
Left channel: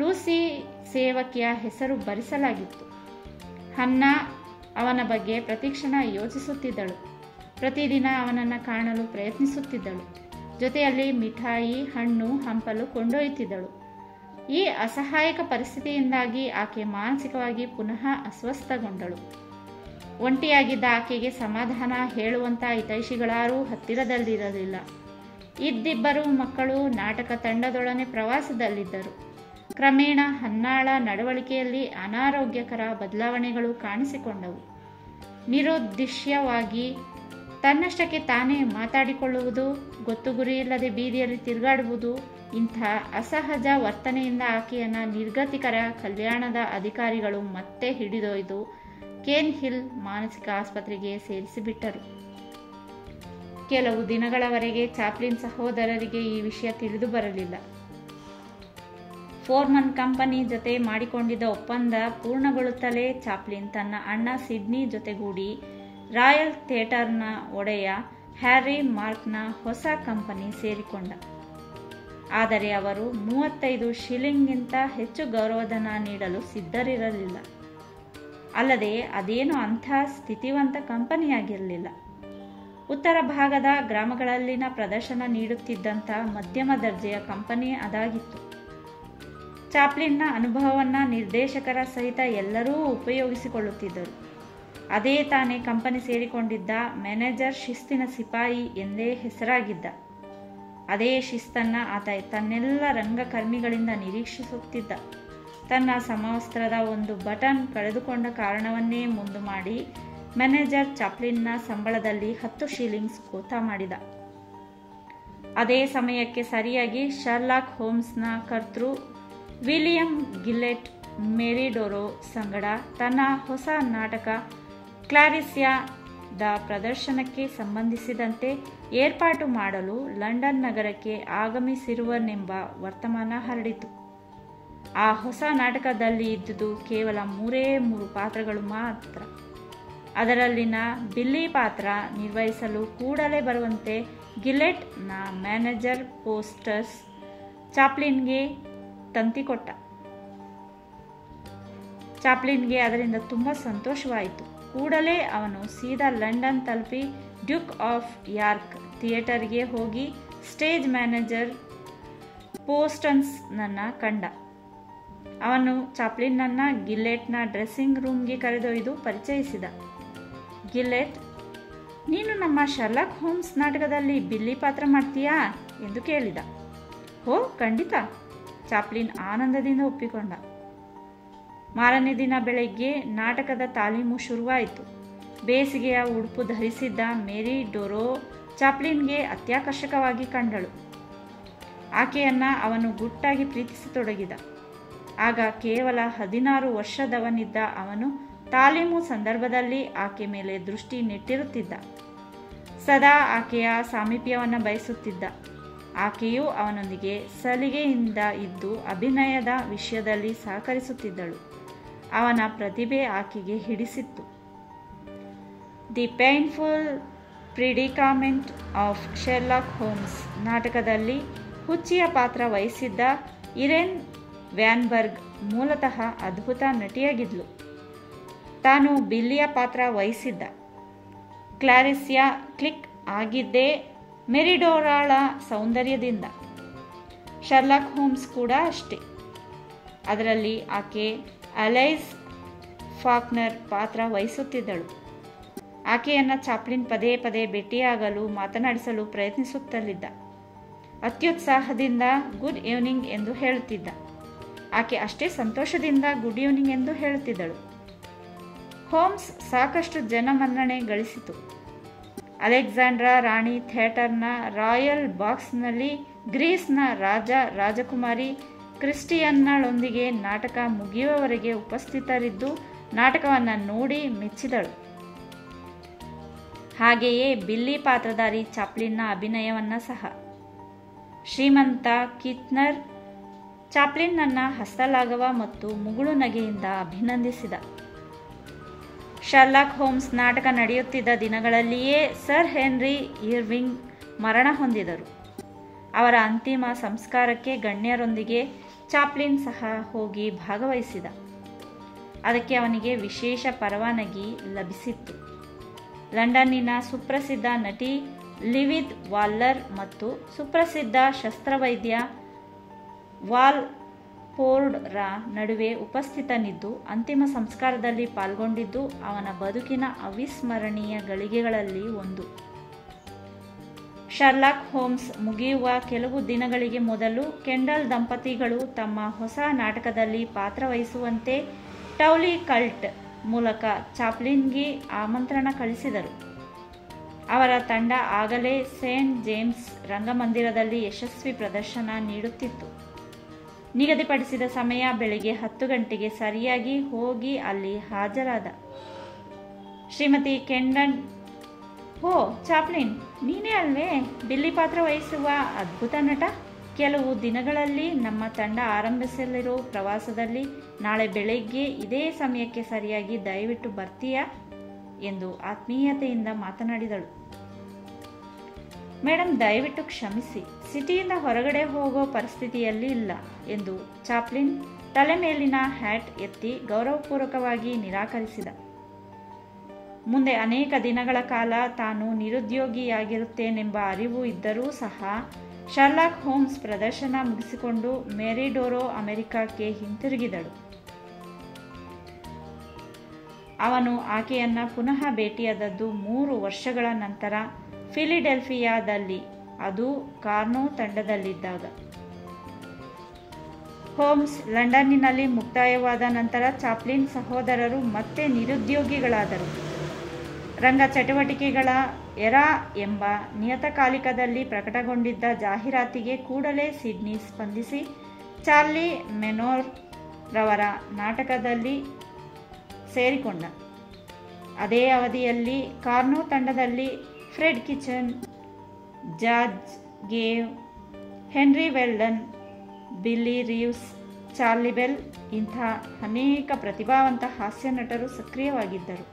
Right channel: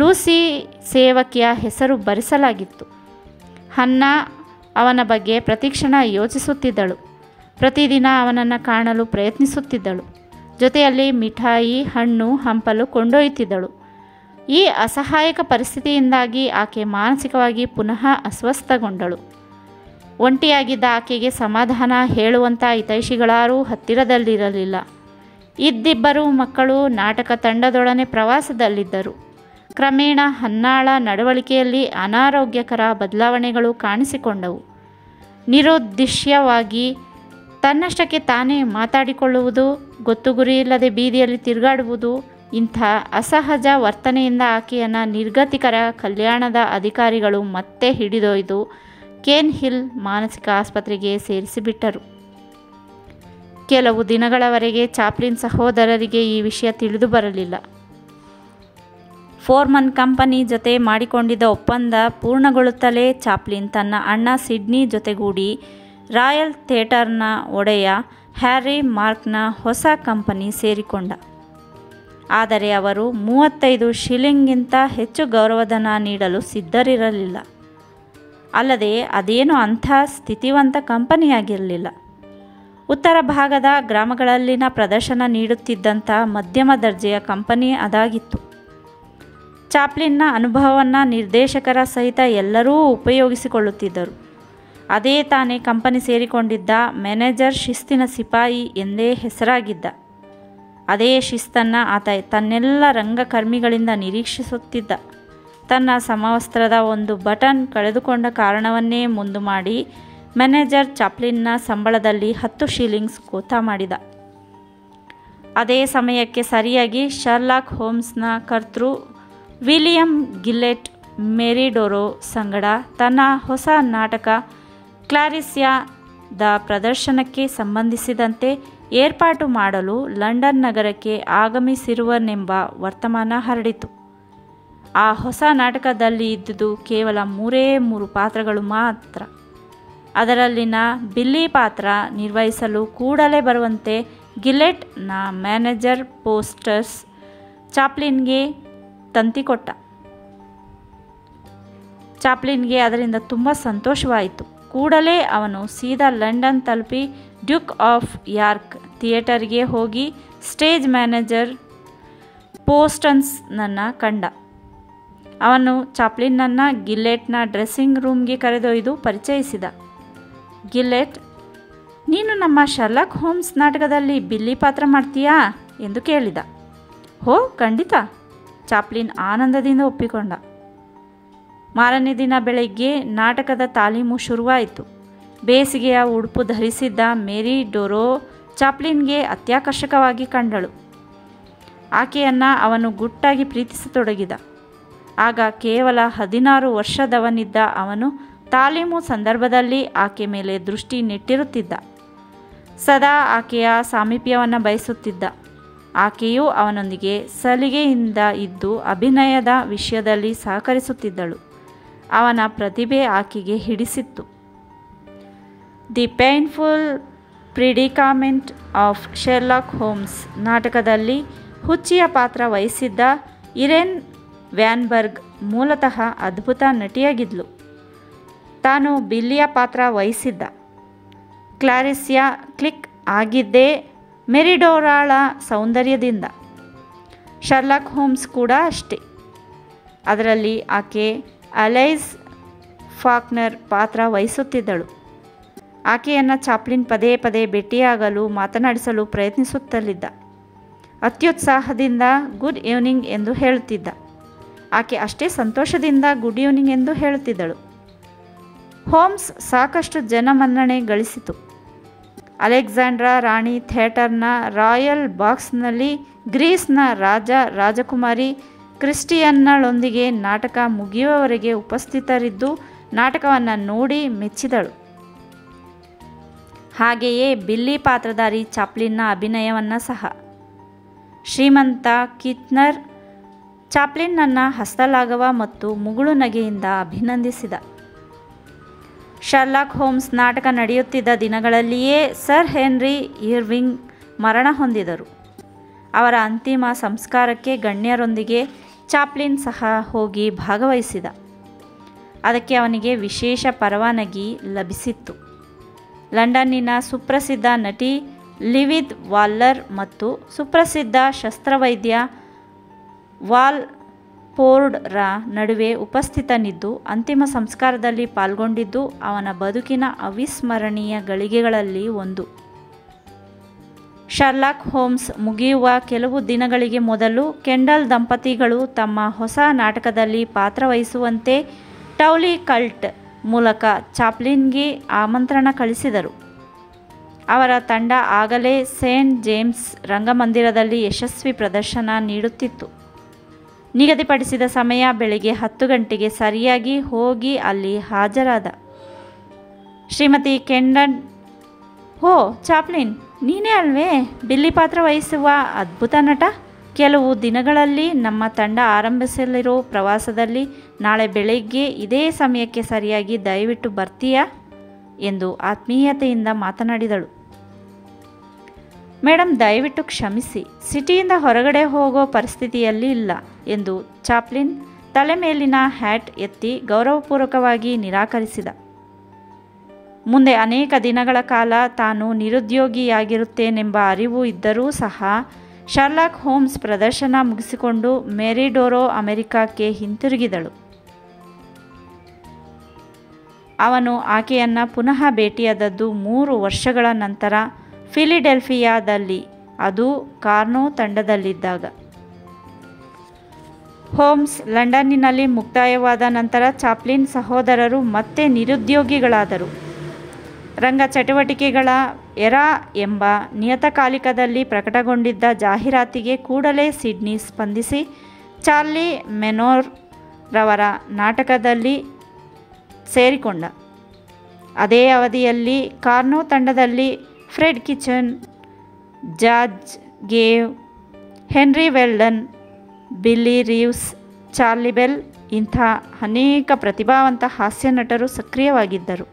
ಲೂಸಿ ಸೇವಕಿಯ ಹೆಸರು ಬರೆಸಲಾಗಿತ್ತು. ಹನ್ನಾ ಅವನ ಬಗ್ಗೆ ಪ್ರತಿಕ್ಷಣ ಯೋಚಿಸುತ್ತಿದ್ದಳು. ಪ್ರತಿದಿನ ಅವನನ್ನು ಕಾಣಲು ಪ್ರಯತ್ನಿಸುತ್ತಿದ್ದಳು. ಜೊತೆಯಲ್ಲಿ ಮಿಠಾಯಿ, ಹಣ್ಣು, ಹಂಪಲು ಕೊಂಡೊಯ್ಯುತ್ತಿದ್ದಳು. ಈ ಅಸಹಾಯಕ ಪರಿಸ್ಥಿತಿಯಿಂದಾಗಿ ಆಕೆ ಮಾನಸಿಕವಾಗಿ ಪುನಃ ಅಸ್ವಸ್ಥಗೊಂಡಳು. ಒಂಟಿಯಾಗಿದ್ದ ಆಕೆಗೆ ಸಮಾಧಾನ ಹೇಳುವಂಥ ಹಿತೈಷಿಗಳಾರೂ ಹತ್ತಿರದಲ್ಲಿರಲಿಲ್ಲ. ಇದ್ದಿಬ್ಬರು ಮಕ್ಕಳು ನಾಟಕ ತಂಡದೊಡನೆ ಪ್ರವಾಸದಲ್ಲಿದ್ದರು. ಕ್ರಮೇಣ ಹನ್ನಾಳ ನಡವಳಿಕೆಯಲ್ಲಿ ಅನಾರೋಗ್ಯಕರ ಬದಲಾವಣೆಗಳು ಕಾಣಿಸಿಕೊಂಡವು. ನಿರುದ್ದೇಶ್ಯವಾಗಿ ತನ್ನಷ್ಟಕ್ಕೆ ತಾನೇ ಮಾತಾಡಿಕೊಳ್ಳುವುದು, ಗೊತ್ತು ಗುರಿಯಿಲ್ಲದೆ ಬೀದಿಯಲ್ಲಿ ತಿರುಗಾಡುವುದು, ಇಂಥ ಅಸಹಜ ವರ್ತನೆಯಿಂದ ಆಕೆಯನ್ನು ನಿರ್ಗತಿಕರ ಕಲ್ಯಾಣದ ಅಧಿಕಾರಿಗಳು ಮತ್ತೆ ಹಿಡಿದೊಯ್ದು ಕೇನ್ ಹಿಲ್ ಮಾನಸಿಕ ಆಸ್ಪತ್ರೆಗೆ ಸೇರಿಸಿಬಿಟ್ಟರು. ಕೆಲವು ದಿನಗಳವರೆಗೆ ಚಾಪ್ಲಿನ್ ಸಹೋದರರಿಗೆ ಈ ವಿಷಯ ತಿಳಿದು ಬರಲಿಲ್ಲ. ಫೋರ್ಮನ್ ಕಂಪನಿ ಜೊತೆ ಮಾಡಿಕೊಂಡಿದ್ದ ಒಪ್ಪಂದ ಪೂರ್ಣಗೊಳ್ಳುತ್ತಲೇ ಚಾಪ್ಲಿನ್ ತನ್ನ ಅಣ್ಣ ಸಿಡ್ನಿ ಜೊತೆಗೂಡಿ ರಾಯಲ್ ಥಿಯೇಟರ್ನ ಒಡೆಯ ಹ್ಯಾರಿ ಮಾರ್ಕ್ನ ಹೊಸ ಕಂಪನಿ ಸೇರಿಕೊಂಡ. ಆದರೆ ಅವರು 35 ಶಿಲಿಂಗ್ಗಿಂತ ಹೆಚ್ಚು ಗೌರವಧನ ನೀಡಲು ಸಿದ್ಧರಿರಲಿಲ್ಲ. ಅಲ್ಲದೆ ಅದೇನು ಅಂಥ ಸ್ಥಿತಿವಂತ ಕಂಪನಿಯಾಗಿರಲಿಲ್ಲ. ಉತ್ತರ ಭಾಗದ ಗ್ರಾಮಗಳಲ್ಲಿನ ಪ್ರದರ್ಶನ ನೀಡುತ್ತಿದ್ದಂಥ ಮಧ್ಯಮ ದರ್ಜೆಯ ಕಂಪನಿ ಅದಾಗಿತ್ತು. ಚಾಪ್ಲಿನ್ನ ಅನುಭವವನ್ನು ನಿರ್ದೇಶಕರ ಸಹಿತ ಎಲ್ಲರೂ ಉಪಯೋಗಿಸಿಕೊಳ್ಳುತ್ತಿದ್ದರು. ಅದೇ ತಾನೇ ಕಂಪನಿ ಸೇರಿಕೊಂಡಿದ್ದ ಮ್ಯಾನೇಜರ್ ಶಿಸ್ತಿನ ಸಿಪಾಯಿ ಎಂದೇ ಹೆಸರಾಗಿದ್ದ. ಅದೇ ಶಿಸ್ತನ್ನು ಆತ ತನ್ನೆಲ್ಲ ರಂಗಕರ್ಮಿಗಳಿಂದ ನಿರೀಕ್ಷಿಸುತ್ತಿದ್ದ. ತನ್ನ ಸಮವಸ್ತ್ರದ ಒಂದು ಬಟನ್ ಕಳೆದುಕೊಂಡ ಕಾರಣವನ್ನೇ ಮುಂದು ಮಾಡಿ ಮ್ಯಾನೇಜರ್ ಚಾಪ್ಲಿನ್ನ ಸಂಬಳದಲ್ಲಿ 10 ಶಿಲಿಂಗ್ಸ್ ಕೋತಾ ಮಾಡಿದ. ಅದೇ ಸಮಯಕ್ಕೆ ಸರಿಯಾಗಿ ಶರ್ಲಾಕ್ ಹೋಮ್ಸ್ನ ಕರ್ತೃ ವಿಲಿಯಂ ಗಿಲ್ಲೆಟ್ ಮೆರಿಡೋರೋ ಸಂಗಡ ತನ್ನ ಹೊಸ ನಾಟಕ ಕ್ಲಾರಿಸ್ಯಾದ ಪ್ರದರ್ಶನಕ್ಕೆ ಸಂಬಂಧಿಸಿದಂತೆ ಏರ್ಪಾಟು ಮಾಡಲು ಲಂಡನ್ ನಗರಕ್ಕೆ ಆಗಮಿಸಿರುವನೆಂಬ ವರ್ತಮಾನ ಹರಡಿತು. ಆ ಹೊಸ ನಾಟಕದಲ್ಲಿ ಇದ್ದುದು ಕೇವಲ 3 ಪಾತ್ರಗಳು ಮಾತ್ರ. ಅದರಲ್ಲಿನ ಬಿಲ್ಲಿ ಪಾತ್ರ ನಿರ್ವಹಿಸಲು ಕೂಡಲೇ ಬರುವಂತೆ ಗಿಲ್ಲೆಟ್ನ ಮ್ಯಾನೇಜರ್ ಪೋಸ್ಟರ್ಸ್ ಚಾಪ್ಲಿನ್ಗೆ ತಂತಿಕೊಟ್ಟ. ಚಾಪ್ಲಿನ್ಗೆ ಅದರಿಂದ ತುಂಬ ಸಂತೋಷವಾಯಿತು. ಕೂಡಲೇ ಅವನು ಸೀದಾ ಲಂಡನ್ ತಲುಪಿ ಡ್ಯೂಕ್ ಆಫ್ ಯಾರ್ಕ್ ಥಿಯೇಟರ್ಗೆ ಹೋಗಿ ಸ್ಟೇಜ್ ಮ್ಯಾನೇಜರ್ ಪೋಸ್ಟನ್ಸ್ನನ್ನು ಕಂಡ. ಅವನು ಚಾಪ್ಲಿನ್ನನ್ನು ಗಿಲ್ಲೆಟ್ನ ಡ್ರೆಸ್ಸಿಂಗ್ ರೂಮ್ಗೆ ಕರೆದೊಯ್ದು ಪರಿಚಯಿಸಿದ. ಗಿಲ್ಲೆಟ್, ನೀನು ನಮ್ಮ ಶರ್ಲಾಕ್ ಹೋಮ್ಸ್ ನಾಟಕದಲ್ಲಿ ಬಿಲ್ಲಿ ಪಾತ್ರ ಮಾಡ್ತೀಯಾ ಎಂದು ಕೇಳಿದ. ಹೋ, ಖಂಡಿತ, ಚಾಪ್ಲಿನ್ ಆನಂದದಿಂದ ಒಪ್ಪಿಕೊಂಡ. ಮಾರನೇ ದಿನ ಬೆಳಗ್ಗೆ ನಾಟಕದ ತಾಲೀಮು ಶುರುವಾಯಿತು. ಬೇಸಿಗೆಯ ಉಡುಪು ಧರಿಸಿದ್ದ ಮೇರಿ ಡೋರೋ ಚಾಪ್ಲಿನ್ಗೆ ಅತ್ಯಾಕರ್ಷಕವಾಗಿ ಕಂಡಳು. ಆಕೆಯನ್ನು ಅವನು ಗುಟ್ಟಾಗಿ ಪ್ರೀತಿಸತೊಡಗಿದ. ಆಗ ಕೇವಲ 16 ವರ್ಷದವನಿದ್ದ ಅವನು ತಾಲೀಮು ಸಂದರ್ಭದಲ್ಲಿ ಆಕೆ ಮೇಲೆ ದೃಷ್ಟಿ ನೆಟ್ಟಿರುತ್ತಿದ್ದ. ಸದಾ ಆಕೆಯ ಸಾಮೀಪ್ಯವನ್ನು ಬಯಸುತ್ತಿದ್ದ. ಆಕೆಯೂ ಅವನೊಂದಿಗೆ ಸಲಿಗೆಯಿಂದ ಇದ್ದು ಅಭಿನಯದ ವಿಷಯದಲ್ಲಿ ಸಹಕರಿಸುತ್ತಿದ್ದಳು. ಅವನ ಪ್ರತಿಭೆ ಆಕೆಗೆ ಹಿಡಿಸಿತ್ತು. The painful ಪ್ರಿಡಿಕಾಮೆಂಟ್ of Sherlock homes ನಾಟಕದಲ್ಲಿ ಹುಚ್ಚಿಯ ಪಾತ್ರ ವಹಿಸಿದ್ದ ಇರೇನ್ ವ್ಯಾನ್ಬರ್ಗ್ ಮೂಲತಃ ಅದ್ಭುತ ನಟಿಯಾಗಿದ್ಲು. ತಾನು ಬಿಲ್ಲಿಯ ಪಾತ್ರ ವಹಿಸಿದ್ದ ಕ್ಲಾರಿಸ್ಯಾ ಕ್ಲಿಕ್ ಆಗಿದ್ದೇ ಮೆರಿಡೋರಾಳ ಸೌಂದರ್ಯದಿಂದ. ಶರ್ಲಾಕ್ ಹೋಮ್ಸ್ ಕೂಡ ಅಷ್ಟೇ. ಅದರಲ್ಲಿ ಆಕೆ ಅಲೈಸ್ ಫಾಕ್ನರ್ ಪಾತ್ರ ವಹಿಸುತ್ತಿದ್ದಳು. ಆಕೆಯನ್ನು ಚಾಪ್ಲಿನ್ ಪದೇ ಪದೇ ಭೇಟಿಯಾಗಲು ಮಾತನಾಡಿಸಲು ಪ್ರಯತ್ನಿಸುತ್ತಲಿದ್ದ. ಅತ್ಯುತ್ಸಾಹದಿಂದ ಗುಡ್ ಈವ್ನಿಂಗ್ ಎಂದು ಹೇಳುತ್ತಿದ್ದ. ಆಕೆ ಅಷ್ಟೇ ಸಂತೋಷದಿಂದ ಗುಡ್ ಈವ್ನಿಂಗ್ ಎಂದು ಹೇಳುತ್ತಿದ್ದಳು. ಹೋಮ್ಸ್ ಸಾಕಷ್ಟು ಜನಮನ್ನಣೆ ಗಳಿಸಿತು. ಅಲೆಕ್ಸಾಂಡ್ರಾ ರಾಣಿ ಥಿಯೇಟರ್ನ ರಾಯಲ್ ಬಾಕ್ಸ್ನಲ್ಲಿ ಗ್ರೀಸ್ನ ರಾಜಕುಮಾರಿ ಕ್ರಿಸ್ಟಿಯನ್ನಳೊಂದಿಗೆ ನಾಟಕ ಮುಗಿಯುವವರೆಗೆ ಉಪಸ್ಥಿತರಿದ್ದು ನಾಟಕವನ್ನು ನೋಡಿ ಮೆಚ್ಚಿದಳು. ಹಾಗೆಯೇ ಬಿಲ್ಲಿ ಪಾತ್ರಧಾರಿ ಚಾಪ್ಲಿನ್ನ ಅಭಿನಯವನ್ನು ಸಹ. ಶ್ರೀಮಂತ ಕಿಟ್ನರ್ ಚಾಪ್ಲಿನ್ನನ್ನು ಹಸ್ತಲಾಘವ ಮತ್ತು ಮುಗುಳು ನಗೆಯಿಂದ ಅಭಿನಂದಿಸಿದ. ಶರ್ಲಾಕ್ ಹೋಮ್ಸ್ ನಾಟಕ ನಡೆಯುತ್ತಿದ್ದ ದಿನಗಳಲ್ಲಿಯೇ ಸರ್ ಹೆನ್ರಿ ಇರ್ವಿಂಗ್ ಮರಣ ಹೊಂದಿದರು. ಅವರ ಅಂತಿಮ ಸಂಸ್ಕಾರಕ್ಕೆ ಗಣ್ಯರೊಂದಿಗೆ ಚಾಪ್ಲಿನ್ ಸಹ ಹೋಗಿ ಭಾಗವಹಿಸಿದ. ಅದಕ್ಕೆ ಅವನಿಗೆ ವಿಶೇಷ ಪರವಾನಗಿ ಲಭಿಸಿತ್ತು. ಲಂಡನ್ನಿನ ಸುಪ್ರಸಿದ್ಧ ನಟಿ ಲಿವಿದ್ ವಾಲ್ಲರ್ ಮತ್ತು ಸುಪ್ರಸಿದ್ಧ ಶಸ್ತ್ರವೈದ್ಯ ವಾಲ್ಪೋರ್ಡ್ರ ನಡುವೆ ಉಪಸ್ಥಿತನಿದ್ದು ಅಂತಿಮ ಸಂಸ್ಕಾರದಲ್ಲಿ ಪಾಲ್ಗೊಂಡಿದ್ದು ಅವನ ಬದುಕಿನ ಅವಿಸ್ಮರಣೀಯ ಗಳಿಗೆಗಳಲ್ಲಿ ಒಂದು. ಶರ್ಲಾಕ್ ಹೋಮ್ಸ್ ಮುಗಿಯುವ ಕೆಲವು ದಿನಗಳಿಗೆ ಮೊದಲು ಕೆಂಡಲ್ ದಂಪತಿಗಳು ತಮ್ಮ ಹೊಸ ನಾಟಕದಲ್ಲಿ ಪಾತ್ರವಹಿಸುವಂತೆ ಟೌಲಿ ಕಲ್ಟ್ ಮೂಲಕ ಚಾಪ್ಲಿನ್ಗೆ ಆಮಂತ್ರಣ ಕಳಿಸಿದರು. ಅವರ ತಂಡ ಆಗಲೇ ಸೇಂಟ್ ಜೇಮ್ಸ್ ರಂಗಮಂದಿರದಲ್ಲಿ ಯಶಸ್ವಿ ಪ್ರದರ್ಶನ ನೀಡುತ್ತಿತ್ತು. ನಿಗದಿಪಡಿಸಿದ ಸಮಯ ಬೆಳಗ್ಗೆ 10 ಗಂಟೆಗೆ ಸರಿಯಾಗಿ ಹೋಗಿ ಅಲ್ಲಿ ಹಾಜರಾದ. ಶ್ರೀಮತಿ ಕೆಂಡನ್, ಓ ಚಾಪ್ಲಿನ್, ನೀನೇ ಅಲ್ವೇ ಬಿಲ್ಲಿ ಪಾತ್ರ ವಹಿಸುವ ಅದ್ಭುತ ನಟ? ಕೆಲವು ದಿನಗಳಲ್ಲಿ ನಮ್ಮ ತಂಡ ಆರಂಭಿಸಲಿರೋ ಪ್ರವಾಸದಲ್ಲಿ ನಾಳೆ ಬೆಳಗ್ಗೆ ಇದೇ ಸಮಯಕ್ಕೆ ಸರಿಯಾಗಿ ದಯವಿಟ್ಟು ಬರ್ತೀಯಾ ಎಂದು ಆತ್ಮೀಯತೆಯಿಂದ ಮಾತನಾಡಿದಳು. ಮೇಡಮ್, ದಯವಿಟ್ಟು ಕ್ಷಮಿಸಿ, ಸಿಟಿಯಿಂದ ಹೊರಗಡೆ ಹೋಗೋ ಪರಿಸ್ಥಿತಿಯಲ್ಲಿ ಇಲ್ಲ ಎಂದು ಚಾಪ್ಲಿನ್ ತಲೆ ಮೇಲಿನ ಹ್ಯಾಟ್ ಎತ್ತಿ ಗೌರವಪೂರ್ವಕವಾಗಿ ನಿರಾಕರಿಸಿದ. ಮುಂದೆ ಅನೇಕ ದಿನಗಳ ಕಾಲ ತಾನು ನಿರುದ್ಯೋಗಿಯಾಗಿರುತ್ತೇನೆಂಬ ಅರಿವು ಇದ್ದರೂ ಸಹ ಶರ್ಲಾಕ್ ಹೋಮ್ಸ್ ಪ್ರದರ್ಶನ ಮುಗಿಸಿಕೊಂಡು ಮೆರಿಡೋರೋ ಅಮೆರಿಕಕ್ಕೆ ಹಿಂತಿರುಗಿದಳು. ಅವನು ಆಕೆಯನ್ನು ಪುನಃ ಭೇಟಿಯಾದದ್ದು 3 ವರ್ಷಗಳ ನಂತರ ಫಿಲಿಡೆಲ್ಫಿಯಾದಲ್ಲಿ, ಅದು ಕಾರ್ನೋ ತಂಡದಲ್ಲಿದ್ದಾಗ. ಹೋಮ್ಸ್ ಲಂಡನ್ನಿನಲ್ಲಿ ಮುಕ್ತಾಯವಾದ ನಂತರ ಚಾಪ್ಲಿನ್ ಸಹೋದರರು ಮತ್ತೆ ನಿರುದ್ಯೋಗಿಗಳಾದರು. ರಂಗ ಚಟುವಟಿಕೆಗಳ ಎರಾ ಎಂಬ ನಿಯತಕಾಲಿಕದಲ್ಲಿ ಪ್ರಕಟಗೊಂಡಿದ್ದ ಜಾಹೀರಾತಿಗೆ ಕೂಡಲೇ ಸಿಡ್ನಿ ಸ್ಪಂದಿಸಿ ಚಾರ್ಲಿ ಮೆನೋರ್ ರವರ ನಾಟಕದಲ್ಲಿ ಸೇರಿಕೊಂಡ. ಅದೇ ಅವಧಿಯಲ್ಲಿ ಕಾರ್ನೋ ತಂಡದಲ್ಲಿ ಫ್ರೆಡ್ ಕಿಚನ್, ಜಾರ್ಜ್ ಗೇವ್, Henry Weldon, Billy Reeves, Charlie Bell ಇಂಥ ಅನೇಕ ಪ್ರತಿಭಾವಂತ ಹಾಸ್ಯ ನಟರು ಸಕ್ರಿಯವಾಗಿದ್ದರು.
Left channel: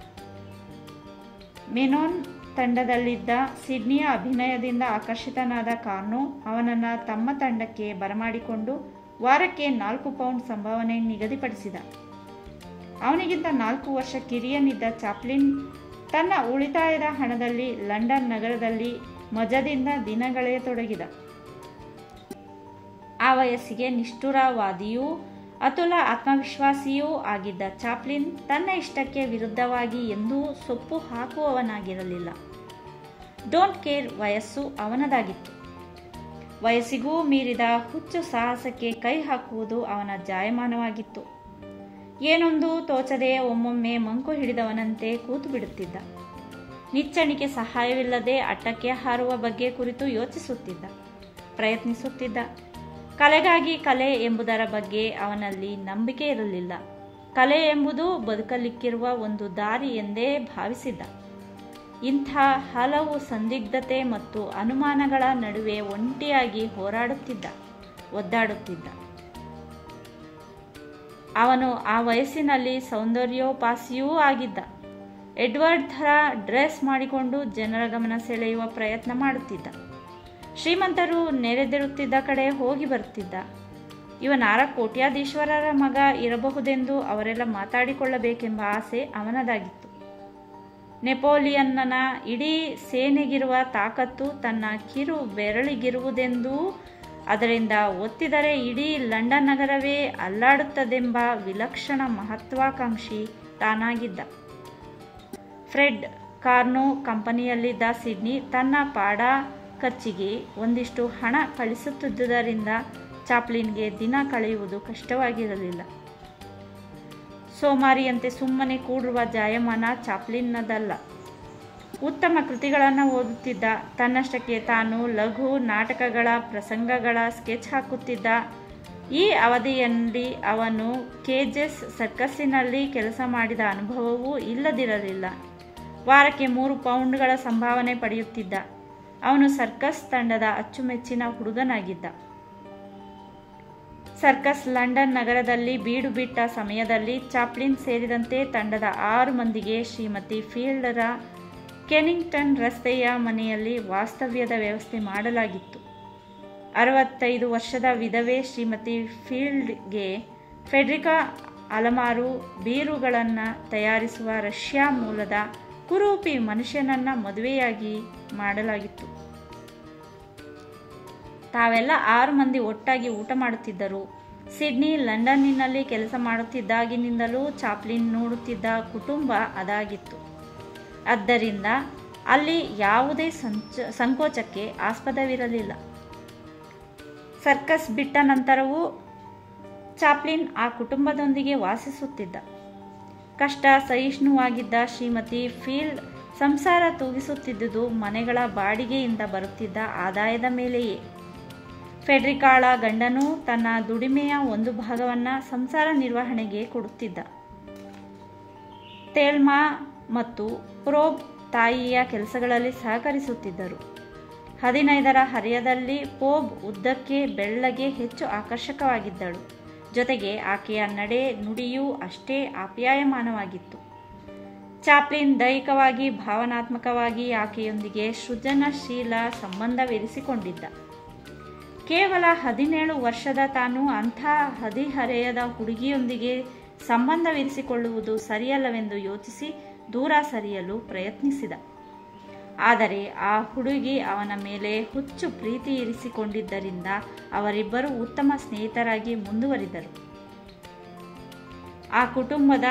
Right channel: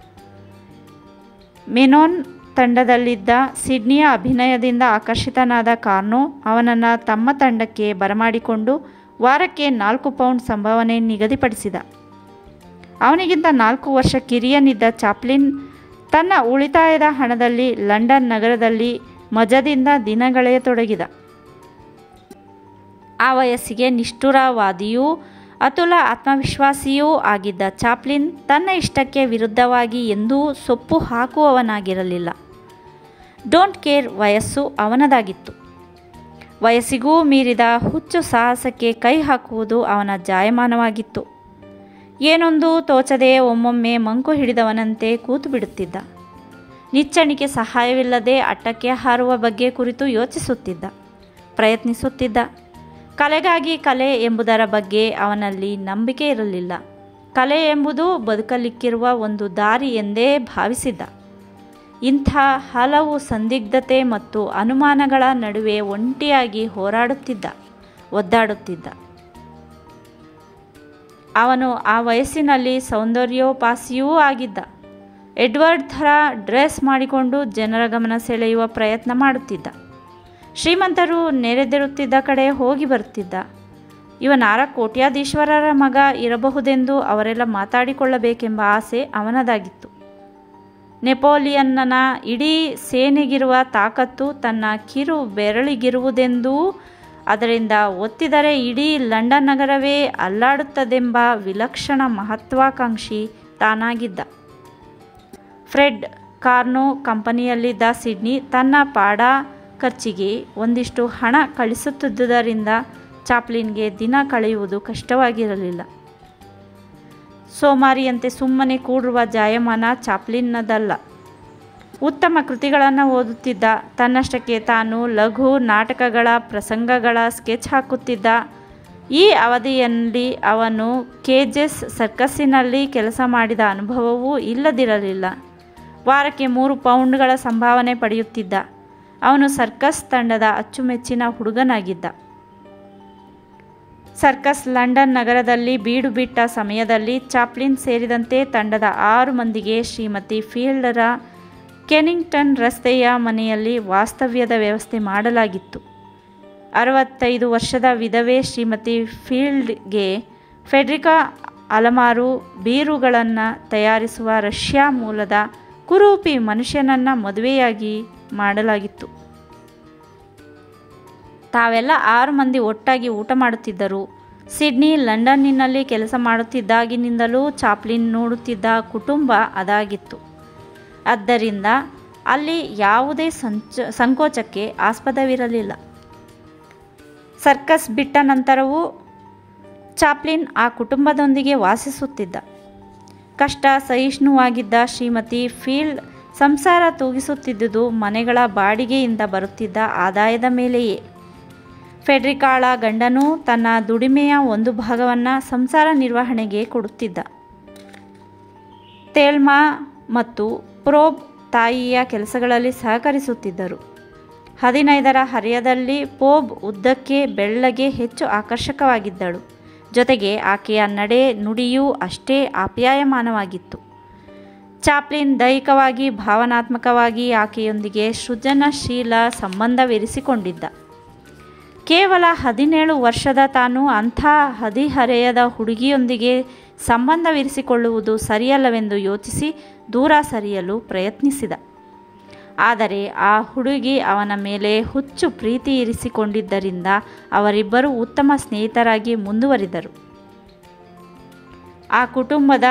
ಮೆನೋನ್ ತಂಡದಲ್ಲಿದ್ದ ಸಿಡ್ನಿಯ ಅಭಿನಯದಿಂದ ಆಕರ್ಷಿತನಾದ ಕಾರ್ನೋ ಅವನನ್ನು ತಮ್ಮ ತಂಡಕ್ಕೆ ಬರಮಾಡಿಕೊಂಡು ವಾರಕ್ಕೆ 4 ಪೌಂಡ್ ಸಂಭಾವನೆ ನಿಗದಿಪಡಿಸಿದ. ಅವನಿಗಿಂತ 4 ವರ್ಷ ಕಿರಿಯನಿದ್ದ ಚಾಪ್ಲಿನ್ ತನ್ನ ಉಳಿತಾಯದ ಹಣದಲ್ಲಿ ಲಂಡನ್ ನಗರದಲ್ಲಿ ಮಜದಿಂದ ದಿನಗಳೆಯತೊಡಗಿದ. ಆ ವಯಸ್ಸಿಗೆ ನಿಷ್ಠುರವಾದಿಯೂ ಅತುಲ ಆತ್ಮವಿಶ್ವಾಸಿಯೂ ಆಗಿದ್ದ ಚಾಪ್ಲಿನ್ ತನ್ನ ಇಷ್ಟಕ್ಕೆ ವಿರುದ್ಧವಾಗಿ ಎಂದೂ ಸೊಪ್ಪು ಹಾಕುವವನಾಗಿರಲಿಲ್ಲ. ಡೋಂಟ್ ಕೇರ್ ವಯಸ್ಸು ಅವನದಾಗಿತ್ತು. ವಯಸ್ಸಿಗೂ ಮೀರಿದ ಹುಚ್ಚು ಸಾಹಸಕ್ಕೆ ಕೈ ಹಾಕುವುದು ಅವನ ಜಾಯಮಾನವಾಗಿತ್ತು. ಏನೊಂದು ತೋಚದೆ ಒಮ್ಮೊಮ್ಮೆ ಮಂಕು ಹಿಡಿದವನಂತೆ ಕೂತು ಬಿಡುತ್ತಿದ್ದ. ನಿಚ್ಚಣಿಕೆ ಸಹಾಯವಿಲ್ಲದೆ ಅಟ್ಟಕ್ಕೆ ಹಾರುವ ಬಗ್ಗೆ ಕುರಿತು ಯೋಚಿಸುತ್ತಿದ್ದ, ಪ್ರಯತ್ನಿಸುತ್ತಿದ್ದ. ಕಲೆಗಾಗಿ ಕಲೆ ಎಂಬುದರ ಬಗ್ಗೆ ಅವನಲ್ಲಿ ನಂಬಿಕೆ ಇರಲಿಲ್ಲ. ಕಲೆ ಎಂಬುದು ಬದುಕಲಿಕ್ಕಿರುವ ಒಂದು ದಾರಿ ಎಂದೇ ಭಾವಿಸಿದ್ದ. ಇಂಥ ಹಲವು ಸಂದಿಗ್ಧತೆ ಮತ್ತು ಅನುಮಾನಗಳ ನಡುವೆ ಒಂಟಿಯಾಗಿ ಹೋರಾಡುತ್ತಿದ್ದ, ಒದ್ದಾಡುತ್ತಿದ್ದ. ಅವನು ಆ ವಯಸ್ಸಿನಲ್ಲಿ ಸೌಂದರ್ಯೋಪಾಸಿಯೂ ಆಗಿದ್ದ. ಎಡ್ವರ್ಡ್ ಥರ ಡ್ರೆಸ್ ಮಾಡಿಕೊಂಡು ಜನರ ಗಮನ ಸೆಳೆಯುವ ಪ್ರಯತ್ನ ಮಾಡುತ್ತಿದ್ದ. ಶ್ರೀಮಂತರು ನೆರೆದಿರುತ್ತಿದ್ದ ಕಡೆ ಹೋಗಿ ಬರುತ್ತಿದ್ದ. ಇವನಾರ ಕೋಟ್ಯಾಧೀಶ್ವರರ ಮಗ ಇರಬಹುದೆಂದು ಅವರೆಲ್ಲ ಮಾತಾಡಿಕೊಳ್ಳಬೇಕೆಂಬ ಆಸೆ ಅವನದಾಗಿತ್ತು. ನೆಪೋಲಿಯನ್ನನ ಇಡೀ ಸೇನೆಗಿರುವ ತಾಕತ್ತು ತನ್ನ ಕಿರು ಬೆರಳಿಗಿರುವುದೆಂದೂ ಅದರಿಂದ ಒತ್ತಿದರೆ ಇಡೀ ಲಂಡನ್ ನಗರವೇ ಅಲ್ಲಾಡುತ್ತದೆಂಬ ವಿಲಕ್ಷಣ ಮಹತ್ವಾಕಾಂಕ್ಷಿ ತಾನಾಗಿದ್ದ. ಫ್ರೆಡ್ ಕಾರ್ನೋ ಕಂಪನಿಯಲ್ಲಿದ್ದ ಸಿಡ್ನಿ ತನ್ನ ಪಾಡ ಖರ್ಚಿಗೆ ಒಂದಿಷ್ಟು ಹಣ ಕಳಿಸುತ್ತಿದ್ದುದರಿಂದ ಚಾಪ್ಲಿನ್ಗೆ ದಿನ ಕಳೆಯುವುದು ಕಷ್ಟವಾಗಿರಲಿಲ್ಲ. ಸೋಮಾರಿಯಂತೆ ಸುಮ್ಮನೆ ಕೂಡುವ ಜಾಯಮಾನ ಚಾಪ್ಲಿನ್ನದಲ್ಲ. ಉತ್ತಮ ಕೃತಿಗಳನ್ನು ಓದುತ್ತಿದ್ದ. ತನ್ನಷ್ಟಕ್ಕೆ ತಾನು ಲಘು ನಾಟಕಗಳ ಪ್ರಸಂಗಗಳ ಸ್ಕೆಚ್ ಹಾಕುತ್ತಿದ್ದ. ಈ ಅವಧಿಯಲ್ಲಿ ಅವನು ಕೇಜಸ್ ಸರ್ಕಸ್ಸಿನಲ್ಲಿ ಕೆಲಸ ಮಾಡಿದ ಅನುಭವವೂ ಇಲ್ಲದಿರಲಿಲ್ಲ. ವಾರಕ್ಕೆ 3 ಪೌಂಡ್ಗಳ ಸಂಭಾವನೆ ಪಡೆಯುತ್ತಿದ್ದ. ಅವನು ಸರ್ಕಸ್ ತಂಡದ ಅಚ್ಚುಮೆಚ್ಚಿನ ಹುಡುಗನಾಗಿದ್ದ. ಸರ್ಕಸ್ ಲಂಡನ್ ನಗರದಲ್ಲಿ ಬೀಡು ಬಿಟ್ಟ ಸಮಯದಲ್ಲಿ ಚಾಪ್ಲಿನ್ ಸೇರಿದಂತೆ ತಂಡದ 6 ಮಂದಿಗೆ ಶ್ರೀಮತಿ ಫೀಲ್ಡರ ಕೆನಿಂಗ್ಟನ್ ರಸ್ತೆಯ ಮನೆಯಲ್ಲಿ ವಾಸ್ತವ್ಯದ ವ್ಯವಸ್ಥೆ ಮಾಡಲಾಗಿತ್ತು. 65 ವರ್ಷದ ವಿಧವೆ ಶ್ರೀಮತಿ ಫೀಲ್ಡ್ಗೆ ಫೆಡ್ರಿಕಾ ಅಲಮಾರು ಬೀರುಗಳನ್ನು ತಯಾರಿಸುವ ರಷ್ಯಾ ಮೂಲದ ಕುರೂಪಿ ಮನುಷ್ಯನನ್ನು ಮದುವೆಯಾಗಿ ಮಾಡಲಾಗಿತ್ತು. ತಾವೆಲ್ಲ 6 ಮಂದಿ ಒಟ್ಟಾಗಿ ಊಟ ಮಾಡುತ್ತಿದ್ದರು. ಸಿಡ್ನಿ ಲಂಡನ್ನಿನಲ್ಲಿ ಕೆಲಸ ಮಾಡುತ್ತಿದ್ದಾಗಿನಿಂದಲೂ ಚಾಪ್ಲಿನ್ ನೋಡುತ್ತಿದ್ದ ಕುಟುಂಬ ಅದಾಗಿತ್ತು. ಆದ್ದರಿಂದ ಅಲ್ಲಿ ಯಾವುದೇ ಸಂಕೋಚಕ್ಕೆ ಆಸ್ಪದವಿರಲಿಲ್ಲ. ಸರ್ಕಸ್ ಬಿಟ್ಟ ನಂತರವೂ ಚಾಪ್ಲಿನ್ ಆ ಕುಟುಂಬದೊಂದಿಗೆ ವಾಸಿಸುತ್ತಿದ್ದ. ಕಷ್ಟ ಸಹಿಷ್ಣುವಾಗಿದ್ದ ಶ್ರೀಮತಿ ಫೀಲ್ಡ್ ಸಂಸಾರ ತೂಗಿಸುತ್ತಿದ್ದುದು ಮನೆಗಳ ಬಾಡಿಗೆಯಿಂದ ಬರುತ್ತಿದ್ದ ಆದಾಯದ ಮೇಲೆಯೇ. ಫೆಡ್ರಿಕಾಳ ಗಂಡನೂ ತನ್ನ ದುಡಿಮೆಯ ಒಂದು ಭಾಗವನ್ನು ಸಂಸಾರ ನಿರ್ವಹಣೆಗೆ ಕೊಡುತ್ತಿದ್ದ. ತೇಲ್ಮಾ ಮತ್ತು ಪ್ರೋಬ್ ತಾಯಿಯ ಕೆಲಸಗಳಲ್ಲಿ ಸಹಕರಿಸುತ್ತಿದ್ದರು. 15ರ ಹರೆಯದಲ್ಲಿ ಪೋಬ್ ಉದ್ದಕ್ಕೆ ಬೆಳ್ಳಗೆ ಹೆಚ್ಚು ಆಕರ್ಷಕವಾಗಿದ್ದಳು. ಜೊತೆಗೆ ಆಕೆಯ ನಡೆ ನುಡಿಯೂ ಅಷ್ಟೇ ಆಪ್ಯಾಯಮಾನವಾಗಿತ್ತು. ಚಾಪ್ಲಿನ್ ದೈಹಿಕವಾಗಿ ಭಾವನಾತ್ಮಕವಾಗಿ ಆಕೆಯೊಂದಿಗೆ ಸೃಜನಶೀಲ ಸಂಬಂಧವಿರಿಸಿಕೊಂಡಿದ್ದ. ಕೇವಲ 17 ವರ್ಷದ ತಾನು ಅಂಥ ಹದಿಹರೆಯದ ಹುಡುಗಿಯೊಂದಿಗೆ ಸಂಬಂಧವಿರಿಸಿಕೊಳ್ಳುವುದು ಸರಿಯಲ್ಲವೆಂದು ಯೋಚಿಸಿ ದೂರ ಸರಿಯಲು ಪ್ರಯತ್ನಿಸಿದ. ಆದರೆ ಆ ಹುಡುಗಿ ಅವನ ಮೇಲೆ ಹುಚ್ಚು ಪ್ರೀತಿ ಇರಿಸಿಕೊಂಡಿದ್ದರಿಂದ ಅವರಿಬ್ಬರೂ ಉತ್ತಮ ಸ್ನೇಹಿತರಾಗಿ ಮುಂದುವರಿದರು. ಆ ಕುಟುಂಬದ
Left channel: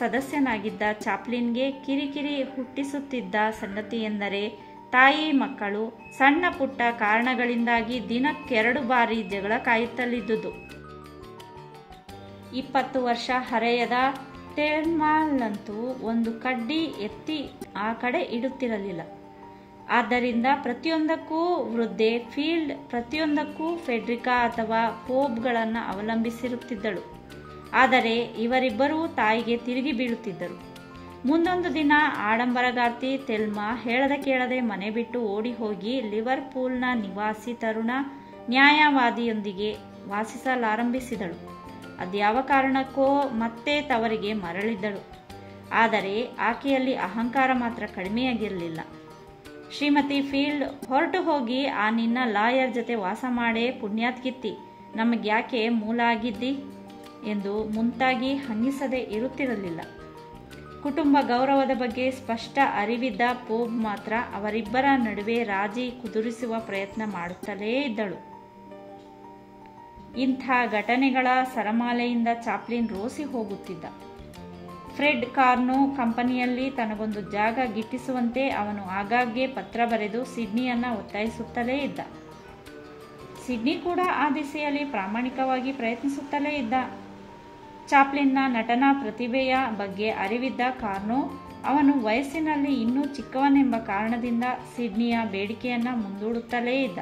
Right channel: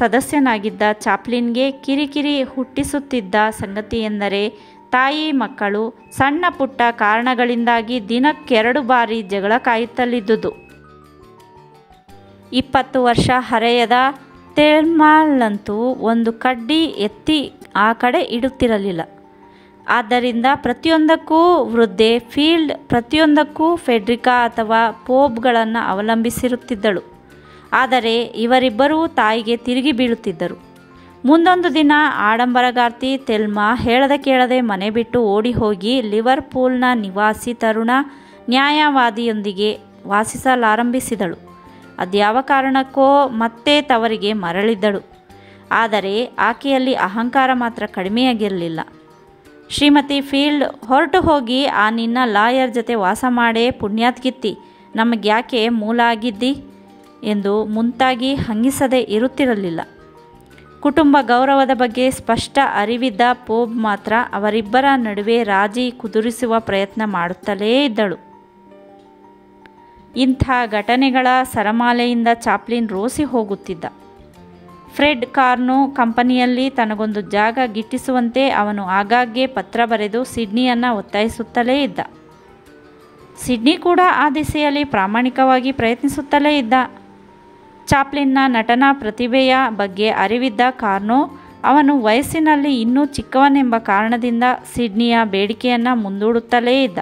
ಸದಸ್ಯನಾಗಿದ್ದ ಚಾಪ್ಲಿನ್ಗೆ ಕಿರಿಕಿರಿ ಹುಟ್ಟಿಸುತ್ತಿದ್ದ ಸಂಗತಿಯೆಂದರೆ ತಾಯಿ ಮಕ್ಕಳು ಸಣ್ಣ ಪುಟ್ಟ ಕಾರಣಗಳಿಂದಾಗಿ ದಿನಕ್ಕೆ 2 ಬಾರಿ ಜಗಳ ಕಾಯುತ್ತಲಿದ್ದುದು. 20 ವರ್ಷ ಹರೆಯದ ಥೆಲ್ಮಾಳಂತೂ ಒಂದು ಕಡ್ಡಿ ಎತ್ತಿ ಆ ಕಡೆ ಇಡುತ್ತಿರಲಿಲ್ಲ. ಆದ್ದರಿಂದ ಪ್ರತಿಯೊಂದಕ್ಕೂ ವೃದ್ಧೆ ಫೀಲ್ಡ್ ಪ್ರತಿಯೊಂದಕ್ಕೂ ಫೆಡ್ರಿಕಾ ಅಥವಾ ಪೋಬ್ಗಳನ್ನು ಅವಲಂಬಿಸಿರುತ್ತಿದ್ದಳು. ಆದರೆ ಇವರಿಬ್ಬರೂ ತಾಯಿಗೆ ತಿರುಗಿ ಬೀಳುತ್ತಿದ್ದರು. ಮುಂದೊಂದು ದಿನ ಆಡಂಬರಗಾರ್ತಿ ಥೆಲ್ಮಾ ಹೇಳದೆ ಕೇಳದೆ ಮನೆ ಬಿಟ್ಟು ಓಡಿ ಹೋಗಿ ಲಿವರ್ಪೂಲ್ನ ನಿವಾಸಿ ತರುಣ ನ್ಯಾಯವಾದಿಯೊಂದಿಗೆ ವಾಸಿಸಲಾರಂಭಿಸಿದಳು. ಅದ್ಯಾವ ಕಾರಣಕ್ಕೋ ಮತ್ತೆ ತವರಿಗೆ ಮರಳಿದ್ದಳು. ಆದರೆ ಆಕೆಯಲ್ಲಿ ಅಹಂಕಾರ ಮಾತ್ರ ಕಡಿಮೆಯಾಗಿರಲಿಲ್ಲ. ಶ್ರೀಮತಿ ಫೀಲ್ಡ್ ಹೊರಟು ಹೋಗಿ ಆ ನಿನ್ನ ಲಾಯರ್ ಜೊತೆ ವಾಸ ಮಾಡೇ ಪುಣ್ಯಾತ್ಗಿತ್ತಿ, ನಮಗ್ಯಾಕೆ ಮೂಲ ಆಗಿದ್ದಿ ಎಂದು ಮುಂತಾಗಿ ಹಂಗಿಸದೆ ಇರುತ್ತಿರಲಿಲ್ಲ. ಕುಟುಂಬ ಗೌರವದ ಬಗ್ಗೆ ಸ್ಪಷ್ಟ ಅರಿವಿದ್ದ ಪೋಬ್ ಮಾತ್ರ ಅವರಿಬ್ಬರ ನಡುವೆ ರಾಜಿ ಕುದುರಿಸುವ ಪ್ರಯತ್ನ ಮಾಡುತ್ತಲೇ ಇದ್ದಳು. ಇಂಥ ಘಟನೆಗಳ ಸರಮಾಲೆಯಿಂದ ಚಾಪ್ಲಿನ್ ರೋಸಿ ಹೋಗುತ್ತಿದ್ದ. ಫ್ರೆಡ್ ಕಾರ್ನೋ ಕಂಪನಿಯಲ್ಲಿ ತನಗೊಂದು ಜಾಗ ಗಿಟ್ಟಿಸುವಂತೆ ಅವನು ಆಗಾಗ್ಗೆ ಪತ್ರ ಬರೆದು ಸಿಡ್ನಿಯನ್ನು ಒತ್ತಾಯಿಸುತ್ತಲೇ ಇದ್ದ. ಸಿಡ್ನಿ ಕೂಡ ಆ ದಿಸೆಯಲ್ಲಿ ಪ್ರಾಮಾಣಿಕವಾಗಿ ಪ್ರಯತ್ನಿಸುತ್ತಲೇ ಇದ್ದ. ಚಾಪ್ಲಿನ್ನ ನಟನಾ ಪ್ರತಿಭೆಯ ಬಗ್ಗೆ ಅರಿವಿದ್ದ ಕಾರ್ನೋ ಅವನು ವಯಸ್ಸಿನಲ್ಲಿ ಇನ್ನೂ ಚಿಕ್ಕವನೆಂಬ ಕಾರಣದಿಂದ ಸಿಡ್ನಿಯ ಬೇಡಿಕೆಯನ್ನು ಮುಂದೂಡುತ್ತಲೇ ಇದ್ದ.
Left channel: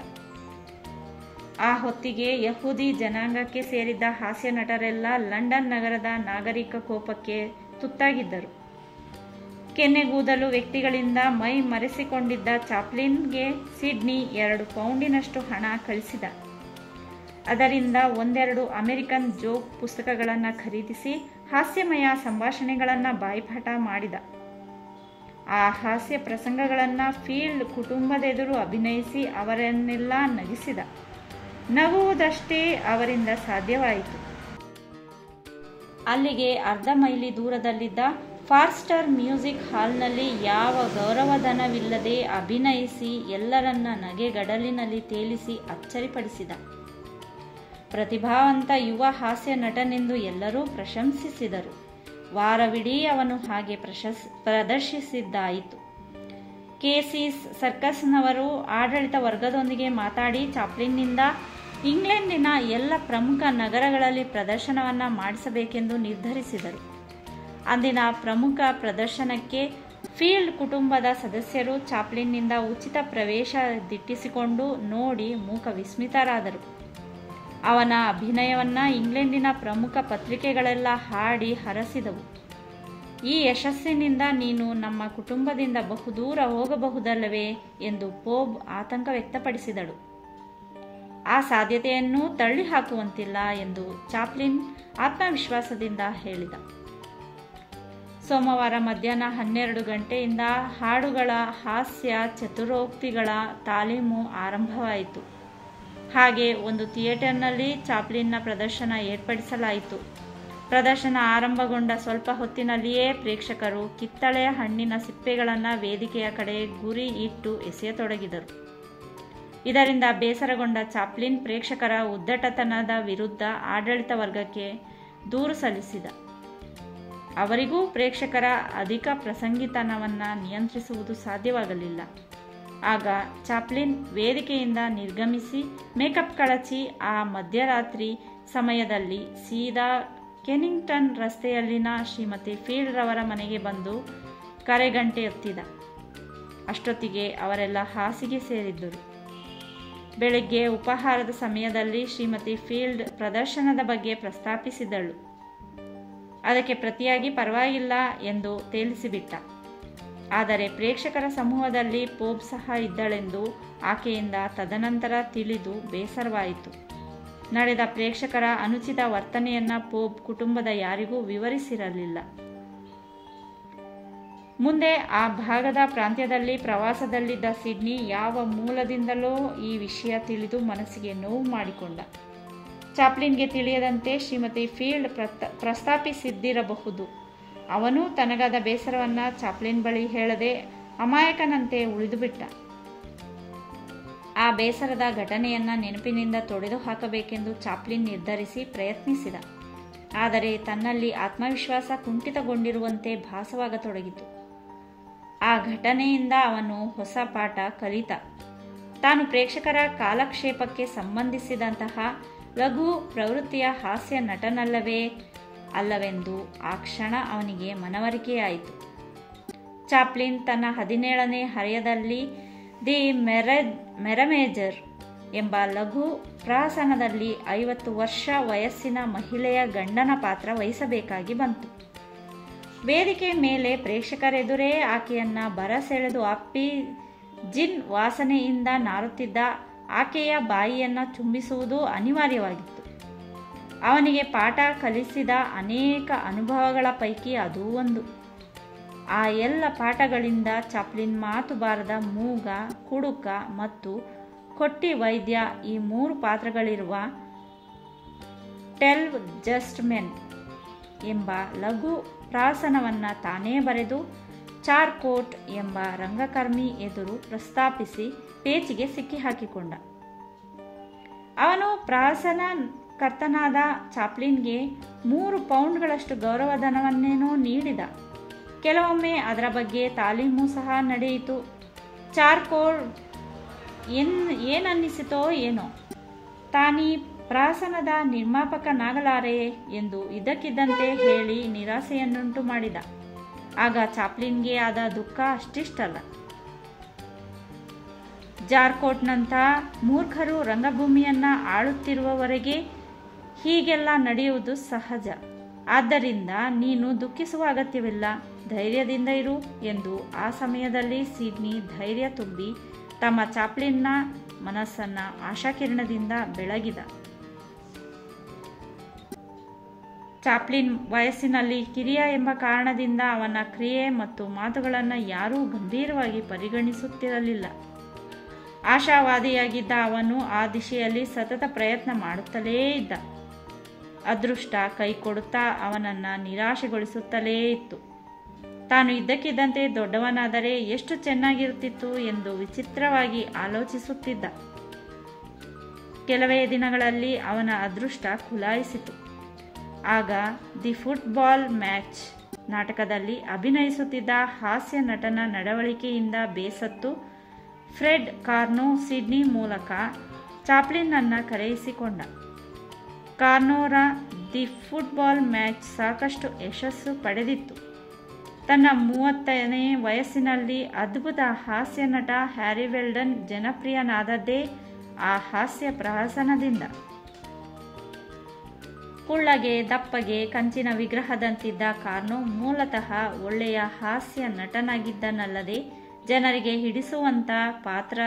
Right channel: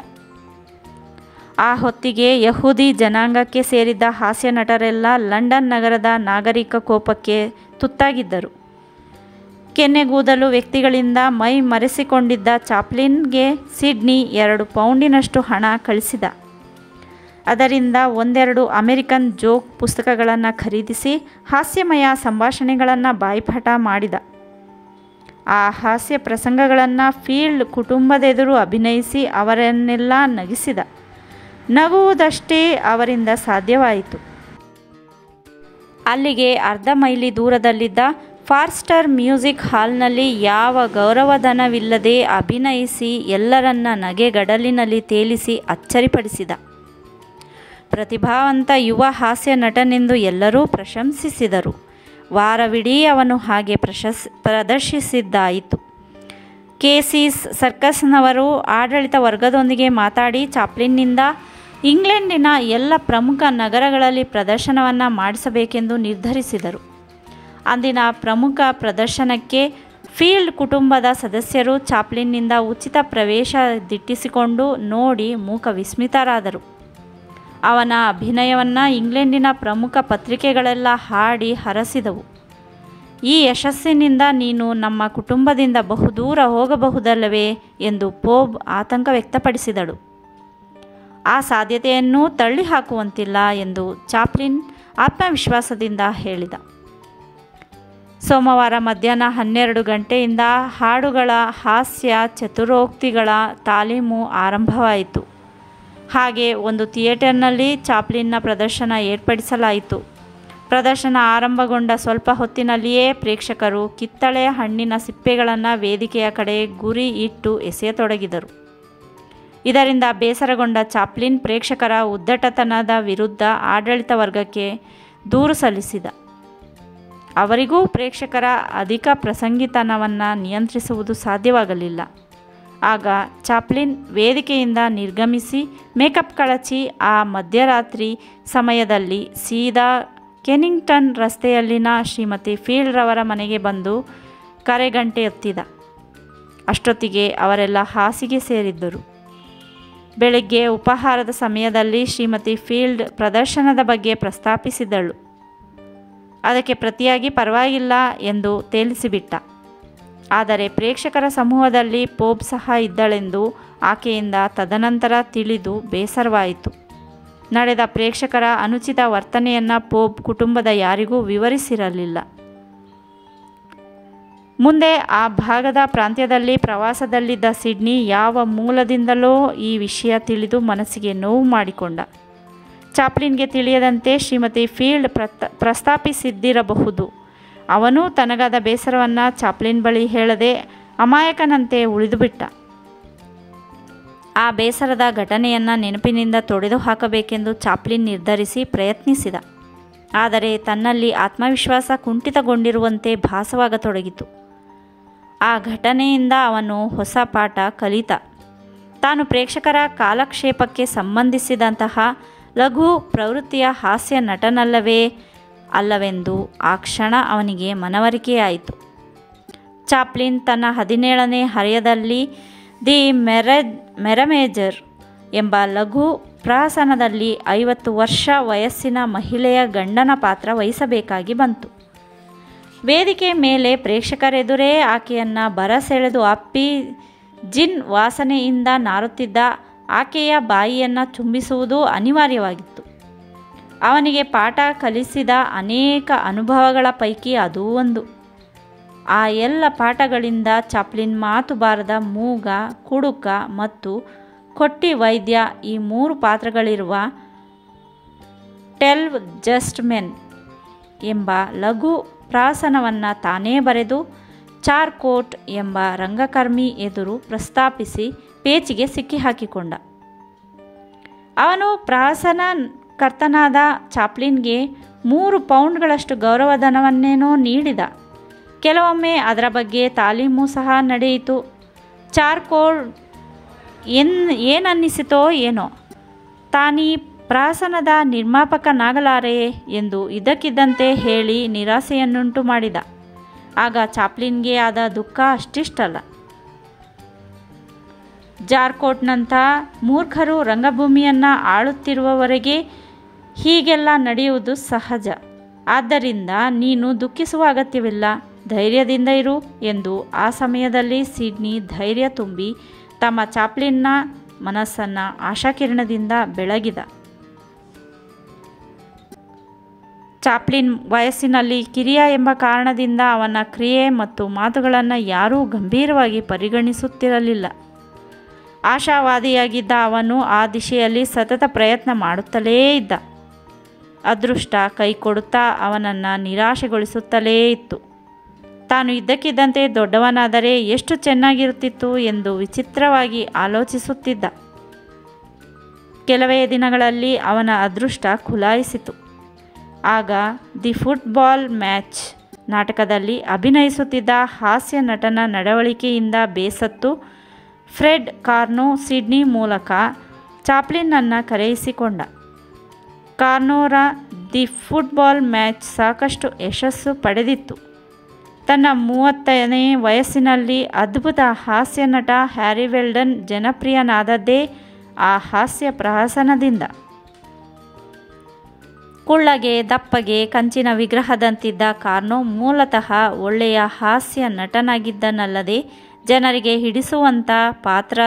ಆ ಹೊತ್ತಿಗೆ ಯಹೂದಿ ಜನಾಂಗಕ್ಕೆ ಸೇರಿದ್ದ ಹಾಸ್ಯ ನಟರೆಲ್ಲ ಲಂಡನ್ ನಗರದ ನಾಗರಿಕ ಕೋಪಕ್ಕೆ ತುತ್ತಾಗಿದ್ದರು. ಕೆನ್ನೆಗೂದಲು ವ್ಯಕ್ತಿಗಳಿಂದ ಮೈ ಮರೆಸಿಕೊಂಡಿದ್ದ ಚಾಪ್ಲಿನ್ಗೆ ಸಿಡ್ನಿ 2 ಪೌಂಡಿನಷ್ಟು ಹಣ ಕಳಿಸಿದ. ಅದರಿಂದ 1-2 ಅಮೆರಿಕನ್ ಜೋಕ್ ಪುಸ್ತಕಗಳನ್ನು ಖರೀದಿಸಿ ಹಾಸ್ಯಮಯ ಸಂಭಾಷಣೆಗಳನ್ನು ಬಾಯಿಪಾಠ ಮಾಡಿದ. ಆ ಹಾಸ್ಯ ಪ್ರಸಂಗಗಳನ್ನು ಫೀಲ್ಡ್ ಕುಟುಂಬದೆದುರು ಅಭಿನಯಿಸಿ ಅವರನ್ನೆಲ್ಲ ನಗಿಸಿದ. ನಗುವುದಷ್ಟೇ ಅವರಿಂದ ಸಾಧ್ಯವಾಯಿತು. ಅಲ್ಲಿಗೆ 1/2 ಮೈಲಿ ದೂರದಲ್ಲಿದ್ದ ಫಾರ್ಸ್ಟರ್ ಮ್ಯೂಸಿಕ್ ಹಾಲ್ನಲ್ಲಿ ಯಾವ ಗೌರವಧನವಿಲ್ಲದೆ ಅಭಿನಯಿಸಿ ಎಲ್ಲರನ್ನ ನಗೆಗಡಲಿನಲ್ಲಿ ತೇಲಿಸಿ ಅಚ್ಚರಿಪಡಿಸಿದ. ಪ್ರತಿಭಾವಂತ ಯುವ ಹಾಸ್ಯ ನಟನೆಂದು ಎಲ್ಲರೂ ಪ್ರಶಂಸಿಸಿದರು. ವಾರವಿಡೀ ಅವನು ಹಾಗೆ ಪ್ರದರ್ಶಿಸಿದ್ದಾಯಿತು. ಕೇಸೀಸ್ ಸರ್ಕಸ್ನವರು ಆಡಳಿತ ವರ್ಗದೊಂದಿಗೆ ಮಾತಾಡಿ ಚಾಪ್ಲಿನ್ನಿಂದ ಇಂಗ್ಲೆಂಡಿನ ಎಲ್ಲ ಪ್ರಮುಖ ನಗರಗಳಲ್ಲಿ ಪ್ರದರ್ಶನವನ್ನು ಮಾಡಿಸಬೇಕೆಂದು ನಿರ್ಧರಿಸಿದರು. ಅಂದಿನ ಪ್ರಮುಖ ಪ್ರದರ್ಶನಕ್ಕೆ ಫೀಲ್ಡ್ ಕುಟುಂಬದ ಸದಸ್ಯರು ಚಾಪ್ಲಿನ್ನಿಂದ ಉಚಿತ ಪ್ರವೇಶ ದಿಟ್ಟಿಸಿಕೊಂಡು ನೋಡಿ ಮೂಕ ವಿಸ್ಮಿತರಾದರು. ಅವನ ಅಭಿನಯವನ್ನು ಇಂಗ್ಲೆಂಡಿನ ಪ್ರಮುಖ ಪತ್ರಿಕೆಗಳೆಲ್ಲ ಹಾಡಿ ಹರಸಿದವು. ಈ ಯಶಸ್ಸಿನಿಂದ ನೀನು ನಮ್ಮ ಕುಟುಂಬದಿಂದ ಬಹುದೂರ ಹೋಗಬಹುದಲ್ಲವೇ ಎಂದು ಪೋಬ್ ಆತಂಕ ವ್ಯಕ್ತಪಡಿಸಿದಳು. ಆ ಸಾಧ್ಯತೆಯನ್ನು ತಳ್ಳಿಹಾಕುವಂತಿಲ್ಲ ಎಂದು ಚಾಪ್ಲಿನ್ ಆತ್ಮವಿಶ್ವಾಸದಿಂದ ಹೇಳಿದ. ಸೋಮವಾರ ಮಧ್ಯಾಹ್ನ 12 ಗಂಟೆಯಿಂದ ಹಾಡುಗಳ ಹಾಸ್ಯ ಚತುರೋಕ್ತಿಗಳ ತಾಲೀಮು ಆರಂಭವಾಯಿತು. ಹಾಗೆ ಒಂದು ಥಿಯೇಟರ್ನಲ್ಲಿ ಚಾಪ್ಲಿನ್ನ ಪ್ರದರ್ಶನ ಏರ್ಪಡಿಸಲಾಯಿತು. ಪ್ರದರ್ಶನ ಆರಂಭಗೊಂಡ ಸ್ವಲ್ಪ ಹೊತ್ತಿನಲ್ಲಿಯೇ ಪ್ರೇಕ್ಷಕರು ಕಿತ್ತಳೆ ಹಣ್ಣಿನ ಸಿಪ್ಪೆಗಳನ್ನು ವೇದಿಕೆಯ ಕಡೆ ಗುರಿ ಇಟ್ಟು ಎಸೆಯತೊಡಗಿದರು. ಇದರಿಂದ ಬೇಸರಗೊಂಡ ಚಾಪ್ಲಿನ್ ಪ್ರೇಕ್ಷಕರ ಉದ್ದಟತನದ ವಿರುದ್ಧ ಆಡಳಿತ ವರ್ಗಕ್ಕೆ ದೂರು ಸಲ್ಲಿಸಿದ. ಅವರಿಗೂ ಪ್ರೇಕ್ಷಕರ ಅಧಿಕ ಪ್ರಸಂಗಿತನವನ್ನು ನಿಯಂತ್ರಿಸುವುದು ಸಾಧ್ಯವಾಗಲಿಲ್ಲ. ಆಗ ಚಾಪ್ಲಿನ್ ವೇದಿಕೆಯಿಂದ ನಿರ್ಗಮಿಸಿ ಮೇಕಪ್ ಕಳಚಿ ಆ ಮಧ್ಯರಾತ್ರಿ ಸಮಯದಲ್ಲಿ ಸೀದಾ ಕೆನಿಂಗ್ಟನ್ ರಸ್ತೆಯಲ್ಲಿನ ಶ್ರೀಮತಿ ಫೀಲ್ಡ್ರವರ ಮನೆಗೆ ಬಂದು ಕರೆಗಂಟೆ ಎತ್ತಿದ. ಅಷ್ಟೊತ್ತಿಗೆ ಅವರೆಲ್ಲ ಹಾಸಿಗೆ ಸೇರಿದ್ದರು. ಬೆಳಗ್ಗೆ ಉಪಹಾರದ ಸಮಯದಲ್ಲಿ ಶ್ರೀಮತಿ ಫೀಲ್ಡ್ ಪ್ರದರ್ಶನದ ಬಗ್ಗೆ ಪ್ರಸ್ತಾಪಿಸಿದಳು. ಅದಕ್ಕೆ ಪ್ರತಿಯಾಗಿ ಪರವಾಗಿಲ್ಲ ಎಂದು ತೇಲಿಸಿಬಿಟ್ಟ. ಆದರೆ ಪ್ರೇಕ್ಷಕರ ಸಮೂಹದಲ್ಲಿ ಪೋಪ್ ಸಹ ಇದ್ದಳೆಂದು ಆಕೆಯಿಂದ ತದನಂತರ ತಿಳಿದು ಬೇಸರವಾಯಿತು. ನಡೆದ ಪ್ರೇಕ್ಷಕರ ಅನುಚಿತ ವರ್ತನೆಯನ್ನು ಪೋಪ್ ಕುಟುಂಬದ ಯಾರಿಗೂ ವಿವರಿಸಿರಲಿಲ್ಲ. ಮುಂದೆ ಆ ಭಾಗದ ಪ್ರಾಂತ್ಯದಲ್ಲಿ ಪ್ರವಾಸದಲ್ಲಿದ್ದ ಸಿಡ್ನಿ ಯಾವ ಮೂಲದಿಂದಲೋ ಈ ವಿಷಯ ತಿಳಿದು ಮನಸ್ಸಿಗೆ ನೋವು ಮಾಡಿಕೊಂಡ. ಚಾಪ್ಲಿನ್ಗೆ ತಿಳಿಯದಂತೆ ಶ್ರೀಮತಿ ಫೀಲ್ಡ್ ಪ್ರಸ್ತಾಪಿಸಿದ್ದಿರಬಹುದು. ಅವನೂ ತನಗಾದ ಬೇಸರವನ್ನು ಚಾಪ್ಲಿನ್ ಬಳಿ ಹೇಳದೆ ಅಮಾಯಕನಂತೆ ಉಳಿದುಬಿಟ್ಟ. ಆ ಬೇಸರದ ಘಟನೆಯನ್ನು ನೆನಪಿನಿಂದ ತೊಡೆದು ಹಾಕಬೇಕೆಂದು ಚಾಪ್ಲಿನ್ ನಿರ್ಧರಿಸಿ ಪ್ರಯತ್ನಿಸಿದ. ಆದರೆ ತನ್ನಲ್ಲಿ ಆತ್ಮವಿಶ್ವಾಸ ಕುಂಠಿತಗೊಂಡಿರುವಂತೆ ಭಾಸವಾಗತೊಡಗಿತು. ಆ ಘಟನೆಯಿಂದ ಅವನು ಹೊಸ ಪಾಠ ಕಲಿತ. ತಾನು ಪ್ರೇಕ್ಷಕರ ಕಾಲಕ್ಷೇಪಕ್ಕೆ ಸಂಬಂಧಿಸಿದಂತಹ ಲಘು ಪ್ರವೃತ್ತಿಯ ಹಾಸ್ಯ ಅಲ್ಲವೆಂದು ಆ ಕ್ಷಣ ಅವನಿಗೆ ಮನವರಿಕೆಯಾಯಿತು. ಚಾಪ್ಲಿನ್ ತನ್ನ 17ನೇ ಹರೆಯದಲ್ಲಿ ದಿ ಮೆರಮೇಜರ್ ಎಂಬ ಲಘು ಪ್ರಹಸನದಲ್ಲಿ 50 ವರ್ಷ ವಯಸ್ಸಿನ ಮಹಿಳೆಯ ಗಂಡನ ಪಾತ್ರ ವಹಿಸಬೇಕಾಗಿ ಬಂತು. ವೇದಿಕೆ ಮೇಲೆ ಪ್ರೇಕ್ಷಕರೆದುರೇ ಆಕೆಯನ್ನು ಬರಸೆಳೆದು ಅಪ್ಪಿ ಜಿನ್ ವಾಸನೆಯಿಂದ ನಾರುತ್ತಿದ್ದ ಆಕೆಯ ಬಾಯಿಯನ್ನು ಚುಂಬಿಸುವುದು ಅನಿವಾರ್ಯವಾಗಿತ್ತು. ಅವನಿಗೆ ಪಾಠ ಕಲಿಸಿದ ಅನೇಕ ಅನುಭವಗಳ ಪೈಕಿ ಅದೂ ಒಂದು. ಆ ಎಲ್ಲ ಪಾಠಗಳಿಂದ ಚಾಪ್ಲಿನ್ ಮಾತು ಬಾರದ ಮೂಗ, ಕುಡುಕ ಮತ್ತು ಕೊಟ್ಟಿ ವೈದ್ಯ ಈ 3 ಪಾತ್ರಗಳಿರುವ 12 ಜಸ್ಟ್ ಮೆನ್ ಎಂಬ ಲಘು ಪ್ರಹಸನವನ್ನು ತಾನೇ ಬರೆದು ಚಾರ್ಕೋಟ್ ಎಂಬ ರಂಗಕರ್ಮಿ ಎದುರು ಪ್ರಸ್ತಾಪಿಸಿ ಪೇಚಿಗೆ ಸಿಕ್ಕಿಹಾಕಿಕೊಂಡ. ಅವನು ಪ್ರಹಸನಕರ್ತನಾದ ಚಾಪ್ಲಿನ್ಗೆ 3 ಪೌಂಡ್ಗಳಷ್ಟು ಗೌರವಧನವನ್ನೇನೋ ನೀಡಿದ. ಕೆಲವೊಮ್ಮೆ ಅದರ ಬಗ್ಗೆ ತಾಲೀಮು ಸಹ ನಡೆಯಿತು. ಚಾರ್ಕೋಟ್ ಏನನ್ನಿಸಿತೋ ಏನೋ, ತಾನೀ ಪ್ರಹಸನದ ನಿರ್ಮಾಪಕನಾಗಲಾರೆಯೇ ಎಂದು ಇದ್ದಕ್ಕಿದ್ದಂತೆ ಹೇಳಿ ನಿರಾಸೆಯನ್ನುಂಟು ಮಾಡಿದ. ಆಗ ಚಾಪ್ಲಿನ್ಗೆ ಆದ ದುಃಖ ಅಷ್ಟಿಷ್ಟಲ್ಲ. ಜಾರ್ಕೋಟ್ನಂಥ ಮೂರ್ಖರು ರಂಗಭೂಮಿಯನ್ನು ಆಳುತ್ತಿರುವವರೆಗೆ ಹೀಗೆಲ್ಲ ನಡೆಯುವುದು ಸಹಜ. ಆದ್ದರಿಂದ ನೀನು ದುಃಖಿಸುವ ಅಗತ್ಯವಿಲ್ಲ, ಧೈರ್ಯದಿಂದ ಇರು ಎಂದು ಆ ಸಮಯದಲ್ಲಿ ಸಿಡ್ನಿ ಧೈರ್ಯ ತುಂಬಿ ತಮ್ಮ ಚಾಪ್ಲಿನ್ನ ಮನಸ್ಸನ್ನು ಆಶಾಕಿರಣದಿಂದ ಬೆಳಗಿದ. ಚಾಪ್ಲಿನ್ ವಯಸ್ಸಿನಲ್ಲಿ ಕಿರಿಯ ಎಂಬ ಕಾರಣದಿಂದ ಅವನ ಕ್ರಿಯೆ ಮತ್ತು ಮಾತುಗಳನ್ನು ಯಾರೂ ಗಂಭೀರವಾಗಿ ಪರಿಗಣಿಸುತ್ತಿರಲಿಲ್ಲ. ಆಶಾವಾದಿಯಾಗಿದ್ದ ಅವನು ಆ ದಿಶೆಯಲ್ಲಿ ಸತತ ಪ್ರಯತ್ನ ಮಾಡುತ್ತಲೇ ಇದ್ದ. ಅದೃಷ್ಟ ಕೈಕೊಡುತ್ತಾ ಅವನನ್ನು ನಿರಾಶೆಗೊಳಿಸುತ್ತಲೇ ಇತ್ತು. ತಾನು ಇದ್ದಕ್ಕಿದ್ದಂತೆ ದೊಡ್ಡವನಾದರೆ ಎಷ್ಟು ಚೆನ್ನಾಗಿರುತ್ತಿತ್ತು ಎಂದು ವಿಚಿತ್ರವಾಗಿ ಆಲೋಚಿಸುತ್ತಿದ್ದ. ಕೆಲವೇ ದಿನಗಳಲ್ಲಿ ಅವನ ಅದೃಷ್ಟ ಖುಲಾಯಿಸಿತು. ಆಗ ದಿ ಫುಟ್ಬಾಲ್ ಮ್ಯಾಚ್ ನಾಟಕದಲ್ಲಿ ಅಭಿನಯಿಸುತ್ತಿದ್ದ ಹಾಸ್ಯ ನಟನ ನಡವಳಿಕೆಯಿಂದ ಬೇಸತ್ತು ಫ್ರೆಡ್ ಕಾರ್ನೋ ಸಿಡ್ನಿ ಮೂಲಕ ಚಾಪ್ಲಿನ್ನನ್ನು ಕರೆಯಿಸಿಕೊಂಡ. ಕಾರ್ನೋರ ದಿ ಫುಟ್ಬಾಲ್ ಮ್ಯಾಚ್ ಸಾಕಷ್ಟು ಯಶಸ್ಸು ಪಡೆದಿತ್ತು. ತನ್ನ 30ನೇ ವಯಸ್ಸಿನಲ್ಲಿ ಅದ್ಭುತ ಹಾಸ್ಯ ನಟ ಹ್ಯಾರಿ ವೆಲ್ಡನ್ ಜನಪ್ರಿಯನಾದದ್ದೇ ಆ ಹಾಸ್ಯ ಪ್ರಹಸನದಿಂದ. ಕುಳ್ಳಗೆ ದಪ್ಪಗೆ ಕಂಚಿನ ವಿಗ್ರಹದಂತಿದ್ದ ಕಾರ್ನೋ ಮೂಲತಃ ಒಳ್ಳೆಯ ಹಾಸ್ಯ ನಟನಾಗಿದ್ದನಲ್ಲದೆ ಜನರಿಗೆ ಹಿಡಿಸುವಂಥ ಪಾತ್ರ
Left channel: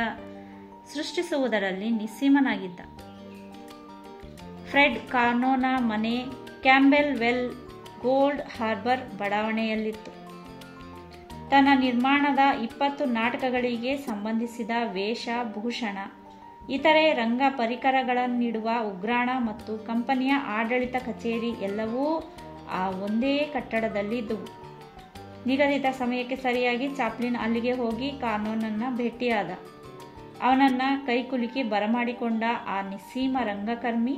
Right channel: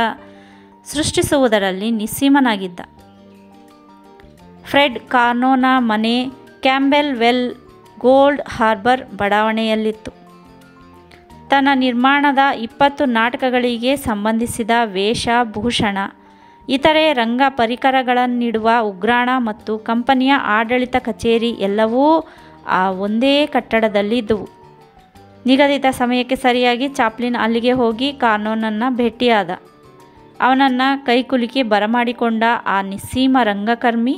ಸೃಷ್ಟಿಸುವುದರಲ್ಲಿ ನಿಸ್ಸೀಮನಾಗಿದ್ದ. ಫ್ರೆಡ್ ಕಾರ್ನೋನ ಮನೆ ಕ್ಯಾಂಬೆಲ್ ವೆಲ್ ಗೋಲ್ಡ್ ಹಾರ್ಬರ್ ಬಡಾವಣೆಯಲ್ಲಿತ್ತು. ತನ್ನ ನಿರ್ಮಾಣದ 20 ನಾಟಕಗಳಿಗೆ ಸಂಬಂಧಿಸಿದ ವೇಷಭೂಷಣ, ಇತರೆ ರಂಗ ಪರಿಕರಗಳನ್ನಿಡುವ ಉಗ್ರಾಣ ಮತ್ತು ಕಂಪನಿಯ ಆಡಳಿತ ಕಚೇರಿ ಎಲ್ಲವೂ ಆ ಒಂದೇ ಕಟ್ಟಡದಲ್ಲಿದ್ದವು. ನಿಗದಿತ ಸಮಯಕ್ಕೆ ಸರಿಯಾಗಿ ಚಾಪ್ಲಿನ್ ಅಲ್ಲಿಗೆ ಹೋಗಿ ಕಾರ್ನೋನನ್ನು ಭೇಟಿಯಾದ. ಅವನನ್ನು ಕೈಕುಲುಕಿ ಬರಮಾಡಿಕೊಂಡ ಆ ನಿಸ್ಸೀಮ ರಂಗಕರ್ಮಿ,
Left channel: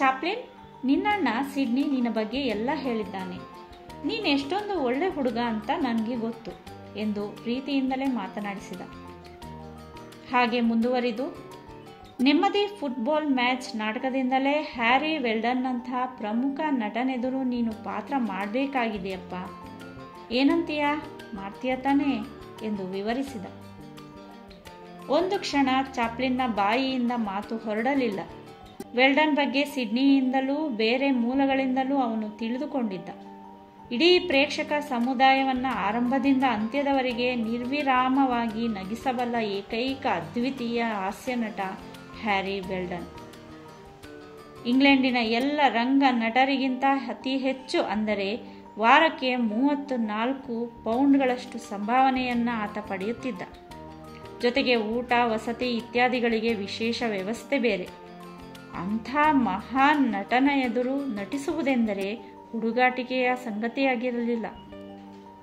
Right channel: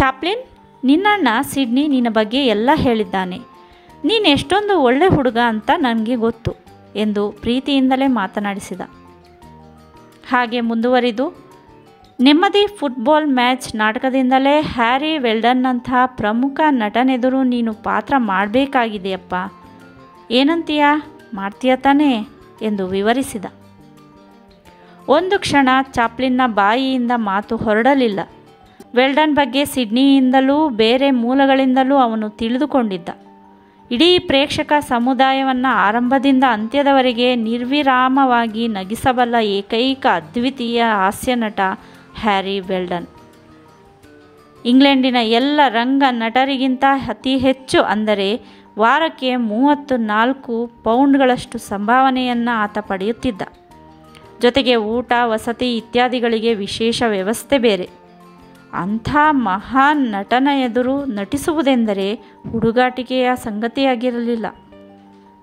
ಚಾಪ್ಲಿನ್, ನಿನ್ನಣ್ಣ ಸಿಡ್ನಿ ನಿನ್ನ ಬಗ್ಗೆ ಎಲ್ಲ ಹೇಳಿದ್ದಾನೆ. ನೀನು ಎಷ್ಟೊಂದು ಒಳ್ಳೆ ಹುಡುಗ ಅಂತ ನನಗೆ ಗೊತ್ತು ಎಂದು ಪ್ರೀತಿಯಿಂದಲೇ ಮಾತನಾಡಿಸಿದ. ಹಾಗೆ ಮುಂದುವರಿದು, ನೆಮ್ಮದಿ ಫುಟ್ಬಾಲ್ ಮ್ಯಾಚ್ ನಾಟಕದಿಂದಲೇ ಹ್ಯಾರಿ ವೆಲ್ಡನ್ನಂಥ ಪ್ರಮುಖ ನಟನೆದುರು ನೀನು ಪಾತ್ರ ಮಾಡಬೇಕಾಗಿದೆಯಪ್ಪ. ಏನಂತೀಯ, ಮಾಡ್ತೀಯ ತಾನೇ ಎಂದು ವಿವರಿಸಿದ. ಒಂದು ಕ್ಷಣ ಚಾಪ್ಲಿನ್ನ ಬಾಯಿಯಿಂದ ಮಾತು ಹೊರಡಲಿಲ್ಲ. ವೆಲ್ಡನ್ ಬಗ್ಗೆ ಸಿಡ್ನಿಯಿಂದಲೂ ಬೇರೆ ಮೂಲಗಳಿಂದಲೂ ಅವನು ತಿಳಿದುಕೊಂಡಿದ್ದ. ಇಡೀ ಪ್ರೇಕ್ಷಕ ಸಮುದಾಯವನ್ನು ಆರಂಭದಿಂದ ಅಂತ್ಯದವರೆಗೆ ನಿರ್ವಿರಾಮವಾಗಿ ನಗಿಸಬಲ್ಲ ಏಕೈಕ ಅದ್ವಿತೀಯ ಹಾಸ್ಯನಟ ಹ್ಯಾರಿ ವೆಲ್ಡನ್. ಇಂಗ್ಲೆಂಡಿನ ಎಲ್ಲ ರಂಗ ನಟರಿಗಿಂತ ಅತಿ ಹೆಚ್ಚು, ಅಂದರೆ ವಾರಕ್ಕೆ 34 ಪೌಂಡ್ಗಳಷ್ಟು ಸಂಭಾವನೆಯನ್ನು ಆತ ಪಡೆಯುತ್ತಿದ್ದ. ಜೊತೆಗೆ ಊಟ, ವಸತಿ ಇತ್ಯಾದಿಗಳಿಗೆ ವಿಶೇಷ ವ್ಯವಸ್ಥೆ ಬೇರೆ. ಅಂಥ ಮಹಾನ್ ನಟನ ಎದುರು ನಟಿಸುವುದೆಂದರೆ ಹುಡುಗಾಟಿಕೆಯ ಸಂಗತಿಯಾಗಿರಲಿಲ್ಲ.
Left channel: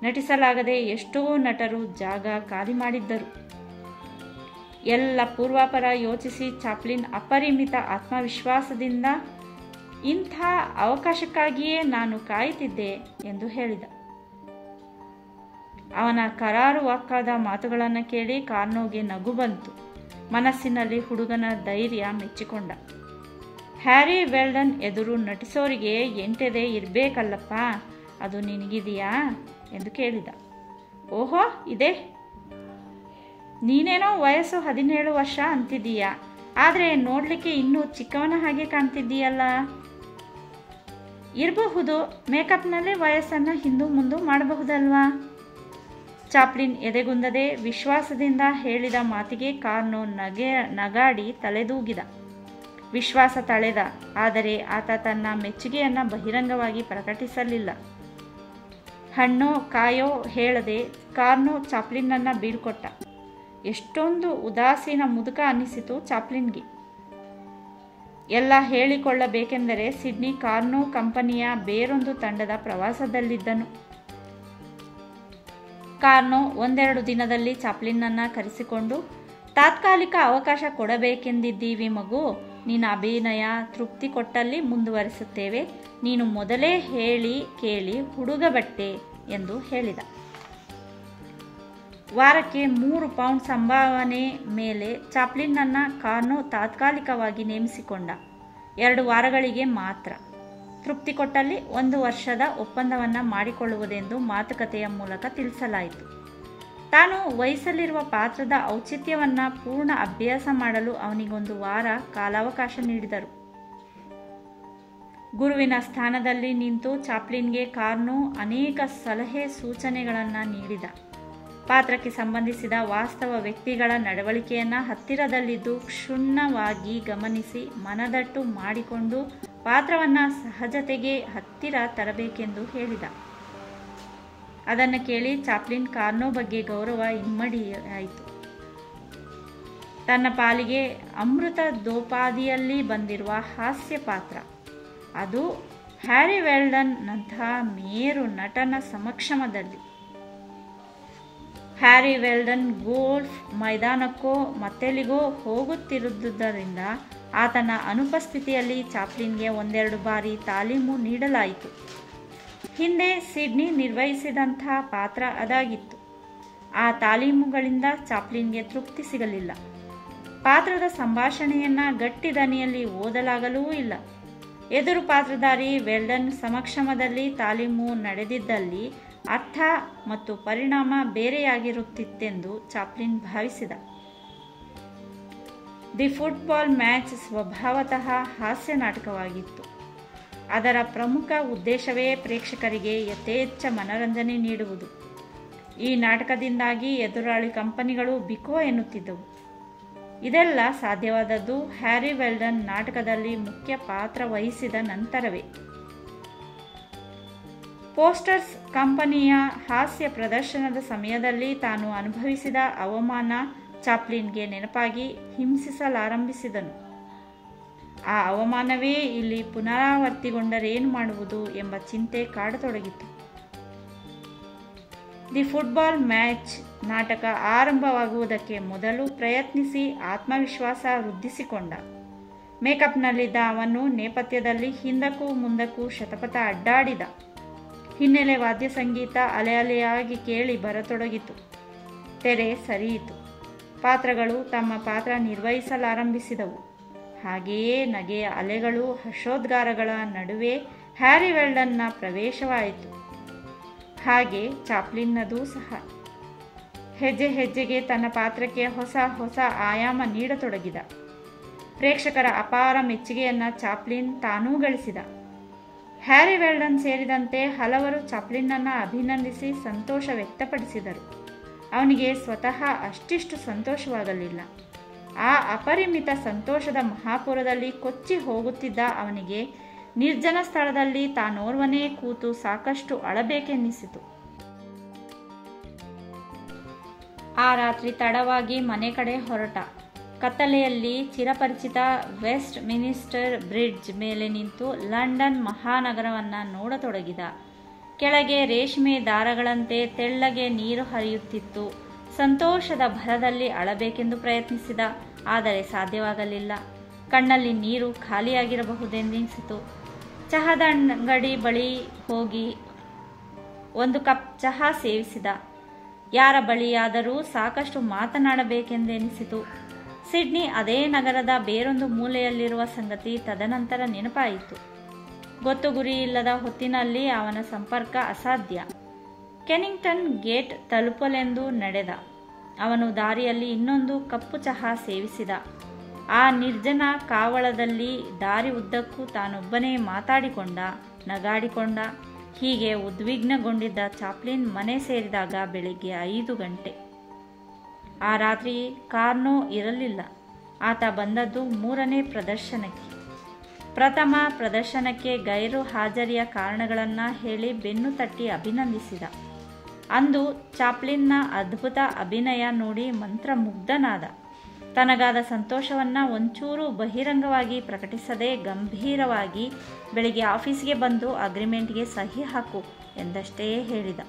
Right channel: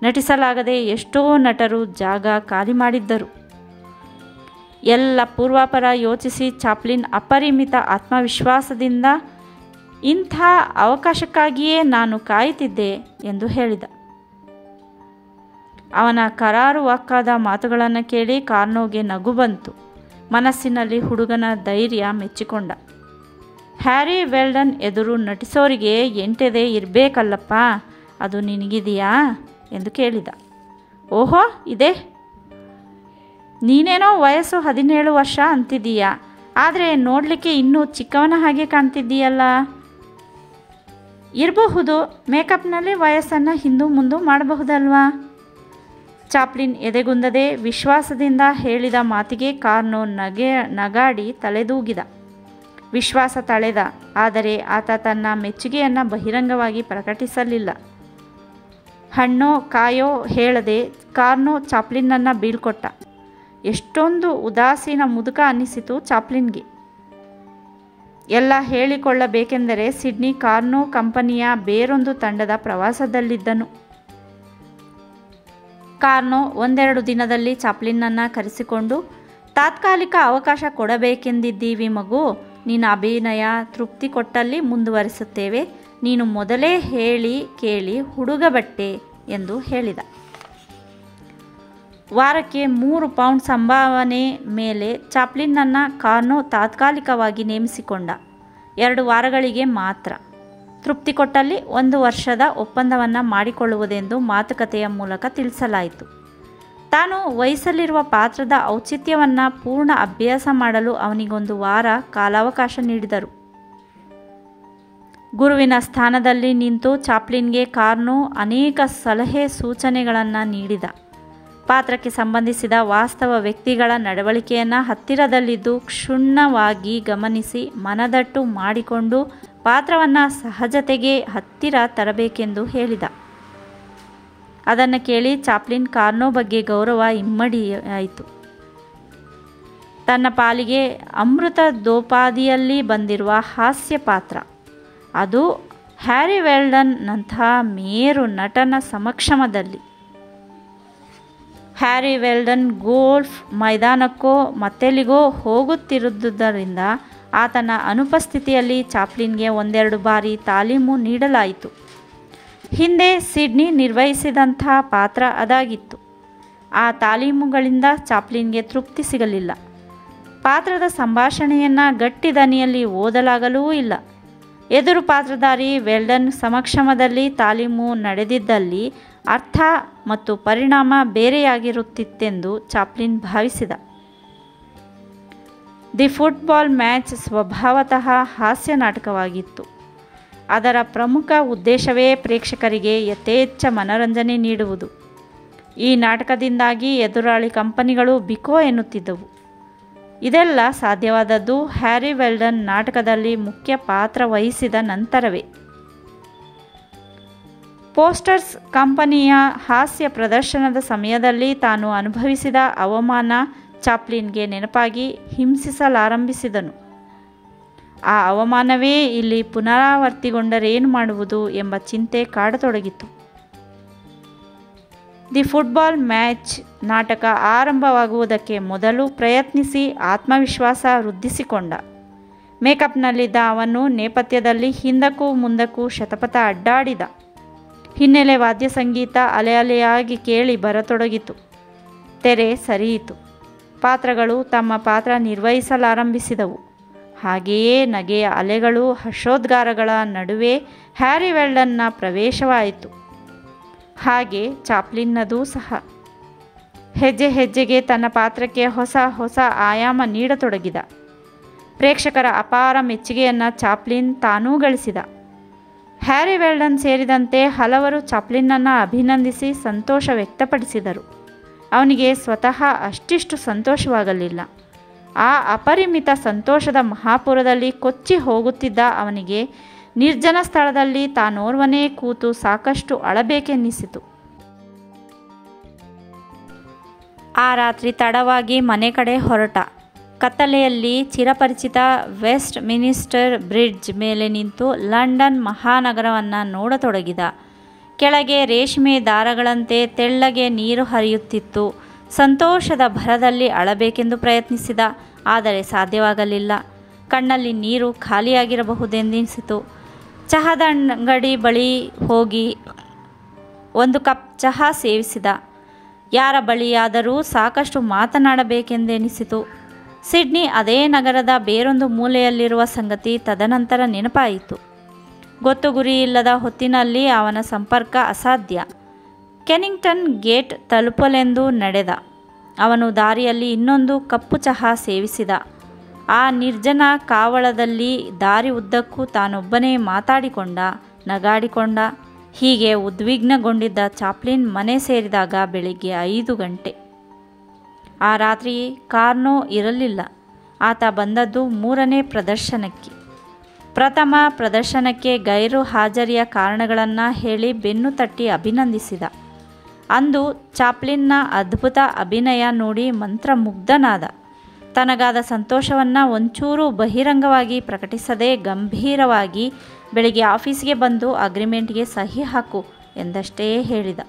ನಟಿಸಲಾಗದೆ ಎಷ್ಟೋ ನಟರು ಜಾಗ ಖಾಲಿ ಮಾಡಿದ್ದರು. ಎಲ್ಲ ಪೂರ್ವಾಪರ ಯೋಚಿಸಿ ಚಾಪ್ಲಿನ್ ಅಪರಿಮಿತ ಆತ್ಮವಿಶ್ವಾಸದಿಂದ, ಇಂಥ ಅವಕಾಶಕ್ಕಾಗಿಯೇ ನಾನು ಕಾಯುತ್ತಿದ್ದೆ ಎಂದು ಹೇಳಿದ. ಅವನ ಕರಾರುವಾಕ್ಕಾದ ಮಾತುಗಳನ್ನು ಕೇಳಿ ಕಾರ್ನೋಗೆ ನಗು ಬಂತು. ಮನಸ್ಸಿನಲ್ಲಿ ಹುಡುಗನ ಧೈರ್ಯ ಮೆಚ್ಚಿಕೊಂಡ. ಹ್ಯಾರಿ ವೆಲ್ಡನ್ ಎದುರು ನಟಿಸೋರಿಗೆ ಎಂಟೆದೆ ಇರಬೇಕಲ್ಲಪ್ಪ, ಅದು ನಿನಗಿದೆಯಾ ಎಂದು ಕೇಳಿದ. ಓಹೋ, ಇದೆ. ನೀನೇನೋ ವಯಸ್ಸು 17 ವರ್ಷ ಅಂತಿದ್ದೀಯಾ, ಆದರೆ ನೋಡಲಿಕ್ಕೆ ಇನ್ನೂ ಚಿಕ್ಕವನ ಹಾಗೆ ಕಾಣ್ತಿದ್ದೀಯಲ್ಲ. ಇರಬಹುದು, ಮೇಕಪ್ನಲ್ಲಿ ವಯಸ್ಸನ್ನು ಹಿಂದೂ ಮುಂದೂ ಮಾಡಬಹುದಲ್ವಾ? ಚಾಪ್ಲಿನ್ ಎದೆಗುಂದದೆ ವಿಶ್ವಾಸದಿಂದ ಹೇಳಿದ ಮಾತಿಗೆ ಕಾರ್ನೋ ನಗಾಡಿ ತಲೆದೂಗಿದ. ವಿಶ್ವಾಸ ತಳೆದ, ಆದರೆ ಆತ ತನ್ನ ಮೆಚ್ಚುಗೆಯನ್ನು ಬಹಿರಂಗವಾಗಿ ಪ್ರಕಟಿಸಲಿಲ್ಲ. ಹಣ್ಣೋ ಕಾಯೋ ಹೇಳದೆ ಕಾರ್ನೋ ಚಾಪ್ಲಿನ್ನನ್ನು ಬೀಳ್ಕೊಟ್ಟ. ಎಷ್ಟೊಂದು ಉದಾಸೀನ ಮುದುಕ ಅನ್ನಿಸಿತು ಚಾಪ್ಲಿನ್ಗೆ. ಎಲ್ಲ ಹೇಳಿಕೊಳ್ಳಬೇಕೆಂದರೆ ಸಿಡ್ನಿ ಕಾರ್ನೋ ಕಂಪನಿಯ ಬೇರೊಂದು ತಂಡದ ಪ್ರವಾಸದಲ್ಲಿದ್ದನು. ಕಾರ್ನೋ 1-2 ದಿನದಲ್ಲಿ ಚಾಪ್ಲಿನ್ನನ್ನು ಕರೆಸಿಕೊಂಡು, ತಾತ್ಕಾಲಿಕ ಅವಕಾಶ ಕೊಡಬೇಕೆಂದಿದ್ದೀವಿ ಮಗು, ನಿನ್ನ ಅಭಿನಯ ತೃಪ್ತಿ ಕೊಟ್ಟಲ್ಲಿ ಮುಂದುವರಿಸುತ್ತೇವೆ. ನೀನು ಮೊದಲೇ ಹೇಳಿ ಕೇಳಿ ಹುಡುಗ ಬಟ್ಟೆ ಎಂದು ಹೇಳಿದ. ವಾರಕ್ಕೆ 3 ಪೌಂಡ್ ಸಂಭಾವನೆ ಮೇಲೆ ಚಾಪ್ಲಿನ್ನನ್ನು ಕಾರ್ನೋ ತಾತ್ಕಾಲಿಕವಾಗಿ ನೇಮಿಸಿಕೊಂಡ. 2 ವಾರಗಳಿಗೆ ಮಾತ್ರ. ತೃಪ್ತಿ ಕೊಟ್ಟಲ್ಲಿ 1 ವರ್ಷದ ಒಪ್ಪಂದವನ್ನು ಮಾಡಿಕೊಳ್ಳುವುದೆಂದು ಮಾತುಕತೆಯ ಮೂಲಕ ತಿಳಿಸಲಾಯಿತು. ತಾನು ವಹಿಸಲಿರುವ ಪಾತ್ರದ ಔಚಿತ್ಯವನ್ನು ಪೂರ್ಣ ಅಭ್ಯಾಸ ಮಾಡಲು ಅವನಿಗೊಂದು ವಾರ ಕಾಲಾವಕಾಶ ನೀಡಿದರು. ಗುರುವಿನ ಸ್ಥಾನದಲ್ಲಿ ನಿಂತು ಚಾಪ್ಲಿನ್ಗೆ ಕಾರ್ನೋ ಅನೇಕ ಸಲಹೆ ಸೂಚನೆಗಳನ್ನು ನೀಡಿದ. ಪಾತ್ರಕ್ಕೆ ಸಂಬಂಧಿಸಿದ ವಾಸ್ತವ ವ್ಯಕ್ತಿಗಳ ನಡವಳಿಕೆಯನ್ನು ಹತ್ತಿರದಲ್ಲಿದ್ದು ಕ್ಷುಣ್ಣವಾಗಿ ಗಮನಿಸಿ ಮನದಟ್ಟು ಮಾಡಿಕೊಂಡು ಪಾತ್ರವನ್ನು ಸಹಜತೆಗೆ ಹತ್ತಿರ ತರಬೇಕೆಂದು ಹೇಳಿದ. ಅದನ್ನು ಕೇಳಿ ಚಾಪ್ಲಿನ್ ಕಾರ್ನೋ ಬಗ್ಗೆ ಗೌರವ ಇಮ್ಮಡಿಯಾಯಿತು. ತನ್ನ ಪಾಲಿಗೆ ಅಮೃತದೋಪಾದಿಯಲ್ಲಿ ಬಂದಿರುವ ಹಾಸ್ಯ ಪಾತ್ರ, ಅದು ಹ್ಯಾರಿ ವೆಲ್ಡನ್ನಂಥ ಮೇರು ನಟನ ಸಮಕ್ಷಮದಲ್ಲಿ. ಹ್ಯಾರಿ ವೆಲ್ಡನ್ ಗೋಲ್ಫ್ ಮೈದಾನಕ್ಕೋ ಮತ್ತೆಲ್ಲಿಗೋ ಹೋಗುತ್ತಿರುವುದರಿಂದ ಆತನ ಅನುಪಸ್ಥಿತಿಯಲ್ಲಿ ಚಾಪ್ಲಿನ್ಗೆ 1-2 ಬಾರಿ ತಾಲೀಮು ನೀಡಲಾಯಿತು. ಹಿಂದೆ ಸಿಡ್ನಿ ನಿರ್ವಹಿಸಿದಂಥ ಪಾತ್ರ ಅದಾಗಿತ್ತು. ಆ ತಾಲೀಮುಗಳಿಂದ ಚಾಪ್ಲಿನ್ಗೆ ತೃಪ್ತಿ ಸಿಗಲಿಲ್ಲ. ಪಾತ್ರದ ಸಂಭಾಷಣೆಯನ್ನು ಗಟ್ಟಿ ದನಿಯಲ್ಲಿ ಓದಲಾಗಲೂ ಇಲ್ಲ. ಎದುರು ಪಾತ್ರಧಾರಿ ವೆಲ್ಡನ್ ಸಮಕ್ಷಮದಲ್ಲಿ ತಾಲೀಮು ನಡೆದಿದ್ದಲ್ಲಿ ಅರ್ಥ ಮತ್ತು ಪರಿಣಾಮ ಬೇರೆಯಾಗಿರುತ್ತಿತ್ತೆಂದು ಚಾಪ್ಲಿನ್ ಭಾವಿಸಿದ. ದಿ ಫುಟ್ಬಾಲ್ ಮ್ಯಾಚ್ ಸ್ವಭಾವತಃ ಹಾಸ್ಯ ನಾಟಕವಾಗಿತ್ತು. ಅದರ ಪ್ರಮುಖ ಉದ್ದೇಶವೇ ಪ್ರೇಕ್ಷಕರಿಗೆ ಯಥೇಚ್ಛ ಮನರಂಜನೆ ನೀಡುವುದು. ಈ ನಾಟಕದಿಂದಾಗಿ ಎದುರಾಳಿ ಕಂಪನಿಗಳು ಬಿಕೋ ಎನ್ನುತ್ತಿದ್ದವು. ಇದೆಲ್ಲ ಸಾಧ್ಯವಾದದ್ದು ಹ್ಯಾರಿ ವೆಲ್ಡನ್ ನಾಟಕದಲ್ಲಿ ಮುಖ್ಯ ಪಾತ್ರ ವಹಿಸಿದ ನಂತರವೇ. ಪೋಸ್ಟರ್ಸ್ ಕಂಪನಿಯ ಹಾಸ್ಯ ಪ್ರದರ್ಶನದ ಸಮಯದಲ್ಲಿ ತಾನು ಅನುಭವಿಸಿದ ಅವಮಾನ ಚಾಪ್ಲಿನ್ಗೆ ನೆನಪಾಗಿ ಹಿಂಸಿಸಲಾರಂಭಿಸಿದನು. ಆ ಅವಮಾನವೇ ಇಲ್ಲಿ ಪುನರಾವರ್ತಿಗೊಂಡರೇನು ಮಾಡುವುದು ಎಂಬ ಚಿಂತೆ ಕಾಡತೊಡಗಿತು. ದಿ ಫುಟ್ಬಾಲ್ ಮ್ಯಾಚ್ ನಾಟಕ ಆರಂಭವಾಗುವುದಕ್ಕೆ ಮೊದಲು ಪ್ರಯತ್ನಿಸಿ ಆತ್ಮವಿಶ್ವಾಸ ವೃದ್ಧಿಸಿಕೊಂಡ. ಮೇಕಪ್ನಲ್ಲಿದ್ದ ಅವನು ನೇಪಥ್ಯದಲ್ಲಿ ಹಿಂದಕ್ಕೂ ಮುಂದಕ್ಕೂ ಶತಪಥ ಅಡ್ಡಾಡಿದ. ಹಿನ್ನೆಲೆ ವಾದ್ಯ ಸಂಗೀತ ಅಲೆಯಾಗಿ ಕೇಳಿ ಬರತೊಡಗಿತು. ತೆರೆ ಸರಿಯಿತು. ಪಾತ್ರಗಳು ತಮ್ಮ ಪಾತ್ರ ನಿರ್ವಹಿಸಲಾರಂಭಿಸಿದವು. ಹಾಗೆಯೇ ನಗೆಯ ಅಲೆಗಳು, ಹರ್ಷೋದ್ಗಾರಗಳ ನಡುವೆ ಹ್ಯಾರಿ ವೆಲ್ಡನ್ನ ಪ್ರವೇಶವಾಯಿತು. ಹಾಗೆ ಚಾಪ್ಲಿನ್ನದೂ ಸಹ. ಹೆಜ್ಜೆ ಹೆಜ್ಜೆಗೆ ತನ್ನ ಪಾತ್ರಕ್ಕೆ ಹೊಸ ಹೊಸ ಆಯಾಮ ನೀಡತೊಡಗಿದ. ಪ್ರೇಕ್ಷಕರ ಅಪಾರ ಮೆಚ್ಚುಗೆಯನ್ನು ಚಾಪ್ಲಿನ್ ತಾನೂ ಗಳಿಸಿದ. ಹ್ಯಾರಿ ವೆಲ್ಡನ್ ಸೇರಿದಂತೆ ಹಲವರು ಚಾಪ್ಲಿನ್ನನ್ನು ಅಭಿನಂದಿಸಿ ಸಂತೋಷ ವ್ಯಕ್ತಪಡಿಸಿದರು. ಅವನಿಗೆ ಸ್ವತಃ ಅಷ್ಟಿಷ್ಟು ಸಂತೋಷವಾಗಲಿಲ್ಲ. ಆ ಅಪರಿಮಿತ ಸಂತೋಷದ ಮಹಾಪುರದಲ್ಲಿ ಕೊಚ್ಚಿ ಹೋಗುತ್ತಿದ್ದ ಅವನಿಗೆ ನಿರ್ಜನ ಸ್ಥಳದಲ್ಲಿ ತಾನೋರ್ವನೇ ಕೂತು ಸಾಕಷ್ಟು ಅಳಬೇಕೆನ್ನಿಸಿತು. ಆ ರಾತ್ರಿ ತಡವಾಗಿ ಮನೆ ಕಡೆ ಹೊರಟ. ಕತ್ತಲೆಯಲ್ಲಿ ಚಿರಪರಿಚಿತ ವೆಸ್ಟ್ ಮಿನಿಸ್ಟರ್ ಬ್ರಿಡ್ಜ್ ಮೇಲೆ ನಿಂತು ಲಂಡನ್ ಮಹಾನಗರವನ್ನು ನೋಡತೊಡಗಿದ. ಕೆಳಗೆ ರೇಷ್ಮೆ ದಾರಗಳಂತೆ ತೆಳ್ಳಗೆ ನೀರು ಹರಿಯುತ್ತಿತ್ತು. ಸಂತೋಷದ ಭರದಲ್ಲಿ ಅಳಬೇಕೆಂದು ಪ್ರಯತ್ನಿಸಿದ, ಆದರೆ ಸಾಧ್ಯವಾಗಲಿಲ್ಲ. ಕಣ್ಣಲ್ಲಿ ನೀರು ಖಾಲಿಯಾಗಿರಬಹುದೆಂದೆನಿಸಿತು. ಚಹಾದ ಅಂಗಡಿ ಬಳಿ ಹೋಗಿ ಒಂದು ಕಪ್ ಚಹಾ ಸೇವಿಸಿದ. ಯಾರ ಬಳಿಯಾದರೂ ಸಾಕಷ್ಟು ಮಾತನಾಡಬೇಕೆಂದೆನಿಸಿತು. ಸಿಡ್ನಿ ಅದೇ ನಗರದ ಬೇರೊಂದು ಮೂಲೆಯಲ್ಲಿರುವ ಸಂಗತಿ ತದನಂತರ ನೆನಪಾಯಿತು. ಗೊತ್ತು ಗುರಿಯಿಲ್ಲದ ಹೊತ್ತಿನಲ್ಲಿ ಅವನ ಸಂಪರ್ಕ ಅಸಾಧ್ಯ. ಕೆನಿಂಗ್ಟನ್ ಗೇಟ್ ತಲುಪಲೆಂದು ನಡೆದ. ಅವನು ದಾರಿಯಲ್ಲಿ ಇನ್ನೊಂದು ಕಪ್ಪು ಚಹಾ ಸೇವಿಸಿದ. ಆ ನಿರ್ಜನ ಕಾವಳದಲ್ಲಿ ದಾರಿ ಉದ್ದಕ್ಕೂ ತಾನೊಬ್ಬನೇ ಮಾತಾಡಿಕೊಂಡ, ನಗಾಡಿಕೊಂಡ. ಹೀಗೆ ಉದ್ವಿಗ್ನಗೊಂಡಿದ್ದ ಚಾಪ್ಲಿನ್ ಮನೆ ಸೇರಿದಾಗ ಬೆಳಿಗ್ಗೆ 5 ಗಂಟೆ. ಆ ರಾತ್ರಿ ಕಾರ್ನೋ ಇರಲಿಲ್ಲ. ಆತ ಬಂದದ್ದು 3ನೇ ಪ್ರದರ್ಶನಕ್ಕೆ. ಪ್ರಥಮ ಪ್ರದರ್ಶನಕ್ಕೆ ಗೈರು ಹಾಜರಿಯ ಕಾರಣಗಳನ್ನು ಹೇಳಿ ಬೆನ್ನು ತಟ್ಟಿ ಅಭಿನಂದಿಸಿದ. ಅಂದು ಚಾಪ್ಲಿನ್ನ ಅದ್ಭುತ ಅಭಿನಯ ನೋಡಿ ಮಂತ್ರಮುಗ್ಧನಾದ. ತನಗಾದ ಸಂತೋಷವನ್ನು ಒಂಚೂರು ಬಹಿರಂಗವಾಗಿ ಪ್ರಕಟಿಸದೆ ಗಂಭೀರವಾಗಿ ಬೆಳಿಗ್ಗೆ ಆಫೀಸ್ಗೆ ಬಂದು ಅಗ್ರಿಮೆಂಟ್ಗೆ ಸಹಿ ಹಾಕು ಎಂದಷ್ಟೇ ಹೇಳಿದ.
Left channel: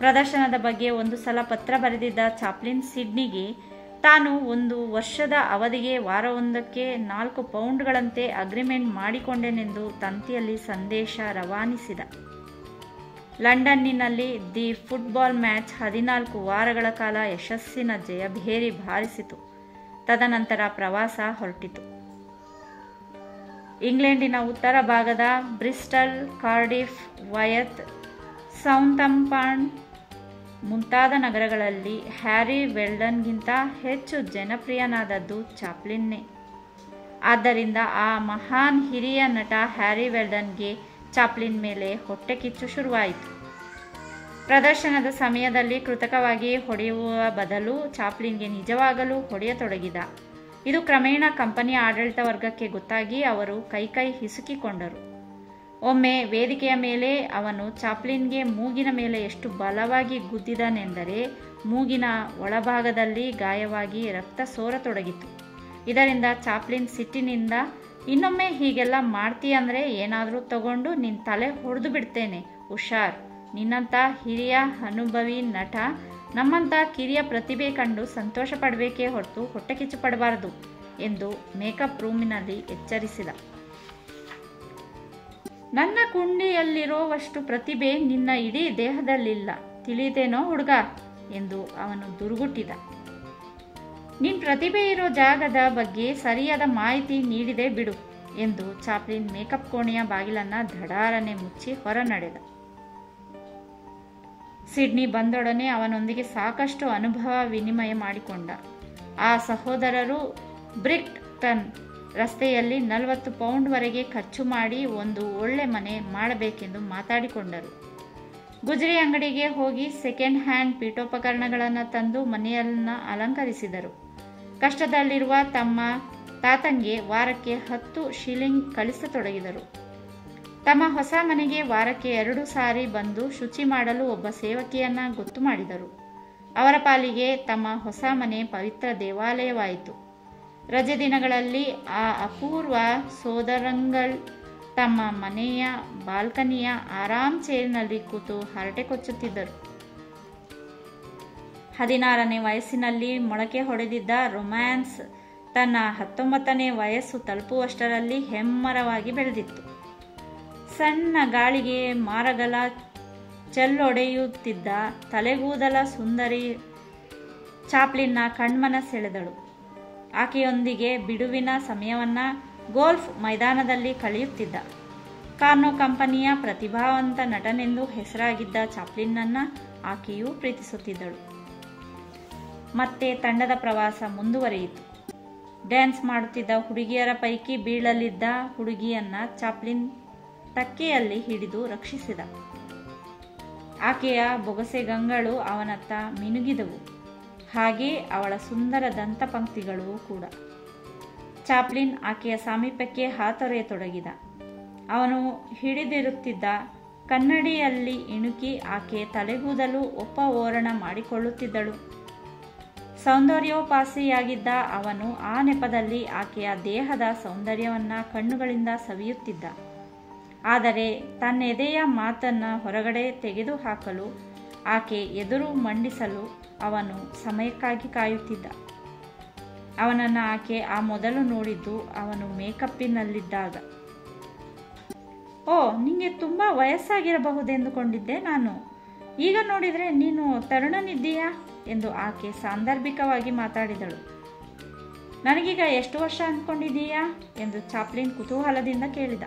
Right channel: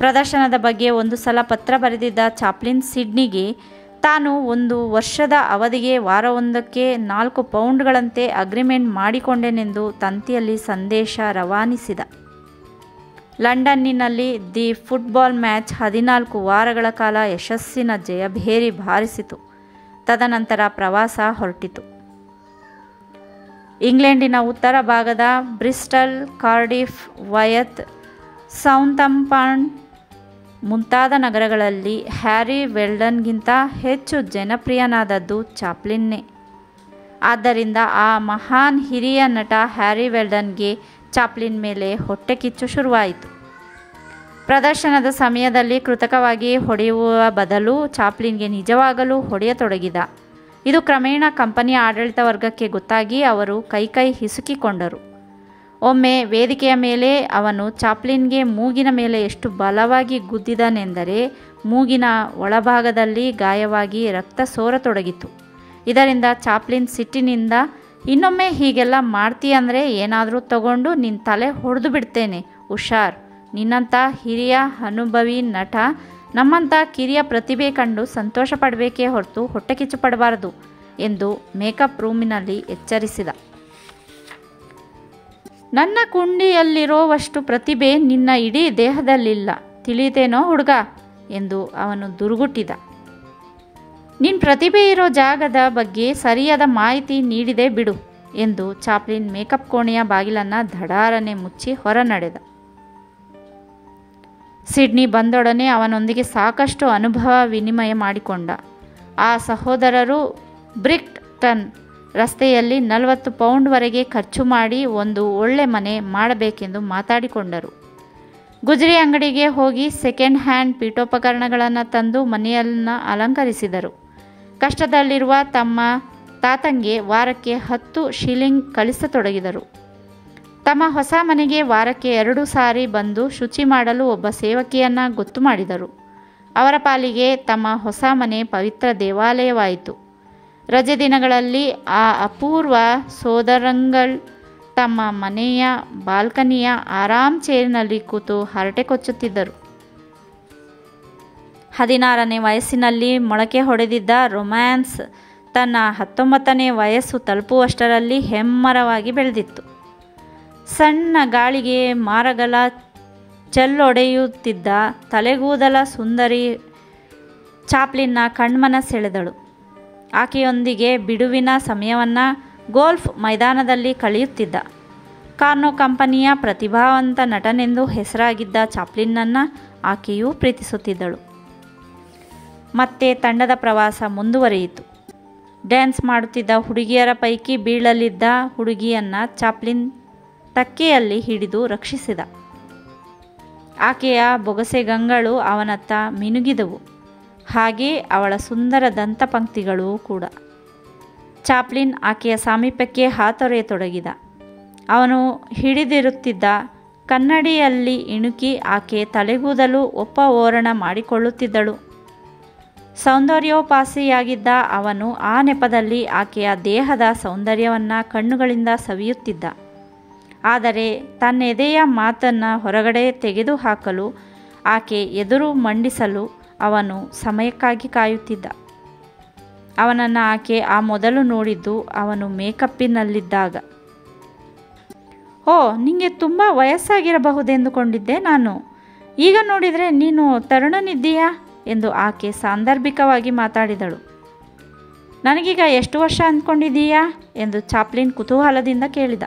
ಪ್ರದರ್ಶನದ ಬಗ್ಗೆ ಒಂದು ಸಲ ಪತ್ರ ಬರೆದಿದ್ದ ಚಾಪ್ಲಿನ್ ಸಿಡ್ನಿಗೆ ತಾನು 1 ವರ್ಷದ ಅವಧಿಗೆ ವಾರವೊಂದಕ್ಕೆ 4 ಪೌಂಡ್ಗಳಂತೆ ಅಗ್ರಿಮೆಂಟ್ ಮಾಡಿಕೊಂಡೆನೆಂದು ತಂತಿಯಲ್ಲಿ ಸಂದೇಶ ರವಾನಿಸಿದ. ಲಂಡನ್ನಿನಲ್ಲಿ ದಿ ಫುಟ್ಬಾಲ್ ಮ್ಯಾಚ್ 14 ವಾರಗಳ ಕಾಲ ಯಶಸ್ಸಿನ ಜಯಭೇರಿ ಬಾರಿಸಿತು. ತದನಂತರ ಪ್ರವಾಸ ಹೊರಟಿತು. ಇಂಗ್ಲೆಂಡಿನ ಉತ್ತರ ಭಾಗದ ಬ್ರಿಸ್ಟಲ್, ಕಾರ್ಡಿಫ್, ವಯತ್, ಸೌಂತಾಂಪ್ಟನ್ ಮುಂತಾದ ನಗರಗಳಲ್ಲಿ ಹ್ಯಾರಿ ವೆಲ್ಡನ್ಗಿಂತ ಹೆಚ್ಚು ಜನಪ್ರಿಯನಾದದ್ದು ಚಾಪ್ಲಿನ್ನೇ. ಆದ್ದರಿಂದ ಆ ಮಹಾನ್ ಹಿರಿಯ ನಟ ಹ್ಯಾರಿ ವೆಲ್ಡನ್ಗೆ ಚಾಪ್ಲಿನ್ ಮೇಲೆ ಹೊಟ್ಟೆ ಕಿಚ್ಚು ಶುರುವಾಯಿತು. ಪ್ರದರ್ಶನದ ಸಮಯದಲ್ಲಿ ಕೃತಕವಾಗಿ ಹೊಡೆಯುವ ಬದಲು ಚಾಪ್ಲಿನ್ಗೆ ನಿಜವಾಗಲೂ ಹೊಡೆಯತೊಡಗಿದ. ಇದು ಕ್ರಮೇಣ ಕಂಪನಿಯ ಆಡಳಿತ ವರ್ಗಕ್ಕೆ ಗೊತ್ತಾಗಿ ಅವರು ಕೈ ಹಿಸುಕಿಕೊಂಡರು. ಒಮ್ಮೆ ವೇದಿಕೆಯ ಮೇಲೆ ಅವನು ಚಾಪ್ಲಿನ್ಗೆ ಮೂಗಿನ ಮೇಲೆ ಎಷ್ಟು ಬಲವಾಗಿ ಗುದ್ದಿದನೆಂದರೆ ಮೂಗಿನ ಒಳಭಾಗದಲ್ಲಿ ಗಾಯವಾಗಿ ರಕ್ತ ಸೋರತೊಡಗಿತು. ಇದರಿಂದ ಚಾಪ್ಲಿನ್ ಸಿಟ್ಟಿನಿಂದ, ಇನ್ನೊಮ್ಮೆ ಹೀಗೆಲ್ಲ ಮಾಡ್ತೀಯಂದರೆ ಏನಾದರೂ ತಗೊಂಡು ನಿನ್ನ ತಲೆ ಹೊಡೆದು ಬಿಡ್ತೇನೆ, ಹುಷಾರ್. ನಿನ್ನಂಥ ಹಿರಿಯ ಅನುಭವಿ ನಟ ನಮ್ಮಂಥ ಕಿರಿಯ ಪ್ರತಿಭೆ ಕಂಡು ಸಂತೋಷ ಪಡಬೇಕೇ ಹೊರತು ಹೊಟ್ಟೆ ಕಿಚ್ಚು ಪಡಬಾರದು ಎಂದು ಮೇಕಪ್ ರೂಮಿನಲ್ಲಿ ಎಚ್ಚರಿಸಿದ. ನನ್ನ ಕುಂಡಿಯಲ್ಲಿರೋವಷ್ಟು ಪ್ರತಿಭೆ ನಿನ್ನ ಇಡೀ ದೇಹದಲ್ಲಿಲ್ಲ, ತಿಳಿತೇನೋ ಹುಡುಗ ಎಂದು ಅವನು ದುರುಗುಟ್ಟಿದ. ನಿನ್ನ ಪ್ರತಿಭೆ ಇರೋ ಜಾಗದ ಬಗ್ಗೆ ಸರಿಯಾದ ಮಾಹಿತಿ ನೀಡಿದೆ ಬಿಡು ಎಂದು ಚಾಪ್ಲಿನ್ ಮೇಕಪ್ ಕೋಣೆಯ ಬಾಗಿಲನ್ನು ಧಡಾರನೆ ಮುಚ್ಚಿ ಹೊರ ನಡೆದ. ಸಿಡ್ನಿ ಬಂದೊಡನೆ ಅವನೊಂದಿಗೆ ಸಾಕಷ್ಟು ಅನುಭವ ವಿನಿಮಯ ಮಾಡಿಕೊಂಡ. ಆ ಸಹೋದರರು ಬ್ರಿಕ್ಟನ್ ರಸ್ತೆಯಲ್ಲಿ 40 ಪೌಂಡ್ವರೆಗೆ ಖರ್ಚು ಮಾಡಿ ಒಂದು ಒಳ್ಳೆ ಮನೆ ಮಾಡಬೇಕೆಂದು ಮಾತಾಡಿಕೊಂಡರು. ಗುಜರಿ ಅಂಗಡಿಗೆ ಹೋಗಿ ಸೆಕೆಂಡ್ ಹ್ಯಾಂಡ್ ಪೀಠೋಪಕರಣಗಳನ್ನು ತಂದು ಮನೆಯನ್ನು ಅಲಂಕರಿಸಿದರು. ಕಷ್ಟದಲ್ಲಿರುವ ತಮ್ಮ ತಾತಂಗೆ ವಾರಕ್ಕೆ 10 ಶಿಲಿಂಗ್ ಕಳಿಸತೊಡಗಿದರು. ತಮ್ಮ ಹೊಸ ಮನೆಗೆ ವಾರಕ್ಕೆ 2 ಸಾರಿ ಬಂದು ಶುಚಿ ಮಾಡಲು ಒಬ್ಬ ಸೇವಕಿಯನ್ನು ಗೊತ್ತು ಮಾಡಿದರು. ಅವರ ಪಾಲಿಗೆ ತಮ್ಮ ಹೊಸ ಮನೆ ಪವಿತ್ರ ದೇವಾಲಯವಾಯಿತು. ರಜೆ ದಿನಗಳಲ್ಲಿ ಆ ಅಪೂರ್ವ ಸೋದರಂಗಳು ತಮ್ಮ ಮನೆಯ ಬಾಲ್ಕನಿಯ ಆರಾಮ್ ಚೇರಿನಲ್ಲಿ ಕೂತು ಹರಟೆ ಕೊಚ್ಚುತ್ತಿದ್ದರು. 16ನೇ ವಯಸ್ಸಿನಲ್ಲಿ ಮೊಳಕೆ ಹೊಡೆದಿದ್ದ ರೊಮ್ಯಾನ್ಸ್ ತನ್ನ 19ನೇ ವಯಸ್ಸು ತಲುಪುವಷ್ಟರಲ್ಲಿ ಹೆಮ್ಮರವಾಗಿ ಬೆಳೆದಿತ್ತು. ಸಣ್ಣ ಗಾಳಿಗೆ ಮಾರಗಲ ಚೆಲ್ಲೊಡೆಯುತ್ತಿದ್ದ ತಲೆಗೂದಲ ಸುಂದರಿ ಚಾಪ್ಲಿನ್ನ ಕಣ್ಮನ ಸೆಳೆದಳು. ಆಕೆಯೊಂದಿಗೆ ಬಿಡುವಿನ ಸಮಯವನ್ನು ಗೋಲ್ಫ್ ಮೈದಾನದಲ್ಲಿ ಕಳೆಯುತ್ತಿದ್ದ. ಕಾರ್ನೋ ಕಂಪನಿಯ ಪ್ರತಿಭಾವಂತ ನಟನೆಂದು ಹೆಸರಾಗಿದ್ದ ಚಾಪ್ಲಿನ್ನನ್ನು ಆಕೆಯೂ ಪ್ರೀತಿಸುತ್ತಿದ್ದಳು. ಮತ್ತೆ ತಂಡದ ಪ್ರವಾಸ ಮುಂದುವರಿಯಿತು. ಡ್ಯಾನ್ಸ್ ಮಾಡುತ್ತಿದ್ದ ಹುಡುಗಿಯರ ಪೈಕಿ ಬೀಳಲಿದ್ದ ಹುಡುಗಿಯನ್ನು ಚಾಪ್ಲಿನ್ ತಕ್ಕೆಯಲ್ಲಿ ಹಿಡಿದು ರಕ್ಷಿಸಿದ. ಆಕೆಯ ಬೊಗಸೆಗಂಗಳು ಅವನತ್ತ ಮಿನುಗಿದವು, ಹಾಗೇ ಅವಳ ಸುಂದರ ದಂತಪಂಕ್ತಿಗಳೂ ಕೂಡ. ಚಾಪ್ಲಿನ್ ಆಕೆಯ ಸಾಮೀಪ್ಯಕ್ಕೆ ಹಾತೊರೆಯತೊಡಗಿದ. ಅವನು ಹಿಡಿದಿರುತ್ತಿದ್ದ ಕನ್ನಡಿಯಲ್ಲಿ ಇಣುಕಿ ಆಕೆ ತಲೆಗೂದಲು ಒಪ್ಪ ಓರಣ ಮಾಡಿಕೊಳ್ಳುತ್ತಿದ್ದಳು. ಸೌಂದರ್ಯೋಪಾಸಿಯಾಗಿದ್ದ ಅವನು ಆ ನೆಪದಲ್ಲಿ ಆಕೆಯ ದೇಹದ ಸೌಂದರ್ಯವನ್ನು ಕಣ್ಣುಗಳಿಂದ ಸವಿಯುತ್ತಿದ್ದ. ಆದರೆ ತನ್ನೆದೆಯ ಮಾತನ್ನು ಹೊರಗಡೆ ತೆಗೆದುಹಾಕಲು, ಆಕೆ ಎದುರು ಮಂಡಿಸಲು ಅವನು ಸಮಯಕ್ಕಾಗಿ ಕಾಯುತ್ತಿದ್ದ. ಅವನನ್ನು ಆಕೆ ಆ ಮೊದಲು ನೋಡಿದ್ದು ಅವನು ಮೇಕಪ್ಪಿನಲ್ಲಿದ್ದಾಗ. ಓ, ನಿನಗೆ ತುಂಬ ವಯಸ್ಸಾಗಿರಬಹುದೆಂದುಕೊಂಡಿದ್ದೆ ನಾನು. ಈಗ ನೋಡಿದರೆ ನೀನು ತರುಣನಿದ್ದೀಯಾ ಎಂದು ಆಕೆ ಸಾಂದರ್ಭಿಕವಾಗಿ ಮಾತಾಡಿದಳು. ನನಗೀಗ ಎಷ್ಟು ವರ್ಷ ಅಂದ್ಕೊಂಡಿದ್ದೀಯಾ ಎಂದು ಚಾಪ್ಲಿನ್ ಕುತೂಹಲದಿಂದ ಕೇಳಿದ.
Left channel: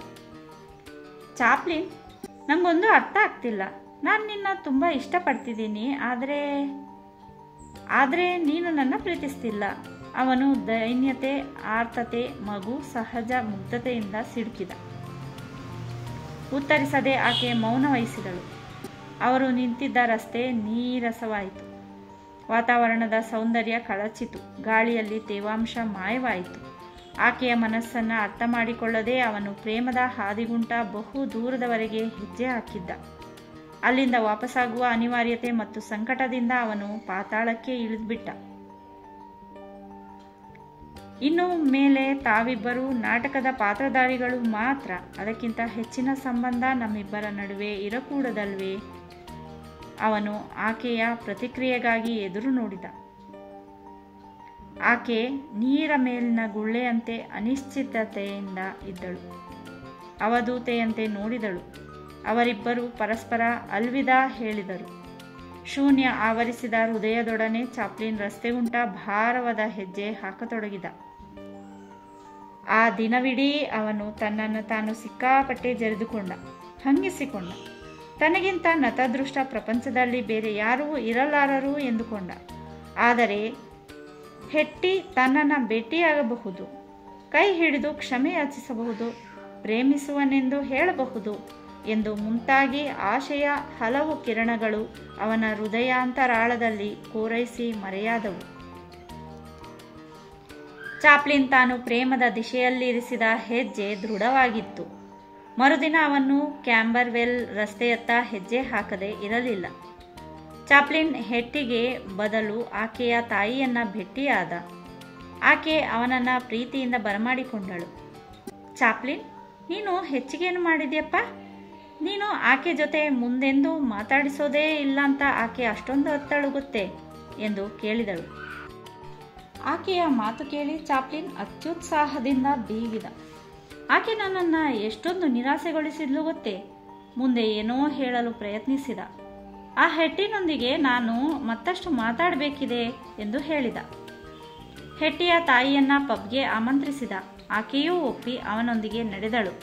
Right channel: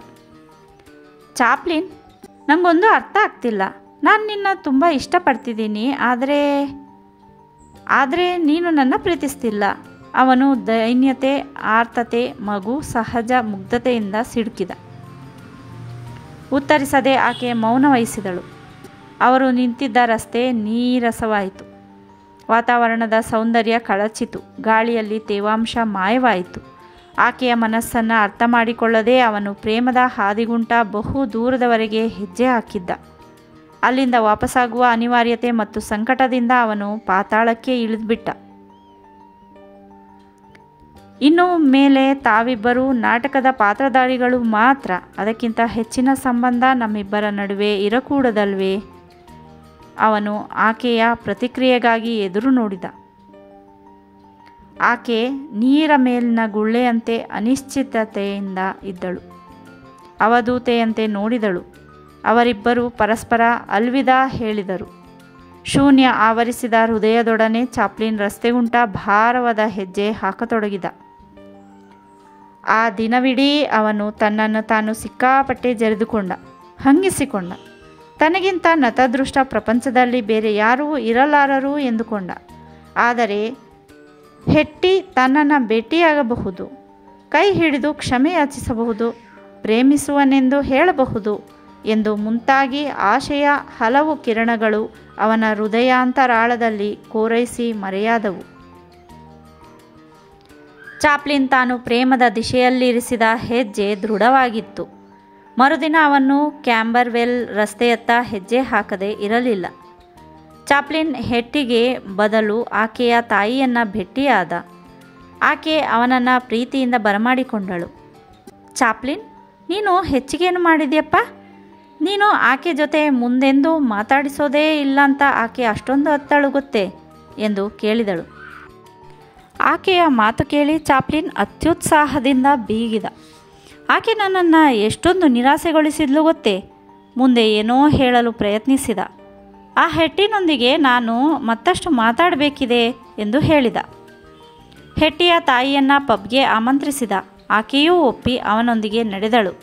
ಚಾಪ್ಲಿನ್, ನನಗೊಂದು ಅರ್ಥ ಆಗ್ತಿಲ್ಲ. ನಾನು ನಿನ್ನ ತುಂಬ ಇಷ್ಟಪಡ್ತಿದ್ದೀನಿ, ಆದರೆ ನೀನು ನನ್ನ ಪ್ರೀತಿಸ್ತಿಲ್ಲ. ಅವನು ದೈನ್ಯತೆ, ಆರ್ತತೆ, ಮಗು ಸಹಜ ಮುಗ್ಧತೆಯಿಂದ ಸಿಡುಕಿದ. ಉತ್ತರಿಸದೆ ಆಕೆ ಮೌನ ವಹಿಸಿದಳು. ಅವರು ನಿಂತಿದ್ದ ರಸ್ತೆ ನೀರಸವಾಯಿತು. ವಾತಾವರಣದ ಸೌಂದರ್ಯ ಕಳಚಿತು. ಗಾಳಿಯಲ್ಲಿ ತೇವಾಂಶ ಮಾಯವಾಯಿತು. ಆಕೆಯ ಮನಸ್ಸನ್ನು ಅರ್ಥ ಮಾಡಿಕೊಳ್ಳದೆ ಅವನು ಪ್ರೇಮದ ಹಾದಿಗುಂಟ ಬಹು ದೂರದವರೆಗೆ ಹೆಜ್ಜೆ ಹಾಕಿದ್ದ. ಅಲ್ಲಿಂದ ವಾಪಸ್ಸಾಗುವ ಅನಿವಾರ್ಯತೆ ಮತ್ತು ಸಂಕಟದಿಂದ ಅವನು ಪಾತಾಳಕ್ಕೆ ಇಳಿದುಬಿಟ್ಟ. ಇನ್ನು ಮೇಲೆ ತಾವಿಬ್ಬರೂ ನಾಟಕದ ಪಾತ್ರಧಾರಿಗಳು ಮಾತ್ರ. ಅದಕ್ಕಿಂತ ಹೆಚ್ಚಿನ ಸಂಬಂಧ ನಮ್ಮಿಬ್ಬರ ನಡುವೆ ಇರಕೂಡದಲ್ವೇ? ಅವನು ಆಕೆಯ ಪ್ರತಿಕ್ರಿಯೆಗಾಗಿ ಎದುರು ನೋಡಿದ. ಆಕೆ ನೀರ ಮೇಲಿನ ಗುಳ್ಳೆಯಂತೆ ಅನಿಶ್ಚಿತತೆಯಿಂದ ಇದ್ದಳು. ಅವಧೂತೆಯಂತೆ ನೋಡಿದಳು. ಅವರಿಬ್ಬರು ಪರಸ್ಪರ ಅಲ್ವಿದಾ ಹೇಳಿದರು. ಶೂನ್ಯ ಆವರಿಸಿದ ಹೃದಯದೊಡನೆ ಚಾಪ್ಲಿನ್ ರಸ್ತೆಗುಂಟ ಭಾರವಾದ ಹೆಜ್ಜೆ ಹಾಕತೊಡಗಿದ. ಆ ದಿನವಿಡೀ ಅವನು ತನ್ನನ್ನು ತಾನು ಸಿಕ್ಕಾಪಟ್ಟೆ ಜರಿದುಕೊಂಡ, ಹಂಗಿಸಿಕೊಂಡ. ತನಗಿಂತ ನತದೃಷ್ಟ ಪ್ರಪಂಚದಲ್ಲಿ ಬೇರೆ ಯಾರೂ ಇರಲಾರರು ಎಂದುಕೊಂಡ. ಆದರೆ ಹೆಟ್ಟಿ ತನ್ನನ್ನು ಭೇಟಿಯಾಗಬಹುದು, ಕೈ ಹಿಡಿದು ಕ್ಷಮೆ ಯಾಚಿಸಬಹುದು, ಪ್ರೇಮಿಸುವನೆಂದು ಹೇಳಬಹುದು ಎಂದು ಮುಂತಾಗಿ ಆಶೆಯ ಹಲವು ಕಿರಣಗಳು ಅವನ ಹೃದಯಾಂತರಾಳದಲ್ಲಿ ಕೋರೈಸಿ ಮರೆಯಾದವು. ಚಾಪ್ಲಿನ್ ತಾನು ಪ್ರೇಮದ ದಿಶೆಯಲ್ಲಿರಿಸಿದ ಹೆಜ್ಜೆ ದೃಢವಾಗಿತ್ತು. ಮರುದಿನ ಅವನು ಕ್ಯಾಂಬರ್ವೆಲ್ ರಸ್ತೆಯತ್ತ ಹೆಜ್ಜೆ ಹಾಕದೆ ಇರಲಿಲ್ಲ. ಚಾಪ್ಲಿನ್ ಹೆಟ್ಟಿಗೆ ಬದಲು ಆಕೆಯ ತಾಯಿಯನ್ನು ಭೇಟಿಯಾದ. ಆಕೆ ಅವನನ್ನು ಪ್ರೀತಿಯಿಂದ ಬರಮಾಡಿಕೊಂಡಳು. ಚಾಪ್ಲಿನ್, ನೀನು ಹೆಚ್ಚಿಗೇನು ಮಾಡಿದ್ಯಪ್ಪ? ನೀನು ಆಕೆ ಜೊತೆ ಮುಂದೆಂದೂ ಮಾತಾಡಿಸೋದೇ ಇಲ್ಲ ಅಂತ ಆಕೆ ಅಷ್ಟೊಂದು ಅತ್ತಳು ಗೊತ್ತೇ ಎಂದು ಕೇಳಿದಳು. ಆಕೆಯ ಮಾತು ಕೇಳಿ ಚಾಪ್ಲಿನ್ ಅತ್ಯುತ್ಸಾಹದಿಂದ ಬೀಗಿದ. ಆಕೆ ನನ್ನನ್ನು ಎಷ್ಟೊಂದು ನಿರಾಸೆಗೊಳಿಸಿದ್ಲು ಗೊತ್ತೇ. ಮುಂದೆ ಏನೋ ಹೇಳಲು ಪ್ರಯತ್ನಿಸಿದ. ಆ ಹೆಟ್ಟಿನೊಂದಿಗೆ ನಾನು ಮತ್ತಷ್ಟು ಮಾತಾಡಬೇಕಿದೆ ಎಂದು ಹೇಳಿದ. ಹೆಟ್ಟಿಯ ತಾಯಿಯನ್ನು ಪಬ್ಗೆ ಆಮಂತ್ರಿಸಿದ. ಆಕೆಯೂ ಒಪ್ಪಿ ಅವನೊಂದಿಗೆ ನಡೆದಳು.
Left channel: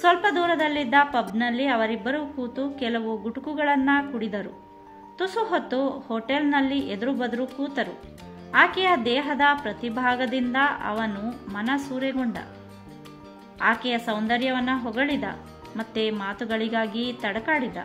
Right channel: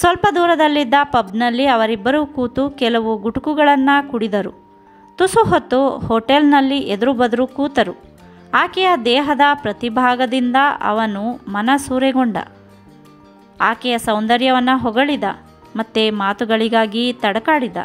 ಸ್ವಲ್ಪ ದೂರದಲ್ಲಿದ್ದ ಪಬ್ನಲ್ಲಿ ಅವರಿಬ್ಬರೂ ಕೂತು ಕೆಲವು ಗುಟುಕುಗಳನ್ನು ಕುಡಿದರು. ತುಸು ಹೊತ್ತು ಹೋಟೆಲ್ನಲ್ಲಿ ಎದುರು ಬದುರು ಕೂತರು. ಆಕೆಯ ದೇಹದ ಪ್ರತಿಭಾಗದಿಂದ ಅವನು ಮನಸೂರೆಗೊಂಡ. ಆಕೆಯ ಸೌಂದರ್ಯವನ್ನು ಹೊಗಳಿದ. ಮತ್ತೆ ಮಾತುಗಳಿಗಾಗಿ ತಡಕಾಡಿದ.